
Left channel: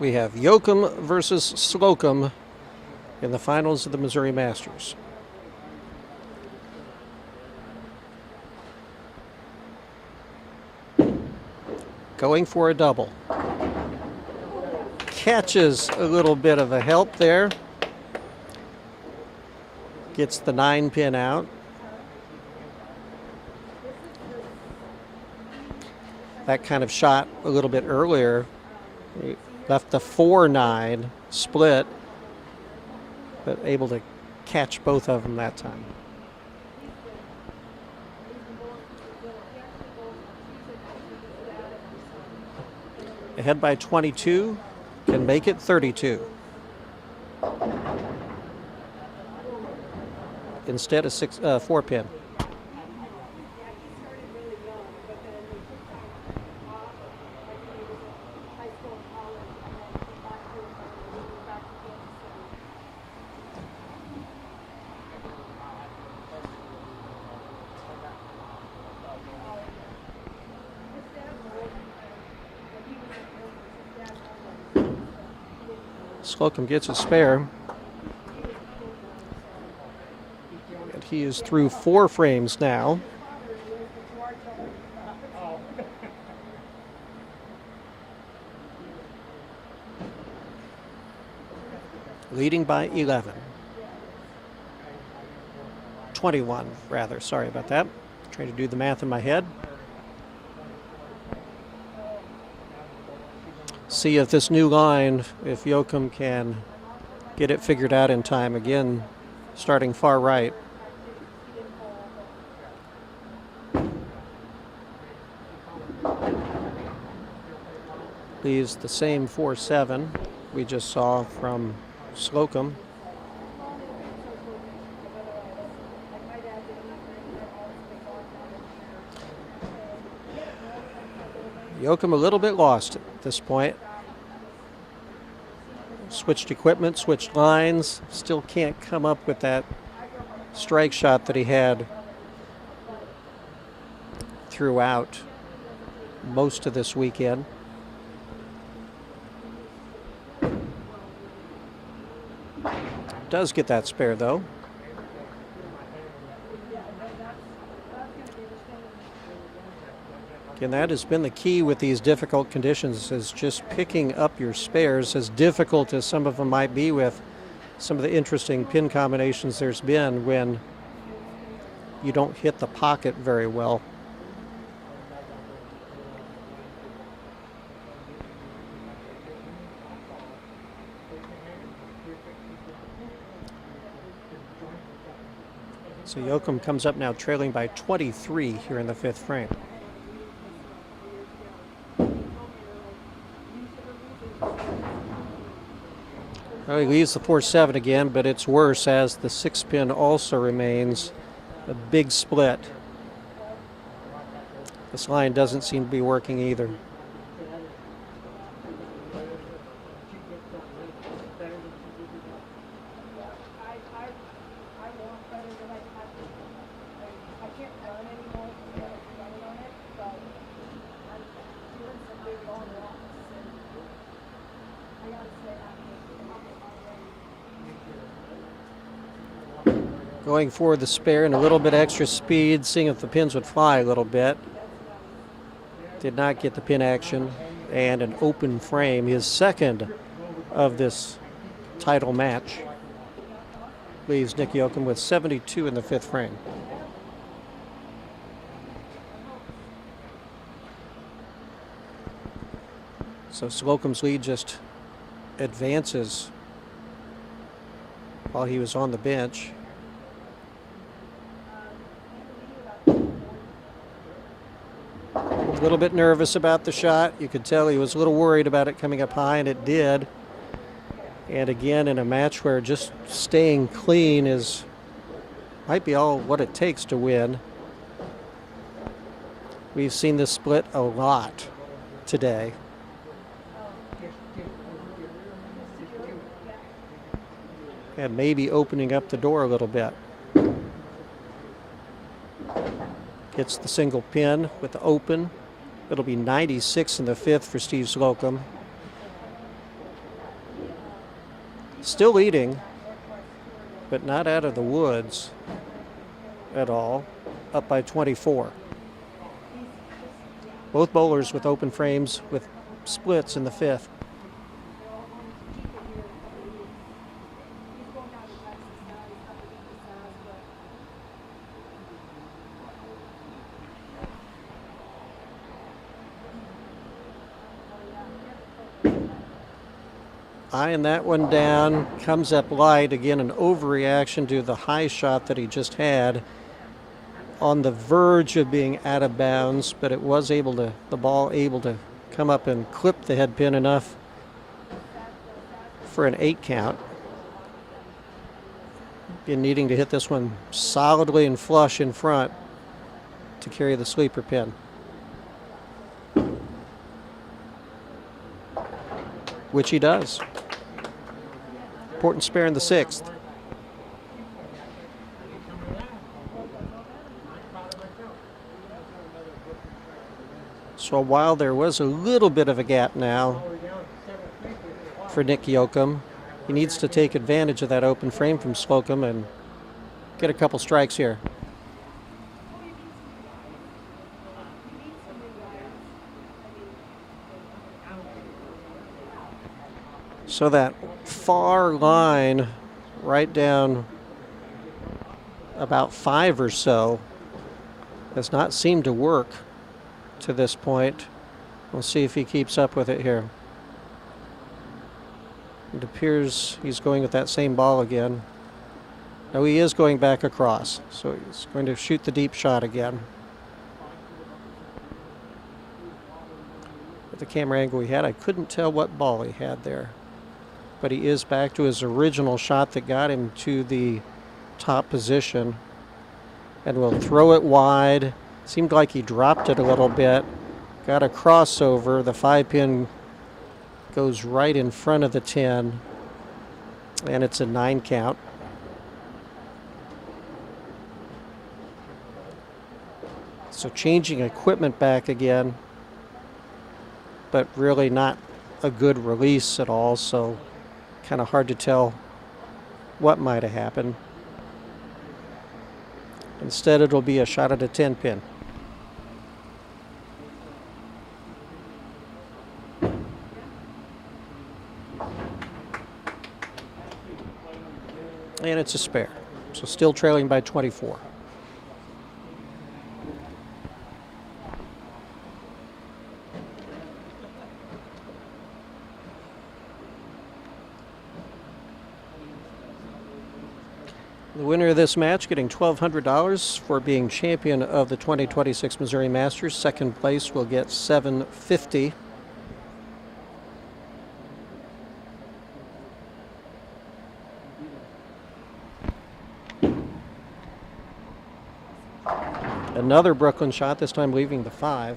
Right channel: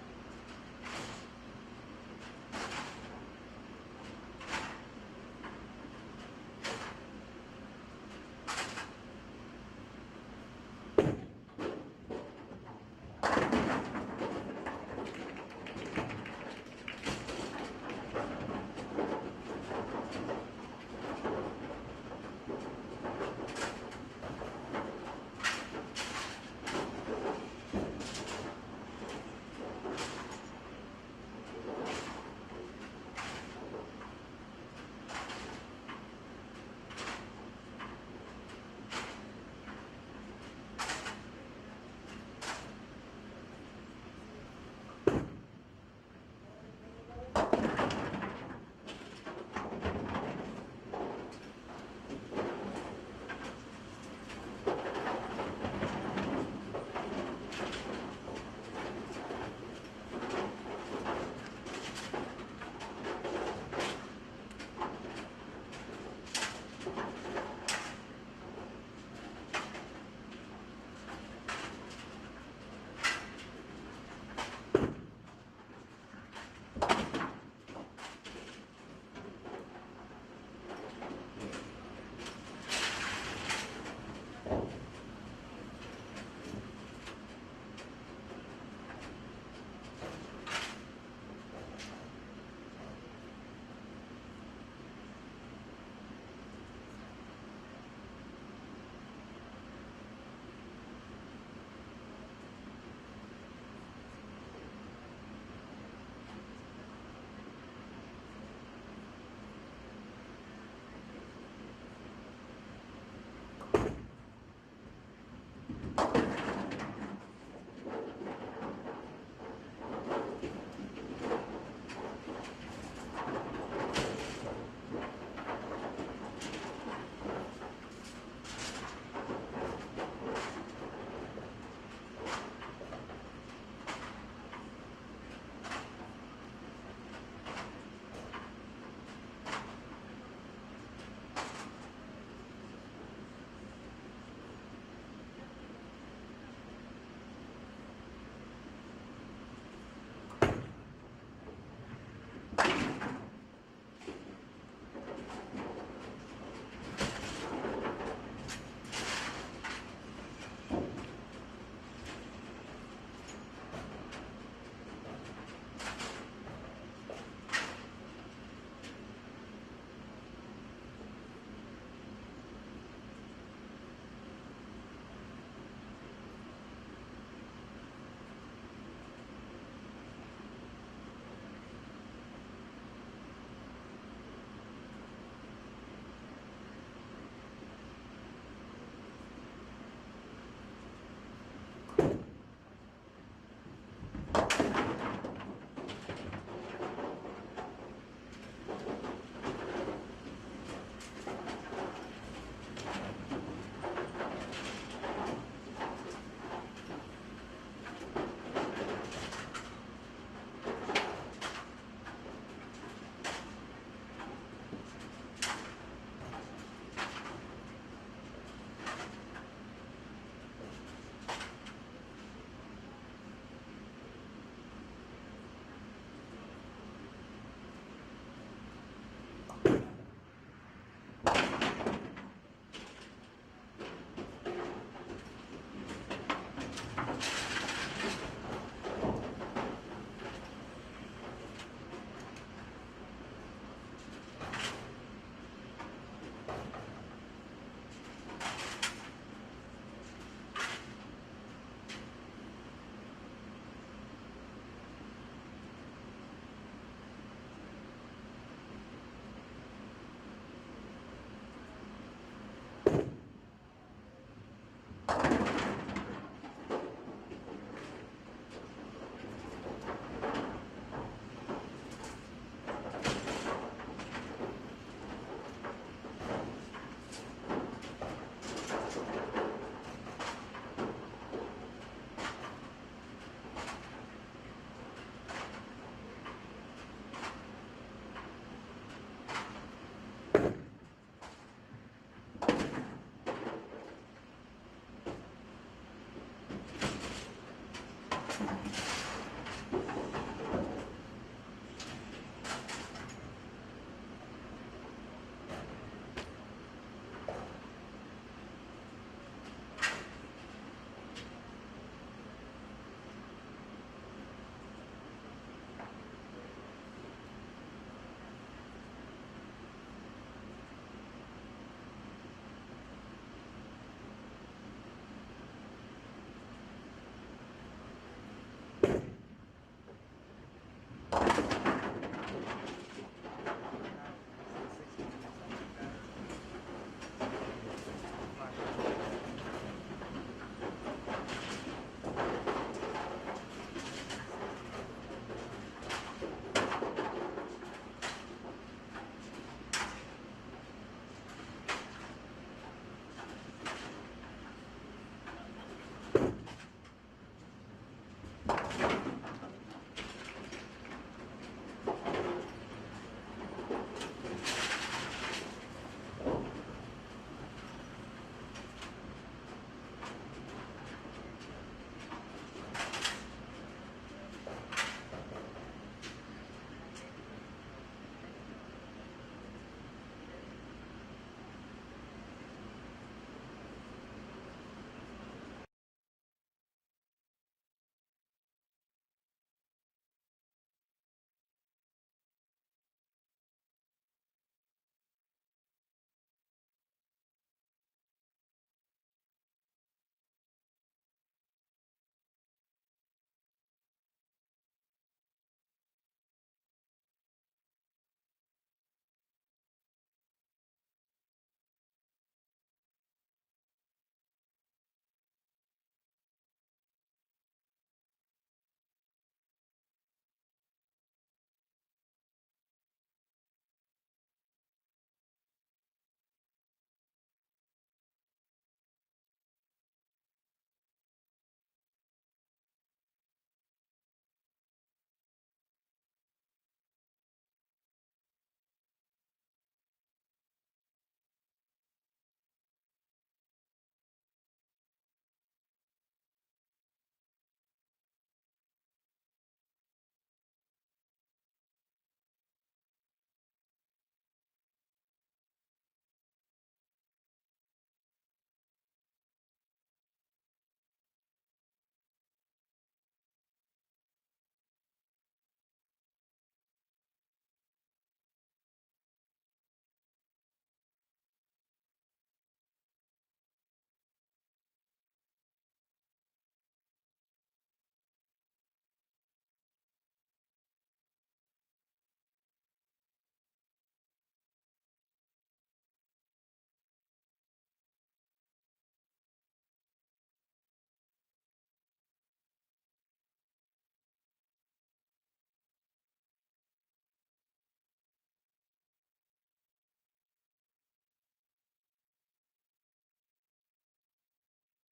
We have Yoakum versus Slocum in the finals of the Missouri Masters. Going for a double. Catches a little bit of a help there. Gets the 9 pin out. That kind of shot a little bit earlier. Left the 4-9 split, but able to catch both of them that time. Ahead by 22, can make it 32. Instead of 4 pin. Slocum gets a spare. And he is through 4 frames now. Leading by 11. 21, rather. Sorry about that. Trying to do the math in my head. See if this new line, if Yoakum can get it figured out in time. Again, starting far right. Leaves the same 4-7 we just saw from Slocum. Yoakum a little bit lost at this point. Switched equipment, switched lines, still can't come up with that strike shot that he had throughout most of this weekend. Does get that spare though. And that has been the key with these difficult conditions, is just picking up your spares, as difficult as some of them might be with some of the interesting pin combinations there's been when you don't hit the pocket very well. So Yoakum comes up now trailing by 23 here in the 5th frame. Well, he leaves the 4-7 again, but it's worse as the 6 pin also remains a big split. This line doesn't seem to be working either. Going for the spare and a little bit extra speed, seeing if the pins would fly a little bit. Did not get the pin action, and an open frame, his second of this title match. Leaves Nick Yoakum with 72 in the 5th frame. So Slocum's lead just advances while he was on the bench. A little bit nervous about the shot. You could tell he was a little worried about it coming up high, and it did. And again, in a match where just staying clean might be all what it takes to win. We've seen this split a lot today. And maybe opening up the door a little bit. Gets the single pin with the open. It'll be 96 in the 5th for Steve Slocum. Still leading, but not out of the woods at all. Up by 24. Both bowlers with open frames with splits in the 5th. Eyeing that one down, comes up light. Again, an overreaction to the high shot that he just had. On the verge of being out of bounds, but it was the ball able to come up and clip the head pin enough for an 8 count. Again, needing to hit this one solidly and flush in front to carry the sleeper pin. Which he does. Important spare in the 6th. So while there was a little bit of a gap now for Nick Yoakum, he needs to take advantage of that open frame from Slocum and get a couple strikes here. So that far line right down about 5 or so has not seemed to work to this point. We'll see if he keeps up with it here. It appears he's going with that same ball again. No, he is going back across, so he's going to shoot the deep shot again. With the camera angle he had, I couldn't tell what ball he had there. But he is back to his original shot that got him to the top position. And will throw it wide. Seemed like he dropped it a little bit. Got a crossover. The 5-pin goes right in front of the 10. And it's a 9 count. So changing equipment back again. But really not a good release at all. So kind of hard to tell what might have happened. Instead, it'll be a shot at a 10-pin. And it's a spare. So still trailing by 24. The winner of this match getting $1,200 for being champion of the 2026 Missouri Masters. Second place will get $750. Another Brooklyn shot, this time leaving the 5.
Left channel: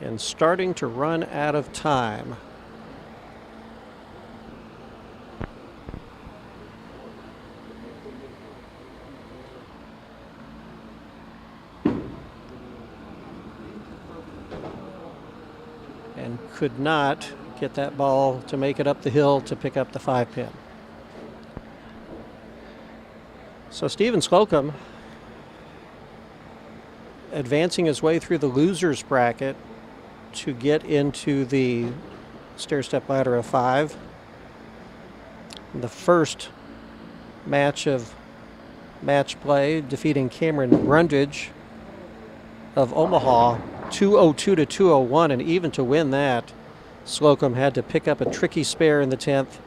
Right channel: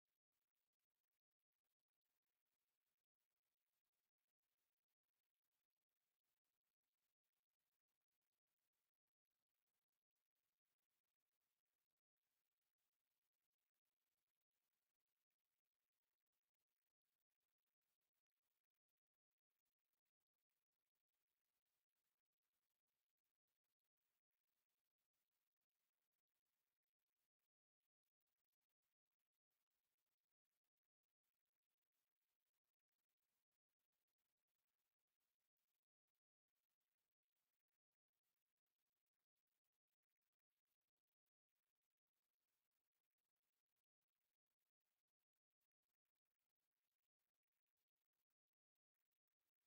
And starting to run out of time. and could not get that ball to make it up the hill to pick up the 5-pin. So Stephen Slocum advancing his way through the losers bracket to get into the stair-step ladder of 5. The first match of match play, defeating Cameron Brundage of Omaha 202 to 201, and even to win that, Slocum had to pick up a tricky spare in the 10th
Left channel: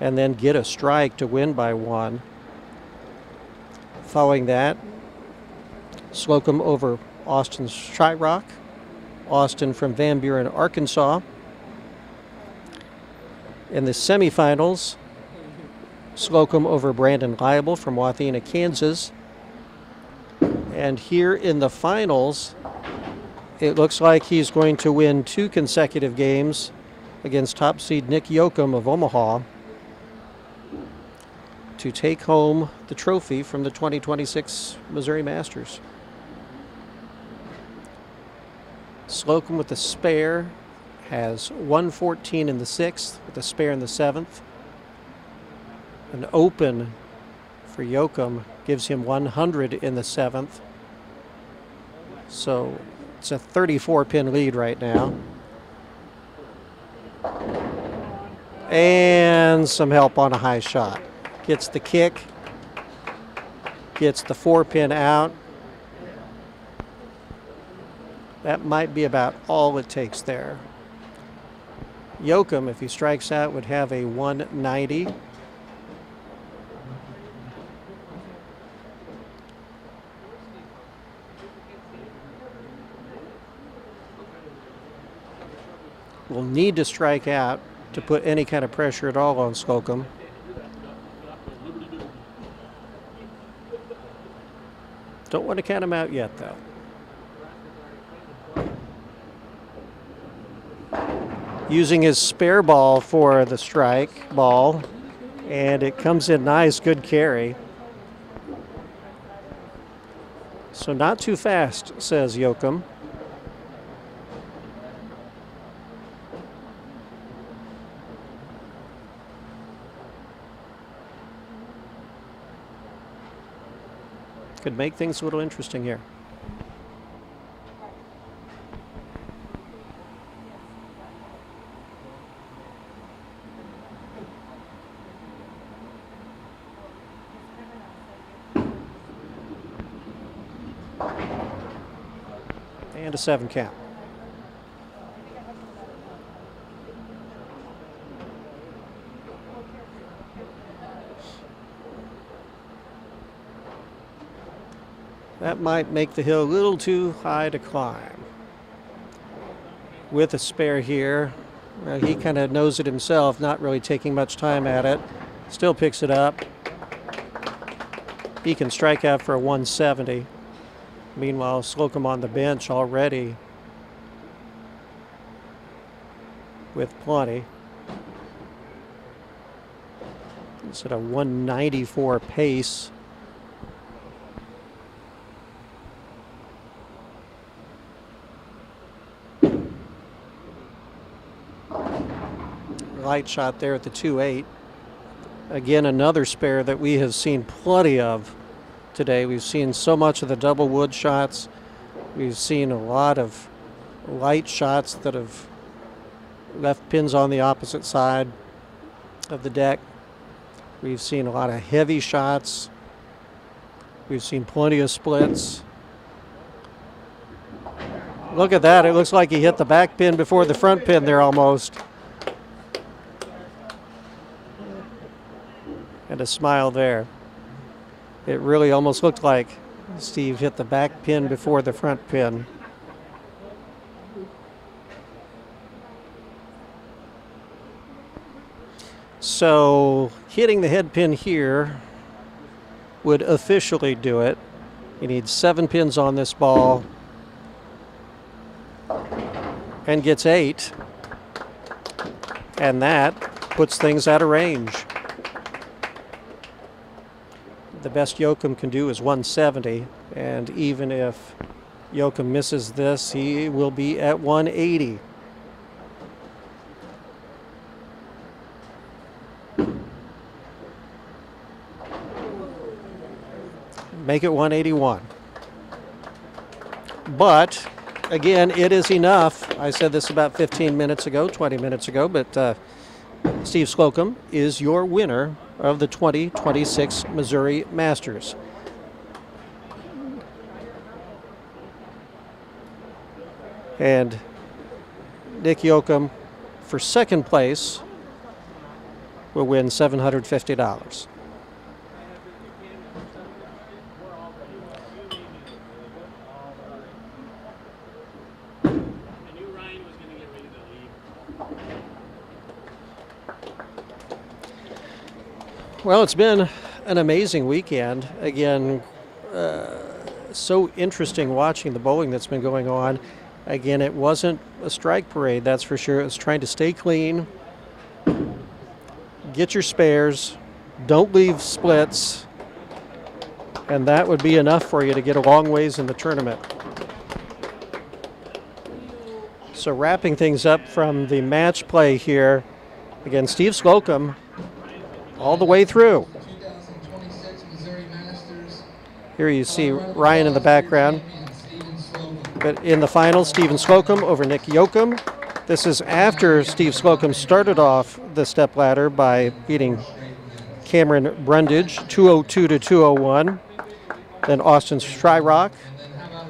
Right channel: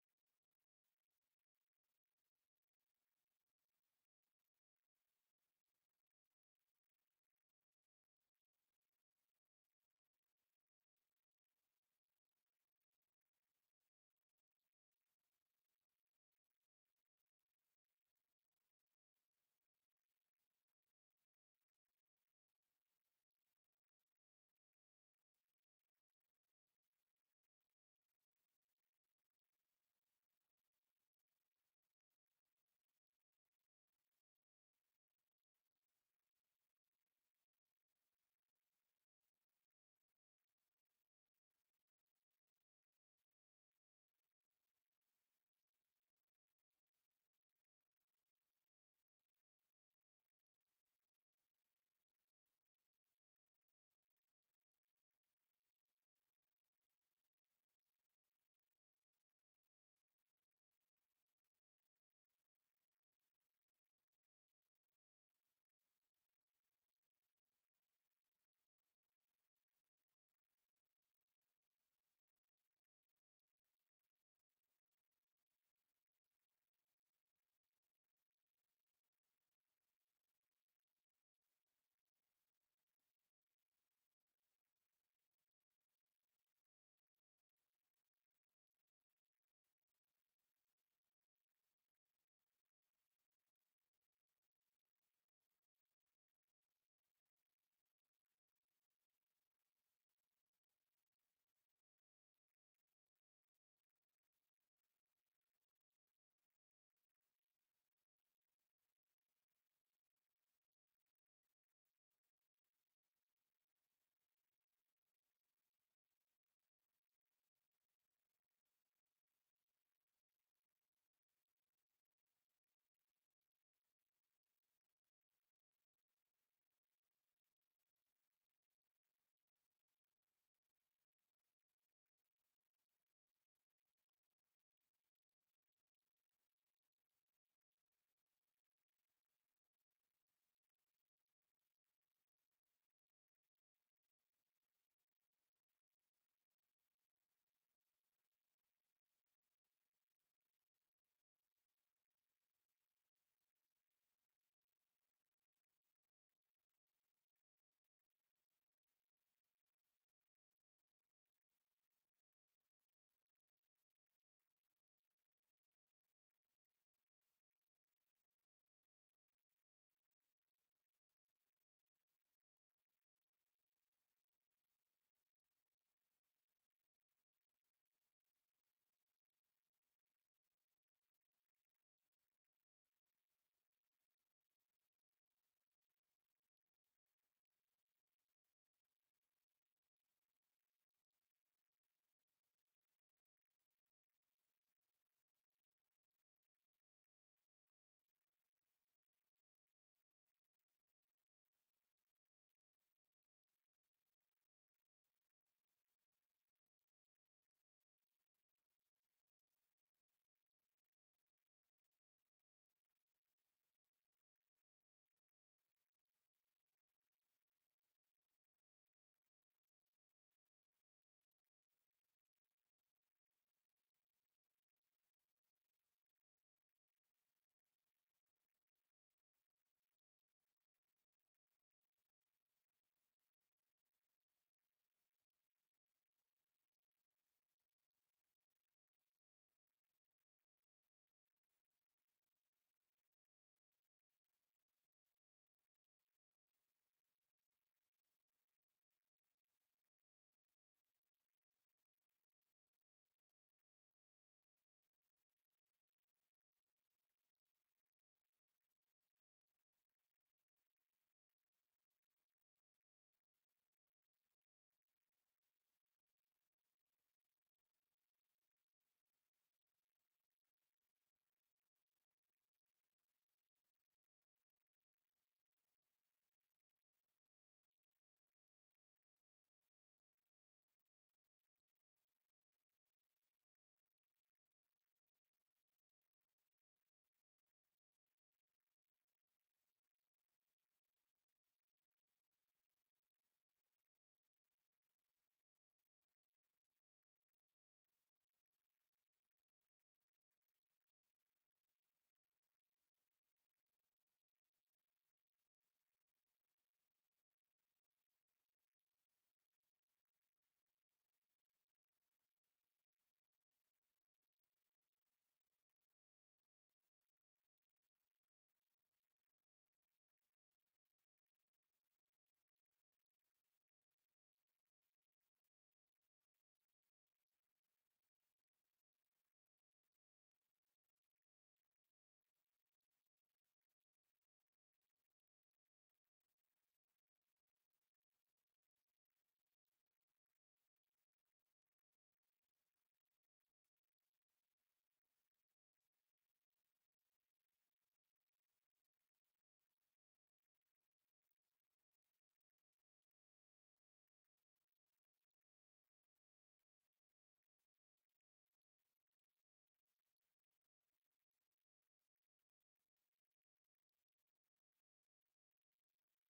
and then get a strike to win by 1. Following that, Slocum over Austin Shyrock, Austin from Van Buren, Arkansas. In the semifinals, Slocum over Brandon Liable from Wathena, Kansas. And here in the finals, it looks like he's going to win 2 consecutive games against top seed Nick Yoakum of Omaha to take home the trophy from the 2026 Missouri Masters. Slocum with the spare has 114 in the 6th with a spare in the 7th. An open for Yoakum gives him 100 in the 7th. So it's a 34-pin lead right now. And some help on a high shot. Gets the kick, gets the 4-pin out. That might be about all it takes there. Yoakum, if he strikes out, would have a 190. Will need to strike out to put any kind of pressure at all on Slocum. Don't want to count him out yet, though. Using his spare ball for the strike ball, and it comes in nice, good carry. So not too fast, says Yoakum. Could make things a little interesting here. And a 7 count. That might make the hill a little too high to climb. With a spare here, he kind of knows it himself, not really taking much time at it. Still picks it up. He can strike out for a 170. Meanwhile, Slocum on the bench already with plenty. It's at a 194 pace. Light shot there at the 2-8. Again, another spare that we have seen plenty of today. We've seen so much of the double wood shots. We've seen a lot of light shots that have left pins on the opposite side of the deck. We've seen a lot of heavy shots. We've seen plenty of splits. Look at that. It looks like he hit the back pin before the front pin there almost. And a smile there. It really almost looked like Steve hit the back pin before the front pin. So hitting the head pin here would officially do it. He needs 7 pins on this ball and gets 8. And that puts things out of range. The best Yoakum can do is 170, and even if Yoakum misses this, he will be at 180. make it 181. But again, it is enough. I said this about 15 minutes ago, 20 minutes ago, but Steve Slocum is your winner of the 2026 Missouri Masters. And Nick Yoakum, for second place, will win $750. Well, it's been an amazing weekend. Again, so interesting watching the bowling that's been going on. Again, it wasn't a strike parade, that's for sure. It was trying to stay clean, get your spares, don't leave splits, and that would be enough for you to get a long ways in the tournament. So wrapping things up from the match play here, again, Steve Slocum all the way through. 2026 Missouri Masters. Here you see Ryan in the background. But in the final, Steven Slocum over Nick Yoakum. This is after Steve Slocum started off the stepladder by beating Cameron Brundage 202 to 201. Then Austin Shyrock,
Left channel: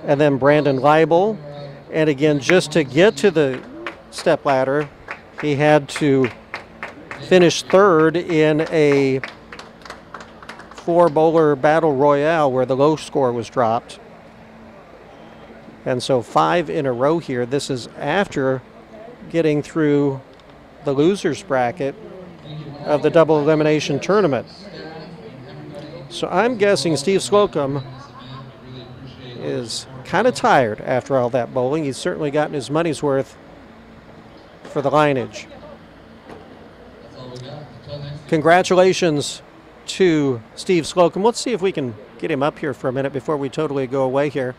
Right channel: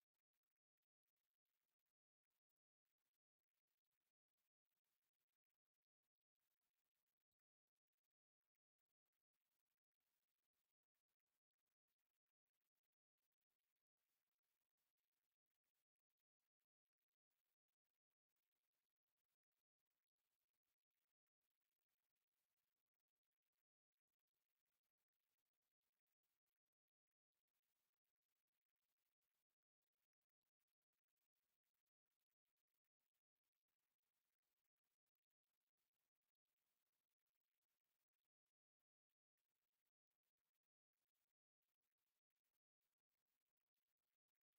and then Brandon Leibel. And again, just to get to the stepladder, he had to finish third in a 4-bowler battle royale where the low score was dropped. And so 5 in a row here. This is after getting through the losers bracket of the double elimination tournament. So I'm guessing Steve Slocum is kind of tired after all that bowling. He's certainly gotten his money's worth for the lineage. Congratulations to Steve Slocum. Let's see if we can get him up here for a minute before we totally go away here.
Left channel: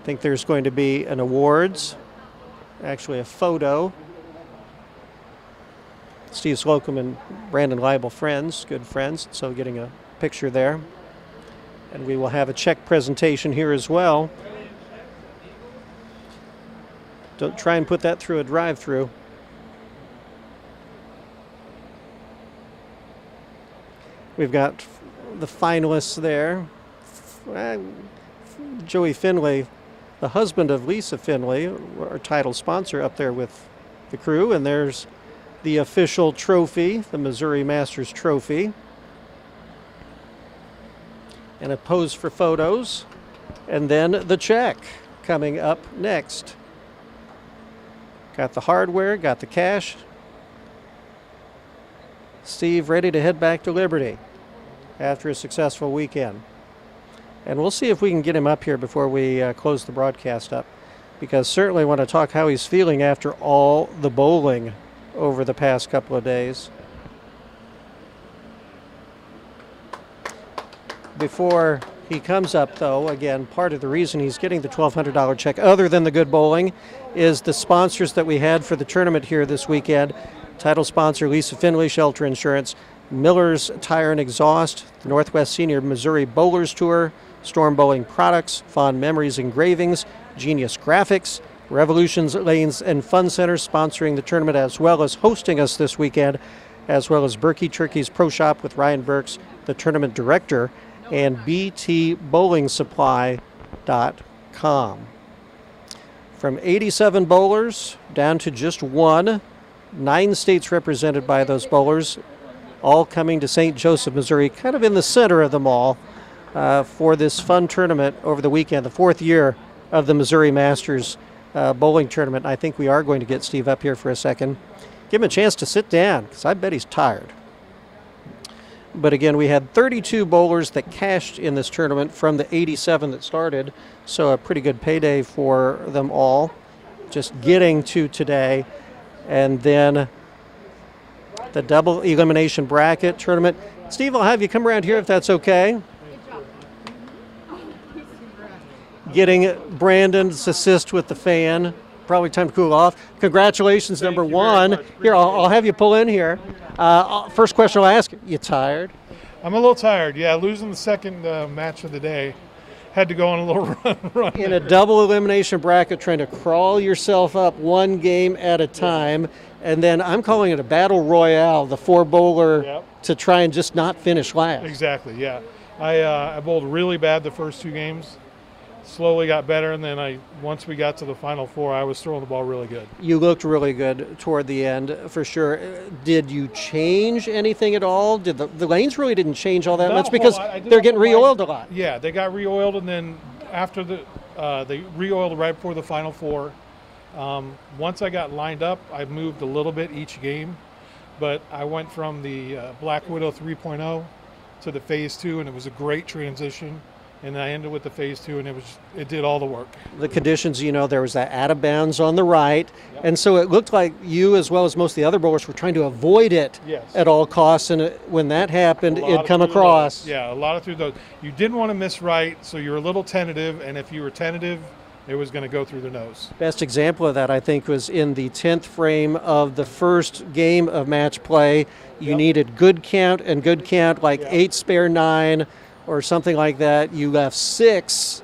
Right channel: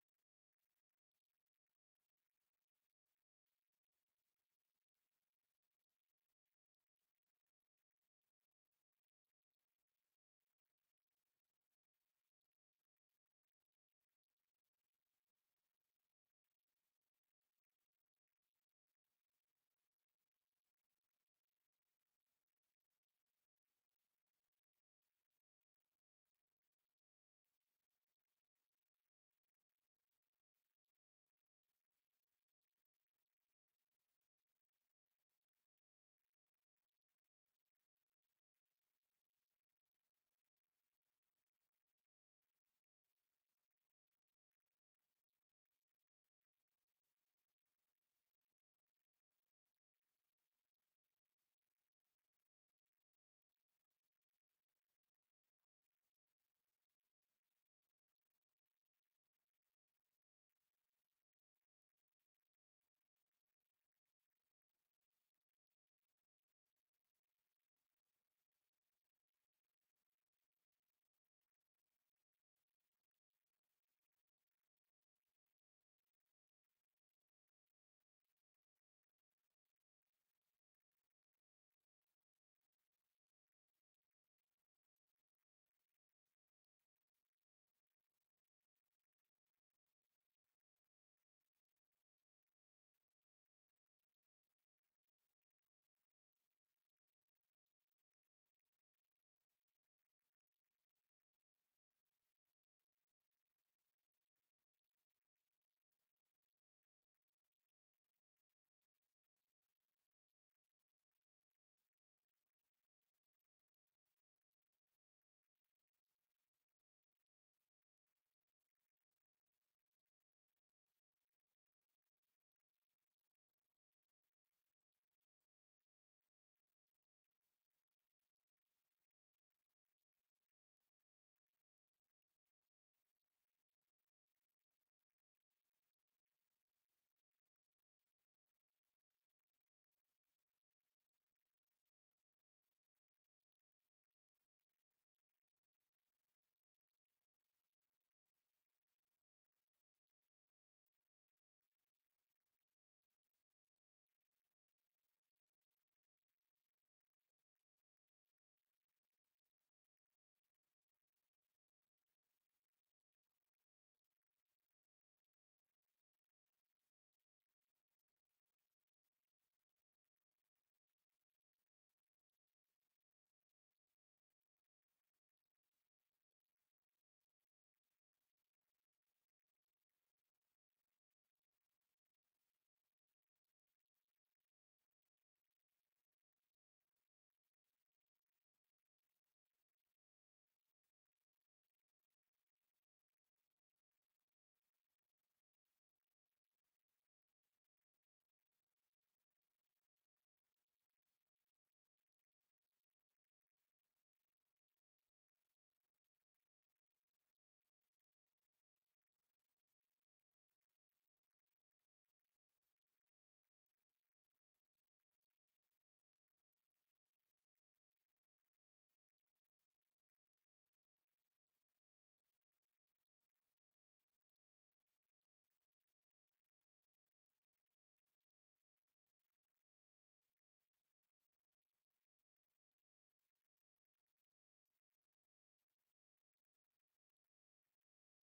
I think there's going to be an awards, actually a photo. Steve Slocum and Brandon Leibel friends, good friends, so getting a picture there. And we will have a check presentation here as well. Don't try and put that through a drive-through. We've got the finalists there. Joey Finley, the husband of Lisa Finley, our title sponsor, up there with the crew. And there's the official trophy, the Missouri Masters trophy. And a pose for photos. And then the check coming up next. Got the hardware, got the cash. Steve ready to head back to Liberty after a successful weekend. And we'll see if we can get him up here before we close the broadcast up, because certainly want to talk how he's feeling after all the bowling over the past couple of days. Before he comes up, though, again, part of the reason he's getting the $1,200 check, other than the good bowling, is the sponsors that we had for the tournament here this weekend. Title sponsor Lisa Finley, Shelter Insurance, Miller's Tire and Exhaust, the Northwest Senior Missouri Bowlers Tour, Storm Bowling Products, Fond Memories Engravings, Genius Graphics, Revolutions Lanes and Fun Center sponsoring the tournament as well as hosting us this weekend, as well as Burky Turkey's Pro Shop with Ryan Burks, the tournament director, and btbowlingsupply.com. From 87 bowlers down to just one, 9 states represented by those bowlers, all coming to St. Joseph, Missouri, kind of in the center of them all for this fun tournament over the weekend, the 4th year of the Missouri Masters bowling tournament. I think we are going to get Steve up here for a second. Give him a chance to sit down, because I bet he's tired. But again, we had 32 bowlers that cashed in this tournament from the 87 that started, so a pretty good payday for them all, just getting to today. And then the double elimination bracket tournament. Steve, I'll have you come around here if that's okay. Getting Brandon's assist with the fan. Probably time to cool off. Congratulations, number 1. Here, I'll have you pull in here. First question I'll ask, you tired? I'm a little tired. Yeah, losing the second match of the day. Had to go on a little run. In a double elimination bracket, trying to crawl yourself up one game at a time, and then I'm calling it a battle royale, the four bowler Yep. to try and just not finish last. Exactly, yeah. I bowled really bad the first 2 games. Slowly got better, and then once we got to the final 4, I was throwing the ball really good. You looked really good toward the end, for sure. Did you change anything at all? Did the lanes really didn't change all that Not much a because whole lot. I did they're have getting a line- re-oiled a lot? Yeah, they got re-oiled, and then after they re-oiled right before the final 4. Once I got lined up, I moved a little bit each game, but I went from the Black Widow 3.0 to the Phase 2, and it was a great transition. And I ended with the Phase 2, and it did all the work. The conditions, there was that out of bounds on the right, and so it looked like you, as well as most of the other bowlers, were trying to avoid it Yes. at all costs, and when that happened, A lot it'd of come through the across. nose. Yeah, a lot of through those. You didn't want to miss right, so you were a little tentative, and if you were tentative, it was going to go through the nose. Best example of that, I think, was in the 10th frame of the first game of match play. You Yep. needed good count, like Yep. 8 spare 9 or something like that. You left 6.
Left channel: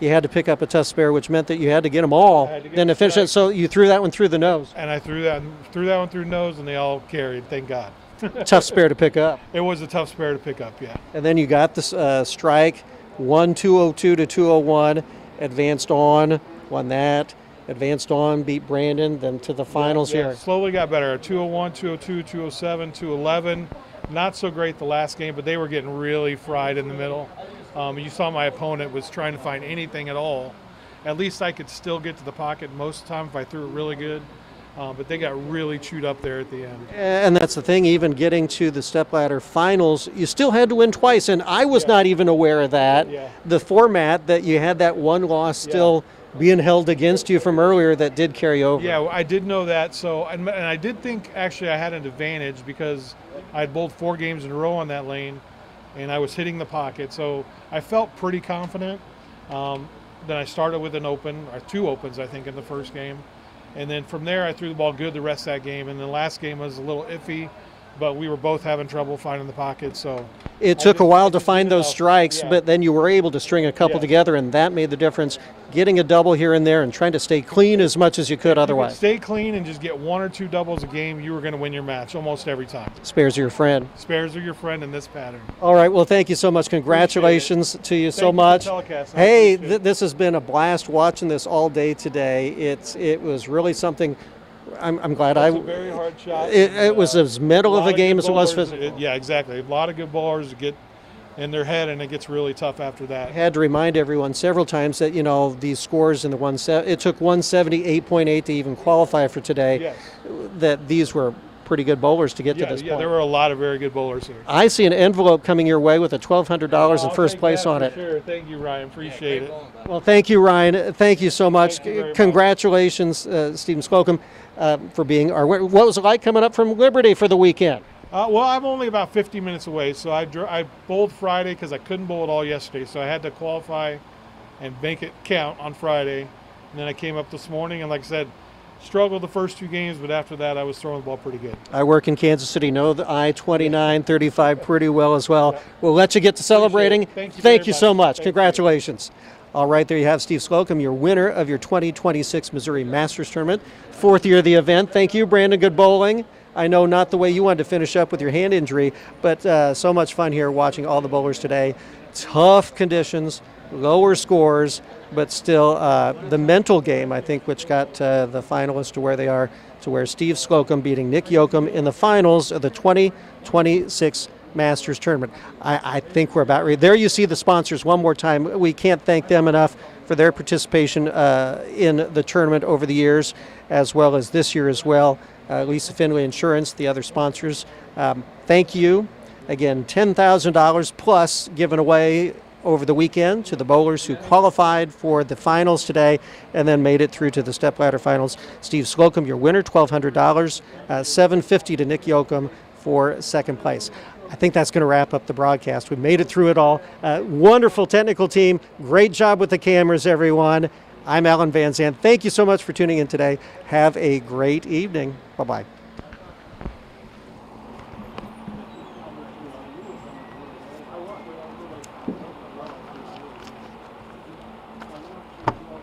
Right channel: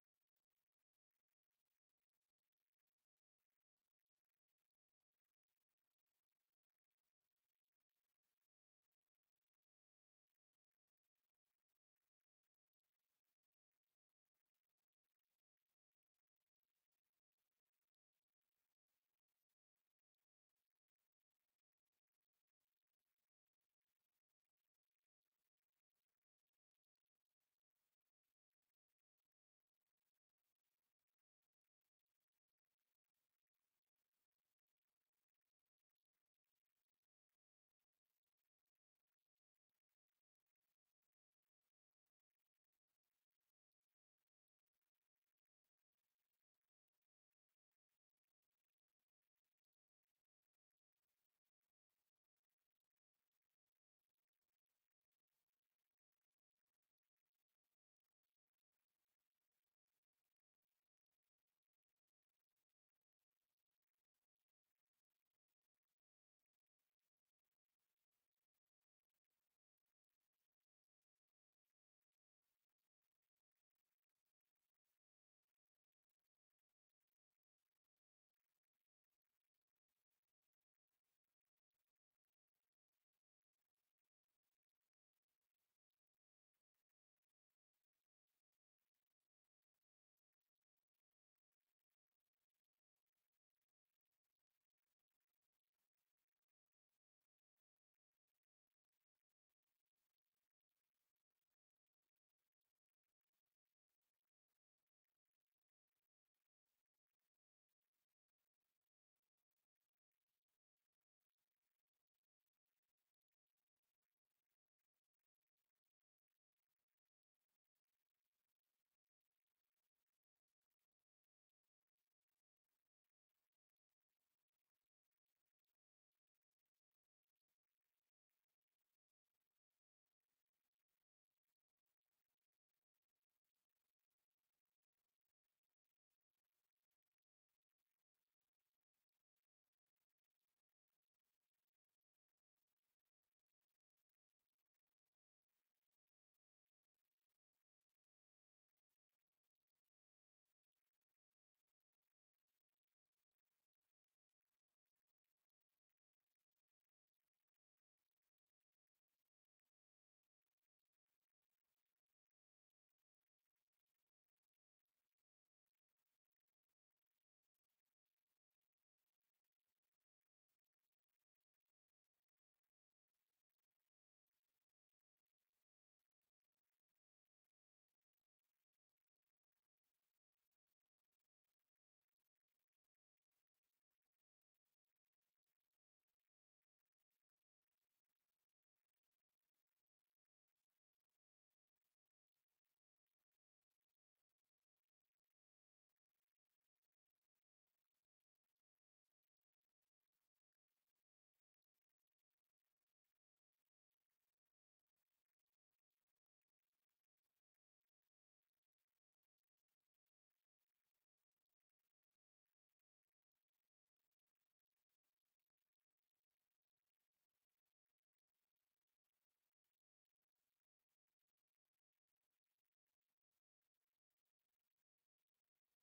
You had to pick up a tough spare, which meant that you had to get them all. I had to get Then to the finish it, strike. so you threw that one through the nose. And I threw that one through the nose, and they all carried, thank God. Tough spare to pick up. It was a tough spare to pick up, yeah. And then you got this strike, won 202 to 201, advanced on, won that, advanced on, beat Brandon, then to the finals Yeah, here. slowly got better. 201, 202, 207, 211. Not so great the last game, but they were getting really fried in the middle. You saw my opponent was trying to find anything at all. At least I could still get to the pocket most of the time if I threw it really good. But they got really chewed up there at the end. And that's the thing, even getting to the stepladder finals, you still had to win twice, and I was not even aware of that. Yeah. The format that you had that one loss still being held against you from earlier that did carry over. Yeah, I did know that. So, and I did think actually I had an advantage because I had bowled 4 games in a row on that lane, and I was hitting the pocket. So I felt pretty confident. Then I started with an open, or 2 opens, I think, in the first game. And then from there, I threw the ball good the rest of that game. And the last game was a little iffy, but we were both having trouble finding the pocket. So It took a while to just find did it those all. strikes, Yeah. but then you were able to string a couple Yeah. together, and that made the difference. Getting a double here and there and trying to stay clean as much as you could If you otherwise. stay clean and just get 1 or 2 doubles a game, you were going to win your match almost every time. Spares are your friend. Spares are your friend in this pattern. All right, well, thank you so much. Congratulations to you so Thank you for much. telecasting. I Hey, appreciate it. this has been a blast watching this all day today. It was really something. I'm glad It's a very hard shot. It was as mental of a game as it was physical. Yeah, exactly. A lot of good bowlers get in their head, and it gets really tough after that. I had to remind everyone several times that these scores in the it took 178.8 to even qualify for today. Yes. That these were pretty good bowlers to get Yeah, to this yeah, point. there were a lot of very good bowlers here. I see an envelope coming your way with a $1,200 in I'll first take place that on for it. Sure. Thank you, Ryan. Appreciate it. Well, thank you, Ryan. Thank you so much. Thank you very much. Congratulations, Stephen Slocum, for being our winner. What was it like coming up from Liberty for the weekend? Well, I'm only about 50 minutes away, so I bowled Friday because I couldn't bowl at all yesterday, so I had to qualify and make it count on Friday. And then I came up this morning, and like I said, struggled the first 2 games, but after that, I was throwing the ball pretty good. I work in Kansas City, know the I-29-35 pretty well as well. We'll let you get to celebrating. Thank you Thank very you so much. much. Thank you. Congratulations. All right, there you have Steve Slocum, your winner of your 2026 Missouri Masters Tournament. 4th year of the event. Thank you, Brandon. Good bowling. I know not the way you wanted to finish up with your hand injury, but so much fun here watching all the bowlers today. Tough conditions, lower scores, but still the mental game, I think, which got the finalists to where they are, to where Steve Slocum beating Nick Yoakum in the finals of the 2026 Masters Tournament. I think we're about ready. There you see the sponsors one more time. We can't thank them enough for their participation in the tournament over the years, as well as this year as well. Lisa Finley Insurance, the other sponsors. Thank you. Again, $10,000 plus given away over the weekend to the bowlers who qualified for the finals today and then made it through to the stepladder finals. Steve Slocum, your winner, $1,200, $750 to Nick Yoakum for second place. I think that's going to wrap up the broadcast. We made it through it all. Wonderful technical team. Great job with the cameras, everyone. I'm Alan Van Zandt. Thank you so much for tuning in today. Have a great evening. Bye-bye.